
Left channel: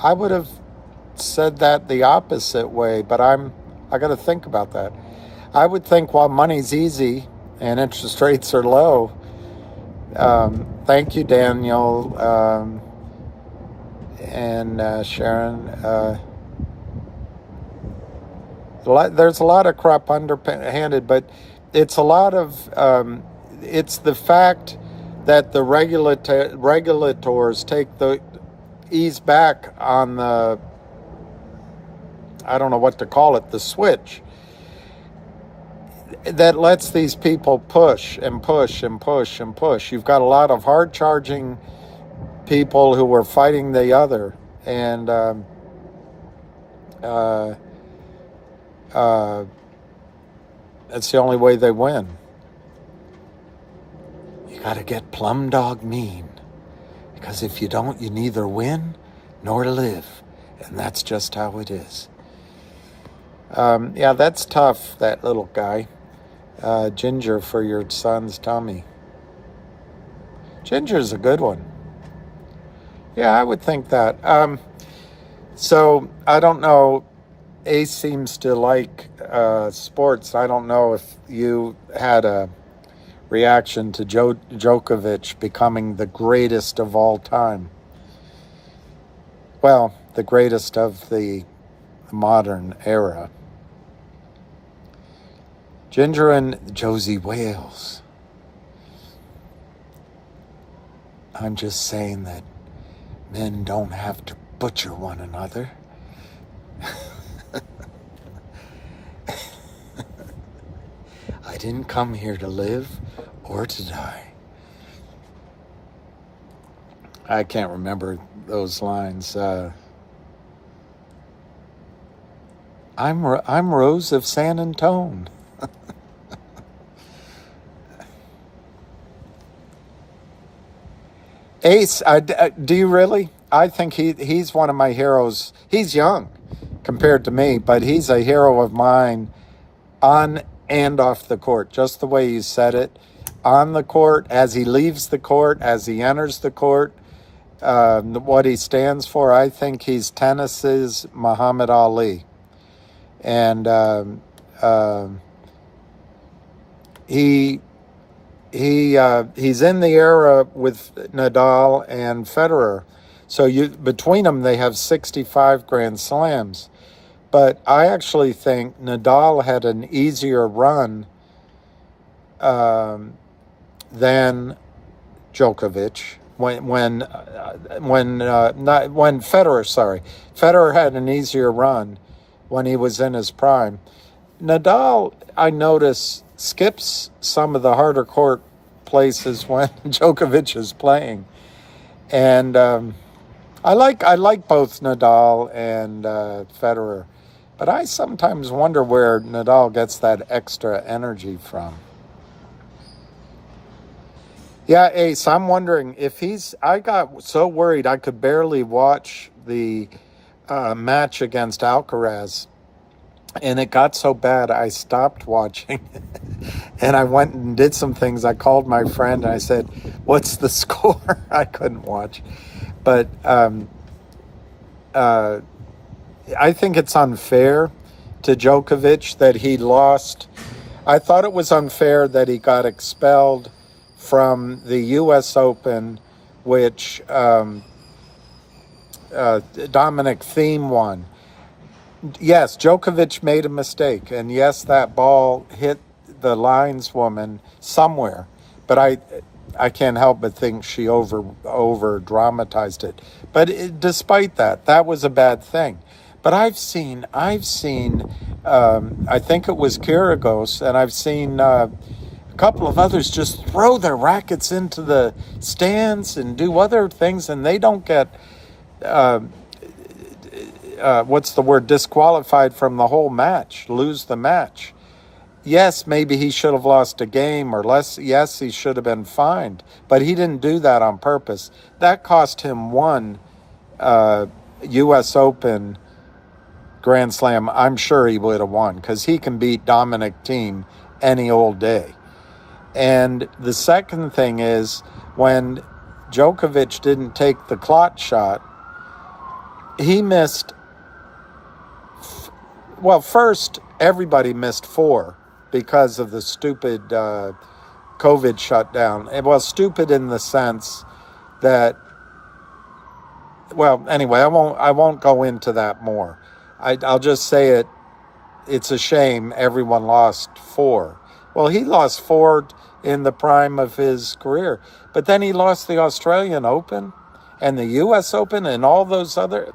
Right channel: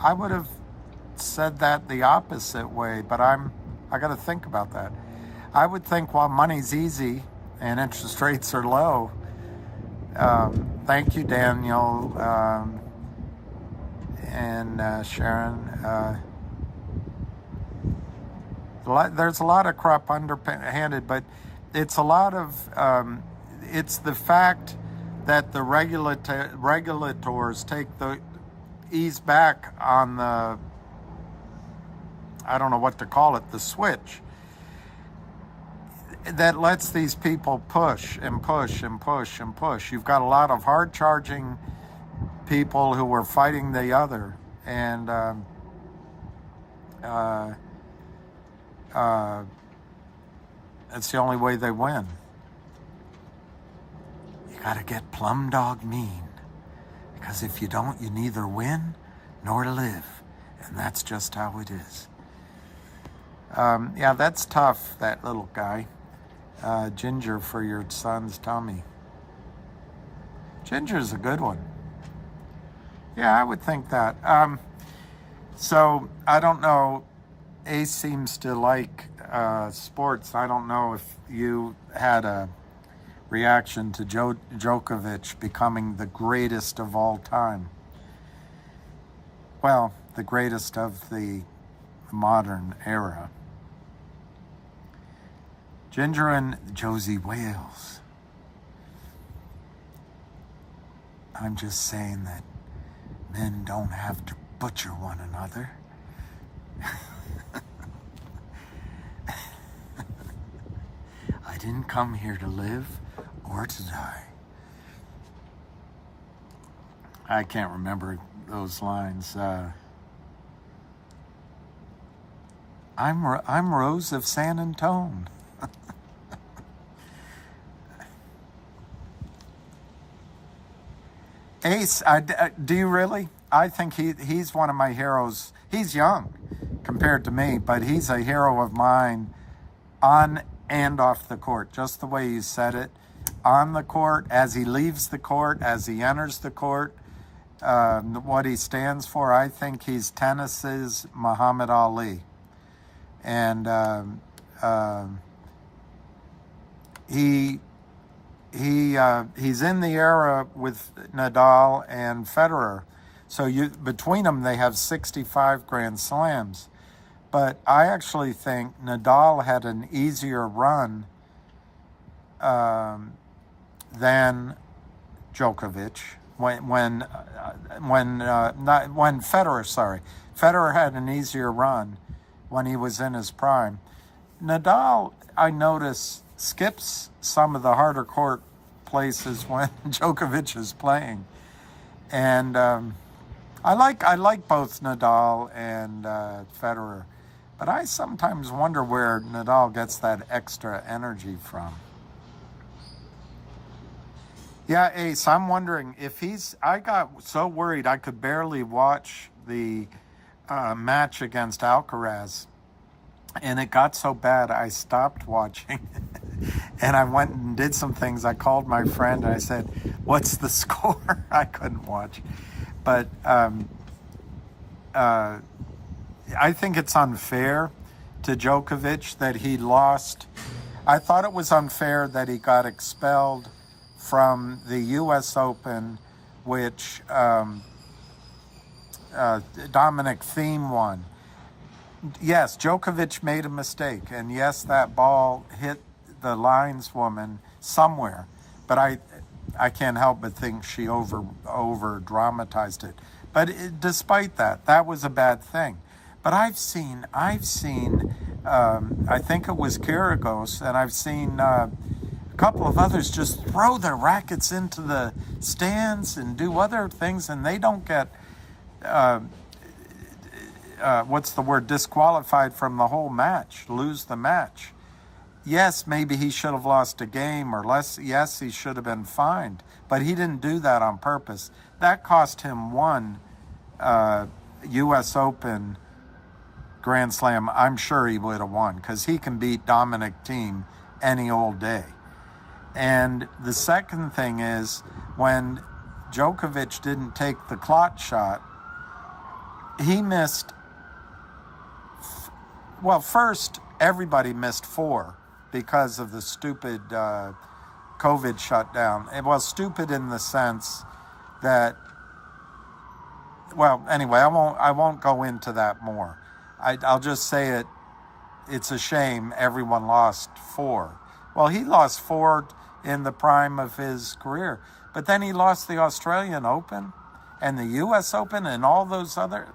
I would have said that the opposite way, but I got to think about that. I would think while money's easy and interest rates are low. Thank you, Daniel, and Sharon. There's a lot of crap underhanded, but it's a lot of, it's the fact that the regulators ease back on the, I don't know what to call it, the switch, that lets these people push and push and push and push. You've got a lot of hard-charging people who are fighting the other, and that's the only way they win. You got to get plumb dog mean, because if you don't, you neither win nor live, and that's just how it is. Yeah, that's tough, that little guy. Ginger for your son's tummy. Ginger's a good one. Yeah, I would think that. So, I don't know. Ace seems to like sports. I don't know if you had a reaction to Djokovic becoming the greatest of all time. Well, the greatest of the modern era. Ginger and Josie Wales. I'm just saying that men don't have to butcher one another. I didn't come here to live or to die. I can't remember those lines. I'm Rose of San Antone. Ace, do you really? I think he's one of my heroes. He's young compared to me, but he's a hero of mine on and off the court, just the way you said it. On the court, as he leaves the court, as he enters the court, what he stands for, I think he's tennis's Muhammad Ali. And he's in the era with Nadal and Federer. So between them, they have 65 Grand Slams. But I actually think Nadal had an easier run than Djokovic when Federer. Sorry, Federer had an easier run when he was in his prime. Nadal, I notice, skips some of the harder court places when Djokovic is playing, and I like both Nadal and Federer. But I sometimes wonder where Nadal gets that extra energy from. Yeah, Ace, I'm wondering if I got so worried I could barely watch the match against Alcaraz. And it got so bad I stopped watching. And I went and did some things. I called my friend and I said, "What's the score?" I couldn't watch. But I think it's unfair to Djokovic that he lost. I thought it was unfair that he got expelled from the U.S. Open, which Dominic Thiem won. Yes, Djokovic made a mistake, and yes, that ball hit the lineswoman somewhere, but I can't help but think she over dramatized it. But despite that, that was a bad thing. But I've seen. I think it was Kyrgios, and I've seen a couple of others just throw their rackets into the stands and do other things, and they don't get disqualified from the whole match, lose the match. Yes, maybe he should have lost a game or less. Yes, he should have been fined, but he didn't do that on purpose. That cost him one U.S. Open Grand Slam, I'm sure he would have won because he can beat Dominic Thiem any old day. And the second thing is when Djokovic didn't take the clot shot, he missed, well, first, everybody missed 4 because of the stupid COVID shutdown. Well, stupid in the sense that, well, anyway, I won't go into that more. I'll just say it's a shame everyone lost 4. Well, he lost 4 in the prime of his career, but then he lost the Australian Open and the US Open and all those other.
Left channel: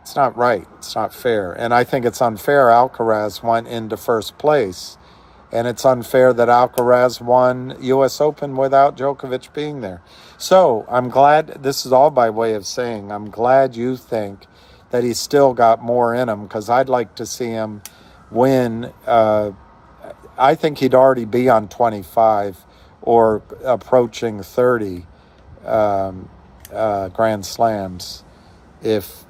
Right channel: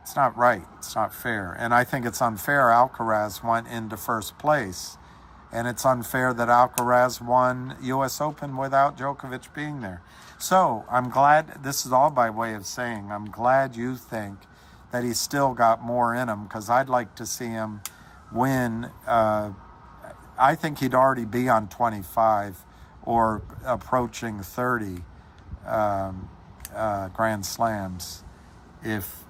It's not right. It's not fair. And I think it's unfair Alcaraz went into first place. And it's unfair that Alcaraz won US Open without Djokovic being there. So I'm glad, this is all by way of saying, I'm glad you think that he's still got more in him, because I'd like to see him win. I think he'd already be on 25 or approaching 30 Grand Slams if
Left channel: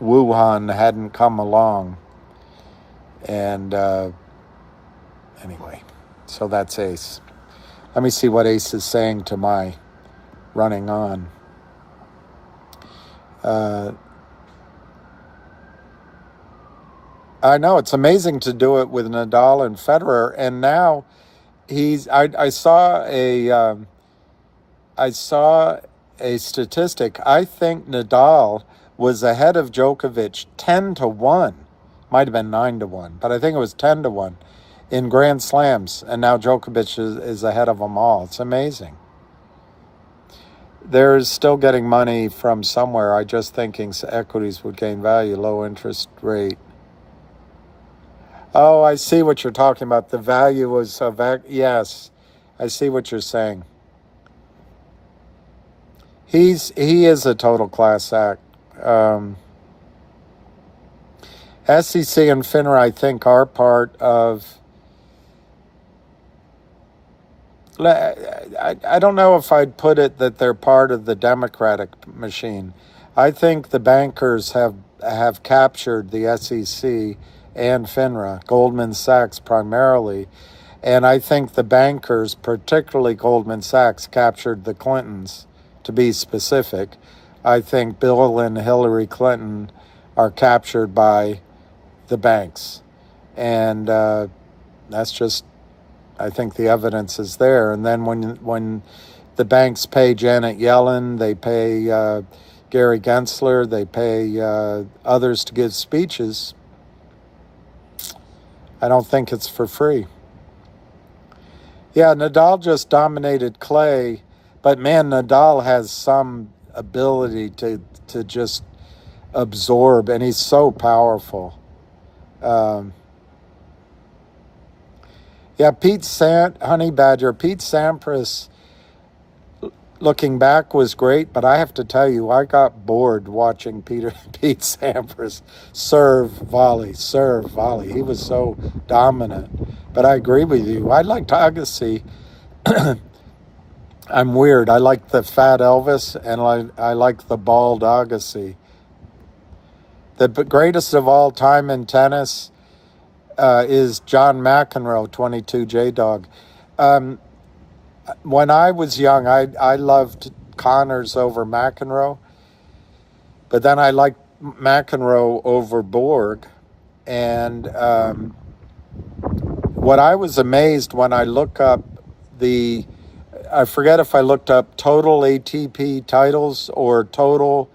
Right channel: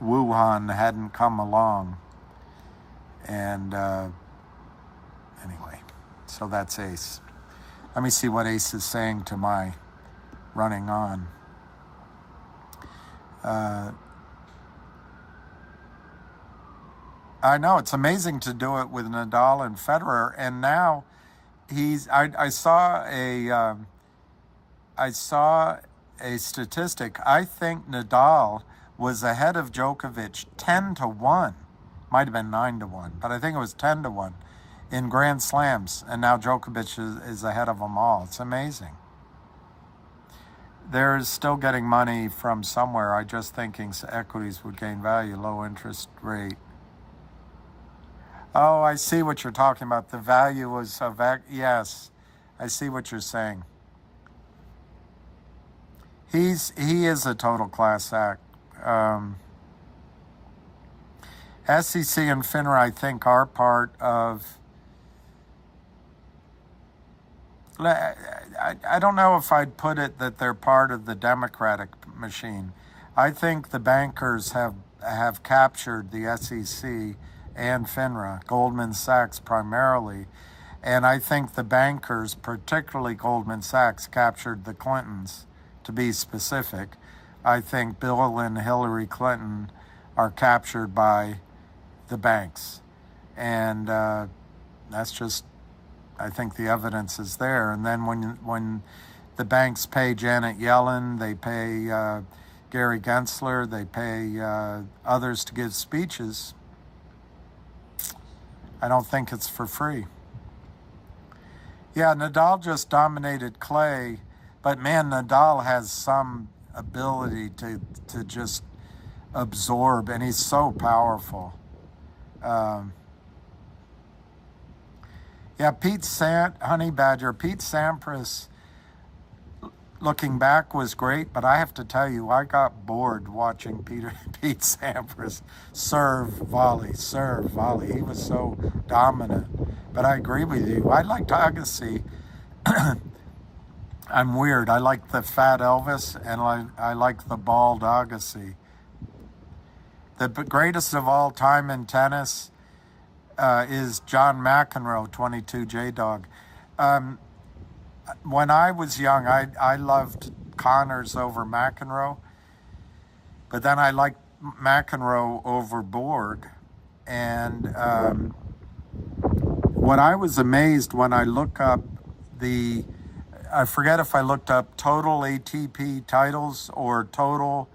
Wuhan hadn't come along. And anyway, so that's Ace. Let me see what Ace is saying to my running on. I know it's amazing to do it with Nadal and Federer, and now I saw a statistic. I think Nadal was ahead of Djokovic 10-1. Might have been 9-1, but I think it was 10-1 in Grand Slams, and now Djokovic is ahead of them all. It's amazing. They're still getting money from somewhere. I just thinking equities would gain value, low interest rate. Oh, I see what you're talking about. The value was of, yes, I see what you're saying. He is a total class act. SEC and FINRA, I think, are part of, I don't know if I'd put it that they're part of the Democratic machine. I think the bankers have captured the SEC and FINRA, Goldman Sachs primarily, and I think the bankers, particularly Goldman Sachs, captured the Clintons, to be specific. I think Bill and Hillary Clinton are captured by the banks, and that's just, I think the evidence is there. And then when the banks pay Janet Yellen, they pay Gary Gensler, they pay others to give speeches, I don't think it's for free. Yeah, Nadal just dominated clay, but man, Nadal has some ability to just absorb, and he's so powerful. Yeah, Pete Sampras, looking back, was great, but I have to tell you, I got bored watching Pete Sampras serve, volley. He was so dominant. But I agree with you. I liked Agassi. I'm weird. I like the fat Elvis, and I like the bald Agassi. The greatest of all time in tennis is John McEnroe, 22 J-Dog. When I was young, I loved Connors over McEnroe, but then I liked McEnroe over Borg. And what I was amazed when I look up I forget if I looked up total ATP titles or total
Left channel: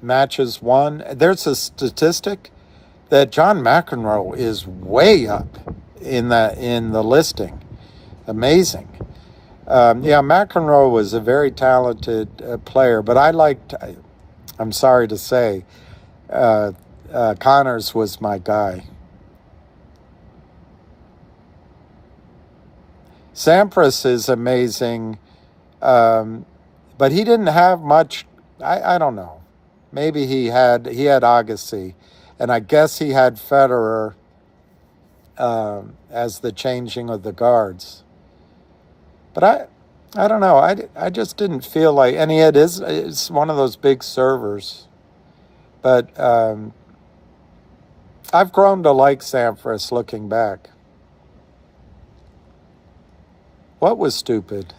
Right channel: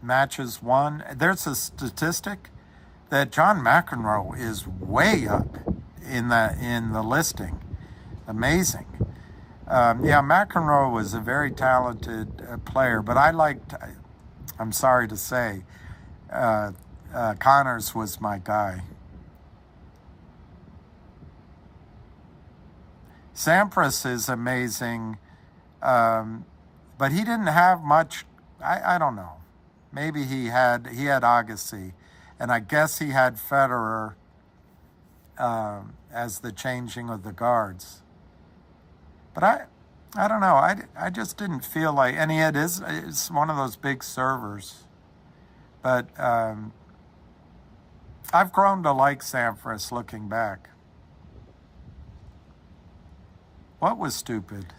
matches won. There's a statistic that John McEnroe is way up in the listing. Amazing. Yeah, McEnroe was a very talented player, but I'm sorry to say, Connors was my guy. Sampras is amazing, but he didn't have much. I don't know. Maybe he had Agassi, and I guess he had Federer as the changing of the guards. But I don't know. I just didn't feel like, and it's one of those big servers. But I've grown to like Sampras looking back. What was stupid?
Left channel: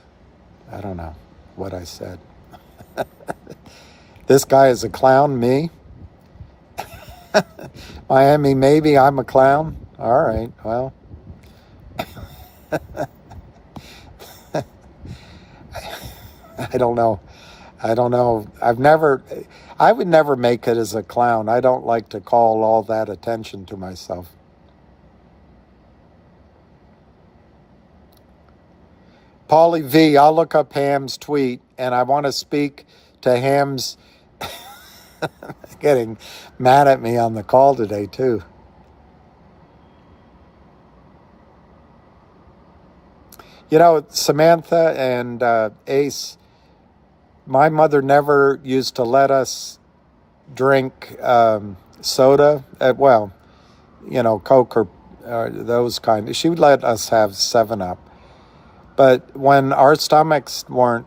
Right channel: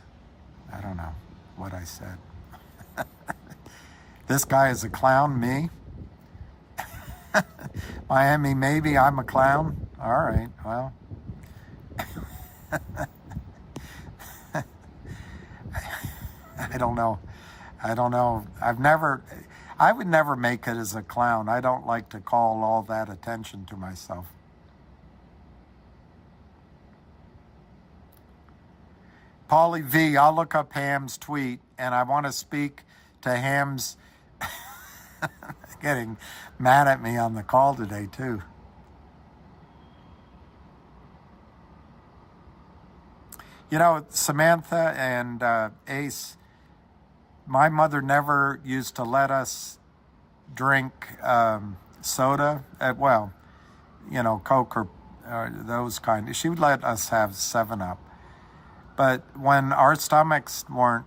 I don't know what I said. This guy is a clown, me? Miami, maybe I'm a clown? All right, well. I don't know. I would never make it as a clown. I don't like to call all that attention to myself. Paulie V, I'll look up Ham's tweet, and I want to speak to Ham's getting mad at me on the call today, too. You know, Samantha and Ace, my mother never used to let us drink soda. Well, you know, Coke or those kind. She would let us have 7-Up. But when our stomachs weren't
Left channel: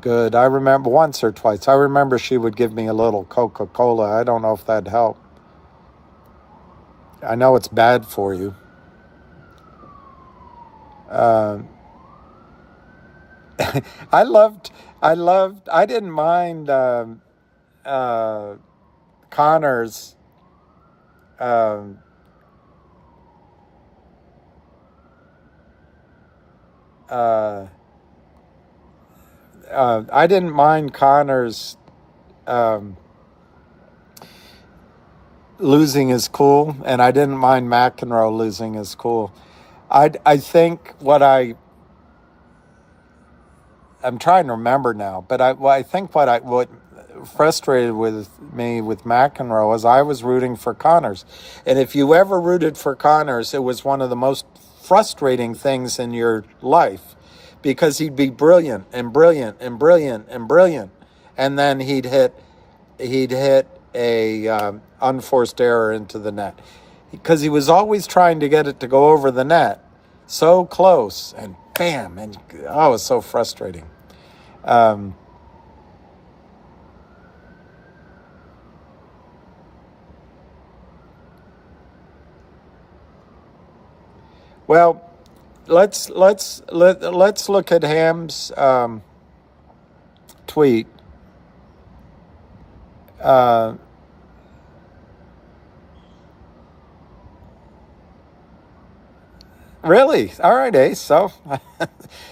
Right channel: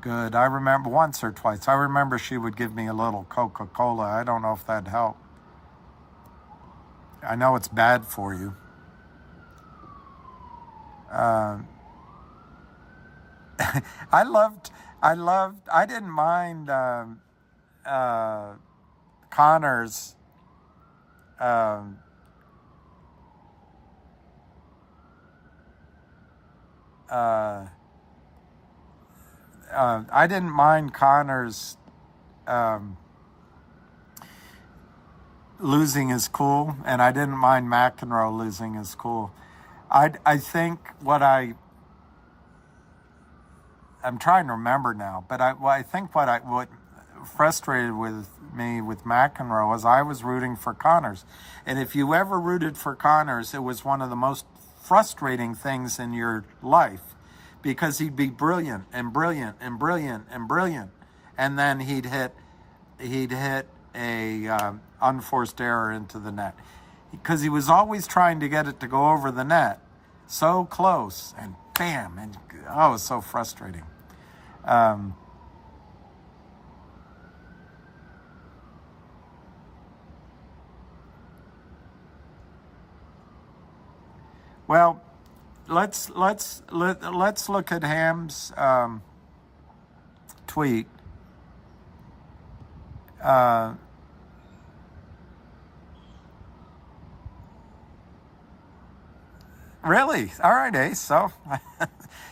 good, I remember once or twice, I remember she would give me a little Coca-Cola. I don't know if that'd help. I know it's bad for you. I didn't mind Connor's I didn't mind Connor's losing his cool, and I didn't mind McEnroe losing his cool. I think I'm trying to remember now, but I think what frustrated with me with McEnroe is I was rooting for Connors. And if you ever rooted for Connors, it was one of the most frustrating things in your life, because he'd be brilliant and brilliant and brilliant and brilliant, and then he'd hit a unforced error into the net, because he was always trying to get it to go over the net, so close, and bam, and oh, it was so frustrating. Well, let's look at Ham's tweet. Really? All right, Ace. So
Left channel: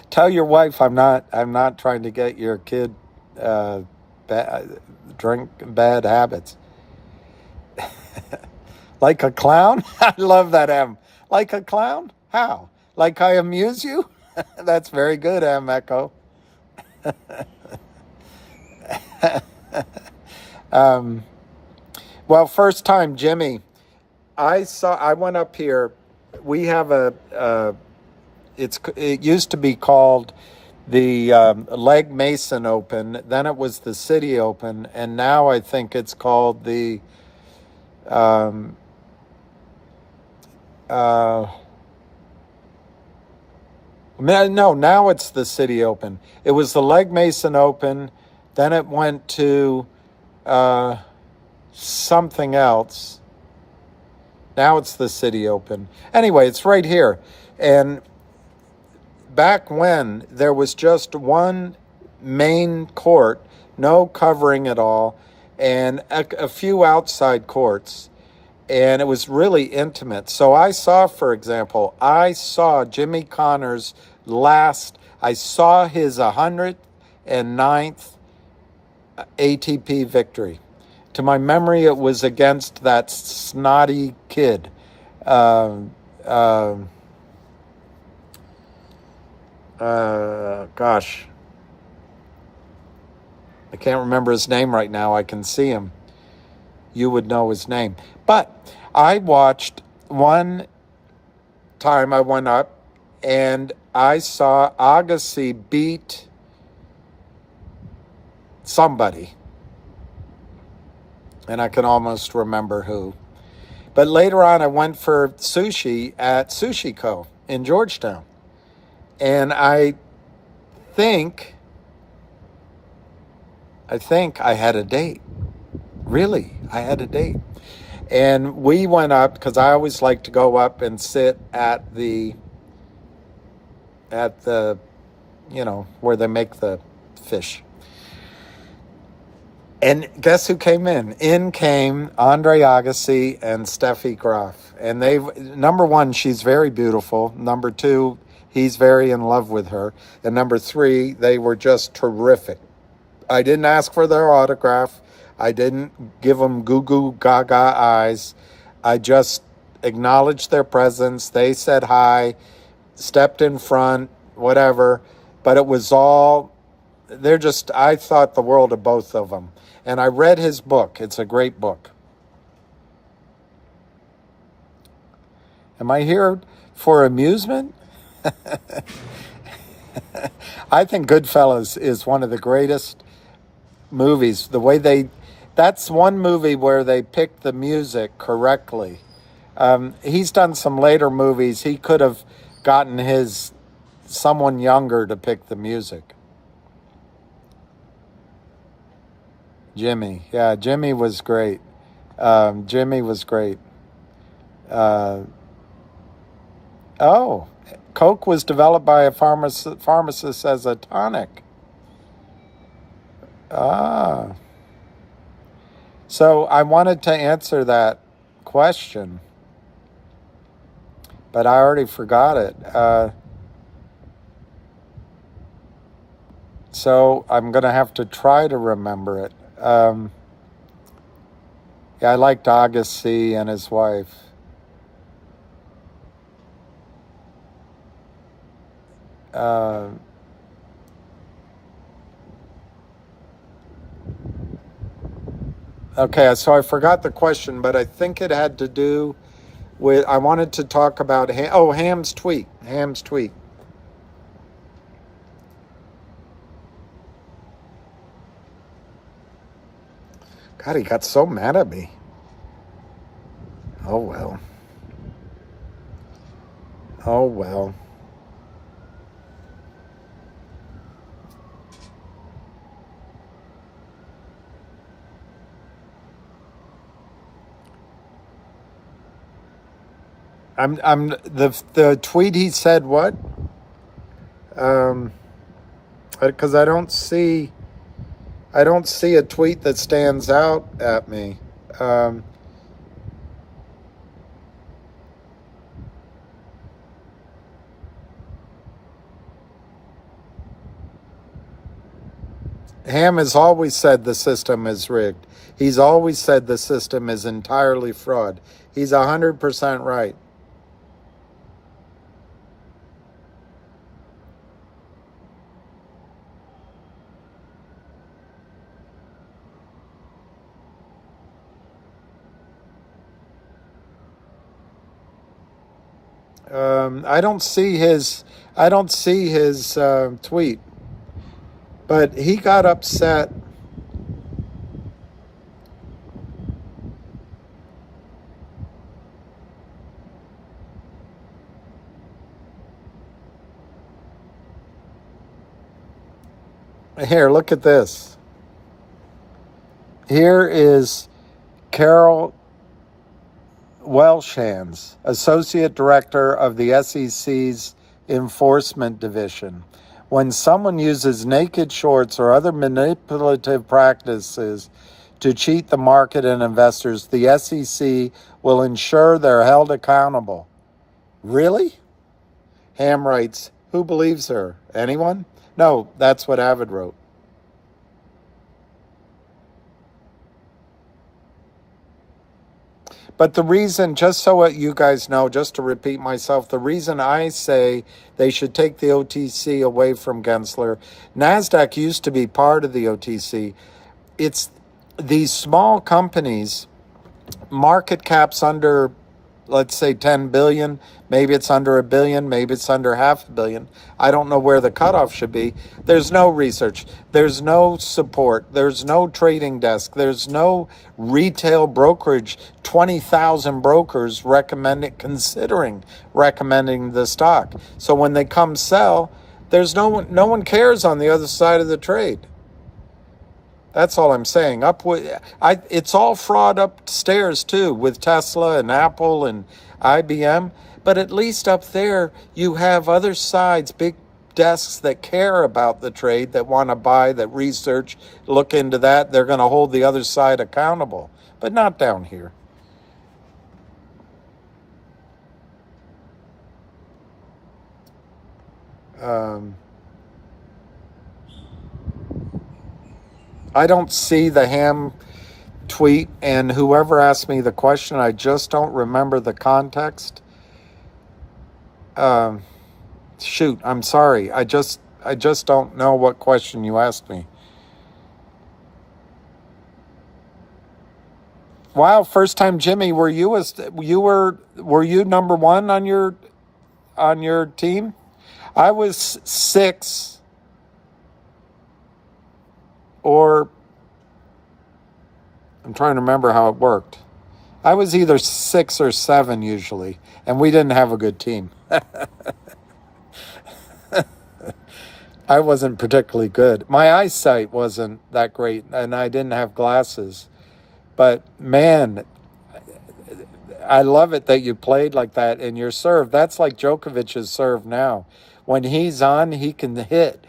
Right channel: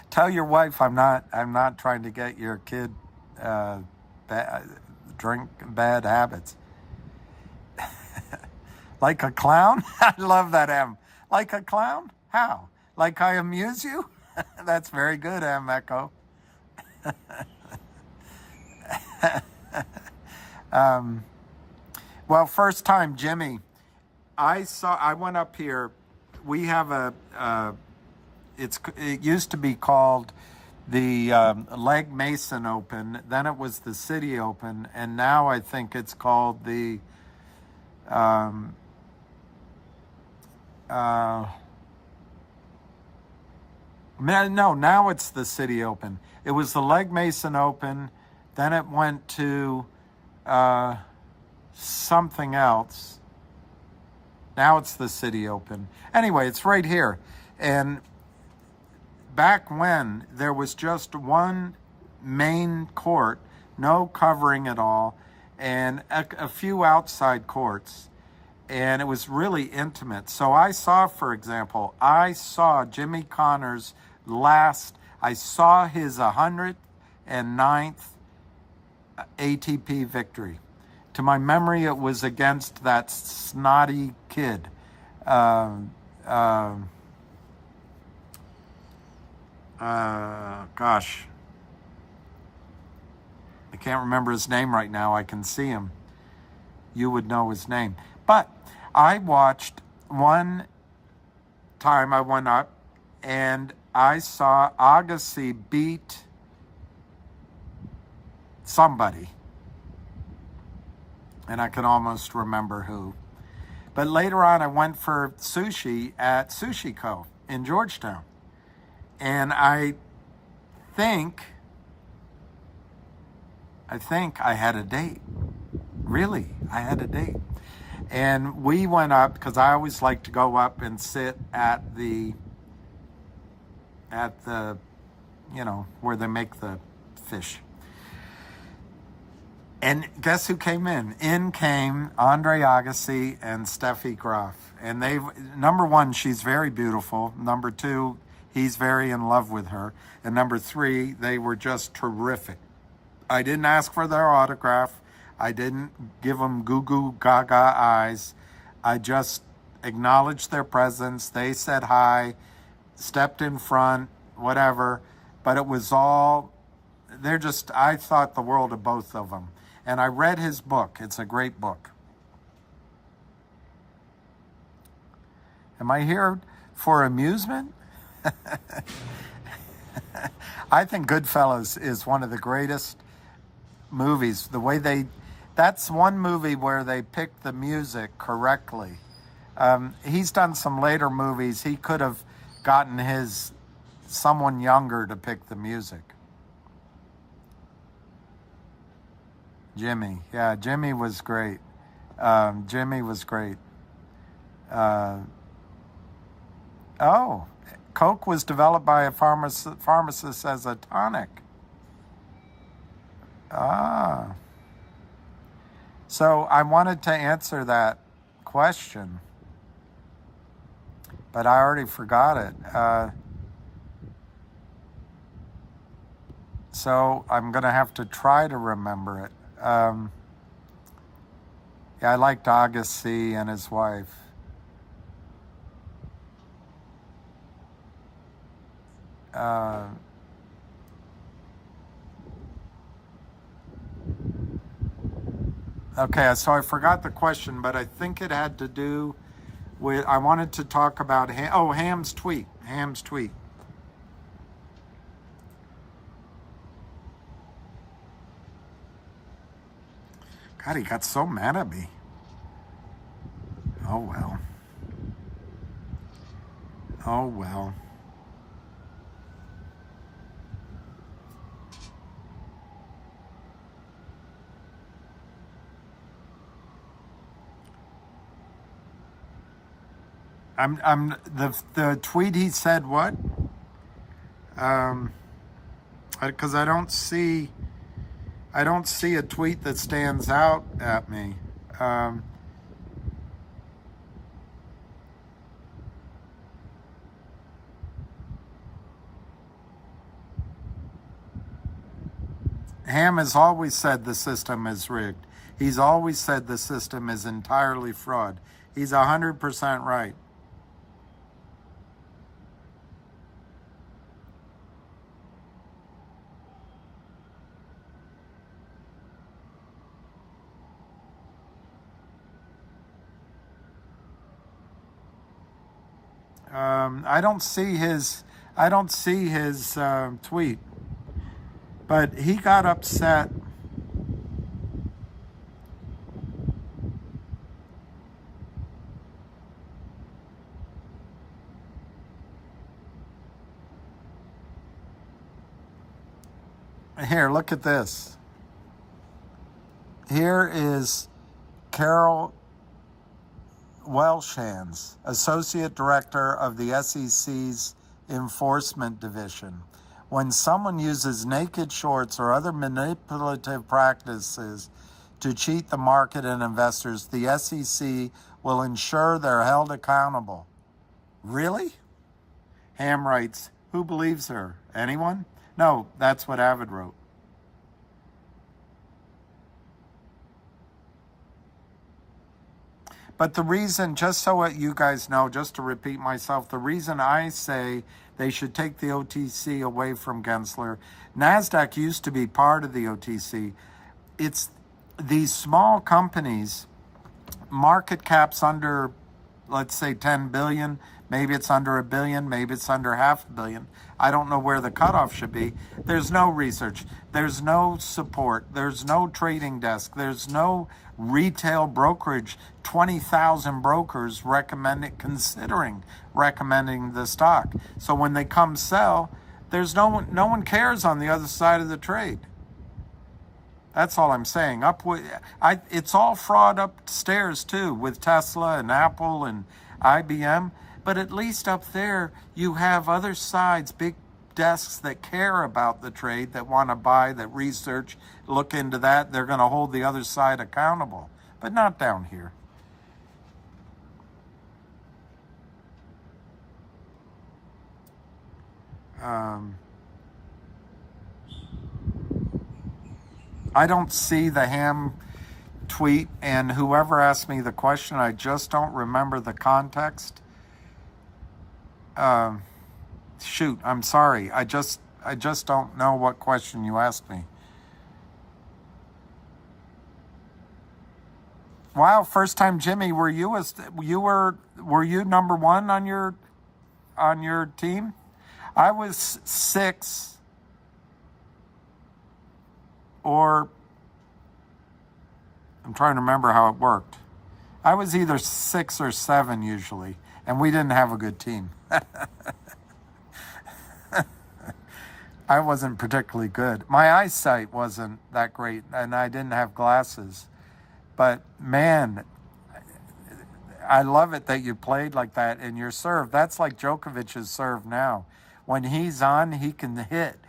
tell your wife I'm not trying to get your kid drink bad habits. Like a clown? I love that, M. Like a clown? How? Like I amuse you? That's very good, M. Echo. Well, first time, Jimmy, I went up here. We have it used to be called the Legg Mason Open, then it was the City Open, and now I think it's called the no, now it's the City Open. It was the Legg Mason Open, then it went to something else. Now it's the City Open. Anyway, it's right here. And back when there was just one main court, no covering at all, and a few outside courts, and it was really intimate. So I saw, for example, Jimmy Connors I saw his 109th ATP victory. To my memory, it was against that snotty kid. Gosh. I can't remember his name right now. I can see him. You would know his name. But I watched one time, I went up and I saw Agassi beat somebody. And I can almost remember who. But later on, I went for sushi at Sushi Co. in Georgetown. And I think I had a date. Really, I had a date. And we went up, because I always like to go up and sit at the, where they make the fish. And guess who came in? In came Andre Agassi and Steffi Graf. And number one, she's very beautiful. Number two, he's very in love with her. And number three, they were just terrific. I didn't ask for their autograph. I didn't give them goo goo gaga eyes. I just acknowledged their presence. They said hi, stepped in front, whatever. But it was all, I thought the world of both of them. And I read his book. It's a great book. Am I here for amusement? I think Goodfellas is one of the greatest movies. The way that's one movie where they picked the music correctly. He's done some later movies. He could have gotten someone younger to pick the music. Jimmy. Yeah, Jimmy was great. Jimmy was great. Coke was developed by a pharmacist as a tonic. So I wanted to answer that question, but I already forgot it. So I'm going to have to try to remember it. Yeah, I liked Agassi and his wife. Okay, so I forgot the question, but I think it had to do with, I wanted to talk about, Ham's tweet. Ham's tweet. God, he got so mad at me. Oh, well. Oh, well. The tweet he said what? Because I don't see a tweet that stands out at me. Ham has always said the system is rigged. He's always said the system is entirely fraud. He's 100% right. I don't see his tweet, but he got upset. Here, look at this. Here is Carol Welshans, Associate Director of the SEC's Enforcement Division. When someone uses naked shorts or other manipulative practices to cheat the market and investors, the SEC will ensure they're held accountable. Really? Ham writes, who believes her? Anyone? No, that's what Avid wrote. But the reason, just so you guys know, just to repeat myself, the reason I say they should take the OTC away from Gensler, NASDAQ used to be part of the OTC. It's these small companies, market caps under, let's say 10 billion, maybe it's under $1 billion, maybe it's under $500 million. I don't know where the cutoff should be. There's no research. There's no support. There's no trading desk. There's no retail brokerage. 20,000 brokers considering recommending the stock. So when they come sell, there's no one cares on the other side of the trade. That's all I'm saying. It's all fraud upstairs too, with Tesla and Apple and IBM. But at least up there, you have other sides, big desks that care about the trade, that want to buy, that research, look into that. They're going to hold the other side accountable, but not down here. I don't see the ham tweet, and whoever asked me the question, I just don't remember the context. Shoot, I'm sorry. I just don't know what question you asked me. Wow, first time Jimmy, were you number one on your team? I was 6, or I'm trying to remember how it worked. I was either 6 or 7 usually, and we didn't have a good team. I wasn't particularly good. My eyesight wasn't that great, and I didn't have glasses. But man, I love it that you played like that, and your serve, that's like Djokovic's serve now. When he's on, he can hit.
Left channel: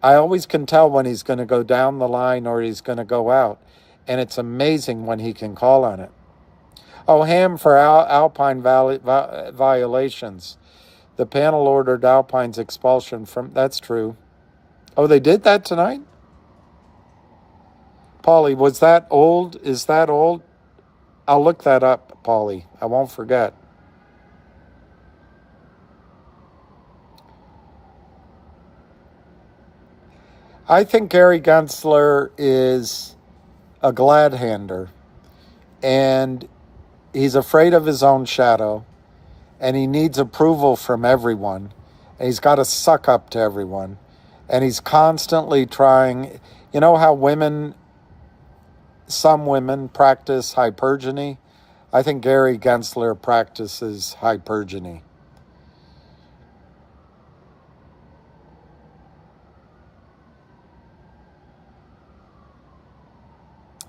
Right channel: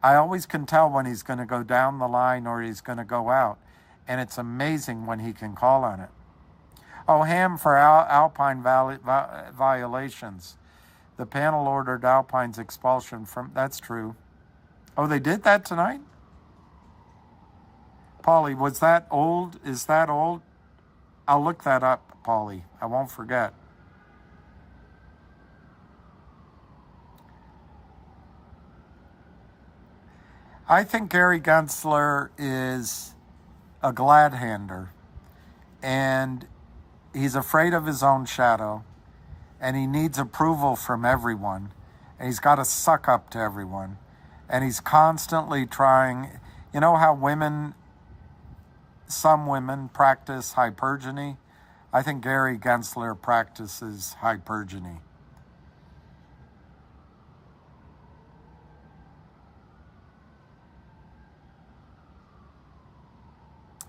I always can tell when he's going to go down the line or he's going to go out. And it's amazing when he can call on it. Oh, ham for Alpine violations. The panel ordered Alpine's expulsion from... That's true. Oh, they did that tonight? Paulie, was that old? Is that old? I'll look that up, Paulie. I won't forget. I think Gary Gensler is a glad-hander, and he's afraid of his own shadow, and he needs approval from everyone, and he's got to suck up to everyone, and he's constantly trying. You know how some women practice hypergamy? I think Gary Gensler practices hypergamy.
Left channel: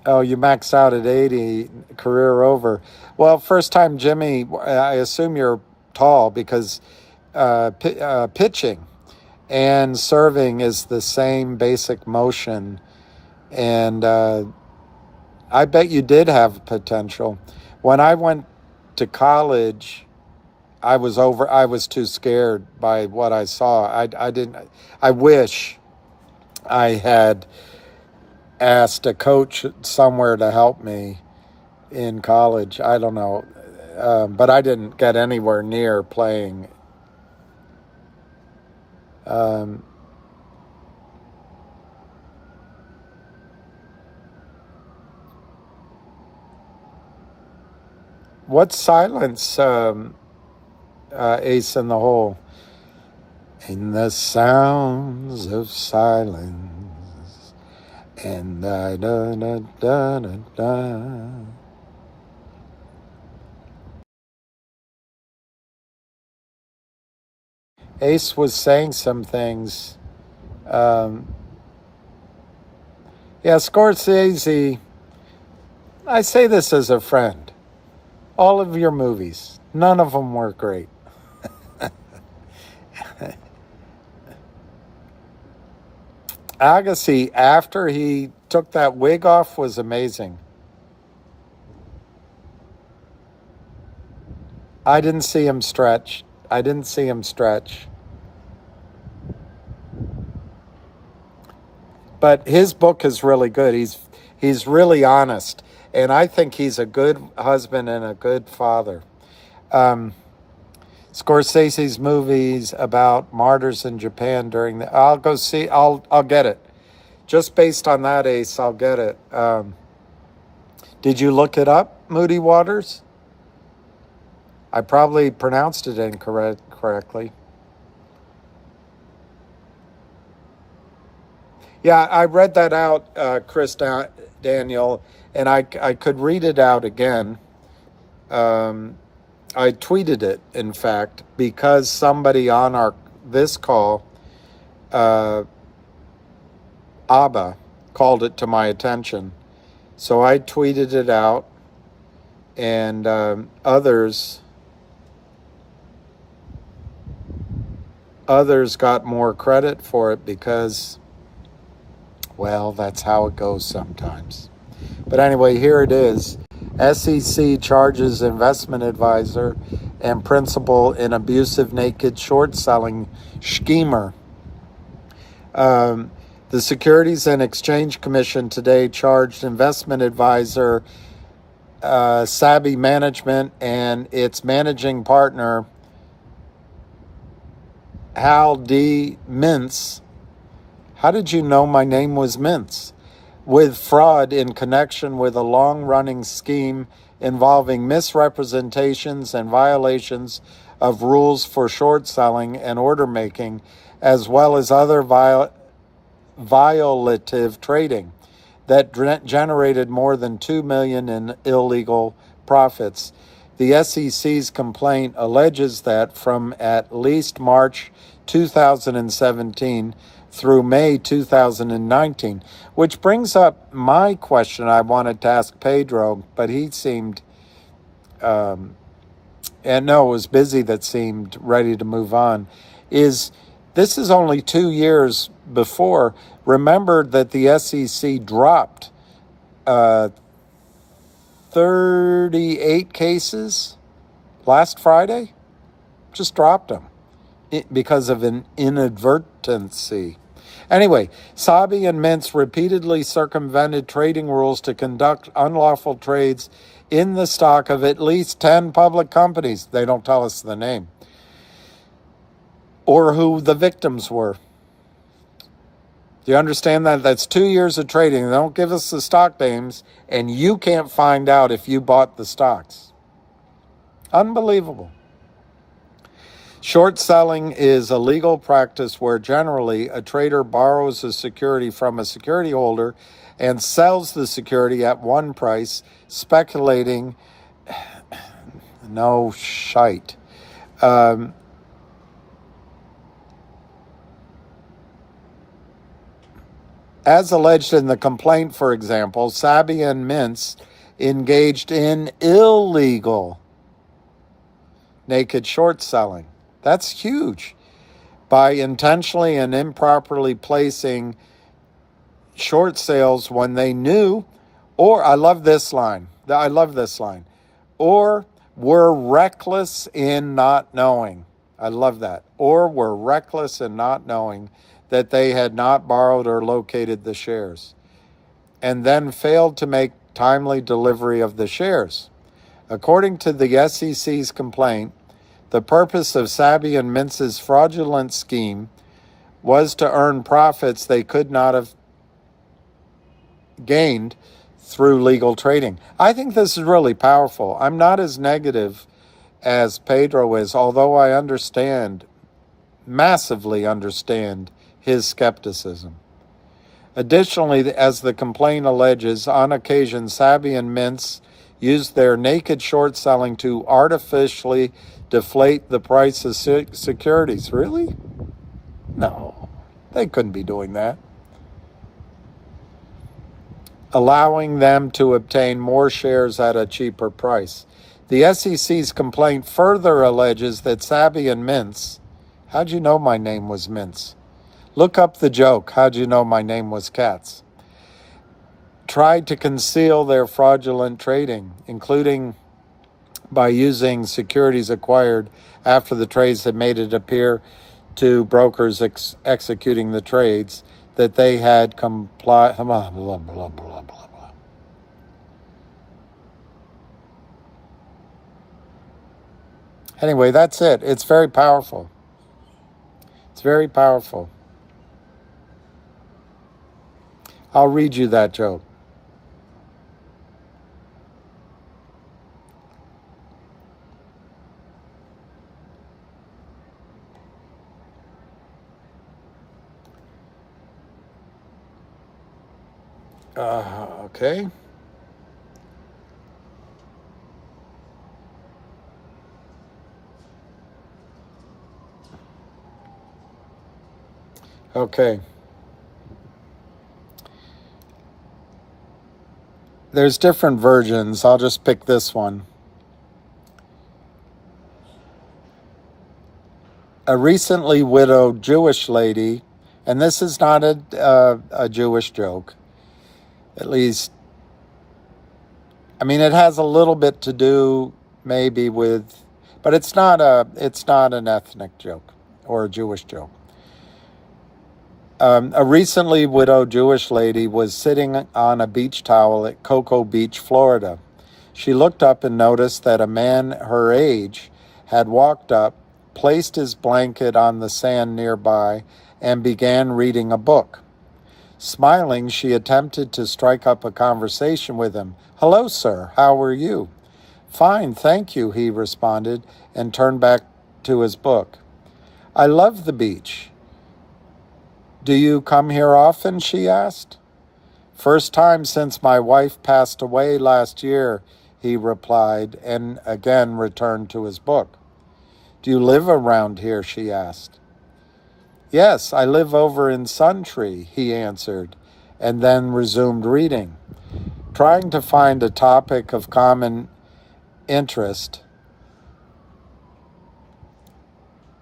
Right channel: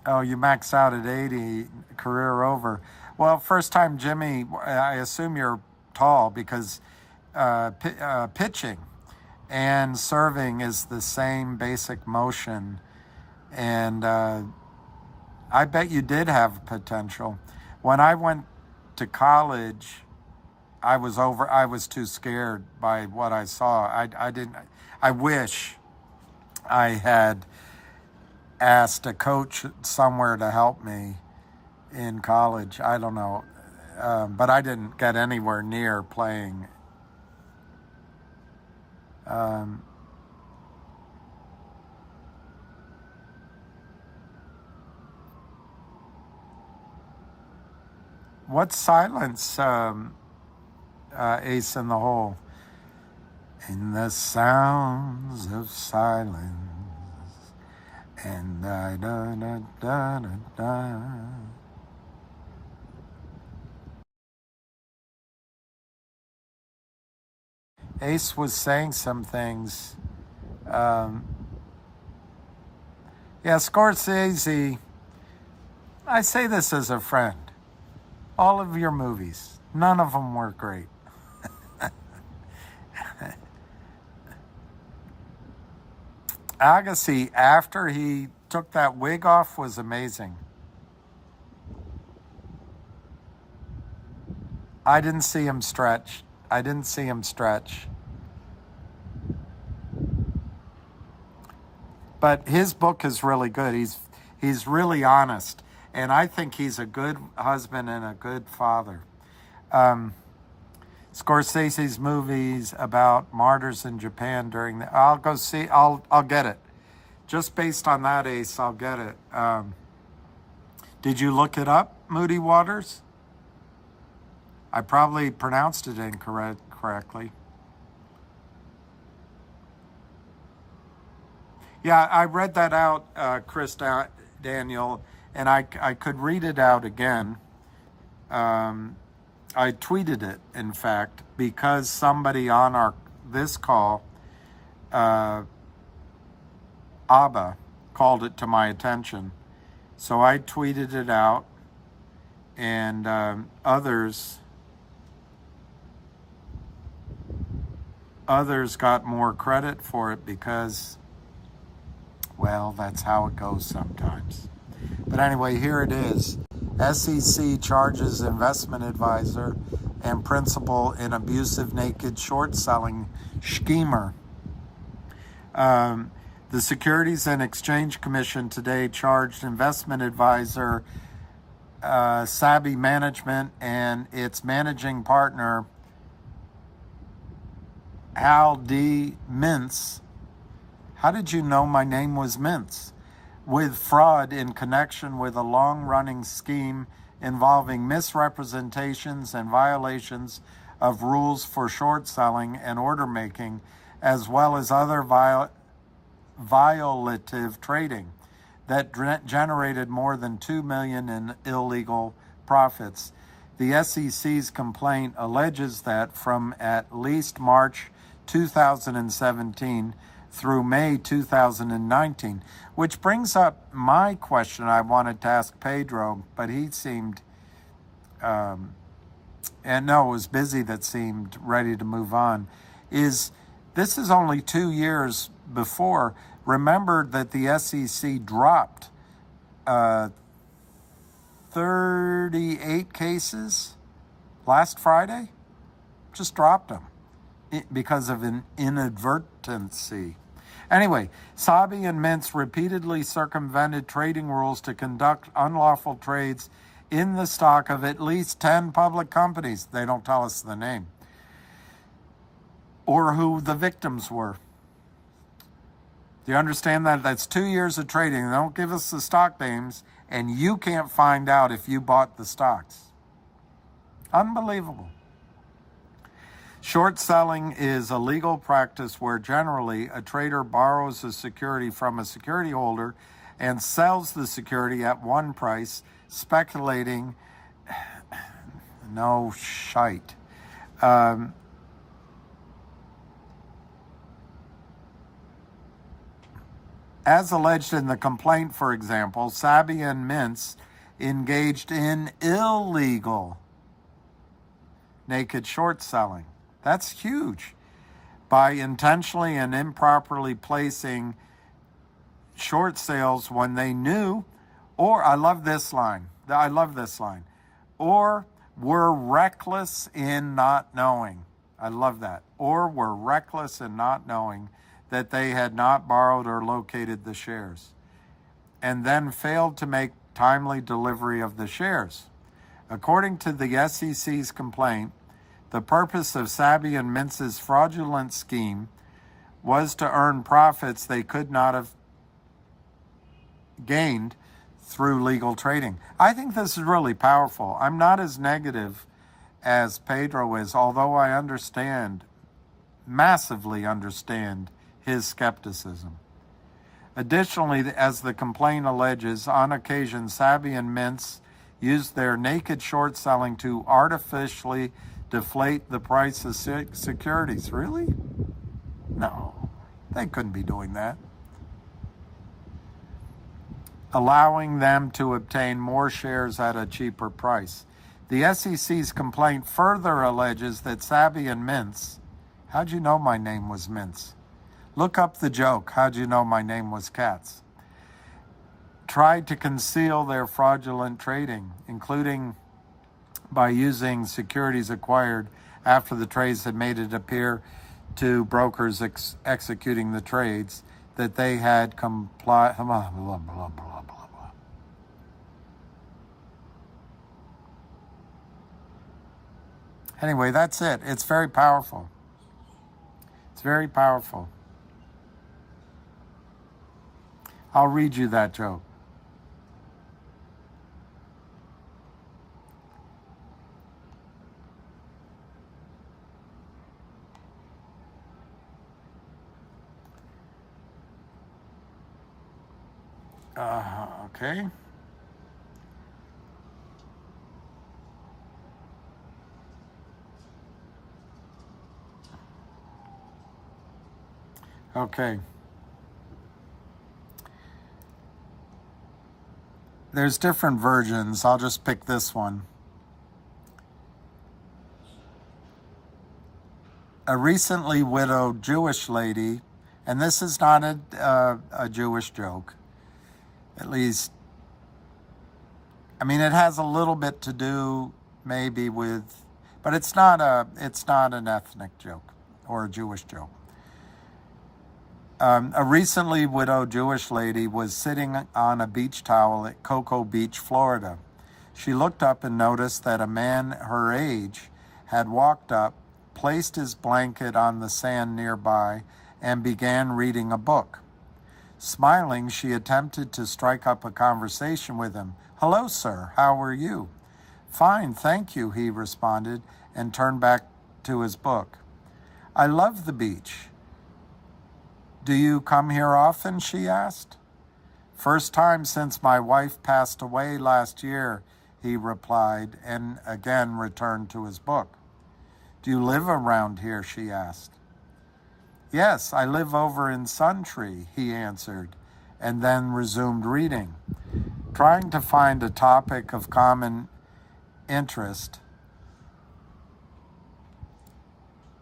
Oh, you max out at 80, career over. Well, first time Jimmy, I assume you're tall, because pitching and serving is the same basic motion. And I bet you did have potential. When I went to college, I was too scared by what I saw. I wish I had asked a coach somewhere to help me in college. I don't know. But I didn't get anywhere near playing. What's silence, Ace in the Hole? In the sounds of silence. And da da da da da. Ace was saying some things. Yeah, Scorsese, I say this as a friend. All of your movies, none of them were great. Agassi, after he took that wig off, was amazing. I didn't see him stretch. But his book is really good. He's really honest. And I think he's a good husband and a good father. Scorsese's movies about martyrs in Japan during the... I'll go see... I'll get it. Just based on that, Ace, I'll get it. Did you look it up, Moody Waters? I probably pronounced it incorrectly. Yeah, I read that out, Chris Daniel, and I could read it out again. I tweeted it, in fact, because somebody on this call Abba called it to my attention. So I tweeted it out, and others got more credit for it because, well, that's how it goes sometimes. But anyway, here it is. SEC charges investment advisor and principal in abusive naked short selling schemer. The Securities and Exchange Commission today charged investment advisor Savvy Management and its managing partner Hal D. Mintz. How did you know my name was Mintz? With fraud in connection with a long-running scheme involving misrepresentations and violations of rules for short selling and order making, as well as other violative trading that generated more than $2 million in illegal profits. The SEC's complaint alleges that from at least March 2017 through May 2019, which brings up my question I wanted to ask Pedro, but he seemed, and no, it was busy that seemed ready to move on, this is only 2 years before. Remember that the SEC dropped 38 cases last Friday? Just dropped them because of an inadvertency. Anyway, Savvy and Mintz repeatedly circumvented trading rules to conduct unlawful trades in the stock of at least 10 public companies. They don't tell us the name or who the victims were. Do you understand that? That's 2 years of trading. They don't give us the stock names, and you can't find out if you bought the stocks. Unbelievable. Short selling is a legal practice where generally a trader borrows a security from a security holder and sells the security at one price, speculating. No shite. As alleged in the complaint, for example, Savvy and Mintz engaged in illegal naked short selling. That's huge. By intentionally and improperly placing short sales when they knew, or I love this line, or were reckless in not knowing. I love that. Or were reckless in not knowing that they had not borrowed or located the shares, and then failed to make timely delivery of the shares. According to the SEC's complaint, the purpose of Savvy and Mintz's fraudulent scheme was to earn profits they could not have gained through legal trading. I think this is really powerful. I'm not as negative as Pedro is, although I massively understand his skepticism. Additionally, as the complaint alleges, on occasion, Savvy and Mintz used their naked short selling to artificially deflate the price of securities. Really? No, they couldn't be doing that. Allowing them to obtain more shares at a cheaper price. The SEC's complaint further alleges that Savvy and Mintz, how'd you know my name was Mintz? Look up the joke, how'd you know my name was Katz? Tried to conceal their fraudulent trading, including by using securities acquired after the trades had made it appear to brokers executing the trades that they had complied. Blah, blah, blah, blah, blah, blah. Anyway, that's it. It's very powerful. It's very powerful. I'll read you that joke. Okay. Okay. There's different versions. I'll just pick this one. A recently widowed Jewish lady, and this is not a Jewish joke, at least, I mean, it has a little bit to do maybe with, but it's not an ethnic joke or a Jewish joke. A recently widowed Jewish lady was sitting on a beach towel at Cocoa Beach, Florida. She looked up and noticed that a man her age had walked up, placed his blanket on the sand nearby, and began reading a book. Smiling, she attempted to strike up a conversation with him. "Hello, sir. How are you?" "Fine, thank you," he responded, and turned back to his book. "I love the beach. Do you come here often?" she asked. "First time since my wife passed away last year," he replied, and again returned to his book. "Do you live around here?" she asked. "Yes, I live over in Suntree," he answered, and then resumed reading. Trying to find a topic of common interest,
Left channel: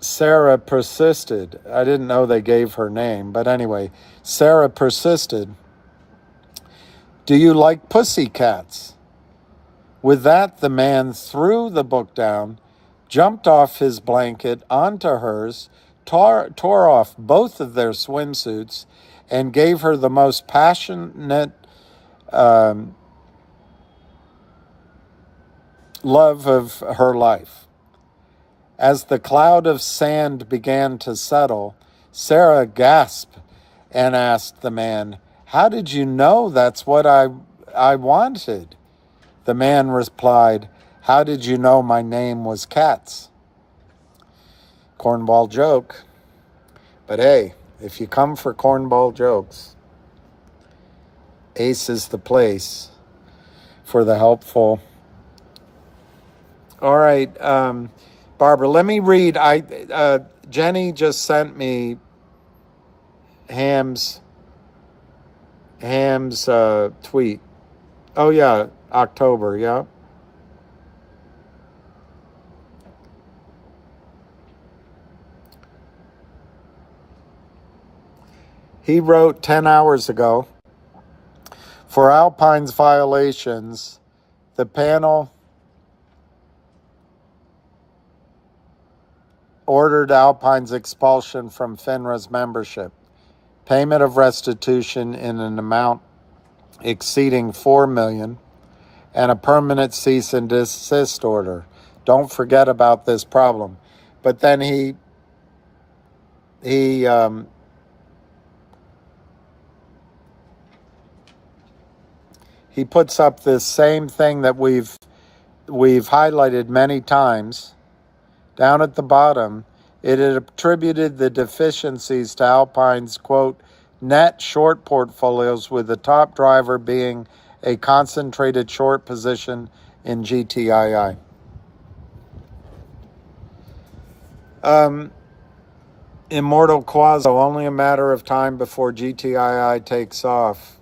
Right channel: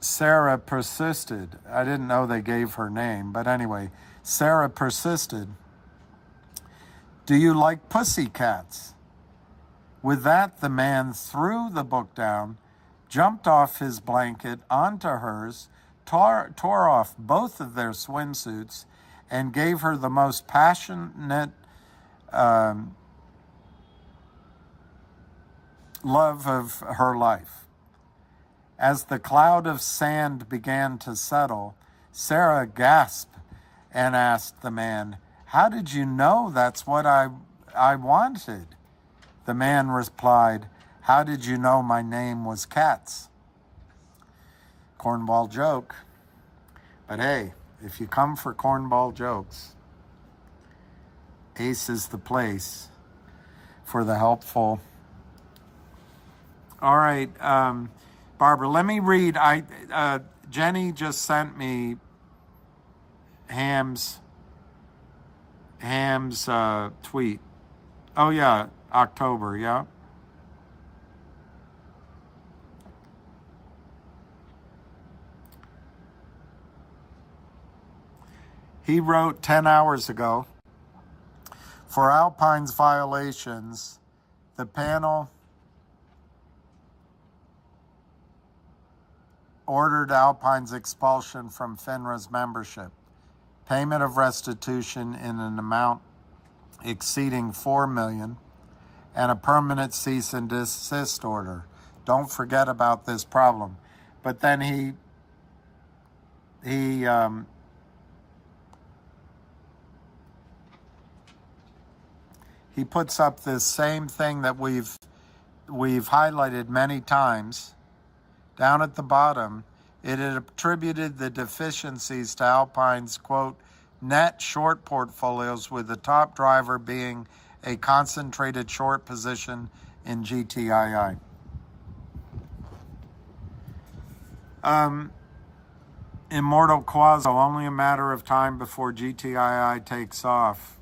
Sarah persisted. I didn't know they gave her name, but anyway, Sarah persisted. "Do you like pussycats?" With that, the man threw the book down, jumped off his blanket onto hers, tore off both of their swimsuits, and gave her the most passionate love of her life. As the cloud of sand began to settle, Sarah gasped and asked the man, "How did you know that's what I wanted?" The man replied, "How did you know my name was Katz?" Cornball joke. But hey, if you come for cornball jokes, Ace is the place for the helpful. All right, Barbara, let me read. Jenny just sent me Ham's tweet. Oh yeah, October, yeah. He wrote 10 hours ago, "For Alpine's violations, the panel ordered Alpine's expulsion from FINRA's membership, payment of restitution in an amount exceeding $4 million, and a permanent cease and desist order. Don't forget about this problem." But then he puts up this same thing that we've highlighted many times. Down at the bottom, it had attributed the deficiencies to Alpine's, quote, net short portfolios, with the top driver being a concentrated short position in GTII. Immortal Quaso, only a matter of time before GTII takes off.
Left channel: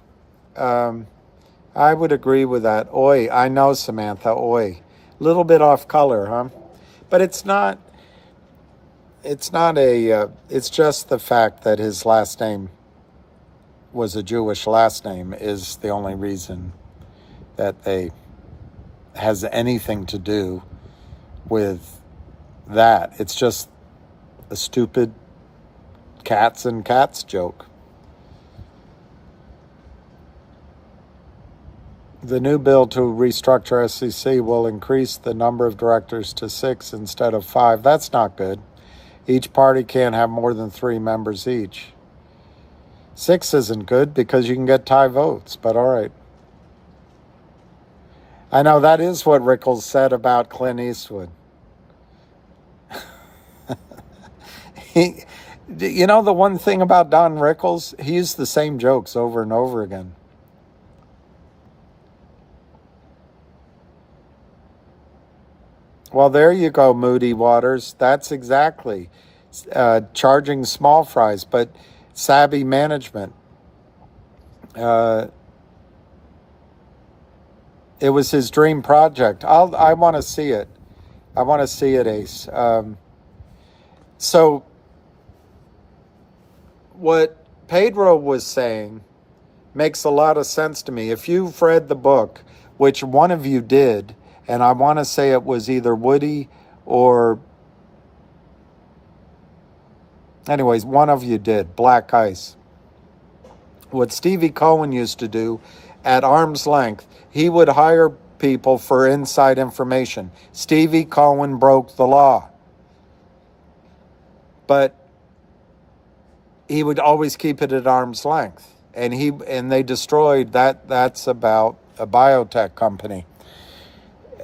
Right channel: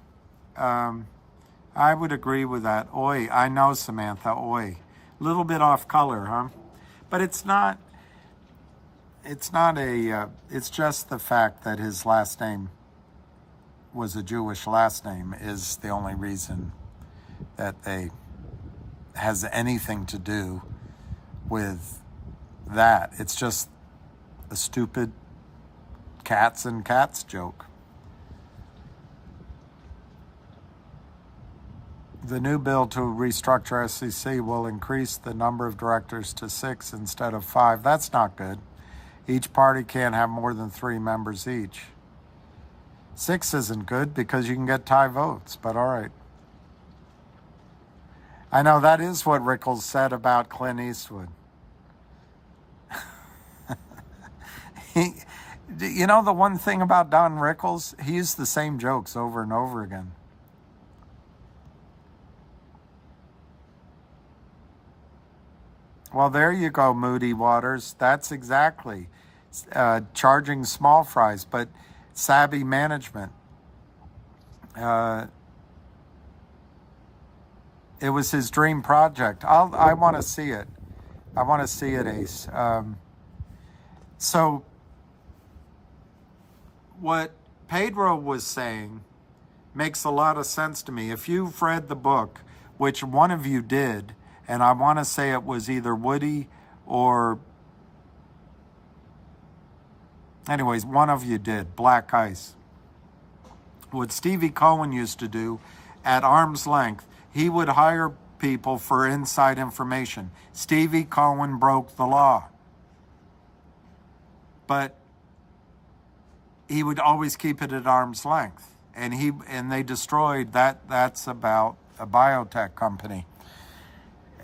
I would agree with that. Oi, I know, Samantha, oi. Little bit off color, huh? But it's just the fact that his last name was a Jewish last name is the only reason that they has anything to do with that. It's just a stupid cats and cats joke. The new bill to restructure SEC will increase the number of directors to 6 instead of 5. That's not good. Each party can't have more than 3 members each. 6 isn't good because you can get tie votes, but all right. I know that is what Rickles said about Clint Eastwood. You know the one thing about Don Rickles? He used the same jokes over and over again. Well, there you go, Moody Waters. That's exactly charging small fries. But savvy management. It was his dream project. I want to see it. I want to see it, Ace. So what Pedro was saying makes a lot of sense to me. If you've read the book, which one of you did, and I want to say it was either Woody or, anyways, one of you did, Black Ice. What Stevie Cohen used to do at arm's length, he would hire people for inside information. Stevie Cohen broke the law, but he would always keep it at arm's length. And they destroyed that. That's about a biotech company.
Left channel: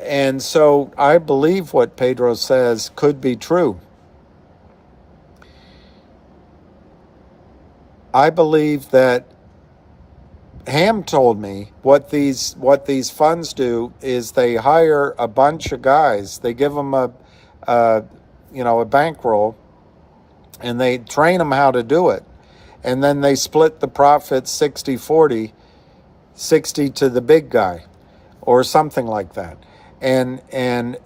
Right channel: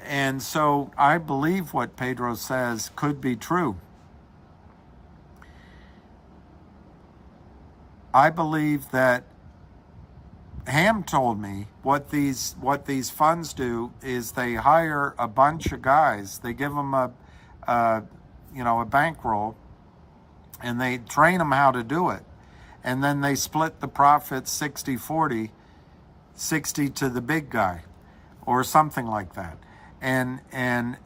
And so I believe what Pedro says could be true. I believe that Ham told me what these funds do is they hire a bunch of guys. They give them a bankroll, and they train them how to do it. And then they split the profits 60-40, 60 to the big guy or something like that. And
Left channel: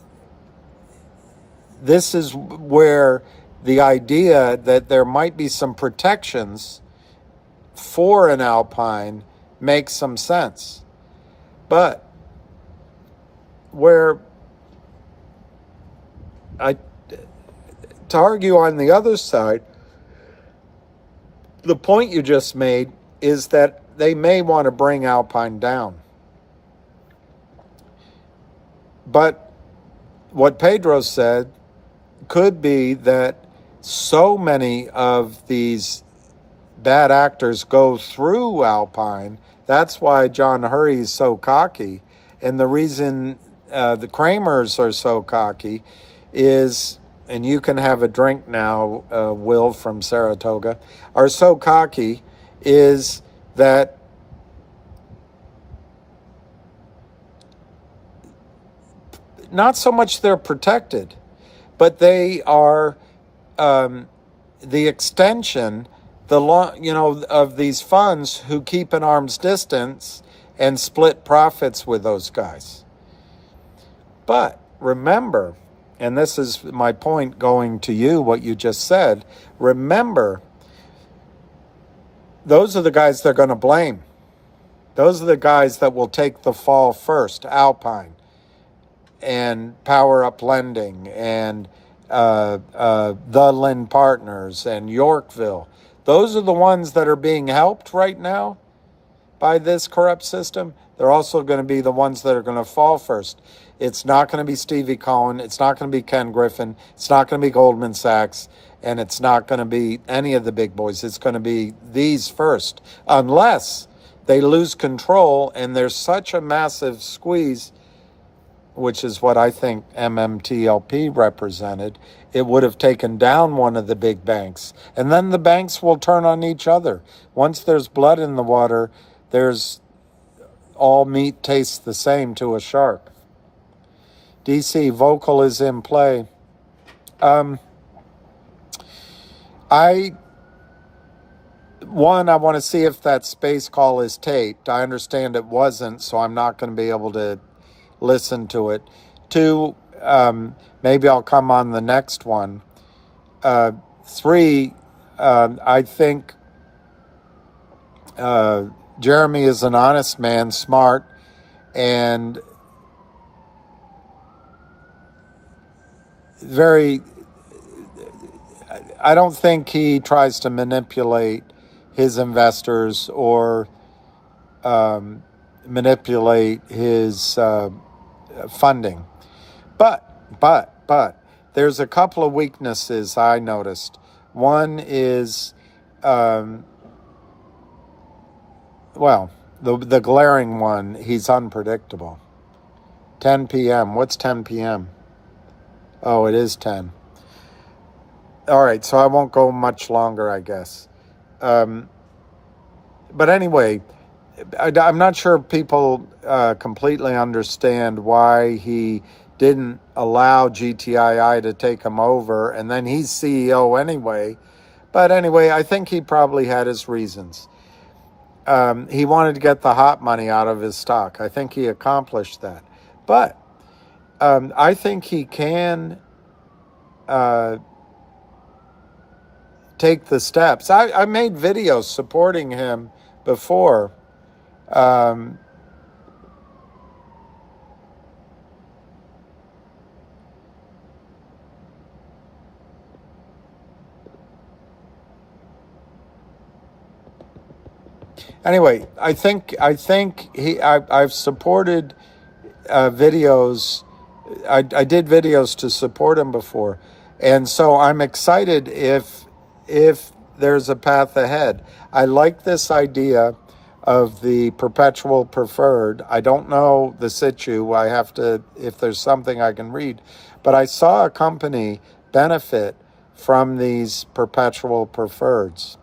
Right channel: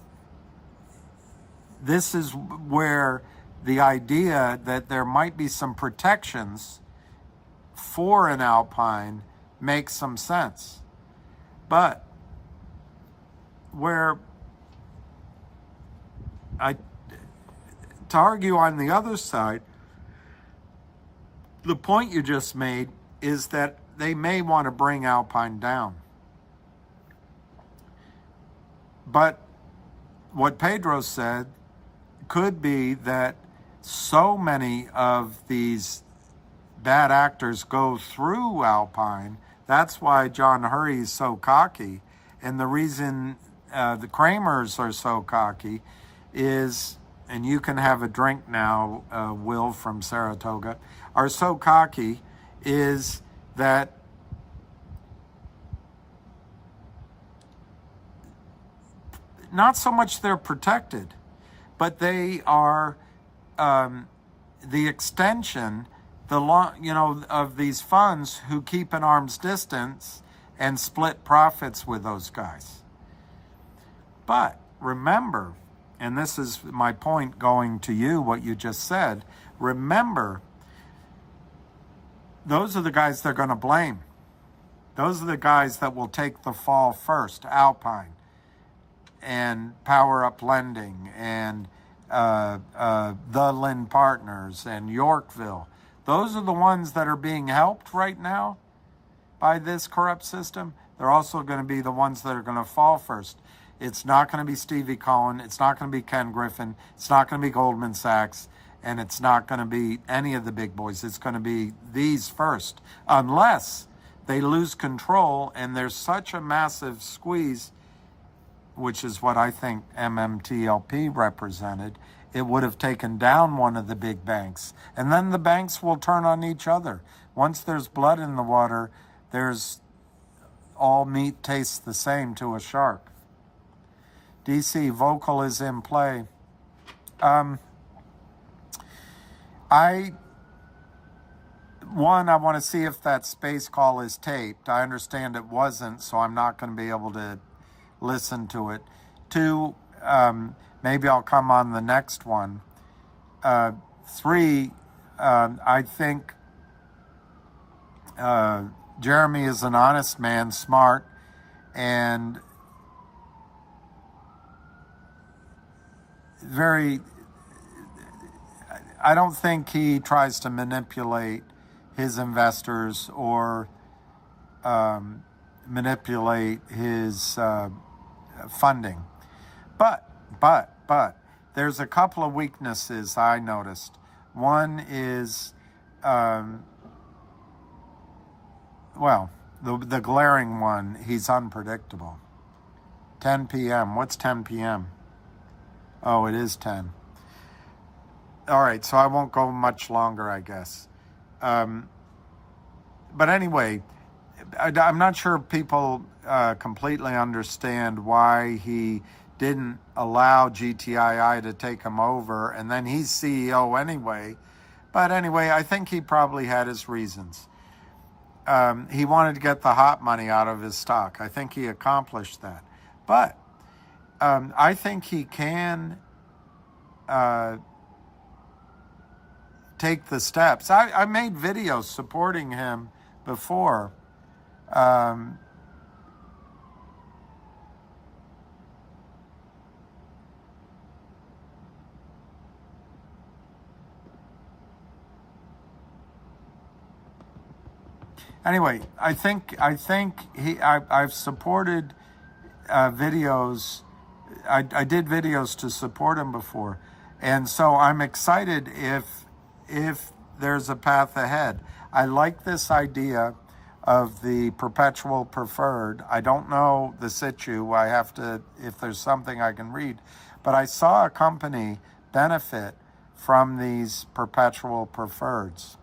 this is where the idea that there might be some protections for an Alpine makes some sense. But to argue on the other side, the point you just made is that they may want to bring Alpine down. But what Pedro said could be that so many of these bad actors go through Alpine. That's why John Hurry is so cocky. And the reason the Kramers are so cocky is, and you can have a drink now, Will from Saratoga, are so cocky is that not so much they're protected, but they are the extension of these funds who keep an arm's distance and split profits with those guys. But remember, and this is my point going to you, what you just said, remember, those are the guys they're going to blame. Those are the guys that will take the fall first, Alpine and Power Up Lending and the Lynn Partners and Yorkville. Those are the ones that are being helped right now by this corrupt system. They're also going to be the ones that are going to fall first. It's not going to be Stevie Cohen. It's not going to be Ken Griffin. It's not going to be Goldman Sachs. And it's not going to be any of the big boys. It's going to be these first, unless they lose control and there's such a massive squeeze, which is what I think MMTLP represented. It would have taken down one of the big banks. And then the banks will turn on each other. Once there's blood in the water, there's all meat tastes the same to a shark. DC, vocal is in play. I want to see if that space call is taped. I understand it wasn't, so I'm not going to be able to listen to it. 2, maybe I'll come on the next one. 3, I think Jeremy is an honest man, smart, and very, I don't think he tries to manipulate his investors or manipulate his funding. But there's a couple of weaknesses I noticed. One is, the glaring one, he's unpredictable. 10 p.m. What's 10 p.m.? Oh, it is 10. All right, so I won't go much longer, I guess. But anyway, I'm not sure people completely understand why he didn't allow GTII to take him over, and then he's CEO anyway. But anyway, I think he probably had his reasons. He wanted to get the hot money out of his stock. I think he accomplished that. But I think he can take the steps. I made videos supporting him before. Anyway, I think I've supported videos. I did videos to support him before, and so I'm excited if there's a path ahead. I like this idea of the perpetual preferred. I don't know the situ. I have to, if there's something I can read, but I saw a company benefit from these perpetual preferreds.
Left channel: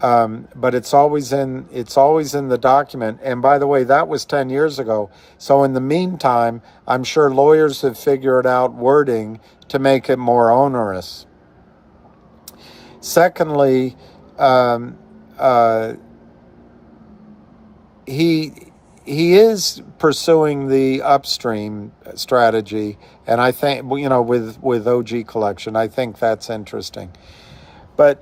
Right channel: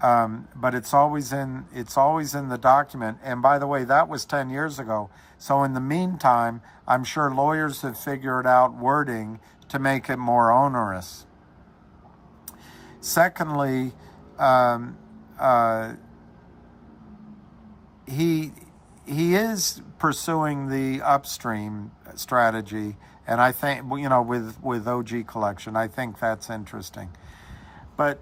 But it's always in the document. And by the way, that was 10 years ago. So in the meantime, I'm sure lawyers have figured out wording to make it more onerous. Secondly, he is pursuing the upstream strategy, and I think, you know, with OG Collection, I think that's interesting. But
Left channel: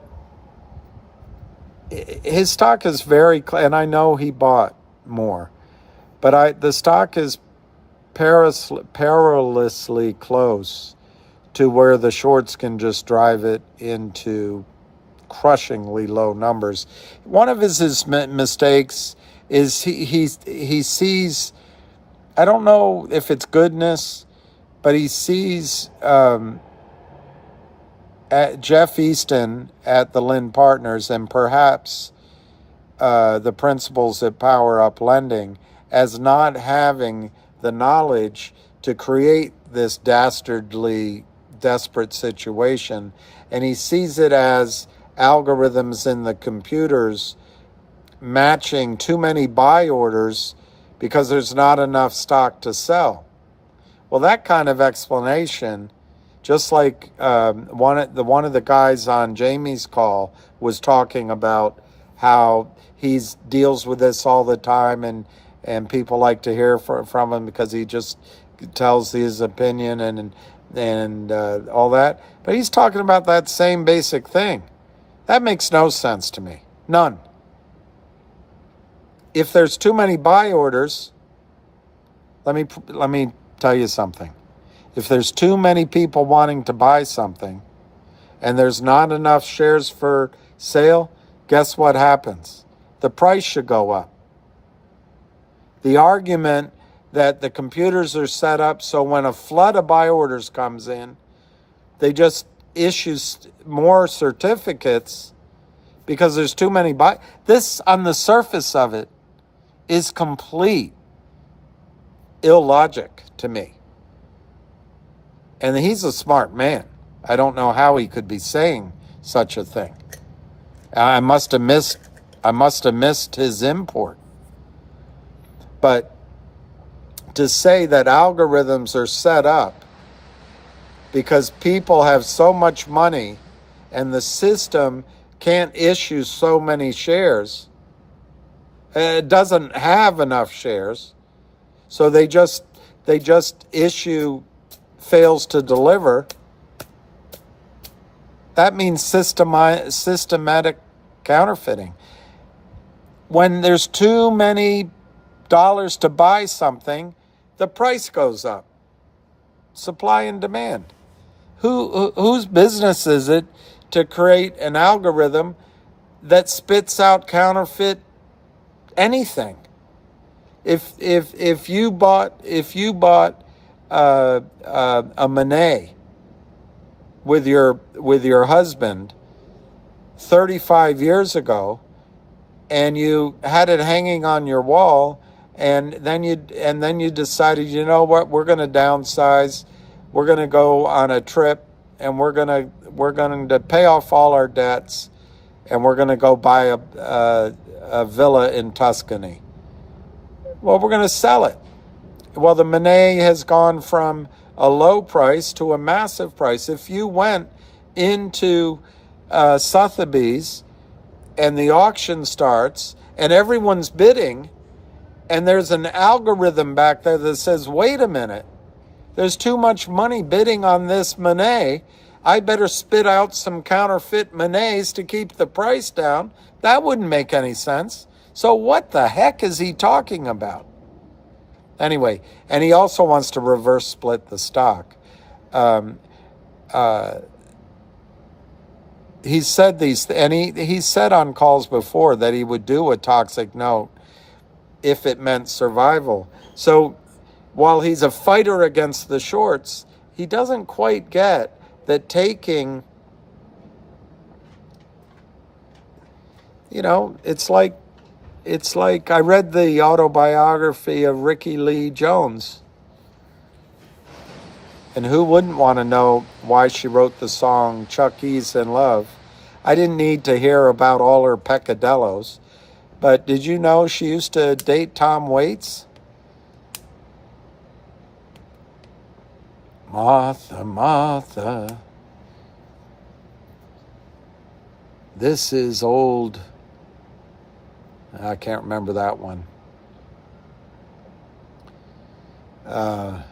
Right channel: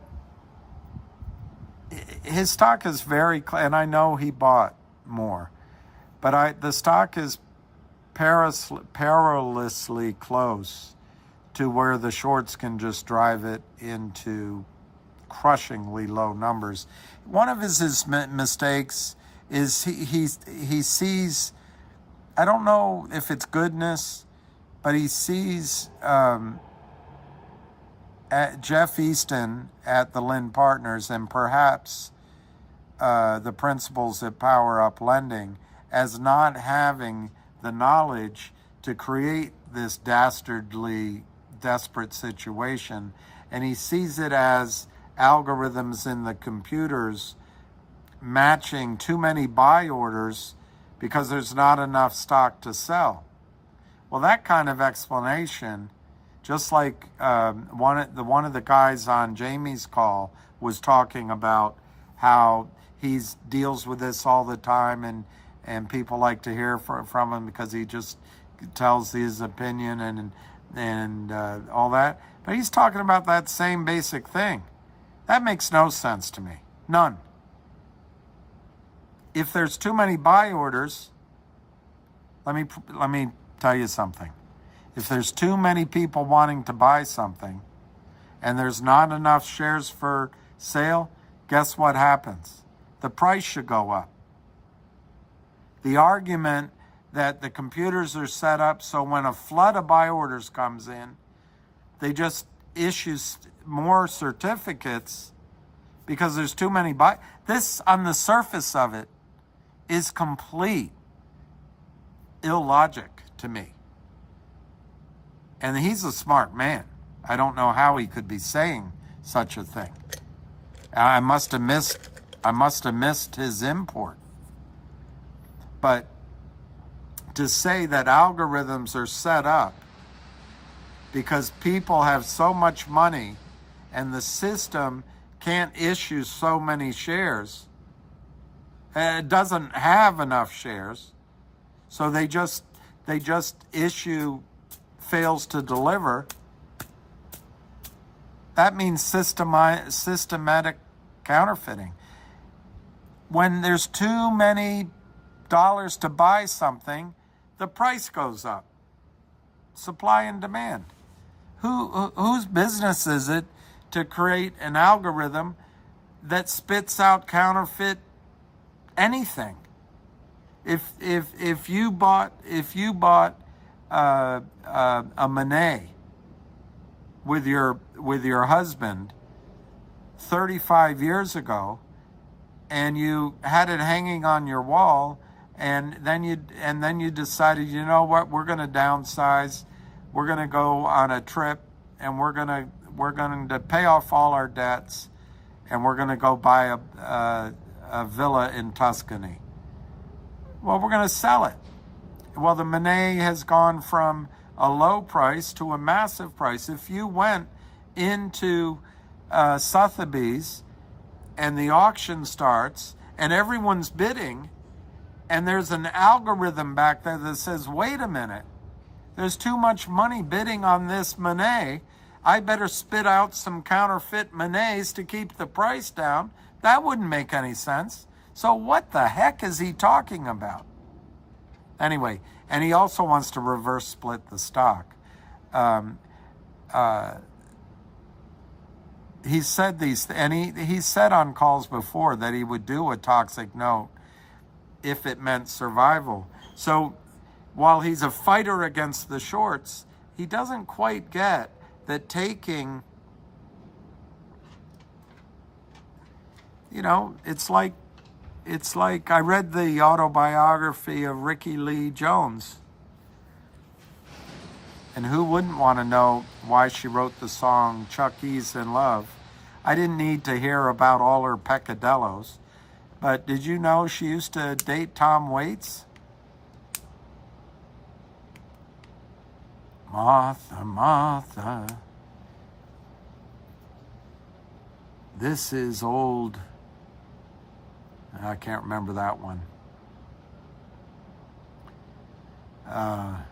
his stock is very, and I know he bought more, but the stock is perilously close to where the shorts can just drive it into crushingly low numbers. One of his mistakes is he sees, I don't know if it's goodness, but he sees at Jeff Easton at the Lind Partners, and perhaps the principals at Power Up Lending, as not having the knowledge to create this dastardly, desperate situation. And he sees it as algorithms in the computers matching too many buy orders because there's not enough stock to sell. Well, that kind of explanation, just like one of the guys on Jamie's call was talking about how he deals with this all the time, and people like to hear from him because he just tells his opinion and all that. But he's talking about that same basic thing. That makes no sense to me. None. If there's too many buy orders, let me tell you something. If there's too many people wanting to buy something and there's not enough shares for sale, guess what happens? The price should go up. The argument that the computers are set up so when a flood of buy orders comes in, they just issue more certificates because there's too many buy. This, on the surface of it, is complete illogic to me. And he's a smart man. I don't know how he could be saying such a thing. I must have missed his import. But to say that algorithms are set up because people have so much money and the system can't issue so many shares, it doesn't have enough shares, so they just issue fails to deliver. That means systematic counterfeiting. When there's too many dollars to buy something, the price goes up. Supply and demand. Whose business is it to create an algorithm that spits out counterfeit anything? If you bought a Monet with your husband 35 years ago, and you had it hanging on your wall, and then you decided, you know what, we're going to downsize, we're going to go on a trip, and we're going to pay off all our debts, and we're going to go buy a villa in Tuscany. Well, we're going to sell it. Well, the Monet has gone from a low price to a massive price. If you went into Sotheby's, and the auction starts, and everyone's bidding, and there's an algorithm back there that says, wait a minute, there's too much money bidding on this Monet. I better spit out some counterfeit Monets to keep the price down. That wouldn't make any sense. So what the heck is he talking about? Anyway, and he also wants to reverse split the stock. He said these, and he said on calls before that he would do a toxic note if it meant survival. So while he's a fighter against the shorts, he doesn't quite get that taking, it's like I read the autobiography of Ricky Lee Jones. And who wouldn't want to know why she wrote the song Chuck E's in Love? I didn't need to hear about all her peccadillos. But did you know she used to date Tom Waits? Martha, Martha, this is old. I can't remember that one. How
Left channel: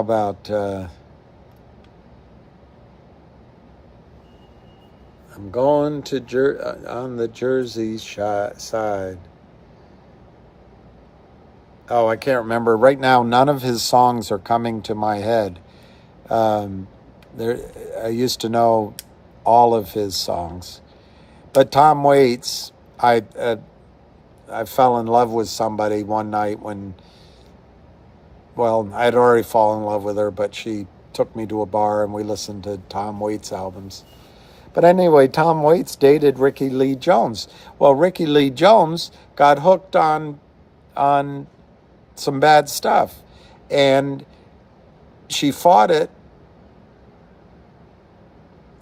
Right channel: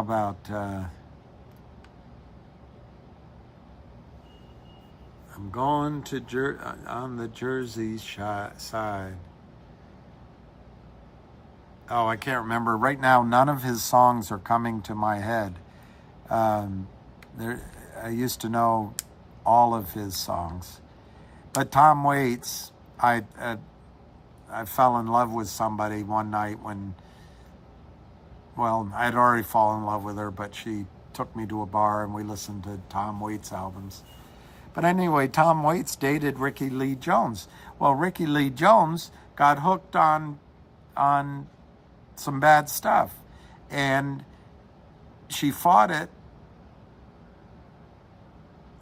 about I'm going to on the Jersey side. Oh, I can't remember. Right now, none of his songs are coming to my head. I used to know all of his songs. But Tom Waits, I fell in love with somebody one night when, well, I had already fallen in love with her, but she took me to a bar and we listened to Tom Waits albums. But anyway, Tom Waits dated Ricky Lee Jones. Well, Ricky Lee Jones got hooked on some bad stuff, and she fought it,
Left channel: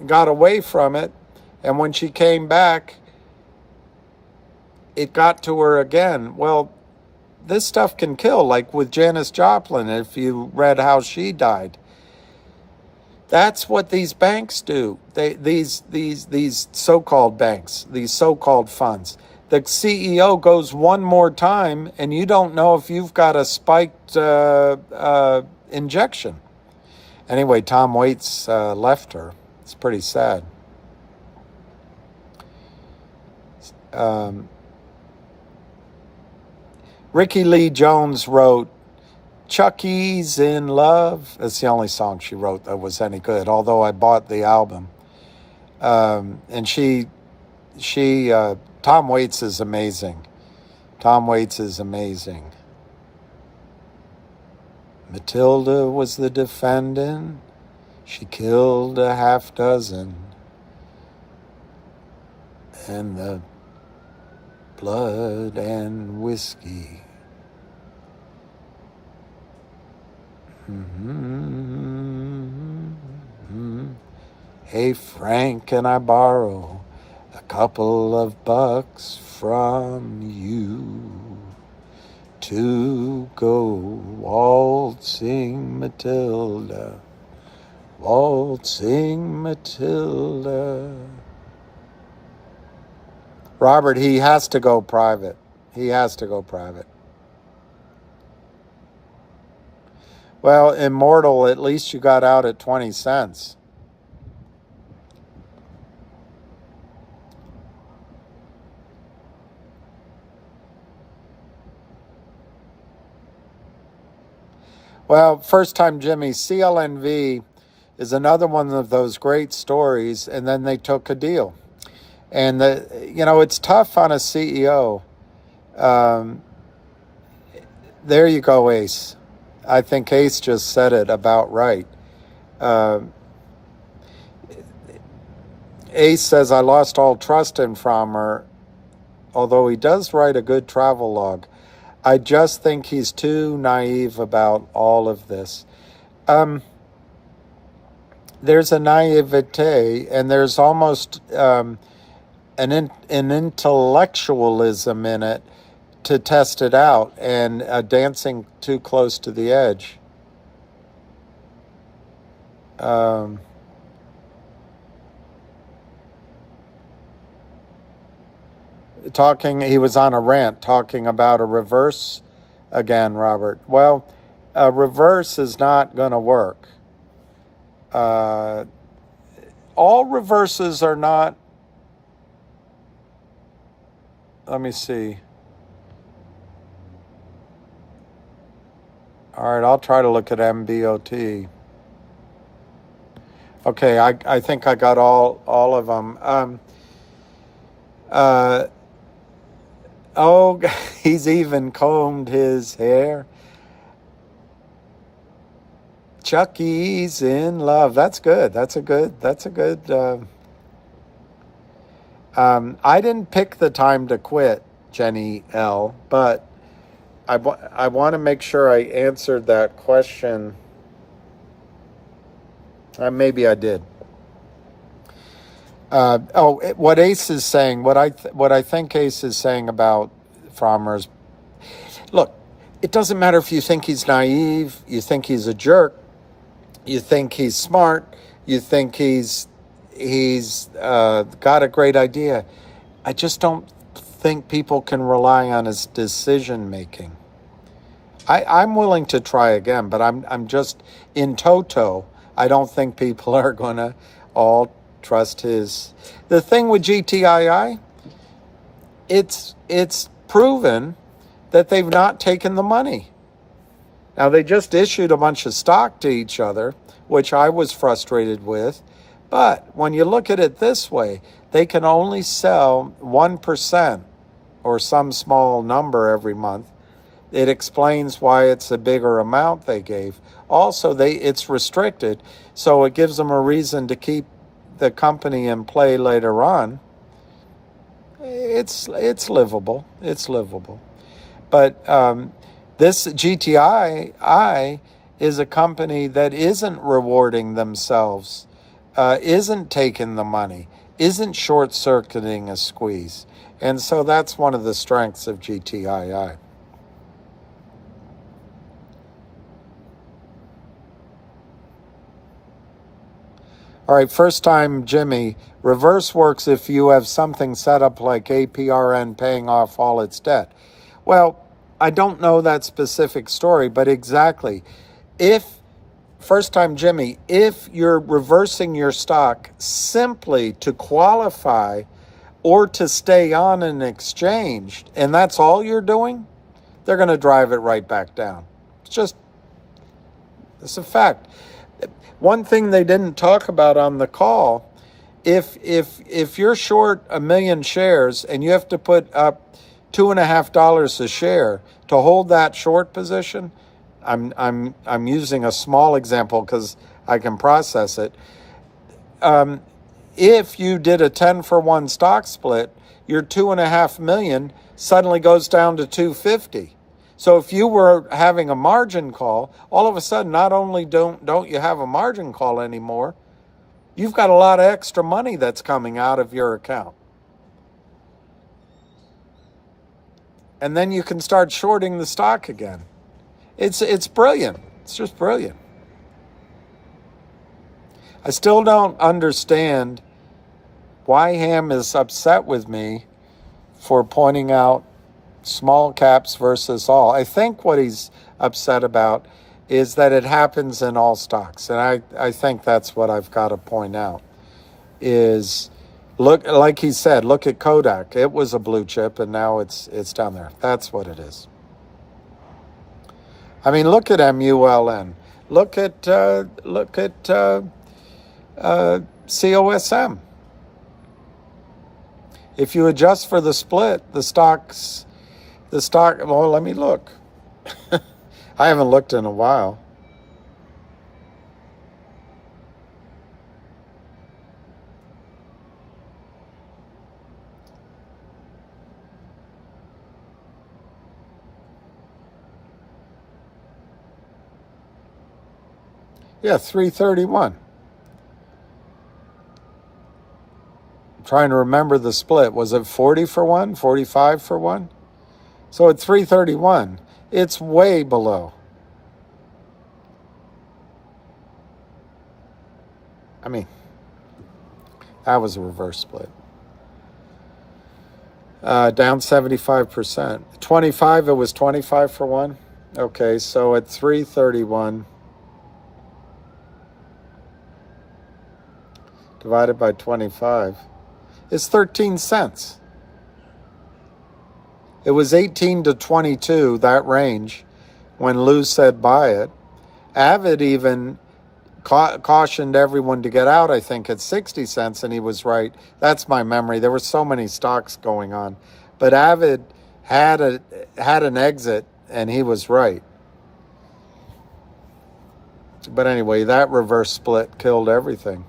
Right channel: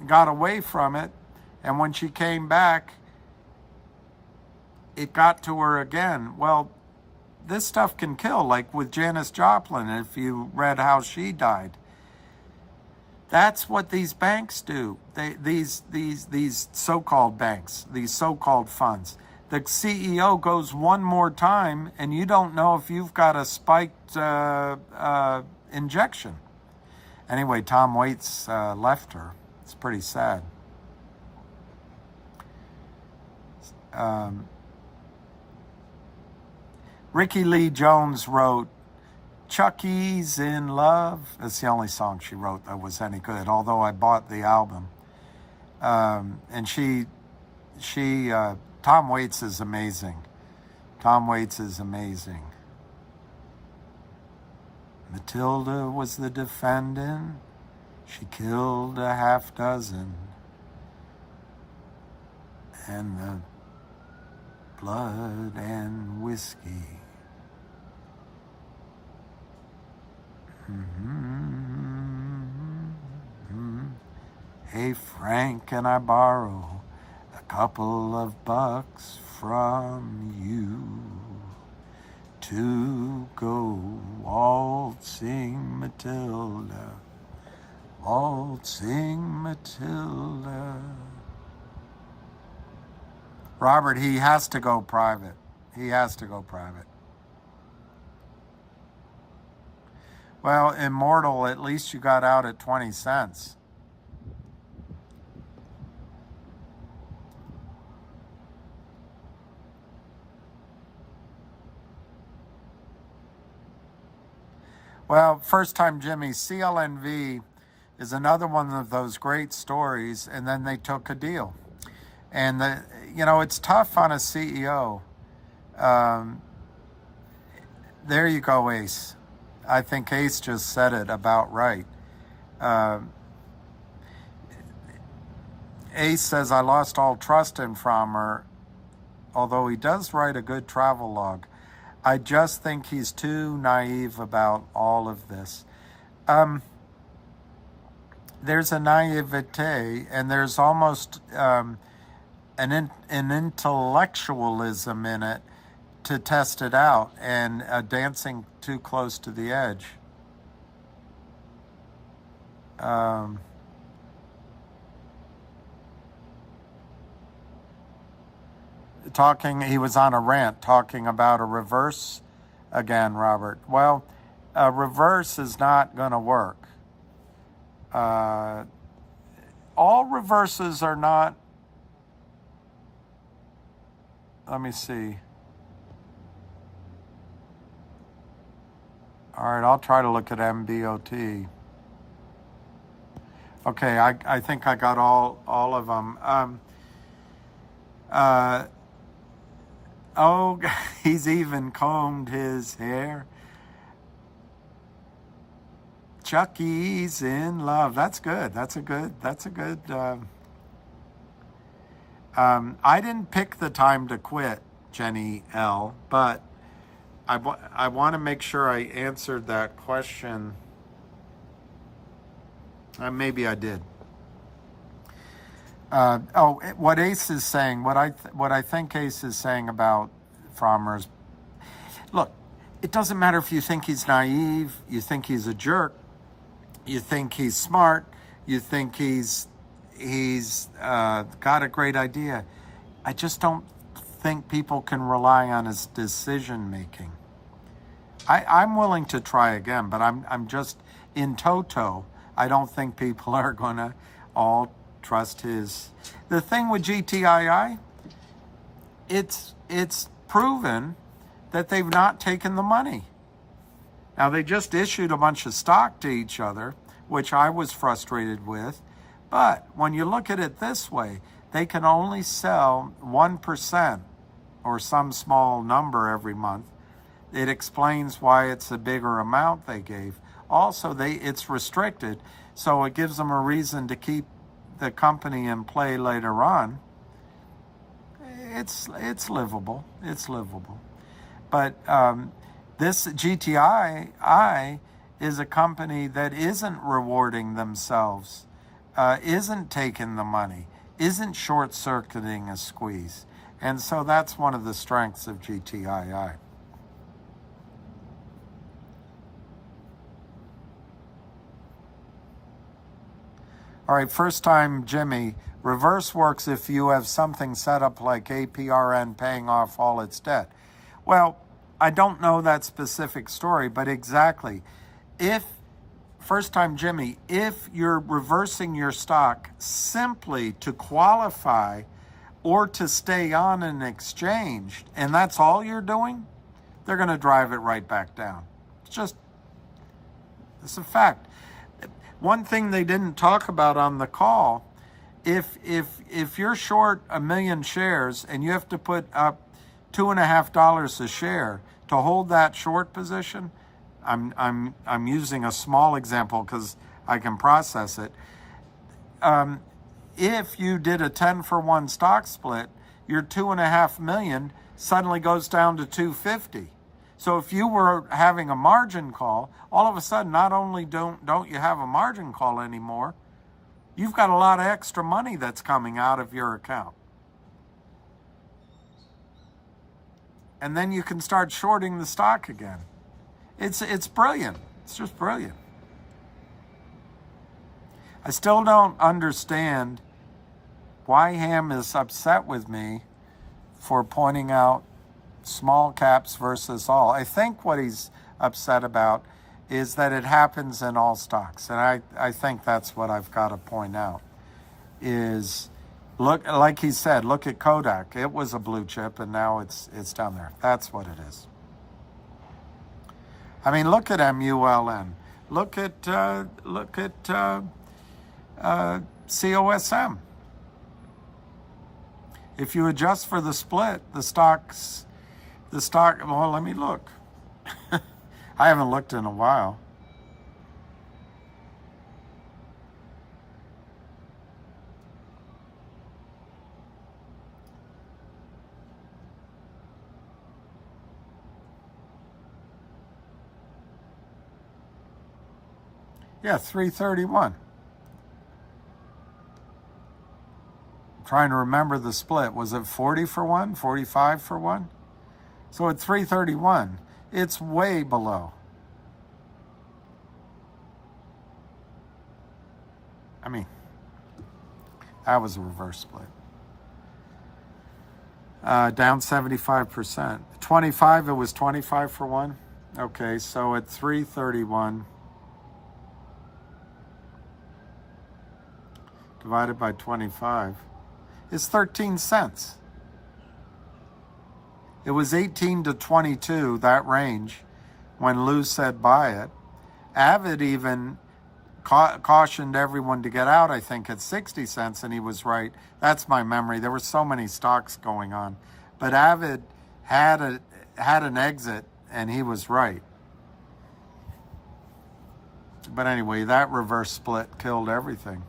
got away from it, and when she came back, it got to her again. Well, this stuff can kill, like with Janis Joplin, if you read how she died. That's what these banks do. These so-called banks, these so-called funds. The CEO goes one more time, and you don't know if you've got a spiked injection. Anyway, Tom Waits left her. It's pretty sad. Ricky Lee Jones wrote Chuck E's in Love. That's the only song she wrote that was any good, although I bought the album. And Tom Waits is amazing. Tom Waits is amazing. Matilda was the defendant. She killed a half dozen. And the blood and whiskey. Hey, Frank, can I borrow a couple of bucks from you to go waltzing Matilda, waltzing Matilda? Robert, he has to go private. He has to go private. Well, Immortal, at least you got out at 20 cents. Well, First Time Jimmy, CLNV is another one of those great stories, and then they took a deal. And, it's tough on a CEO. There you go, Ace. I think Ace just said it about right. Ace says, I lost all trust in Frommer, although he does write a good travel log. I just think he's too naive about all of this. There's a naivete, and there's almost an intellectualism in it to test it out, and dancing too close to the edge. He was on a rant talking about a reverse again, Robert. Well, a reverse is not going to work. All reverses are not. Let me see. All right, I'll try to look at MBOT. Okay, I think I got all of them. Oh, he's even combed his hair. Chucky's in love. That's good. That's a good. I didn't pick the time to quit, Jenny L, but I want to make sure I answered that question. Maybe I did. What Ace is saying, what I think Ace is saying about Frommer's, look, it doesn't matter if you think he's naive, you think he's a jerk, you think he's smart, you think he's got a great idea. I just don't think people can rely on his decision making. I'm willing to try again, but I'm just in toto. I don't think people are gonna all trust his. The thing with GTII, it's proven that they've not taken the money. Now, they just issued a bunch of stock to each other, which I was frustrated with. But when you look at it this way, they can only sell 1% or some small number every month. It explains why it's a bigger amount they gave. Also, it's restricted, so it gives them a reason to keep the company in play later on. It's livable. It's livable. But this GTII is a company that isn't rewarding themselves, isn't taking the money, isn't short-circuiting a squeeze. And so that's one of the strengths of GTII. All right, first time, Jimmy. Reverse works if you have something set up like APRN paying off all its debt. Well, I don't know that specific story, but exactly. First time, Jimmy, if you're reversing your stock simply to qualify or to stay on an exchange, and that's all you're doing, they're going to drive it right back down. It's a fact. One thing they didn't talk about on the call, if you're short 1 million shares and you have to put up $2.50 a share to hold that short position, I'm using a small example because I can process it. If you did a 10-for-1 stock split, your 2.5 million suddenly goes down to 250. So if you were having a margin call, all of a sudden, not only don't you have a margin call anymore, you've got a lot of extra money that's coming out of your account. And then you can start shorting the stock again. It's brilliant. It's just brilliant. I still don't understand why Ham is upset with me for pointing out small caps versus all. I think what he's upset about is that it happens in all stocks. And I think that's what I've got to point out is, look, like he said, look at Kodak. It was a blue chip and now it's down there. That's what it is. I mean, look at MULN. Look at COSM. If you adjust for the split, the stock, well, let me look. I haven't looked in a while. Yeah, 331. I'm trying to remember the split. Was it 40 for one, 45 for one? So at 331, it's way below. I mean, that was a reverse split. Down 75%. 25, it was 25 for one. Okay, so at 331 divided by 25 is 13 cents. It was 18 to 22, that range, when Lou said buy it. Avid even cautioned everyone to get out, I think, at 60 cents, and he was right. That's my memory. There were so many stocks going on. But Avid had an exit, and he was right. But anyway, that reverse split killed everything.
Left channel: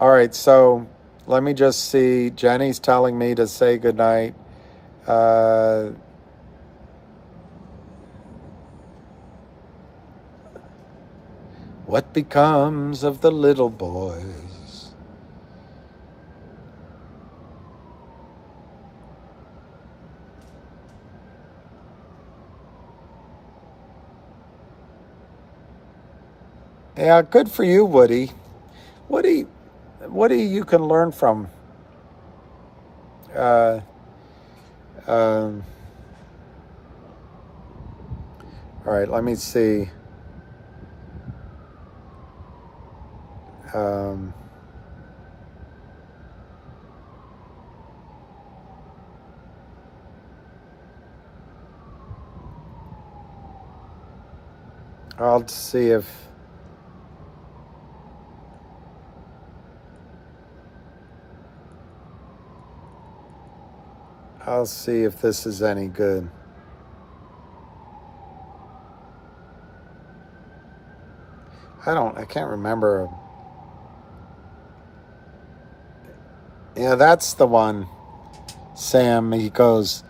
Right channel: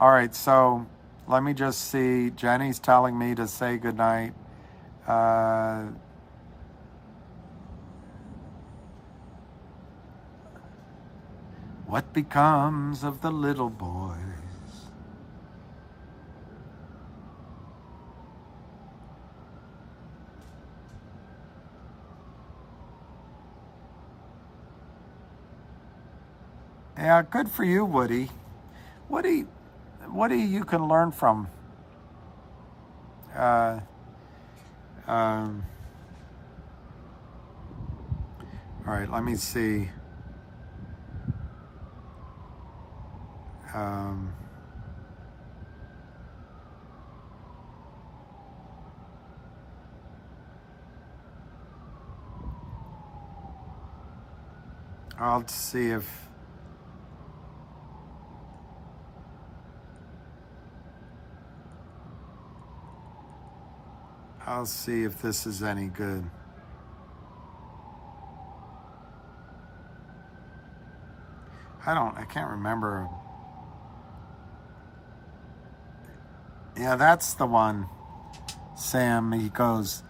All right, so let me just see. Jenny's telling me to say goodnight. What becomes of the little boys? Yeah, good for you, Woody. Woody, you can learn from. All right, let me see. I'll see if this is any good. I can't remember. Yeah, that's the one. Sam, he goes,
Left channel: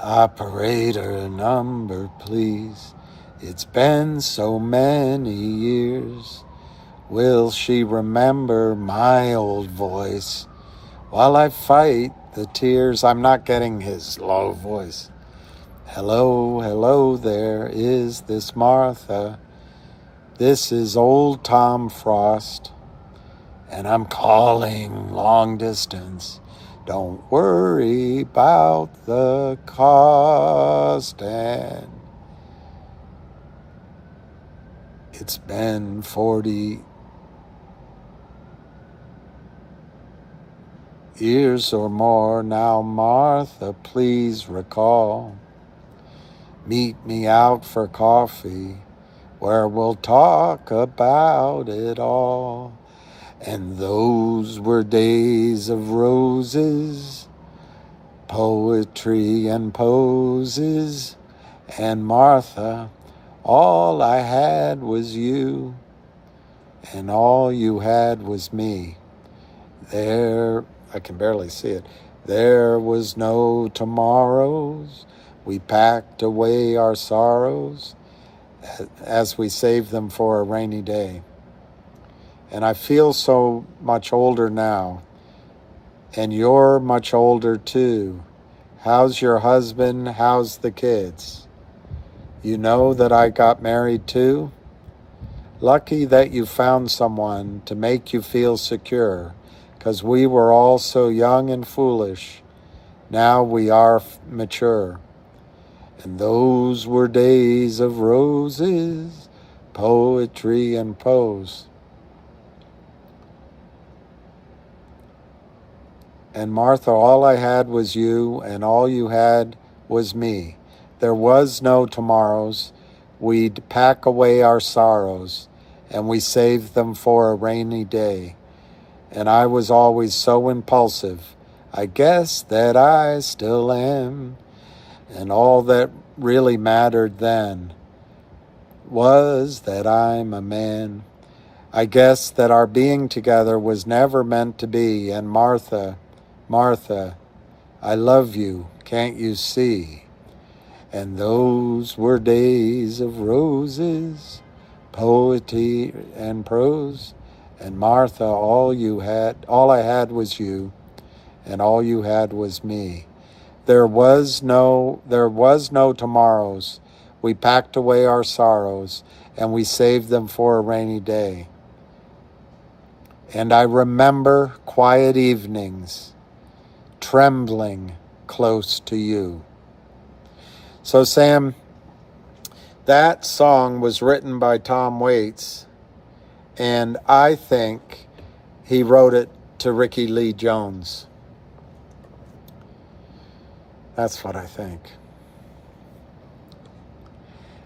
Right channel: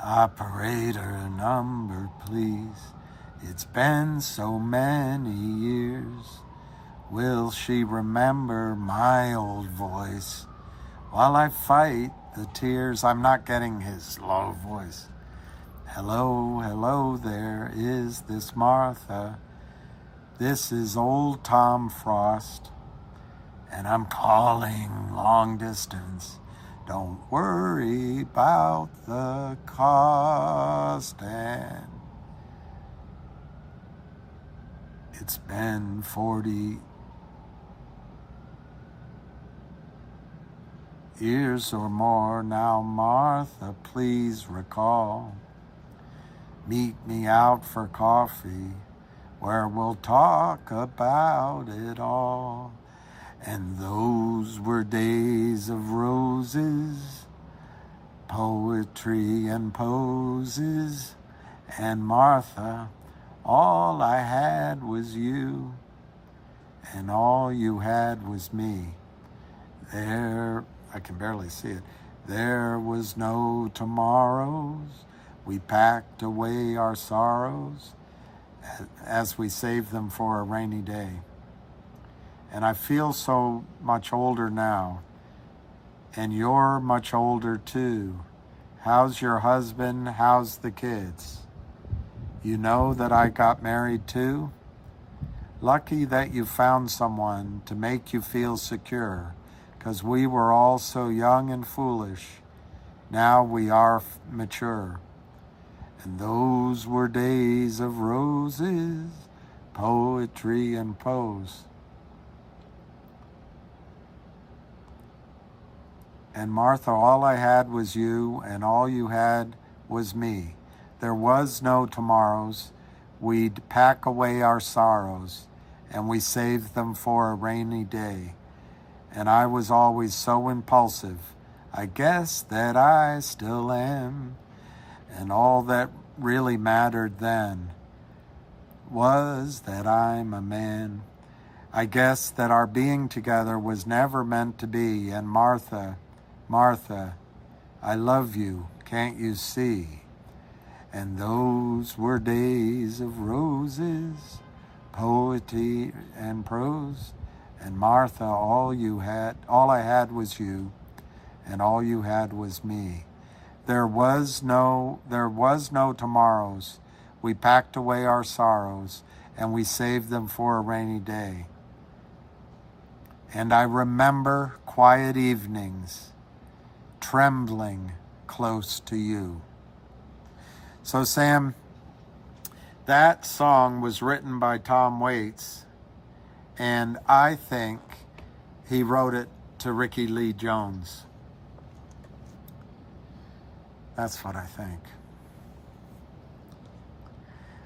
operator number, please. It's been so many years. Will she remember my old voice while I fight the tears? I'm not getting his low voice. Hello, hello there. Is this Martha? This is old Tom Frost, and I'm calling long distance. Don't worry about the cost. And it's been 40 years or more now, Martha, please recall. Meet me out for coffee where we'll talk about it all. And those were days of roses, poetry and poses. And Martha, all I had was you, and all you had was me. There, I can barely see it. There was no tomorrows. We packed away our sorrows as we saved them for a rainy day. And I feel so much older now. And you're much older too. How's your husband? How's the kids? You know that I got married too? Lucky that you found someone to make you feel secure, 'cause we were all so young and foolish. Now we are mature. And those were days of roses, poetry and prose. And Martha, all I had was you, and all you had was me. There was no tomorrows. We'd pack away our sorrows, and we saved them for a rainy day. And I was always so impulsive. I guess that I still am. And all that really mattered then was that I'm a man. I guess that our being together was never meant to be. And Martha, Martha, I love you, can't you see? And those were days of roses, poetry and prose. And Martha, all I had was you, and all you had was me. There was no tomorrows. We packed away our sorrows, and we saved them for a rainy day. And I remember quiet evenings trembling close to you. So Sam, that song was written by Tom Waits, and I think he wrote it to Ricky Lee Jones. That's what I think.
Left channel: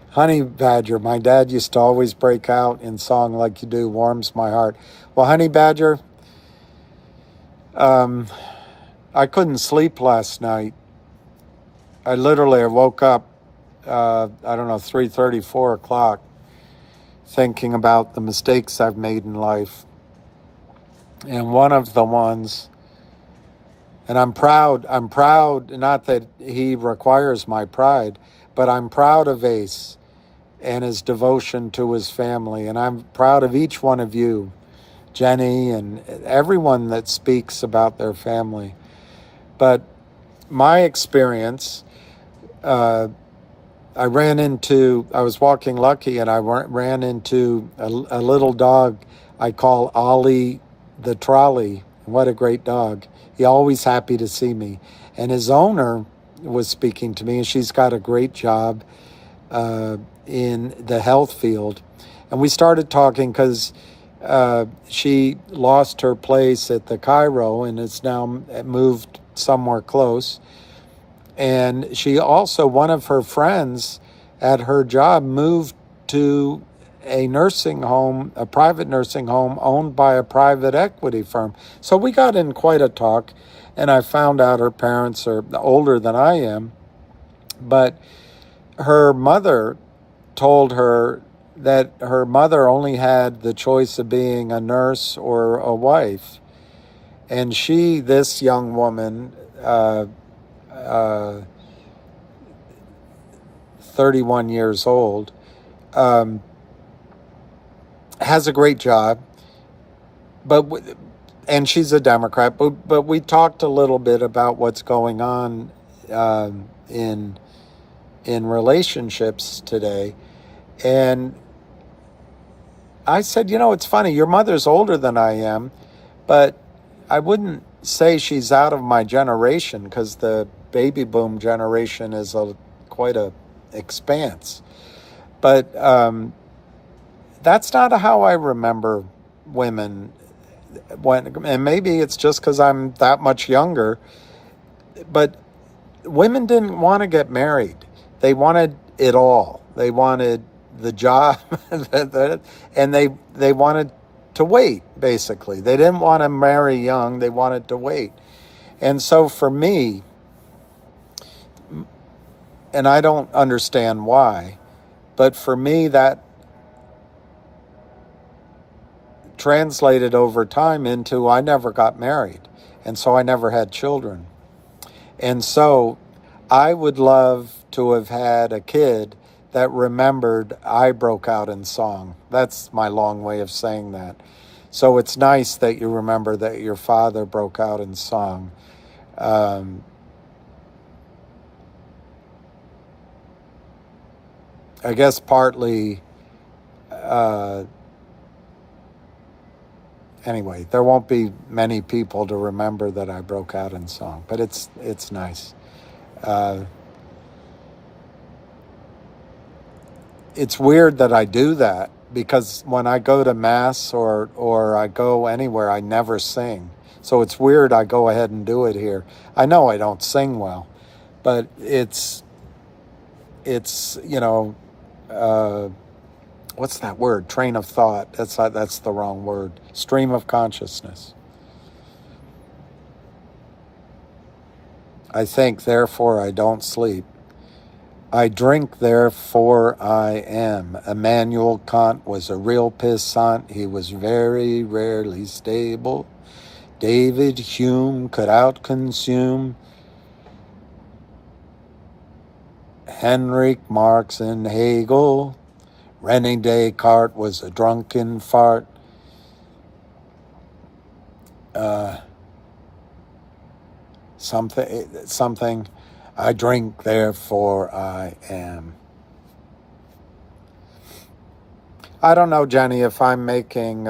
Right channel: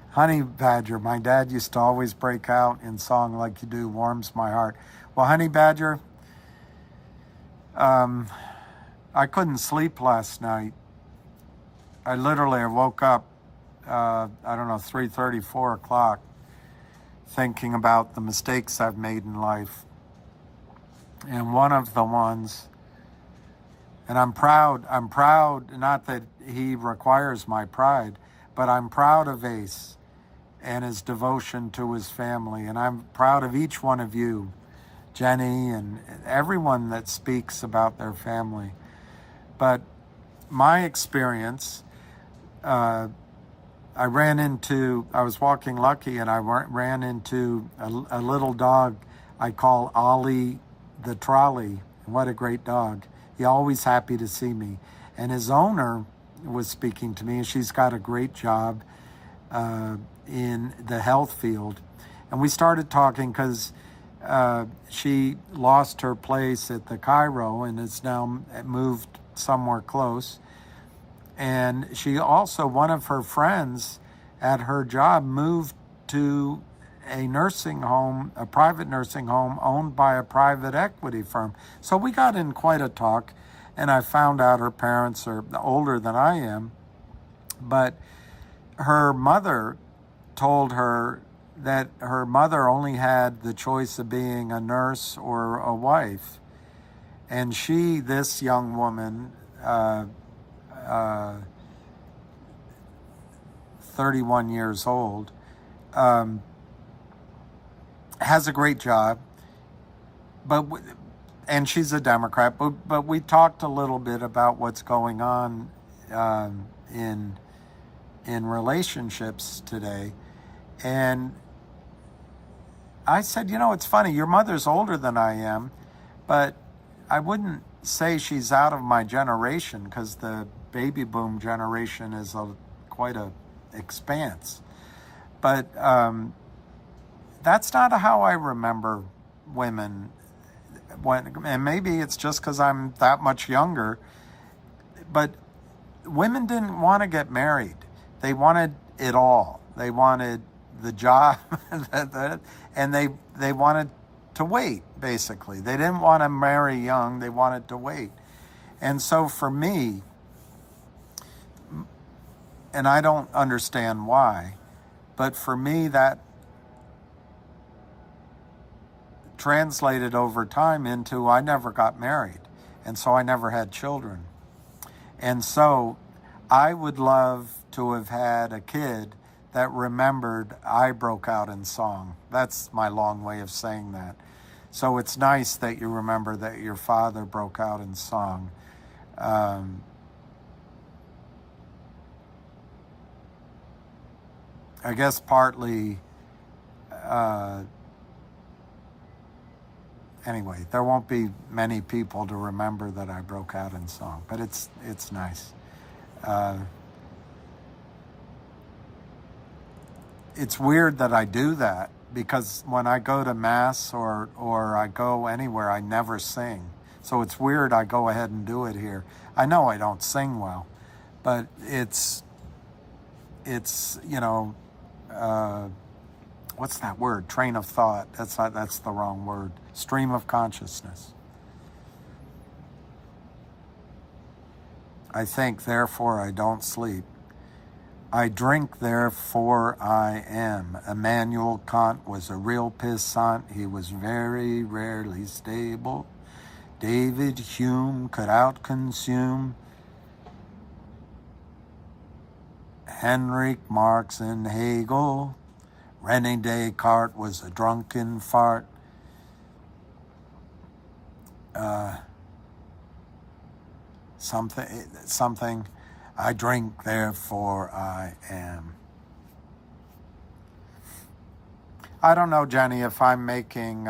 Honey Badger, my dad used to always break out in song like you do, warms my heart. Well, Honey Badger, I couldn't sleep last night. I woke up, 3:30, 4 o'clock, thinking about the mistakes I've made in life. And one of the ones, and I'm proud, not that he requires my pride, but I'm proud of Ace and his devotion to his family. And I'm proud of each one of you, Jenny, and everyone that speaks about their family. But my experience, I was walking Lucky, and I ran into a little dog I call Ollie the Trolley. What a great dog. He's always happy to see me. And his owner was speaking to me, and she's got a great job in the health field. And we started talking because she lost her place at the Cairo and is now moved somewhere close. And she also, one of her friends at her job, moved to a nursing home, a private nursing home owned by a private equity firm. So we got in quite a talk, and I found out her parents are older than I am. But her mother told her that her mother only had the choice of being a nurse or a wife. And this young woman, 31 years old, has a great job, and she's a Democrat, but we talked a little bit about what's going on in relationships today. And I said, it's funny, your mother's older than I am, but I wouldn't say she's out of my generation, because the baby boom generation is quite a expanse. But that's not how I remember women. And maybe it's just because I'm that much younger, but women didn't want to get married. They wanted it all. They wanted the job, and they wanted to wait, basically. They didn't want to marry young. They wanted to wait. And so for me, and I don't understand why, but for me, that translated over time into I never got married, and so I never had children. And so I would love to have had a kid that remembered I broke out in song. That's my long way of saying that. So it's nice that you remember that your father broke out in song. I guess partly, anyway, there won't be many people to remember that I broke out in song, but it's nice. It's weird that I do that, because when I go to mass or I go anywhere, I never sing. So it's weird I go ahead and do it here. I know I don't sing well, but it's what's that word? Train of thought. That's the wrong word. Stream of consciousness. I think, therefore I don't sleep. I drink, therefore I am. Immanuel Kant was a real pissant. He was very rarely stable. David Hume could outconsume Henrik Marx and Hegel. René Descartes was a drunken fart. Something. I drink, therefore I am. I don't know, Jenny, if I'm making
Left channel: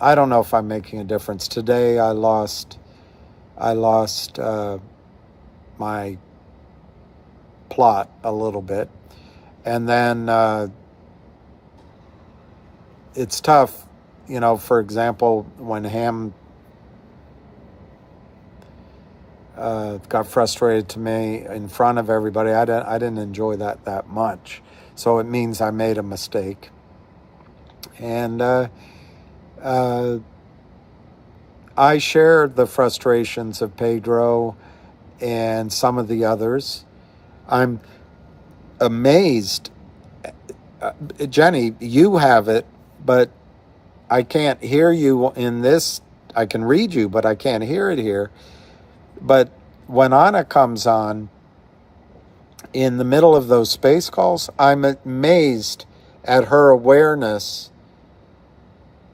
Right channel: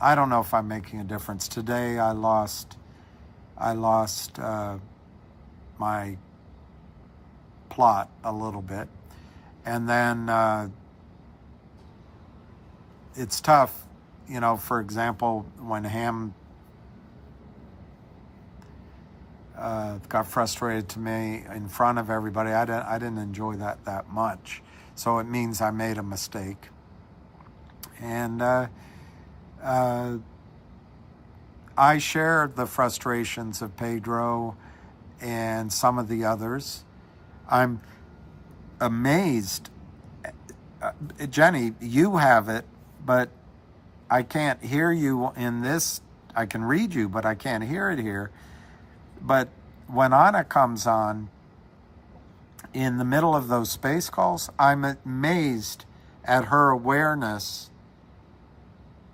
I don't know if I'm making a difference. Today I lost my plot a little bit. And then it's tough, you know, for example, when Ham got frustrated to me in front of everybody, I didn't enjoy that much. So it means I made a mistake. And I share the frustrations of Pedro and some of the others. I'm amazed. Jenny, you have it, but I can't hear you in this. I can read you, but I can't hear it here. But when Anna comes on in the middle of those space calls, I'm amazed at her awareness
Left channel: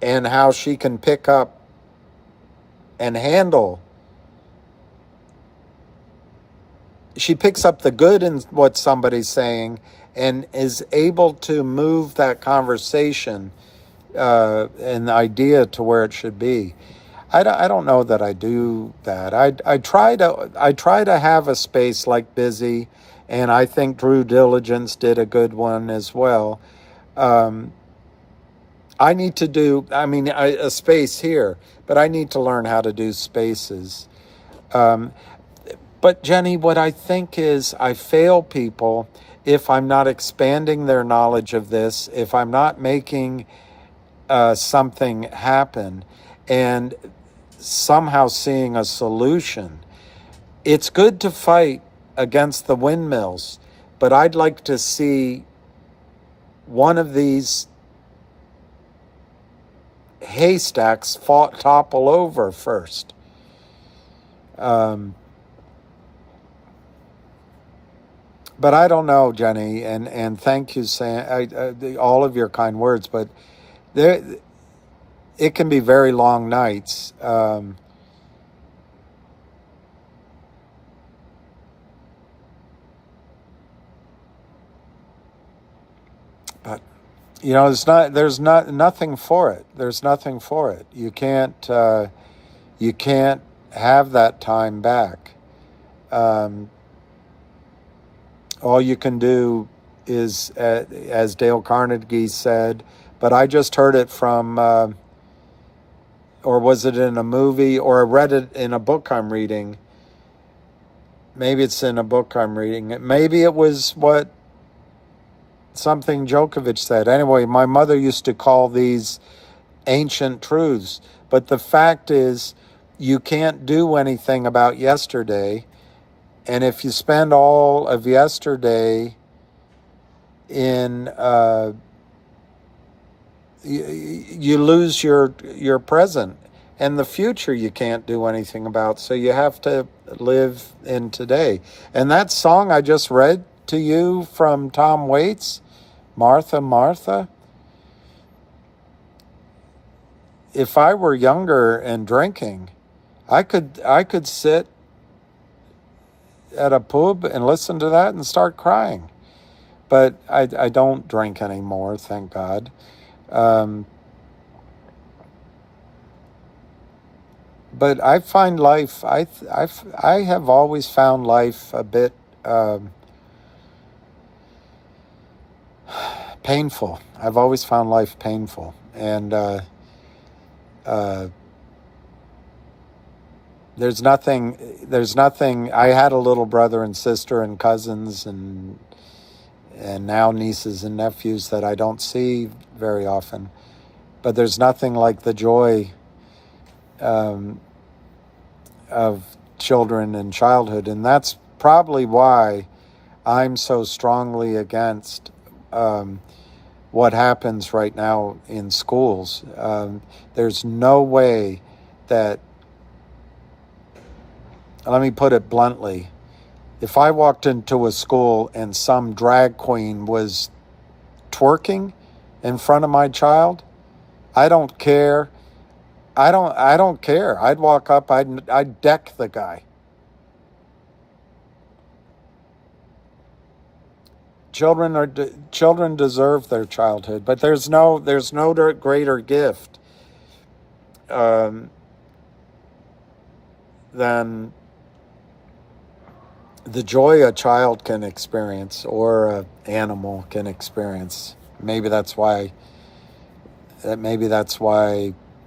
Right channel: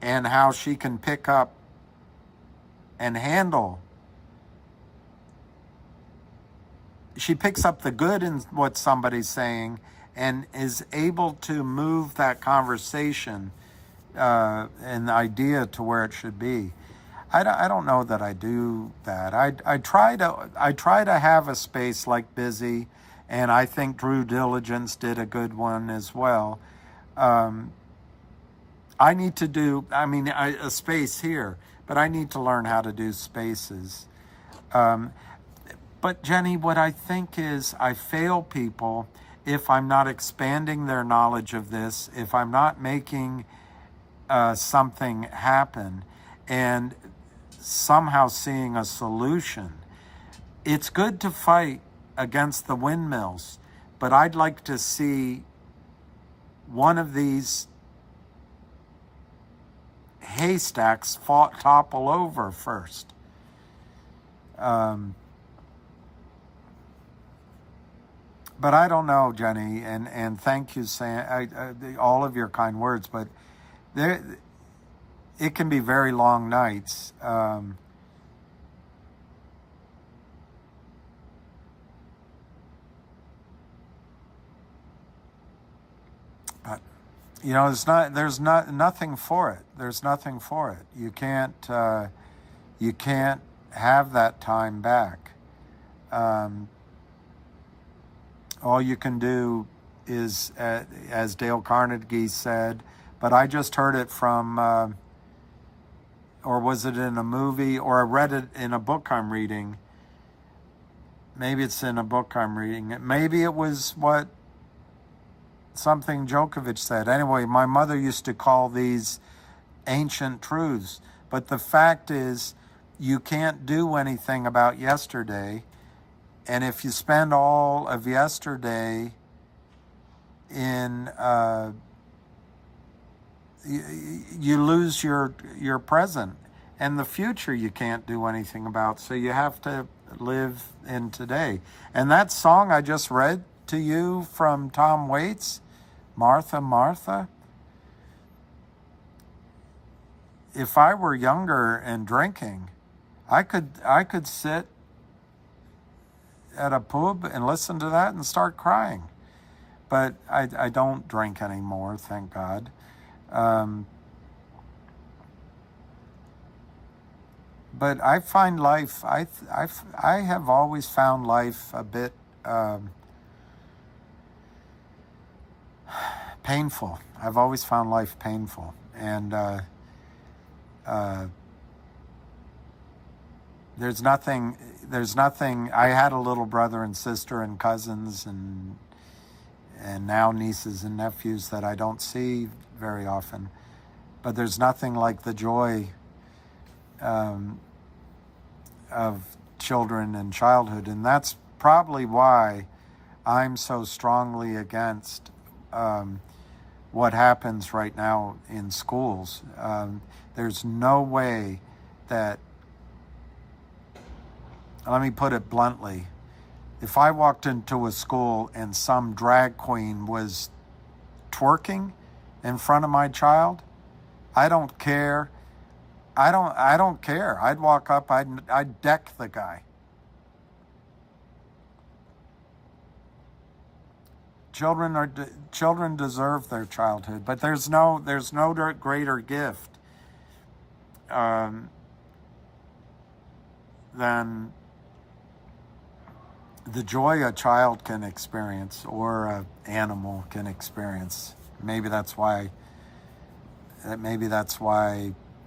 and how she can pick up and handle. She picks up the good in what somebody's saying and is able to move that conversation and the idea to where it should be. I don't know that I do that. I try to have a space like Busy, and I think Drew Diligence did a good one as well. I need to do, a space here, but I need to learn how to do spaces. But Jenny, what I think is I fail people if I'm not expanding their knowledge of this, if I'm not making something happen and somehow seeing a solution. It's good to fight against the windmills, but I'd like to see one of these haystacks topple over first. But I don't know, Jenny, and thank you, Sam, all of your kind words, but it can be very long nights. But you know, there's nothing for it. There's nothing for it. You can't have that time back. All you can do is, as Dale Carnegie said, but I just heard it from, or was it in a movie, or I read it in a book I'm reading. Maybe it's in a book I'm reading. Maybe it was something Djokovic said. Anyway, my mother used to call these ancient truths. But the fact is, you can't do anything about yesterday. And if you spend all of yesterday in, you lose your present. And the future you can't do anything about. So you have to live in today. And that song I just read to you from Tom Waits, Martha, Martha. If I were younger and drinking, I could sit at a pub and listen to that and start crying. But I don't drink anymore, thank God. But I find life, I have always found life a bit painful. I've always found life painful. And there's nothing, I had a little brother and sister and cousins and now nieces and nephews that I don't see very often. But there's nothing like the joy of children and childhood. And that's probably why I'm so strongly against what happens right now in schools. There's no way that, let me put it bluntly, if I walked into a school and some drag queen was twerking in front of my child, I don't care. I don't care. I'd walk up, I'd deck the guy. Children deserve their childhood, but there's no greater gift than the joy a child can experience or an animal can experience. Maybe that's why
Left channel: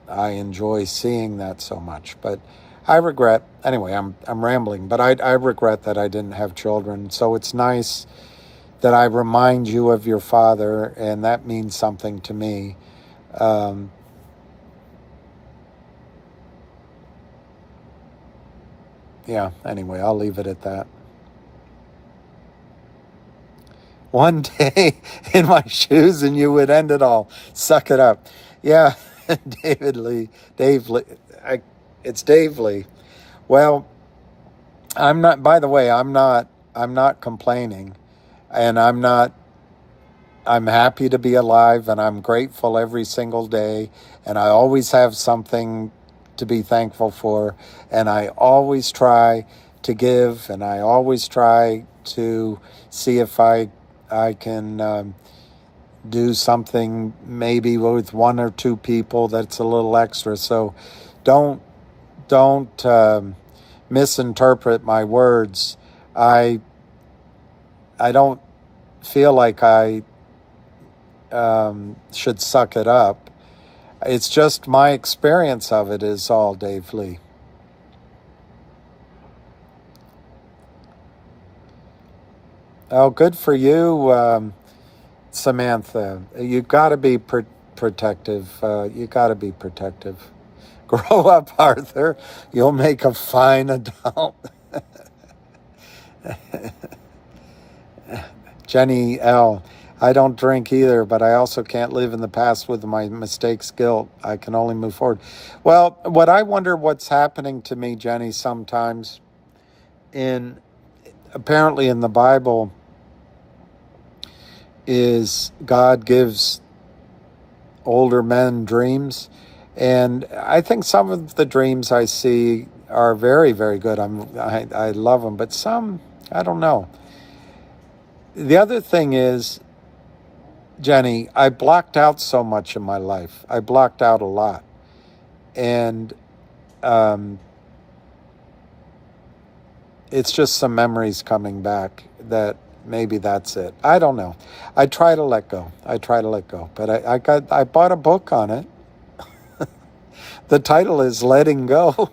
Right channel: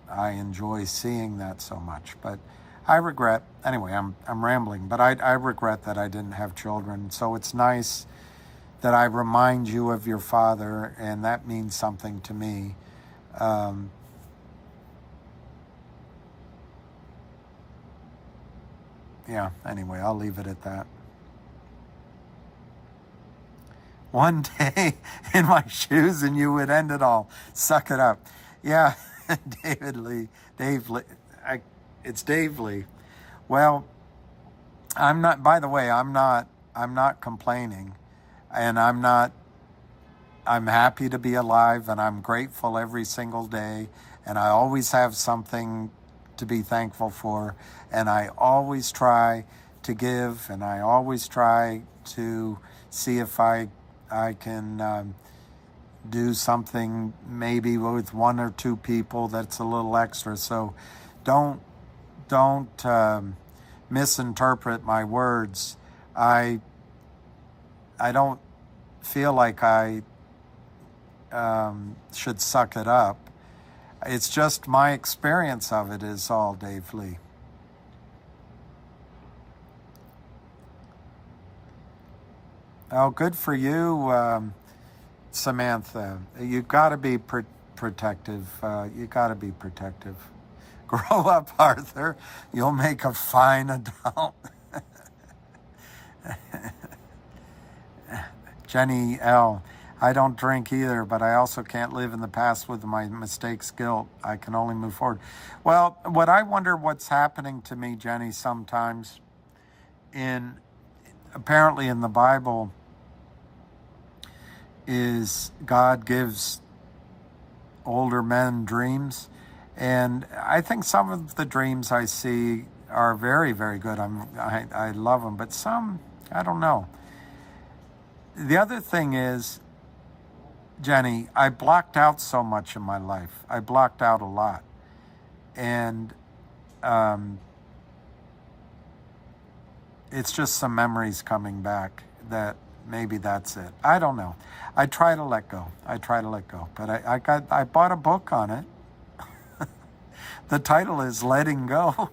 I enjoy seeing that so much. But I regret, anyway, I'm rambling, but I regret that I didn't have children. So it's nice that I remind you of your father, and that means something to me. Yeah, anyway, I'll leave it at that. One day in my shoes and you would end it all. Suck it up. Yeah, Dave Lee. It's Dave Lee. Well, I'm not, by the way, I'm not complaining, and I'm happy to be alive, and I'm grateful every single day, and I always have something to be thankful for, and I always try to give, and I always try to see if I can do something maybe with one or two people that's a little extra. So don't misinterpret my words. I don't feel like I should suck it up. It's just my experience of it is all, Dave Lee. Oh, good for you, Samantha. You've got to be protective. You got to be protective. Grow up, Arthur. You'll make a fine adult. Jenny L. I don't drink either, but I also can't live in the past with my mistakes, guilt. I can only move forward. Well, what I wonder what's happening to me, Jenny, sometimes apparently in the Bible is God gives older men dreams. And I think some of the dreams I see are very, very good. I love them, but some, I don't know. The other thing is, Jenny, I blocked out so much in my life. I blocked out a lot. And it's just some memories coming back that maybe that's it. I don't know. I try to let go. But I bought a book on it. The title is Letting Go.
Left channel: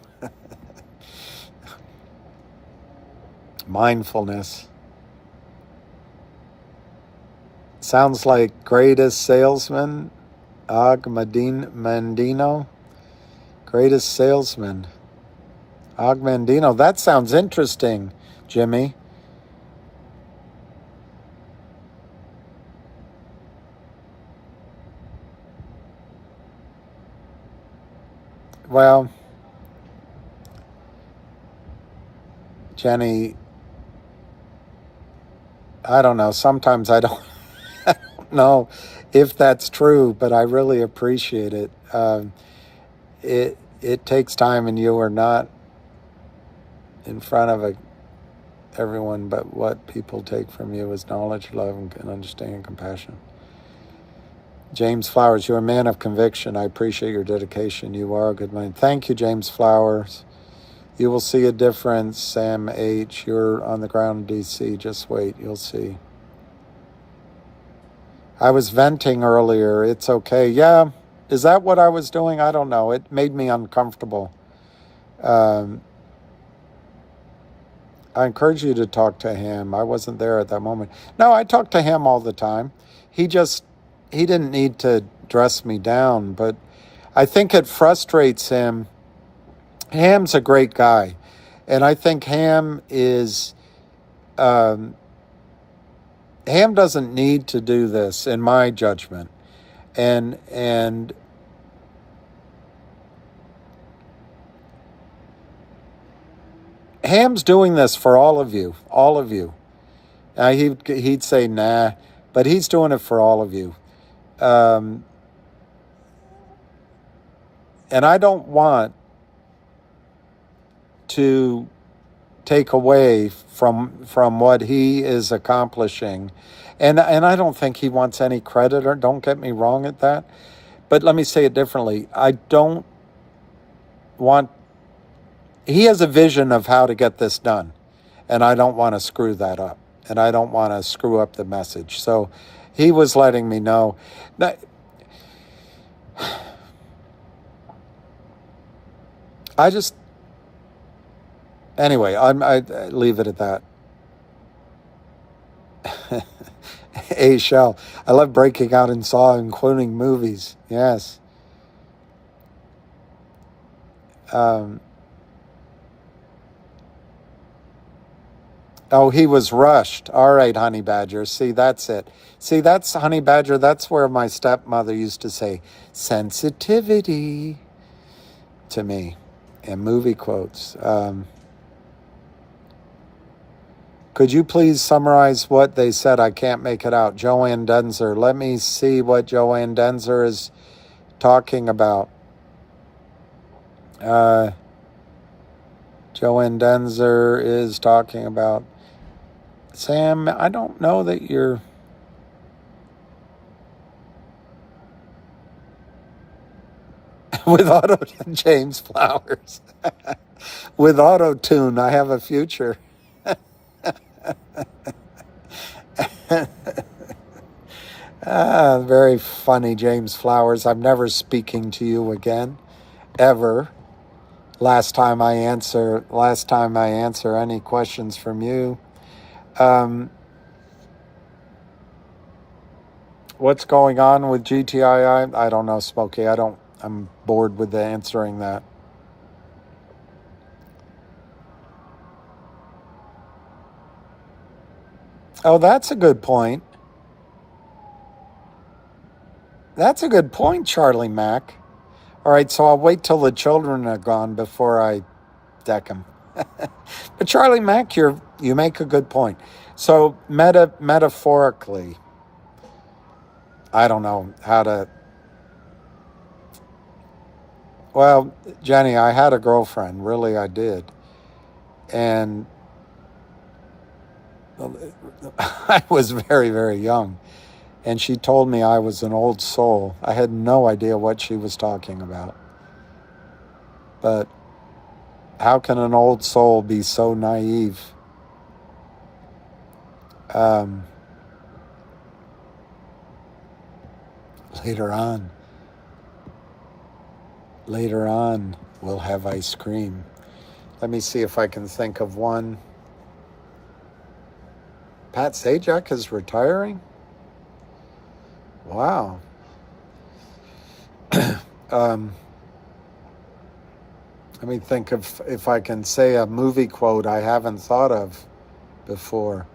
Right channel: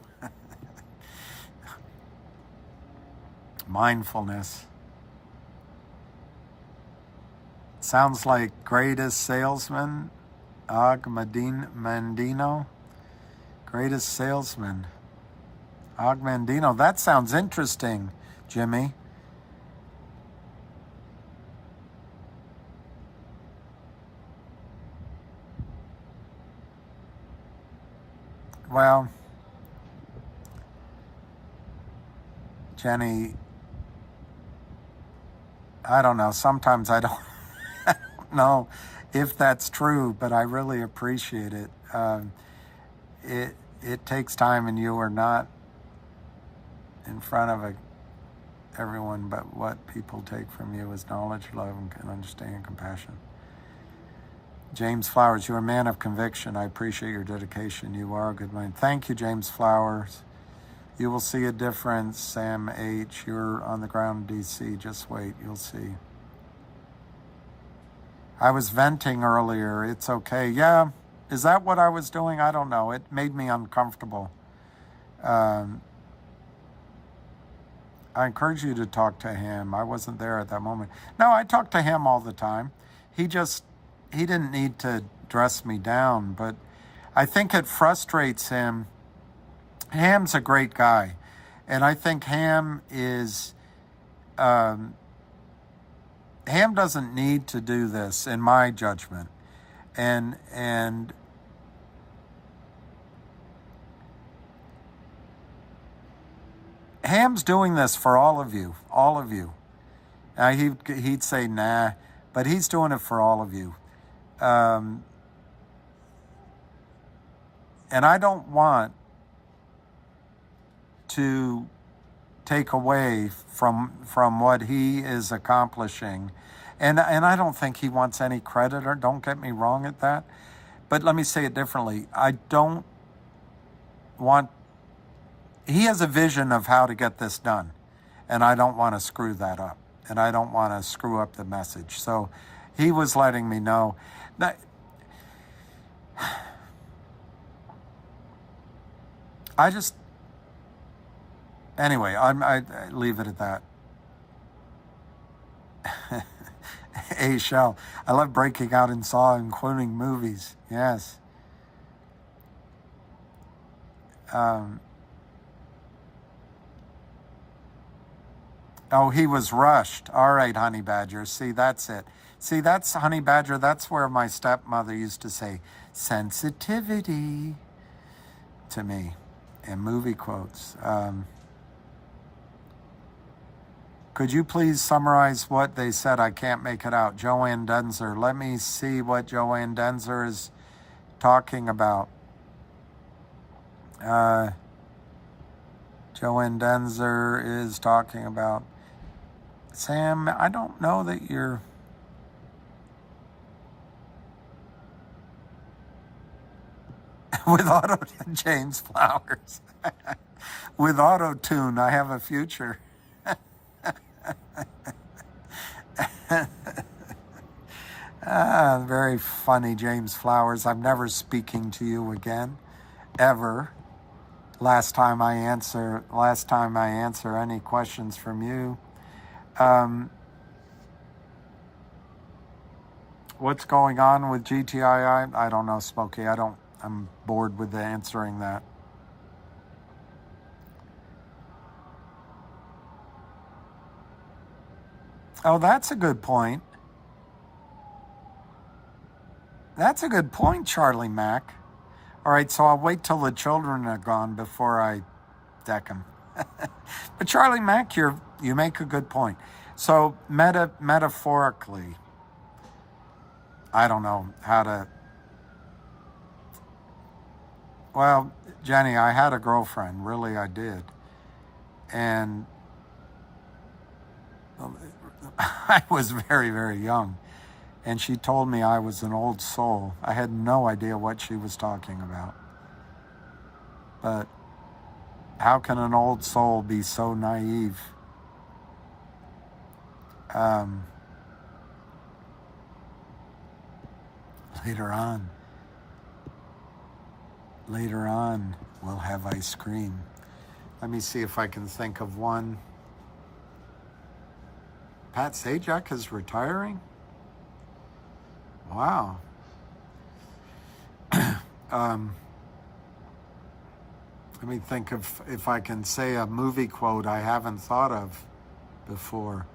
Mindfulness. Sounds like Greatest Salesman, Og Mandino. Greatest Salesman, Og Mandino. That sounds interesting, Jimmy. Well, Jenny, I don't know. Sometimes I don't know if that's true, but I really appreciate it. It takes time, and you are not in front of everyone, but what people take from you is knowledge, love, and understanding and compassion. James Flowers, you're a man of conviction. I appreciate your dedication. You are a good man. Thank you, James Flowers. You will see a difference, Sam H. You're on the ground in D.C. Just wait. You'll see. I was venting earlier. It's okay. Yeah. Is that what I was doing? I don't know. It made me uncomfortable. I encourage you to talk to him. I wasn't there at that moment. No, I talk to him all the time. He didn't need to dress me down, but I think it frustrates him. Ham's a great guy, and I think Ham doesn't need to do this, in my judgment, and Ham's doing this for all of you. He'd say nah, but he's doing it for all of you. And I don't want to take away from what he is accomplishing. And I don't think he wants any credit, or don't get me wrong at that. But let me say it differently. I don't he has a vision of how to get this done, and I don't want to screw that up, and I don't want to screw up the message. So he was letting me know that anyway, I leave it at that. Hey, Shell, I love breaking out in song, including movies. Yes. Oh, he was rushed. All right, Honey Badger. See, that's it. See, that's Honey Badger. That's where my stepmother used to say sensitivity to me in movie quotes. Could you please summarize what they said? I can't make it out. Joanne Denzer. Let me see what Joanne Denzer is talking about. Joanne Denzer is talking about. Sam, I don't know that you're... with James Flowers. With auto-tune, I have a future. Very funny, James Flowers. I'm never speaking to you again, ever. Last time I answer any questions from you. What's going on with GTII? I don't know, Smokey. I'm bored with answering that. Oh, that's a good point. That's a good point, Charlie Mack. All right, so I'll wait till the children are gone before I deck them. But Charlie Mack, you make a good point. So metaphorically, I don't know how to... Well, Jenny, I had a girlfriend. Really, I did. And I was very, very young. And she told me I was an old soul. I had no idea what she was talking about. But how can an old soul be so naive? Later on, we'll have ice cream. Let me see if I can think of one. Pat Sajak is retiring? Wow. Let me think if I can say a movie quote I haven't thought of before.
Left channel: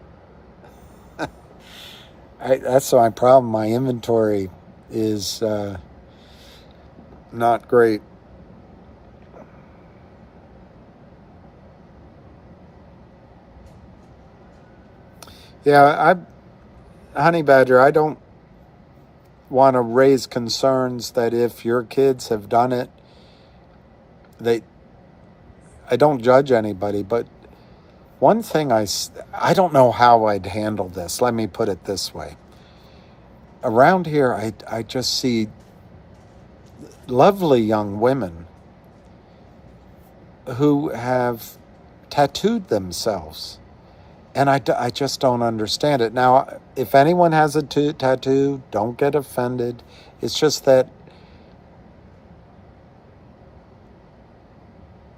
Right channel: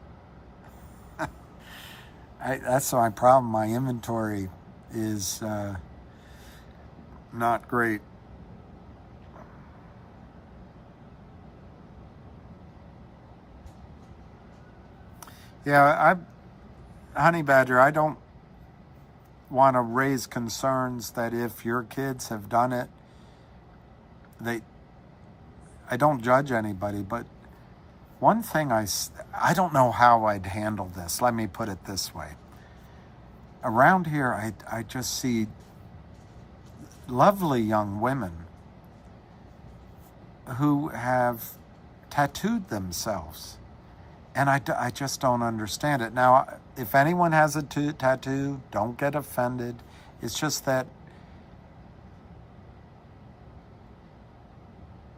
That's my problem. My inventory is not great. Yeah, Honey Badger, I don't want to raise concerns that if your kids have done it, I don't judge anybody, but one thing I don't know how I'd handle this. Let me put it this way. Around here, I just see lovely young women who have tattooed themselves. And I just don't understand it. Now, if anyone has a tattoo, don't get offended. It's just that,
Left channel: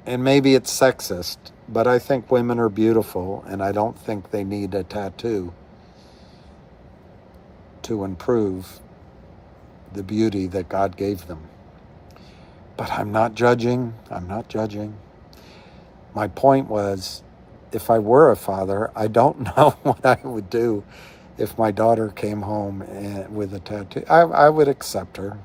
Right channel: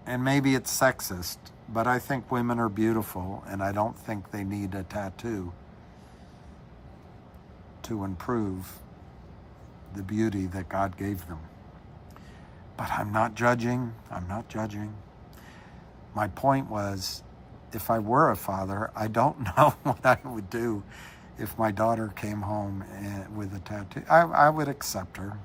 and maybe it's sexist, but I think women are beautiful, and I don't think they need a tattoo to improve the beauty that God gave them. But I'm not judging. My point was, if I were a father, I don't know what I would do if my daughter came home with a tattoo. I would accept her.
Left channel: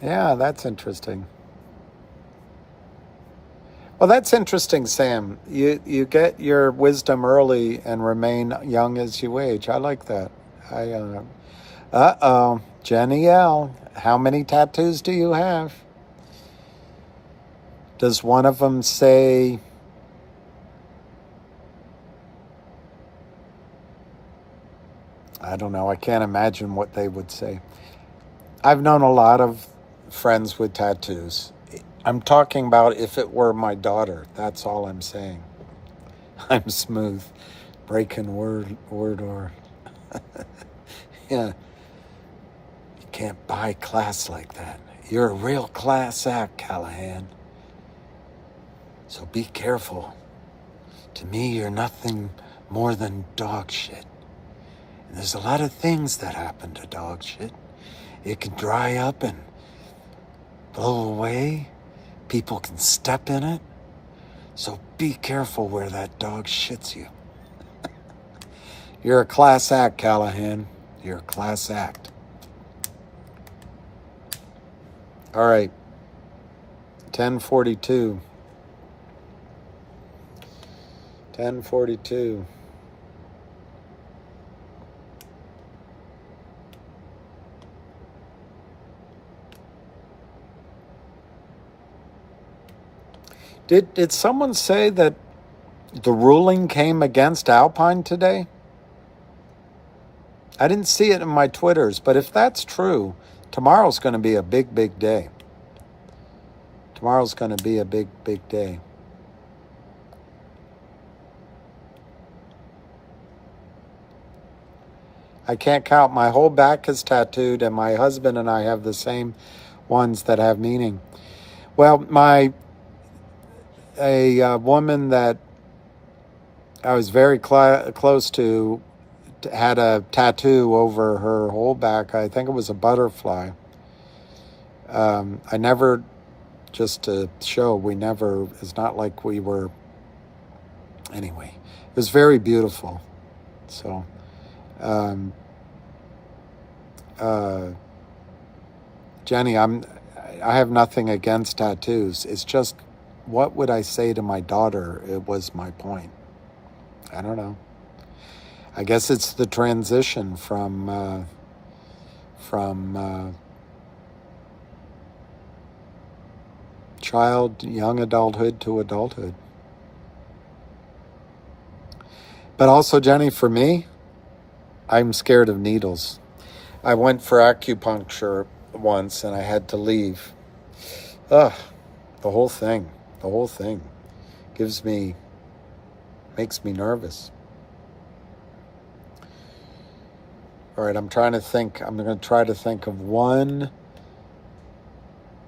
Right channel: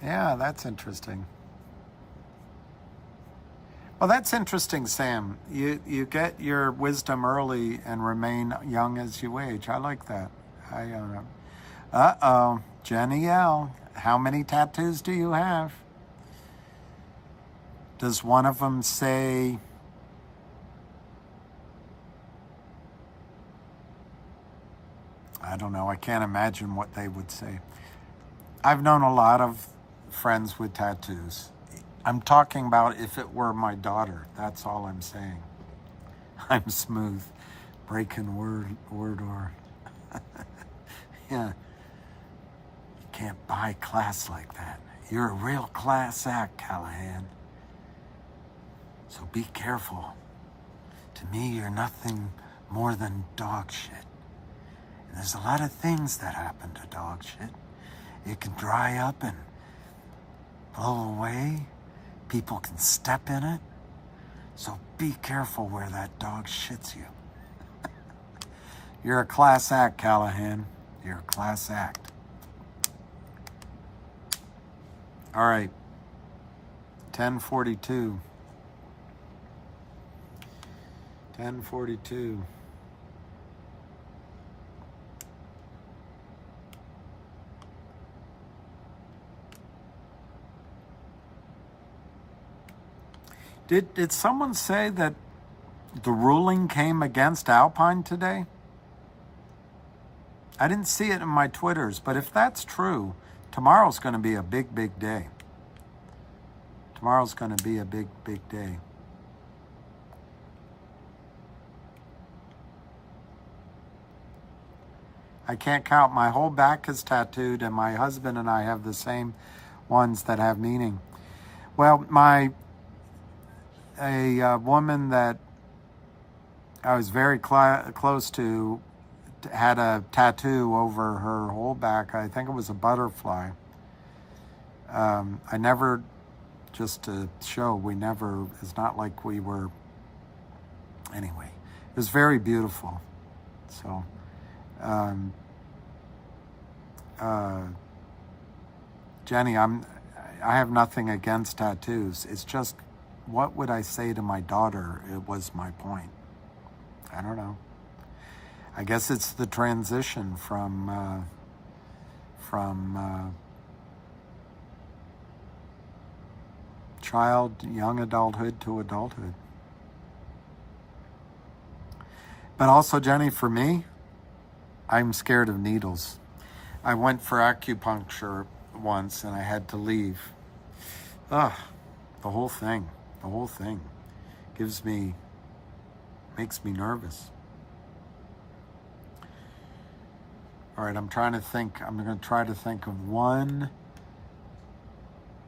Yeah, that's interesting. Well, that's interesting, Sam. You get your wisdom early and remain young as you age. I like that. Jenny L., how many tattoos do you have? Does one of them say, I I don't know. I can't imagine what they would say. I've known a lot of friends with tattoos. I'm talking about if it were my daughter. That's all I'm saying. I'm smooth. Breaking word or yeah. You can't buy class like that. You're a real class act, Callahan. So be careful. To me, you're nothing more than dog shit. And there's a lot of things that happen to dog shit. It can dry up and blow away. People can step in it. So be careful where that dog shits you. You're a class act, Callahan. You're a class act. All right. 10:42. 10:42. Did someone say that the ruling came against Alpine today? I didn't see it in my Twitters, but if that's true, tomorrow's going to be a big, big day. Tomorrow's going to be a big, big day. I can't count. My whole back is tattooed, and my husband and I have the same ones that have meaning. Well, a woman that I was very close to had a tattoo over her whole back. I think it was a butterfly. I never, just to show, it's not like we were, anyway, it was very beautiful. So, Jenny, I have nothing against tattoos. It's just, what would I say to my daughter? It was my point. I don't know. I guess it's the transition from young adulthood to adulthood. But also, Jenny, for me, I'm scared of needles. I went for acupuncture once and I had to leave. Ugh, the whole thing makes me nervous. All right, I'm going to try to think of one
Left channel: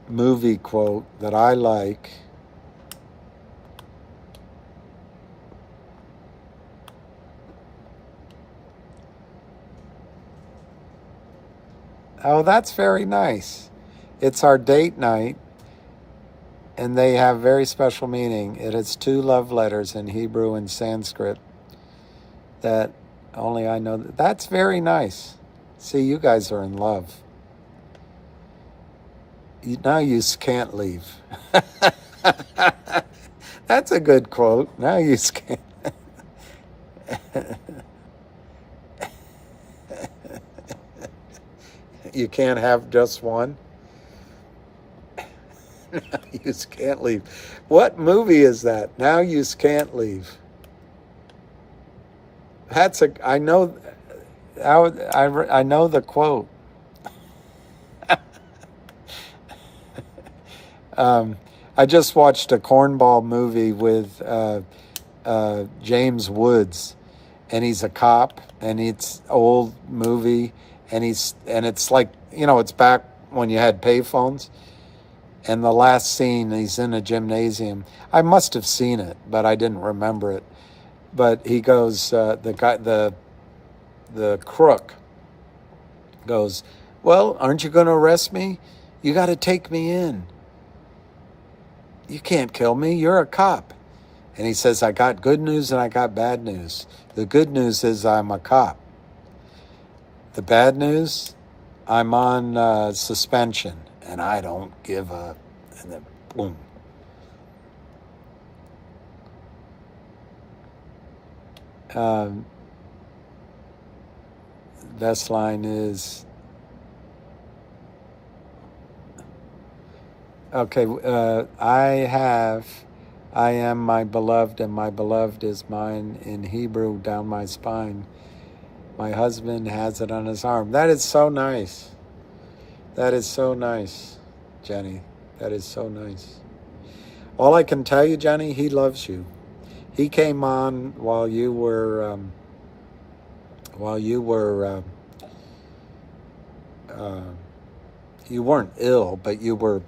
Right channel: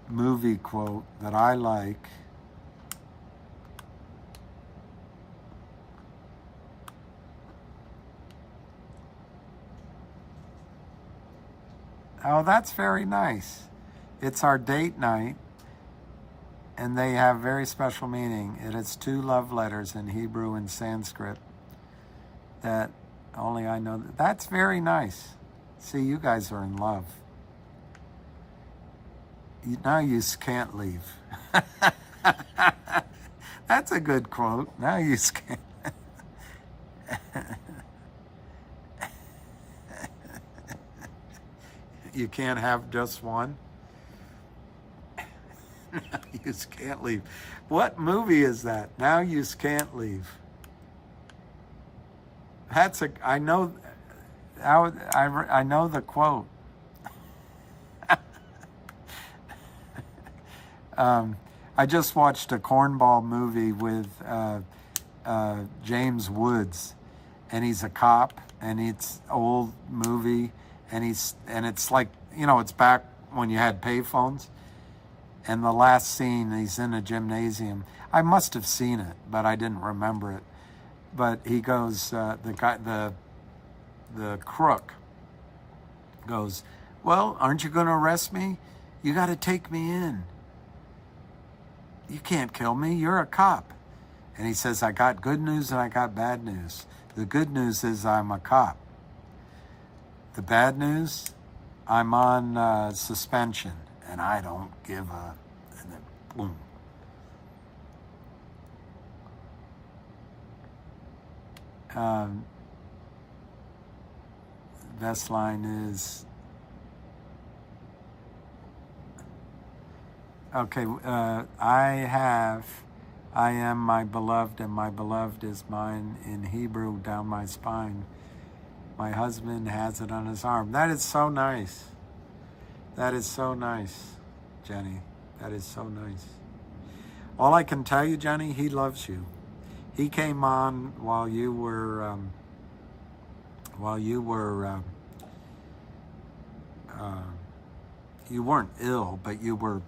movie quote that I like. Oh, that's very nice. It's our date night, and they have very special meaning. It is 2 love letters in Hebrew and Sanskrit that only I know. That's very nice. See, you guys are in love. Now you can't leave. That's a good quote. Now you can't. You can't have just one. Now you can't leave. What movie is that? Now you can't leave. I know the quote. I just watched a cornball movie with James Woods, and he's a cop, and it's old movie, and it's like, it's back when you had payphones, and the last scene, he's in a gymnasium. I must have seen it, but I didn't remember it. But he goes, the crook goes, well, aren't you going to arrest me? You got to take me in. You can't kill me. You're a cop. And he says, I got good news and I got bad news. The good news is I'm a cop. The bad news, I'm on suspension and I don't give up. And then boom. Best line is, okay, I am my beloved and my beloved is mine in Hebrew down my spine. My husband has it on his arm. That is so nice. That is so nice, Jenny. That is so nice. All I can tell you, Jenny, he loves you. He came on while you were you weren't ill, but you were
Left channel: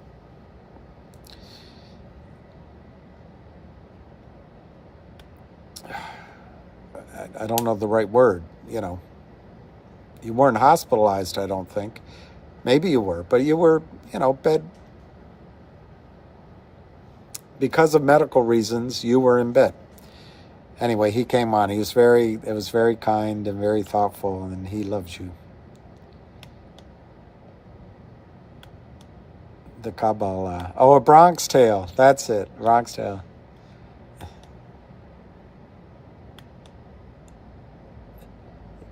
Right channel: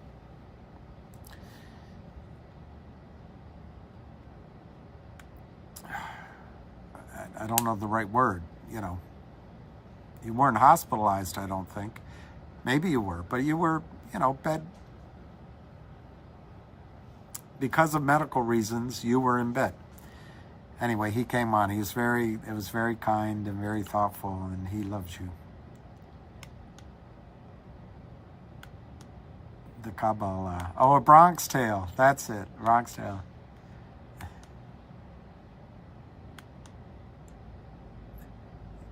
I don't know the right word, you know. You weren't hospitalized, I don't think. Maybe you were, but you were, you know, bed. Because of medical reasons, you were in bed. Anyway, he came on. It was very kind and very thoughtful, and he loves you. The Kabbalah. Oh, a Bronx Tale. That's it. Bronx Tale.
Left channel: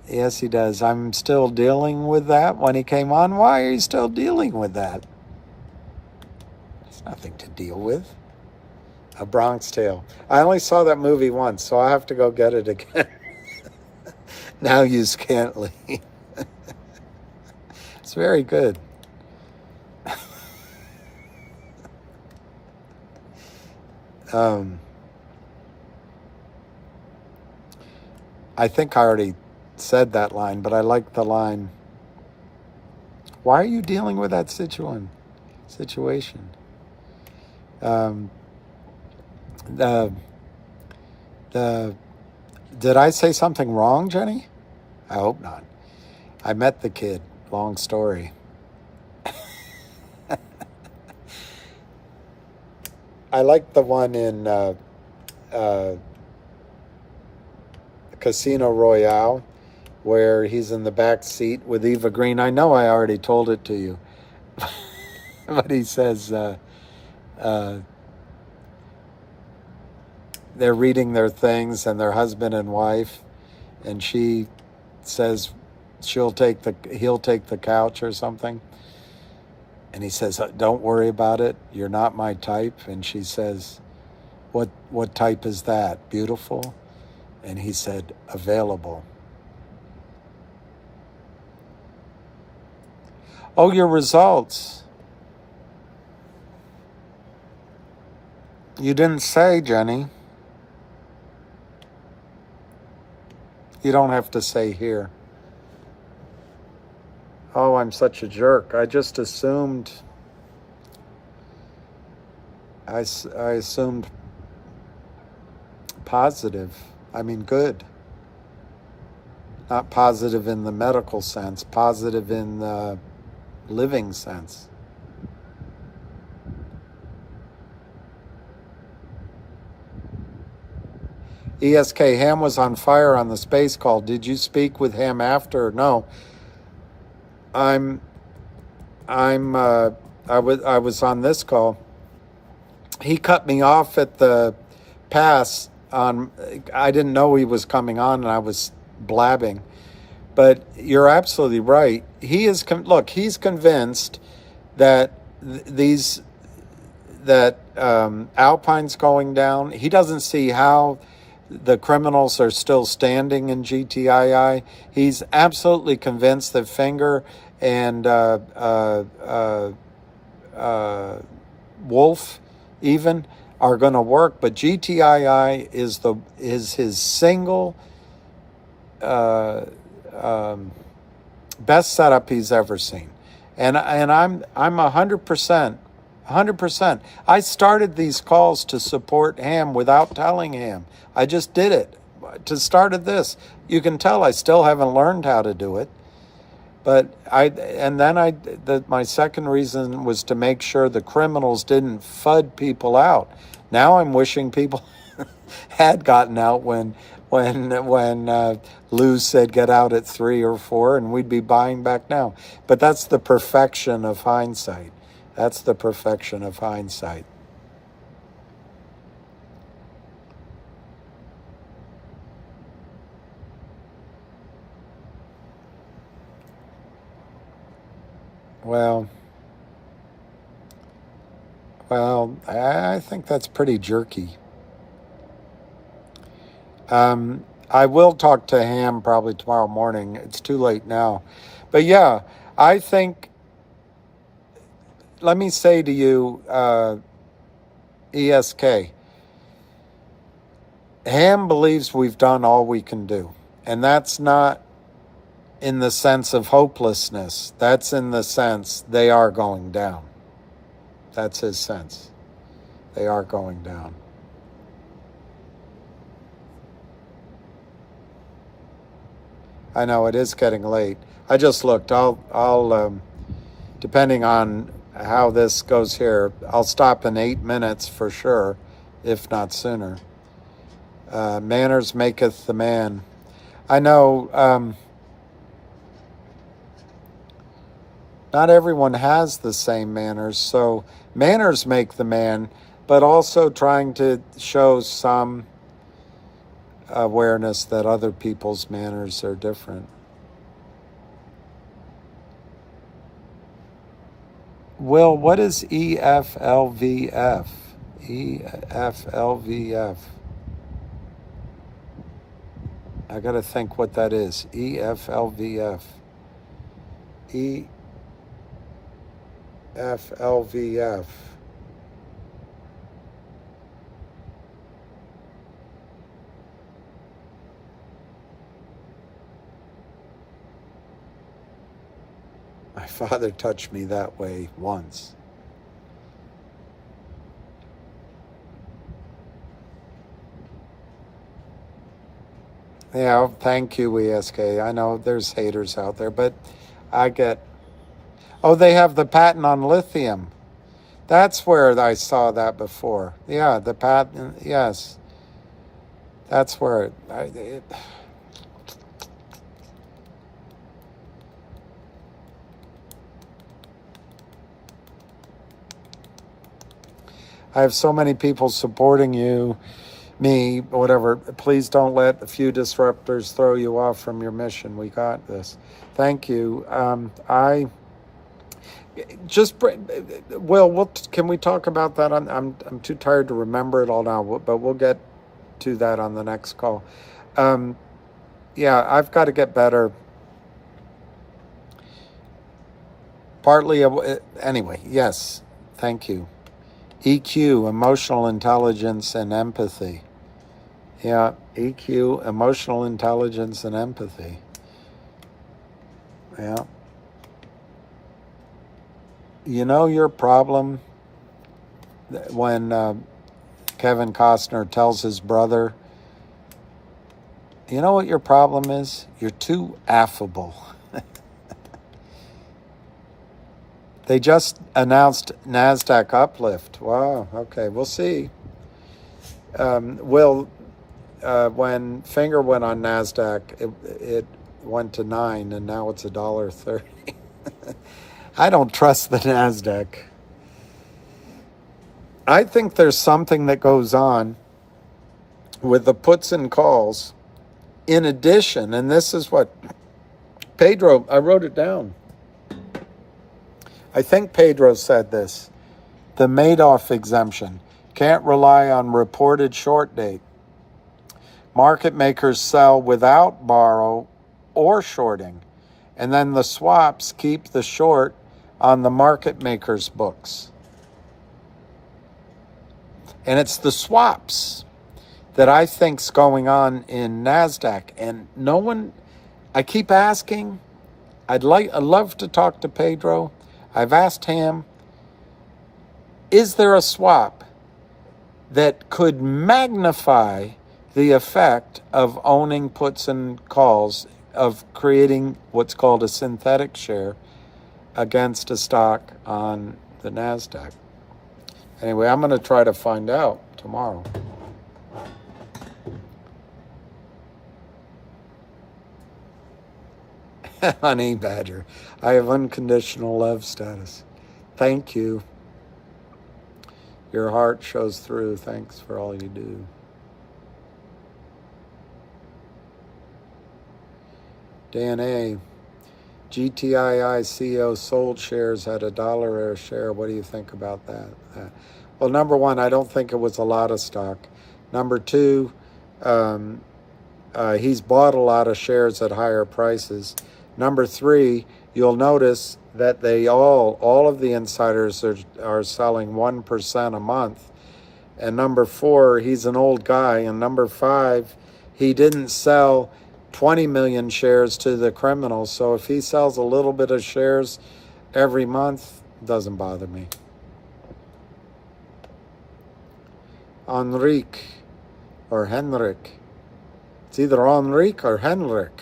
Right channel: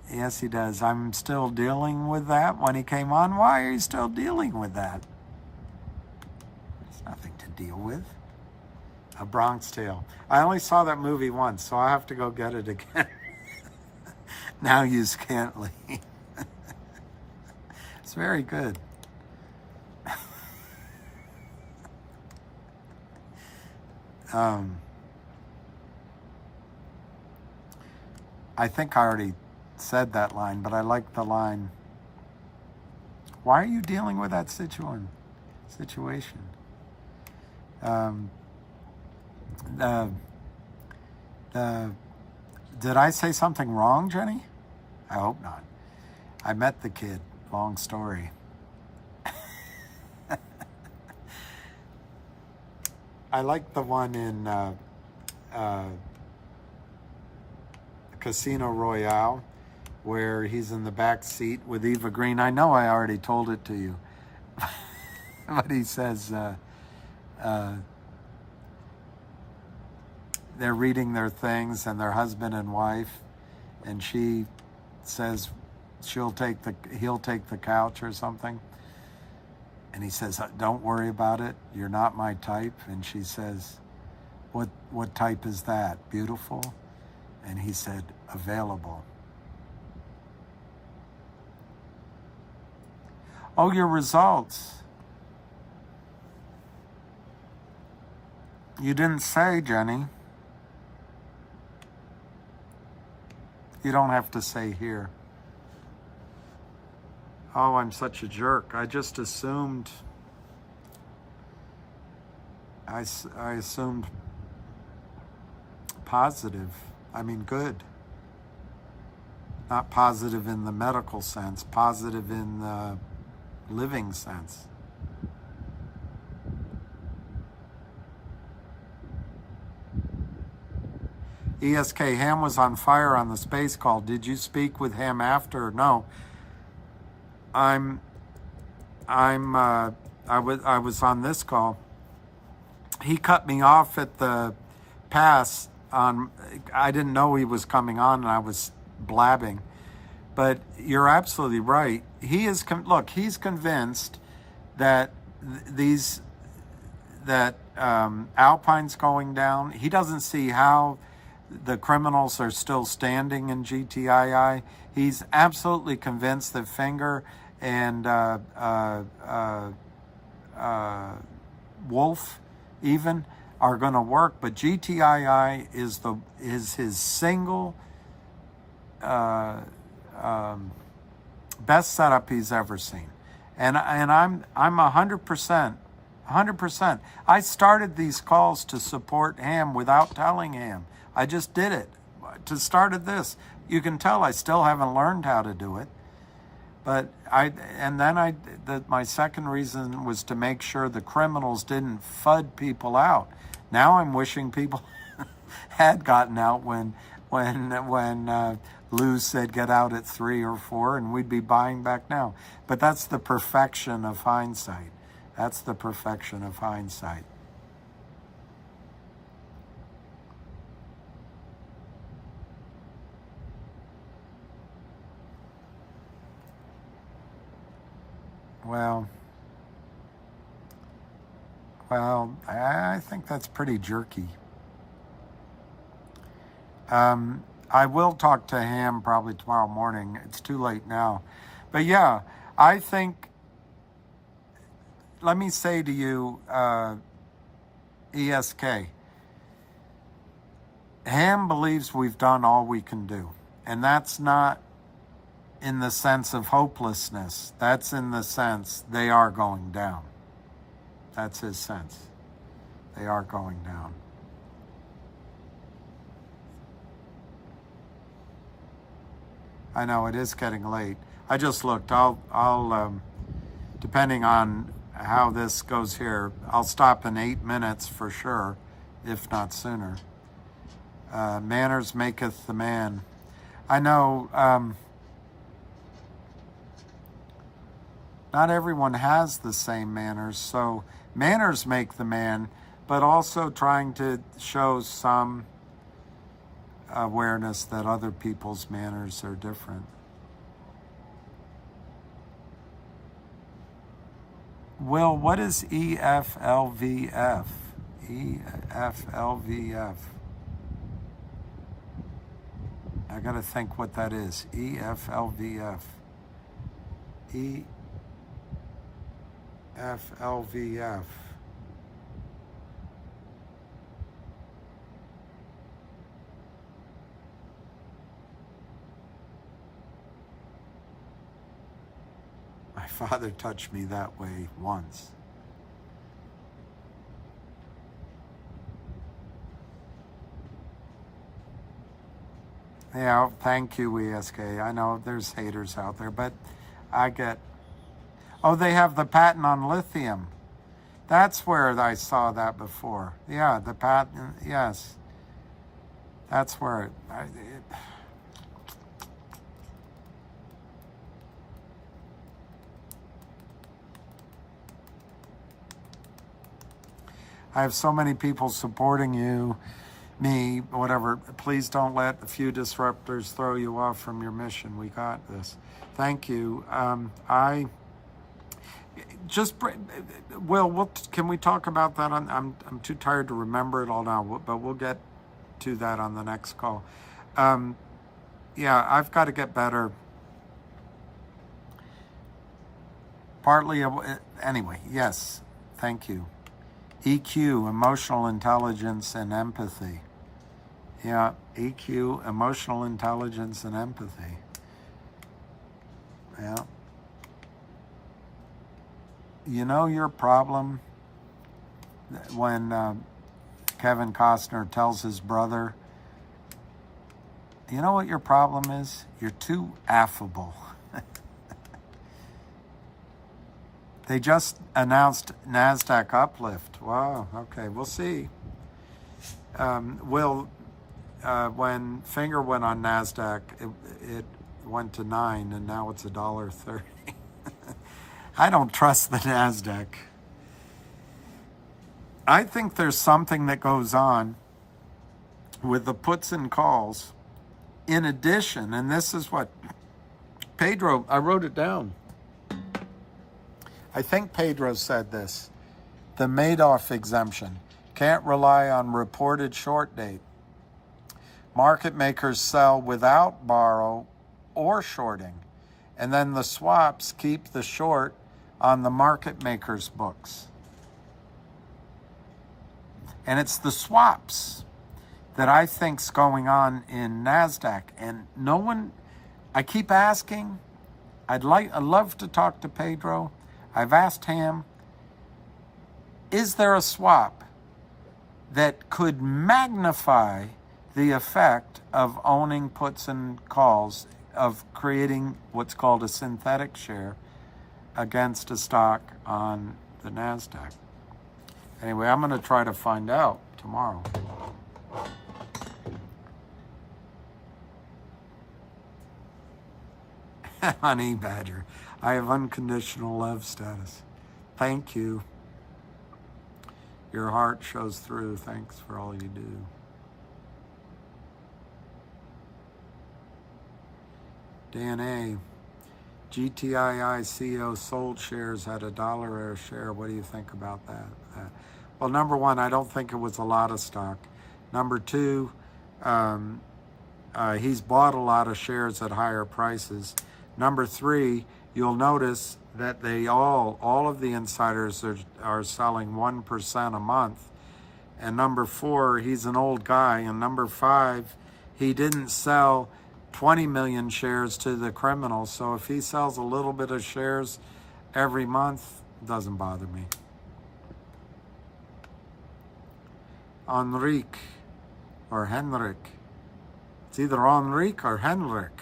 Yes, he does. I'm still dealing with that when he came on. Why are you still dealing with that? There's nothing to deal with. A Bronx Tale. I only saw that movie once, so I have to go get it again. Now you can't leave. It's very good. I think I already said that line, but I like the line. Why are you dealing with that situation? Did I say something wrong, Jenny? I hope not. I met the kid. Long story. I like the one in Casino Royale, where he's in the back seat with Eva Green. I know I already told it to you, but he says they're reading their things, and their husband and wife, and she says he'll take the couch or something, and he says, "Don't worry about it. You're not my type." And she says, "What type is that? Beautiful?" And he said, "Available." Oh, your results. You didn't say, Jenny. You don't have to say here. Oh, I'm such a jerk. I just assumed. I assumed positive. I mean, good. Not positive in the medical sense, positive in the living sense. ESK, Ham was on fire on the space call. Did you speak with Ham after? No. I was on this call. He cut me off at the pass on. I didn't know he was coming on, and I was blabbing. But you're absolutely right. He is he's convinced that Alpine's going down. He doesn't see how the criminals are still standing in GTII. He's absolutely convinced that Finger and Wolf even are going to work, but GTII is his single best setup he's ever seen, and I'm 100%. I started these calls to support Ham without telling Ham. I just did it to start this. You can tell I still haven't learned how to do it, but my second reason was to make sure the criminals didn't FUD people out. Now I'm wishing people had gotten out when Lou said get out at 3 or 4, and we'd be buying back now. But that's the perfection of hindsight. That's the perfection of hindsight. Well, I think that's pretty jerky. I will talk to Ham probably tomorrow morning. It's too late now. But yeah, I think, let me say to you, ESK, Ham believes we've done all we can do. And that's not in the sense of hopelessness. That's in the sense they are going down. That's his sense. They are going down. I know it is getting late. I just looked. I'll depending on how this goes here, I'll stop in 8 minutes for sure, if not sooner. Manners maketh the man. I know not everyone has the same manners, so manners make the man, but also trying to show some awareness that other people's manners are different. Will, what is EFLVF? EFLVF. I got to think what that is. EFLVF. EFLVF. My father touched me that way once. Yeah, thank you, ESK. I know there's haters out there, but I get... Oh, they have the patent on lithium. That's where I saw that before. Yeah, the patent, yes. That's where I have so many people supporting you, me, whatever. Please don't let a few disruptors throw you off from your mission. We got this. Thank you. I just, Will, can we talk about that? I'm too tired to remember it all now, but we'll get to that on the next call. Yeah, I've got to get better. Partly, anyway, yes, thank you. EQ, emotional intelligence and empathy. Yeah, EQ, emotional intelligence and empathy. Yeah. You know your problem when Kevin Costner tells his brother, you know what your problem is? You're too affable. They just announced NASDAQ uplift. Wow, okay, we'll see. When Finger went on NASDAQ, it went to 9, and now it's $1.30. I don't trust the NASDAQ. I think there's something that goes on with the puts and calls. In addition, and this is what Pedro, I wrote it down. I think Pedro said this, the Madoff exemption. Can't rely on reported short date. Market makers sell without borrow or shorting. And then the swaps keep the short on the market makers' books. And it's the swaps that I think's going on in NASDAQ. And no one, I keep asking, I'd love to talk to Pedro. I've asked him, is there a swap that could magnify the effect of owning puts and calls, of creating what's called a synthetic share against a stock on the NASDAQ? Anyway, I'm going to try to find out tomorrow. Honey Badger, I have unconditional love status. Thank you. Your heart shows through. Thanks for all you do. Dan A. GTII CEO sold shares at $1 a share. What do you think about that? Well, number one, I don't think it was a lot of stock. Number two, he's bought a lot of shares at higher prices. Number 3, you'll notice that they all of the insiders are selling 1% a month. And number 4, he's an old guy. And number 5, he didn't sell 20 million shares to the criminals. So if he sells a little bit of shares every month, it doesn't bother me. Enrique or Henrik. It's either Enrique or Henrik.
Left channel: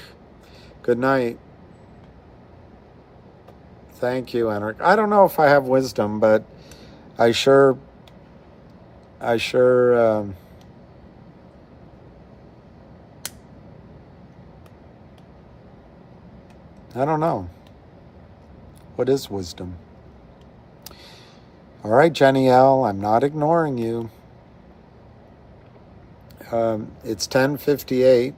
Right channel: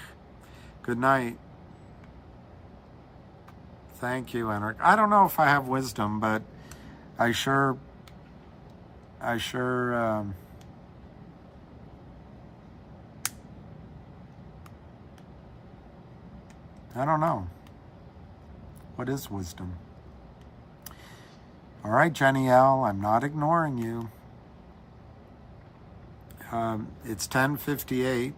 Good night. Thank you, Henrik. I don't know if I have wisdom, but I sure I don't know. What is wisdom? All right, Jenny L., I'm not ignoring you. It's 10:58.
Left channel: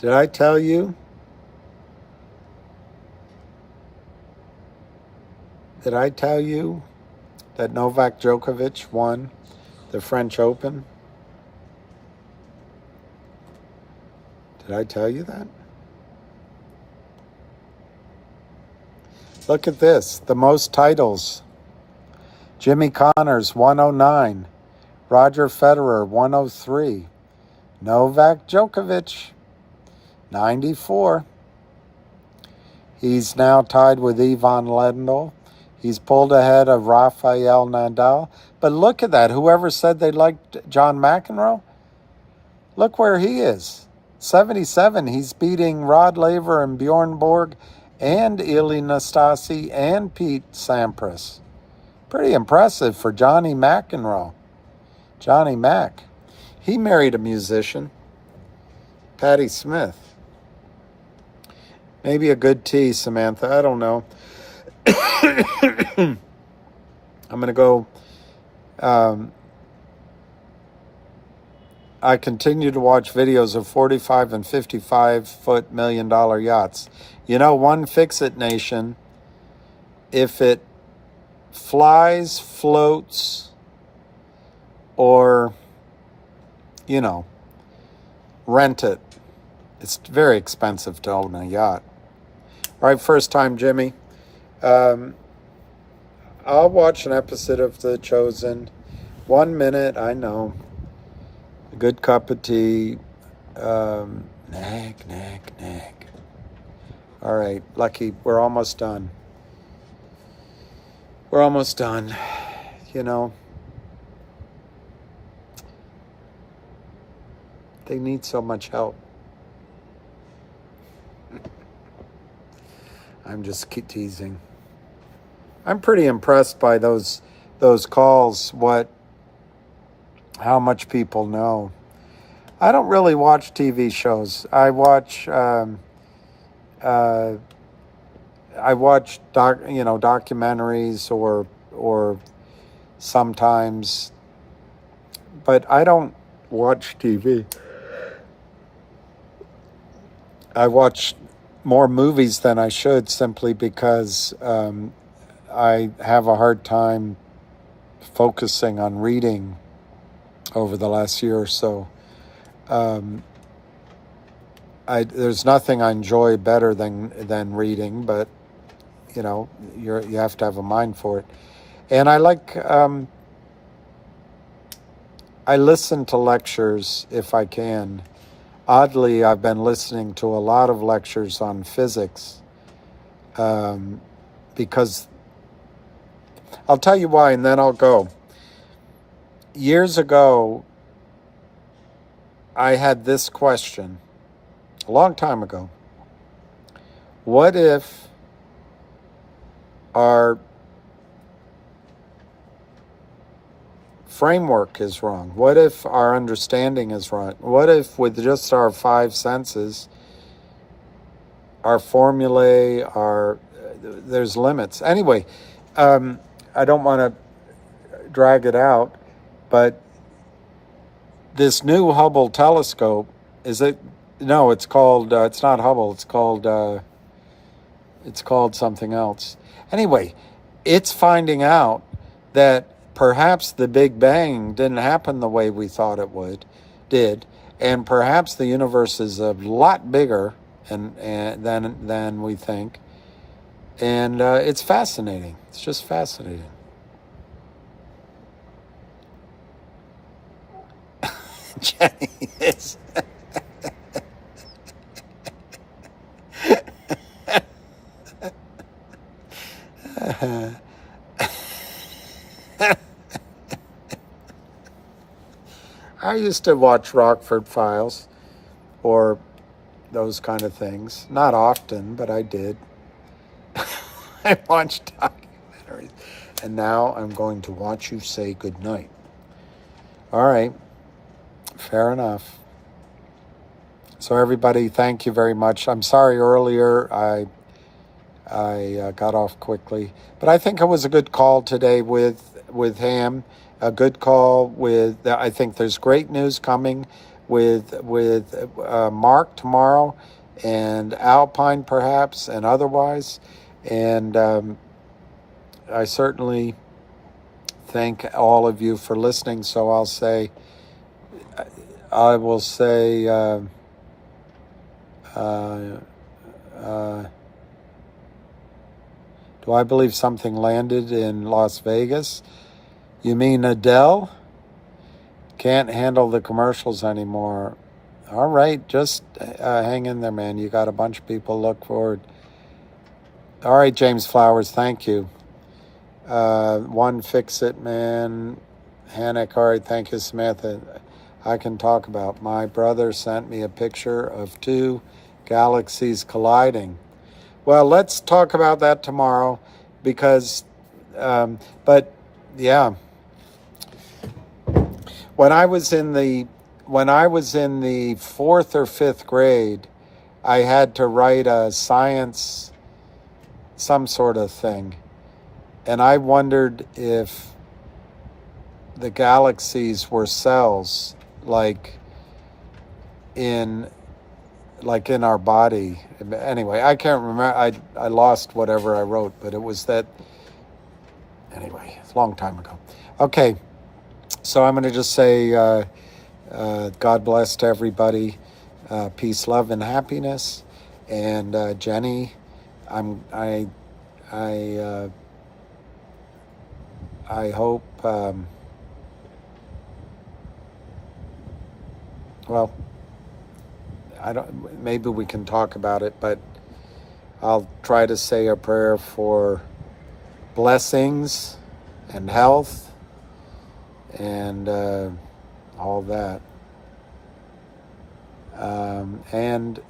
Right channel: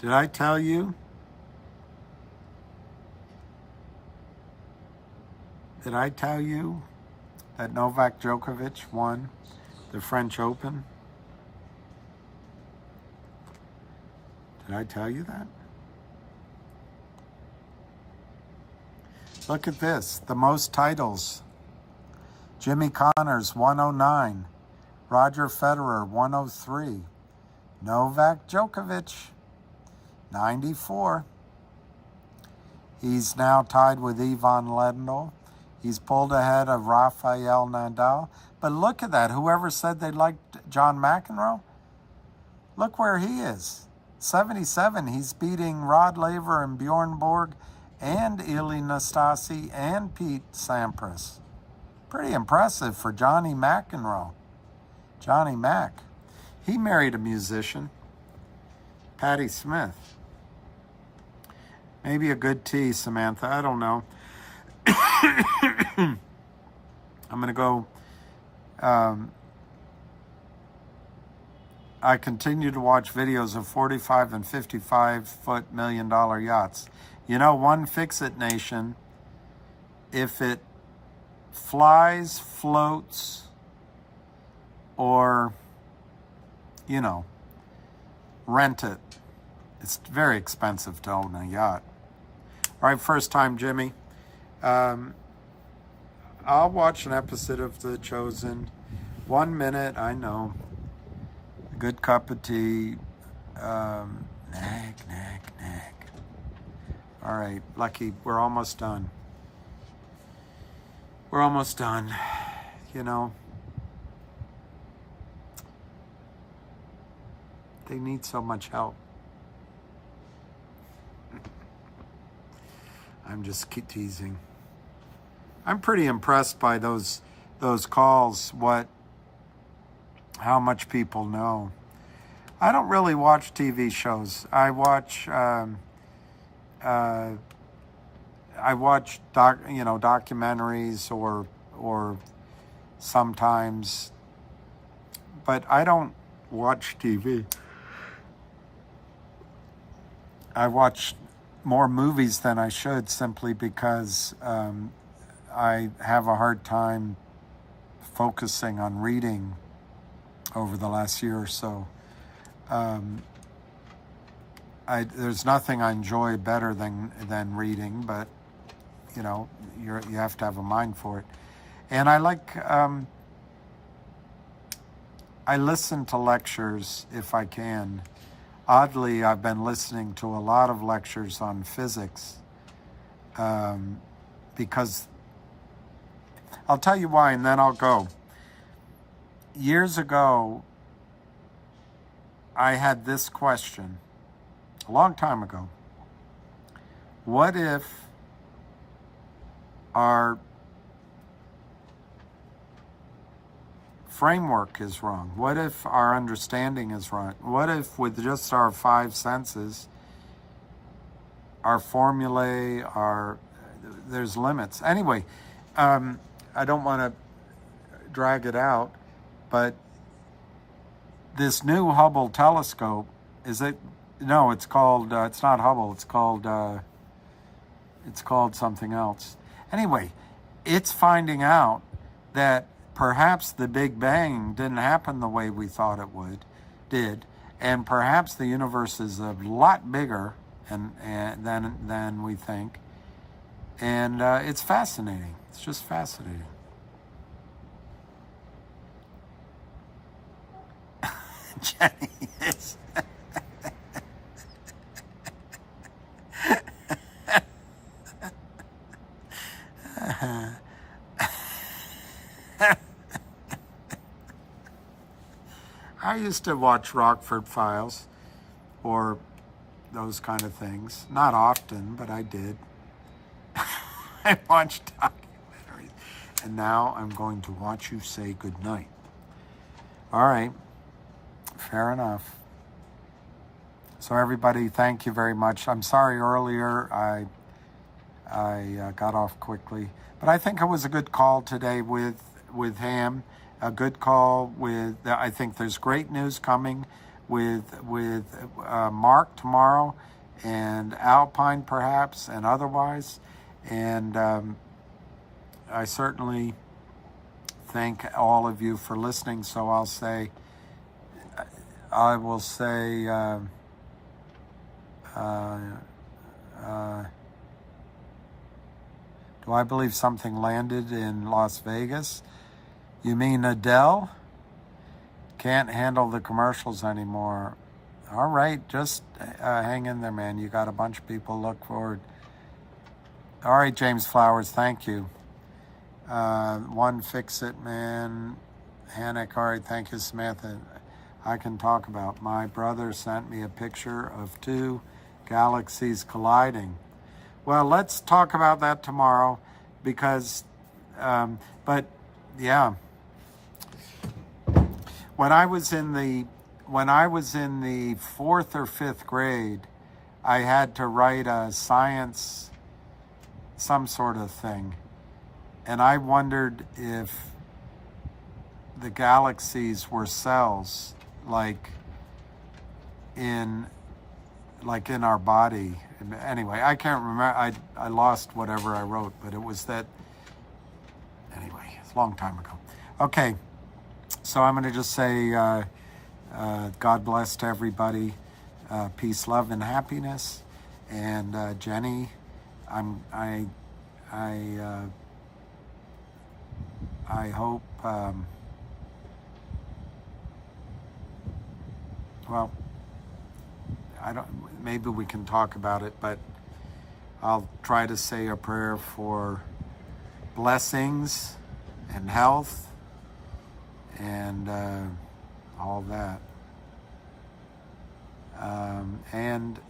Did I tell you? Did I tell you that Novak Djokovic won the French Open? Did I tell you that? Look at this, the most titles. Jimmy Connors, 109. Roger Federer, 103. Novak Djokovic, 94. He's now tied with Ivan Lendl. He's pulled ahead of Rafael Nadal. But look at that. Whoever said they liked John McEnroe, look where he is. 77. He's beating Rod Laver and Bjorn Borg and Ilie Nastase and Pete Sampras. Pretty impressive for Johnny McEnroe. Johnny Mac. He married a musician, Patti Smith. Maybe a good tea, Samantha. I don't know. I'm going to go. I continue to watch videos of 45 and 55-foot million-dollar yachts. You know, one Fix-It Nation, if it flies, floats, or, you know, rent it, it's very expensive to own a yacht. All right, first time, Jimmy. I'll watch an episode of The Chosen. 1 minute, I know. A good cup of tea. Nag. All right, Lucky, we're almost done. We're almost done. You know, they need so much help. I'm just teasing. I'm pretty impressed by those calls, how much people know. I don't really watch TV shows. I watch documentaries or sometimes, but I don't watch TV. I watch more movies than I should simply because I have a hard time focusing on reading over the last year or so. There's nothing I enjoy better than reading, but you know, you have to have a mind for it. And I listen to lectures if I can. Oddly, I've been listening to a lot of lectures on physics because I'll tell you why, and then I'll go. Years ago, I had this question, a long time ago. What if our framework is wrong? What if our understanding is wrong? What if with just our 5 senses, our formulae, there's limits? Anyway, I don't want to drag it out, but this new Hubble telescope, it's called, it's not Hubble, it's called It's called something else. Anyway, it's finding out that perhaps the Big Bang didn't happen the way we thought it did, and perhaps the universe is a lot bigger than we think. And it's fascinating. It's just fascinating. Jenny is. I used to watch Rockford Files or those kind of things. Not often, but I did. I watched documentaries. And now I'm going to watch you say goodnight. All right. Fair enough. So everybody, thank you very much. I'm sorry earlier I got off quickly, but I think it was a good call today with Ham. A good call with. I think there's great news coming with Mark tomorrow, and Alpine perhaps, and otherwise. And I certainly thank all of you for listening. So I will say. Do I believe something landed in Las Vegas? You mean Adele? Can't handle the commercials anymore. All right, just hang in there, man. You got a bunch of people look forward. All right, James Flowers, thank you. One Fix It, man. Hannick, all right, thank you, Samantha. I can talk about. My brother sent me a picture of 2 galaxies colliding. Well, let's talk about that tomorrow because, but yeah. When I was in the 4th or 5th grade, I had to write a science, some sort of thing. And I wondered if the galaxies were cells, like in our body. Anyway, I can't remember. I lost whatever I wrote, but it was that. Anyway, it's a long time ago. Okay, so I'm going to just say God bless to everybody. Peace, love, and happiness. And Jenny, I hope. Well, I don't. Maybe we can talk about it, but I'll try to say a prayer for blessings and health and all that. And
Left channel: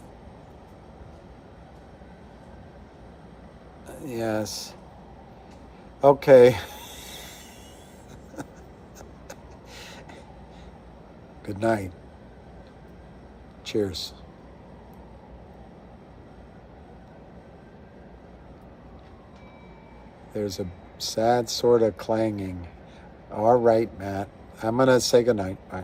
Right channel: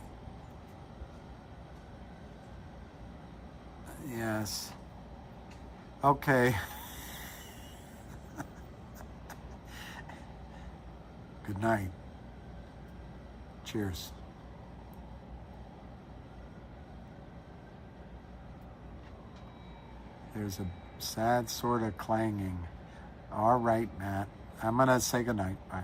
yes. Okay. Good night. Cheers. There's a sad sort of clanging. All right, Matt. I'm going to say goodnight. Bye.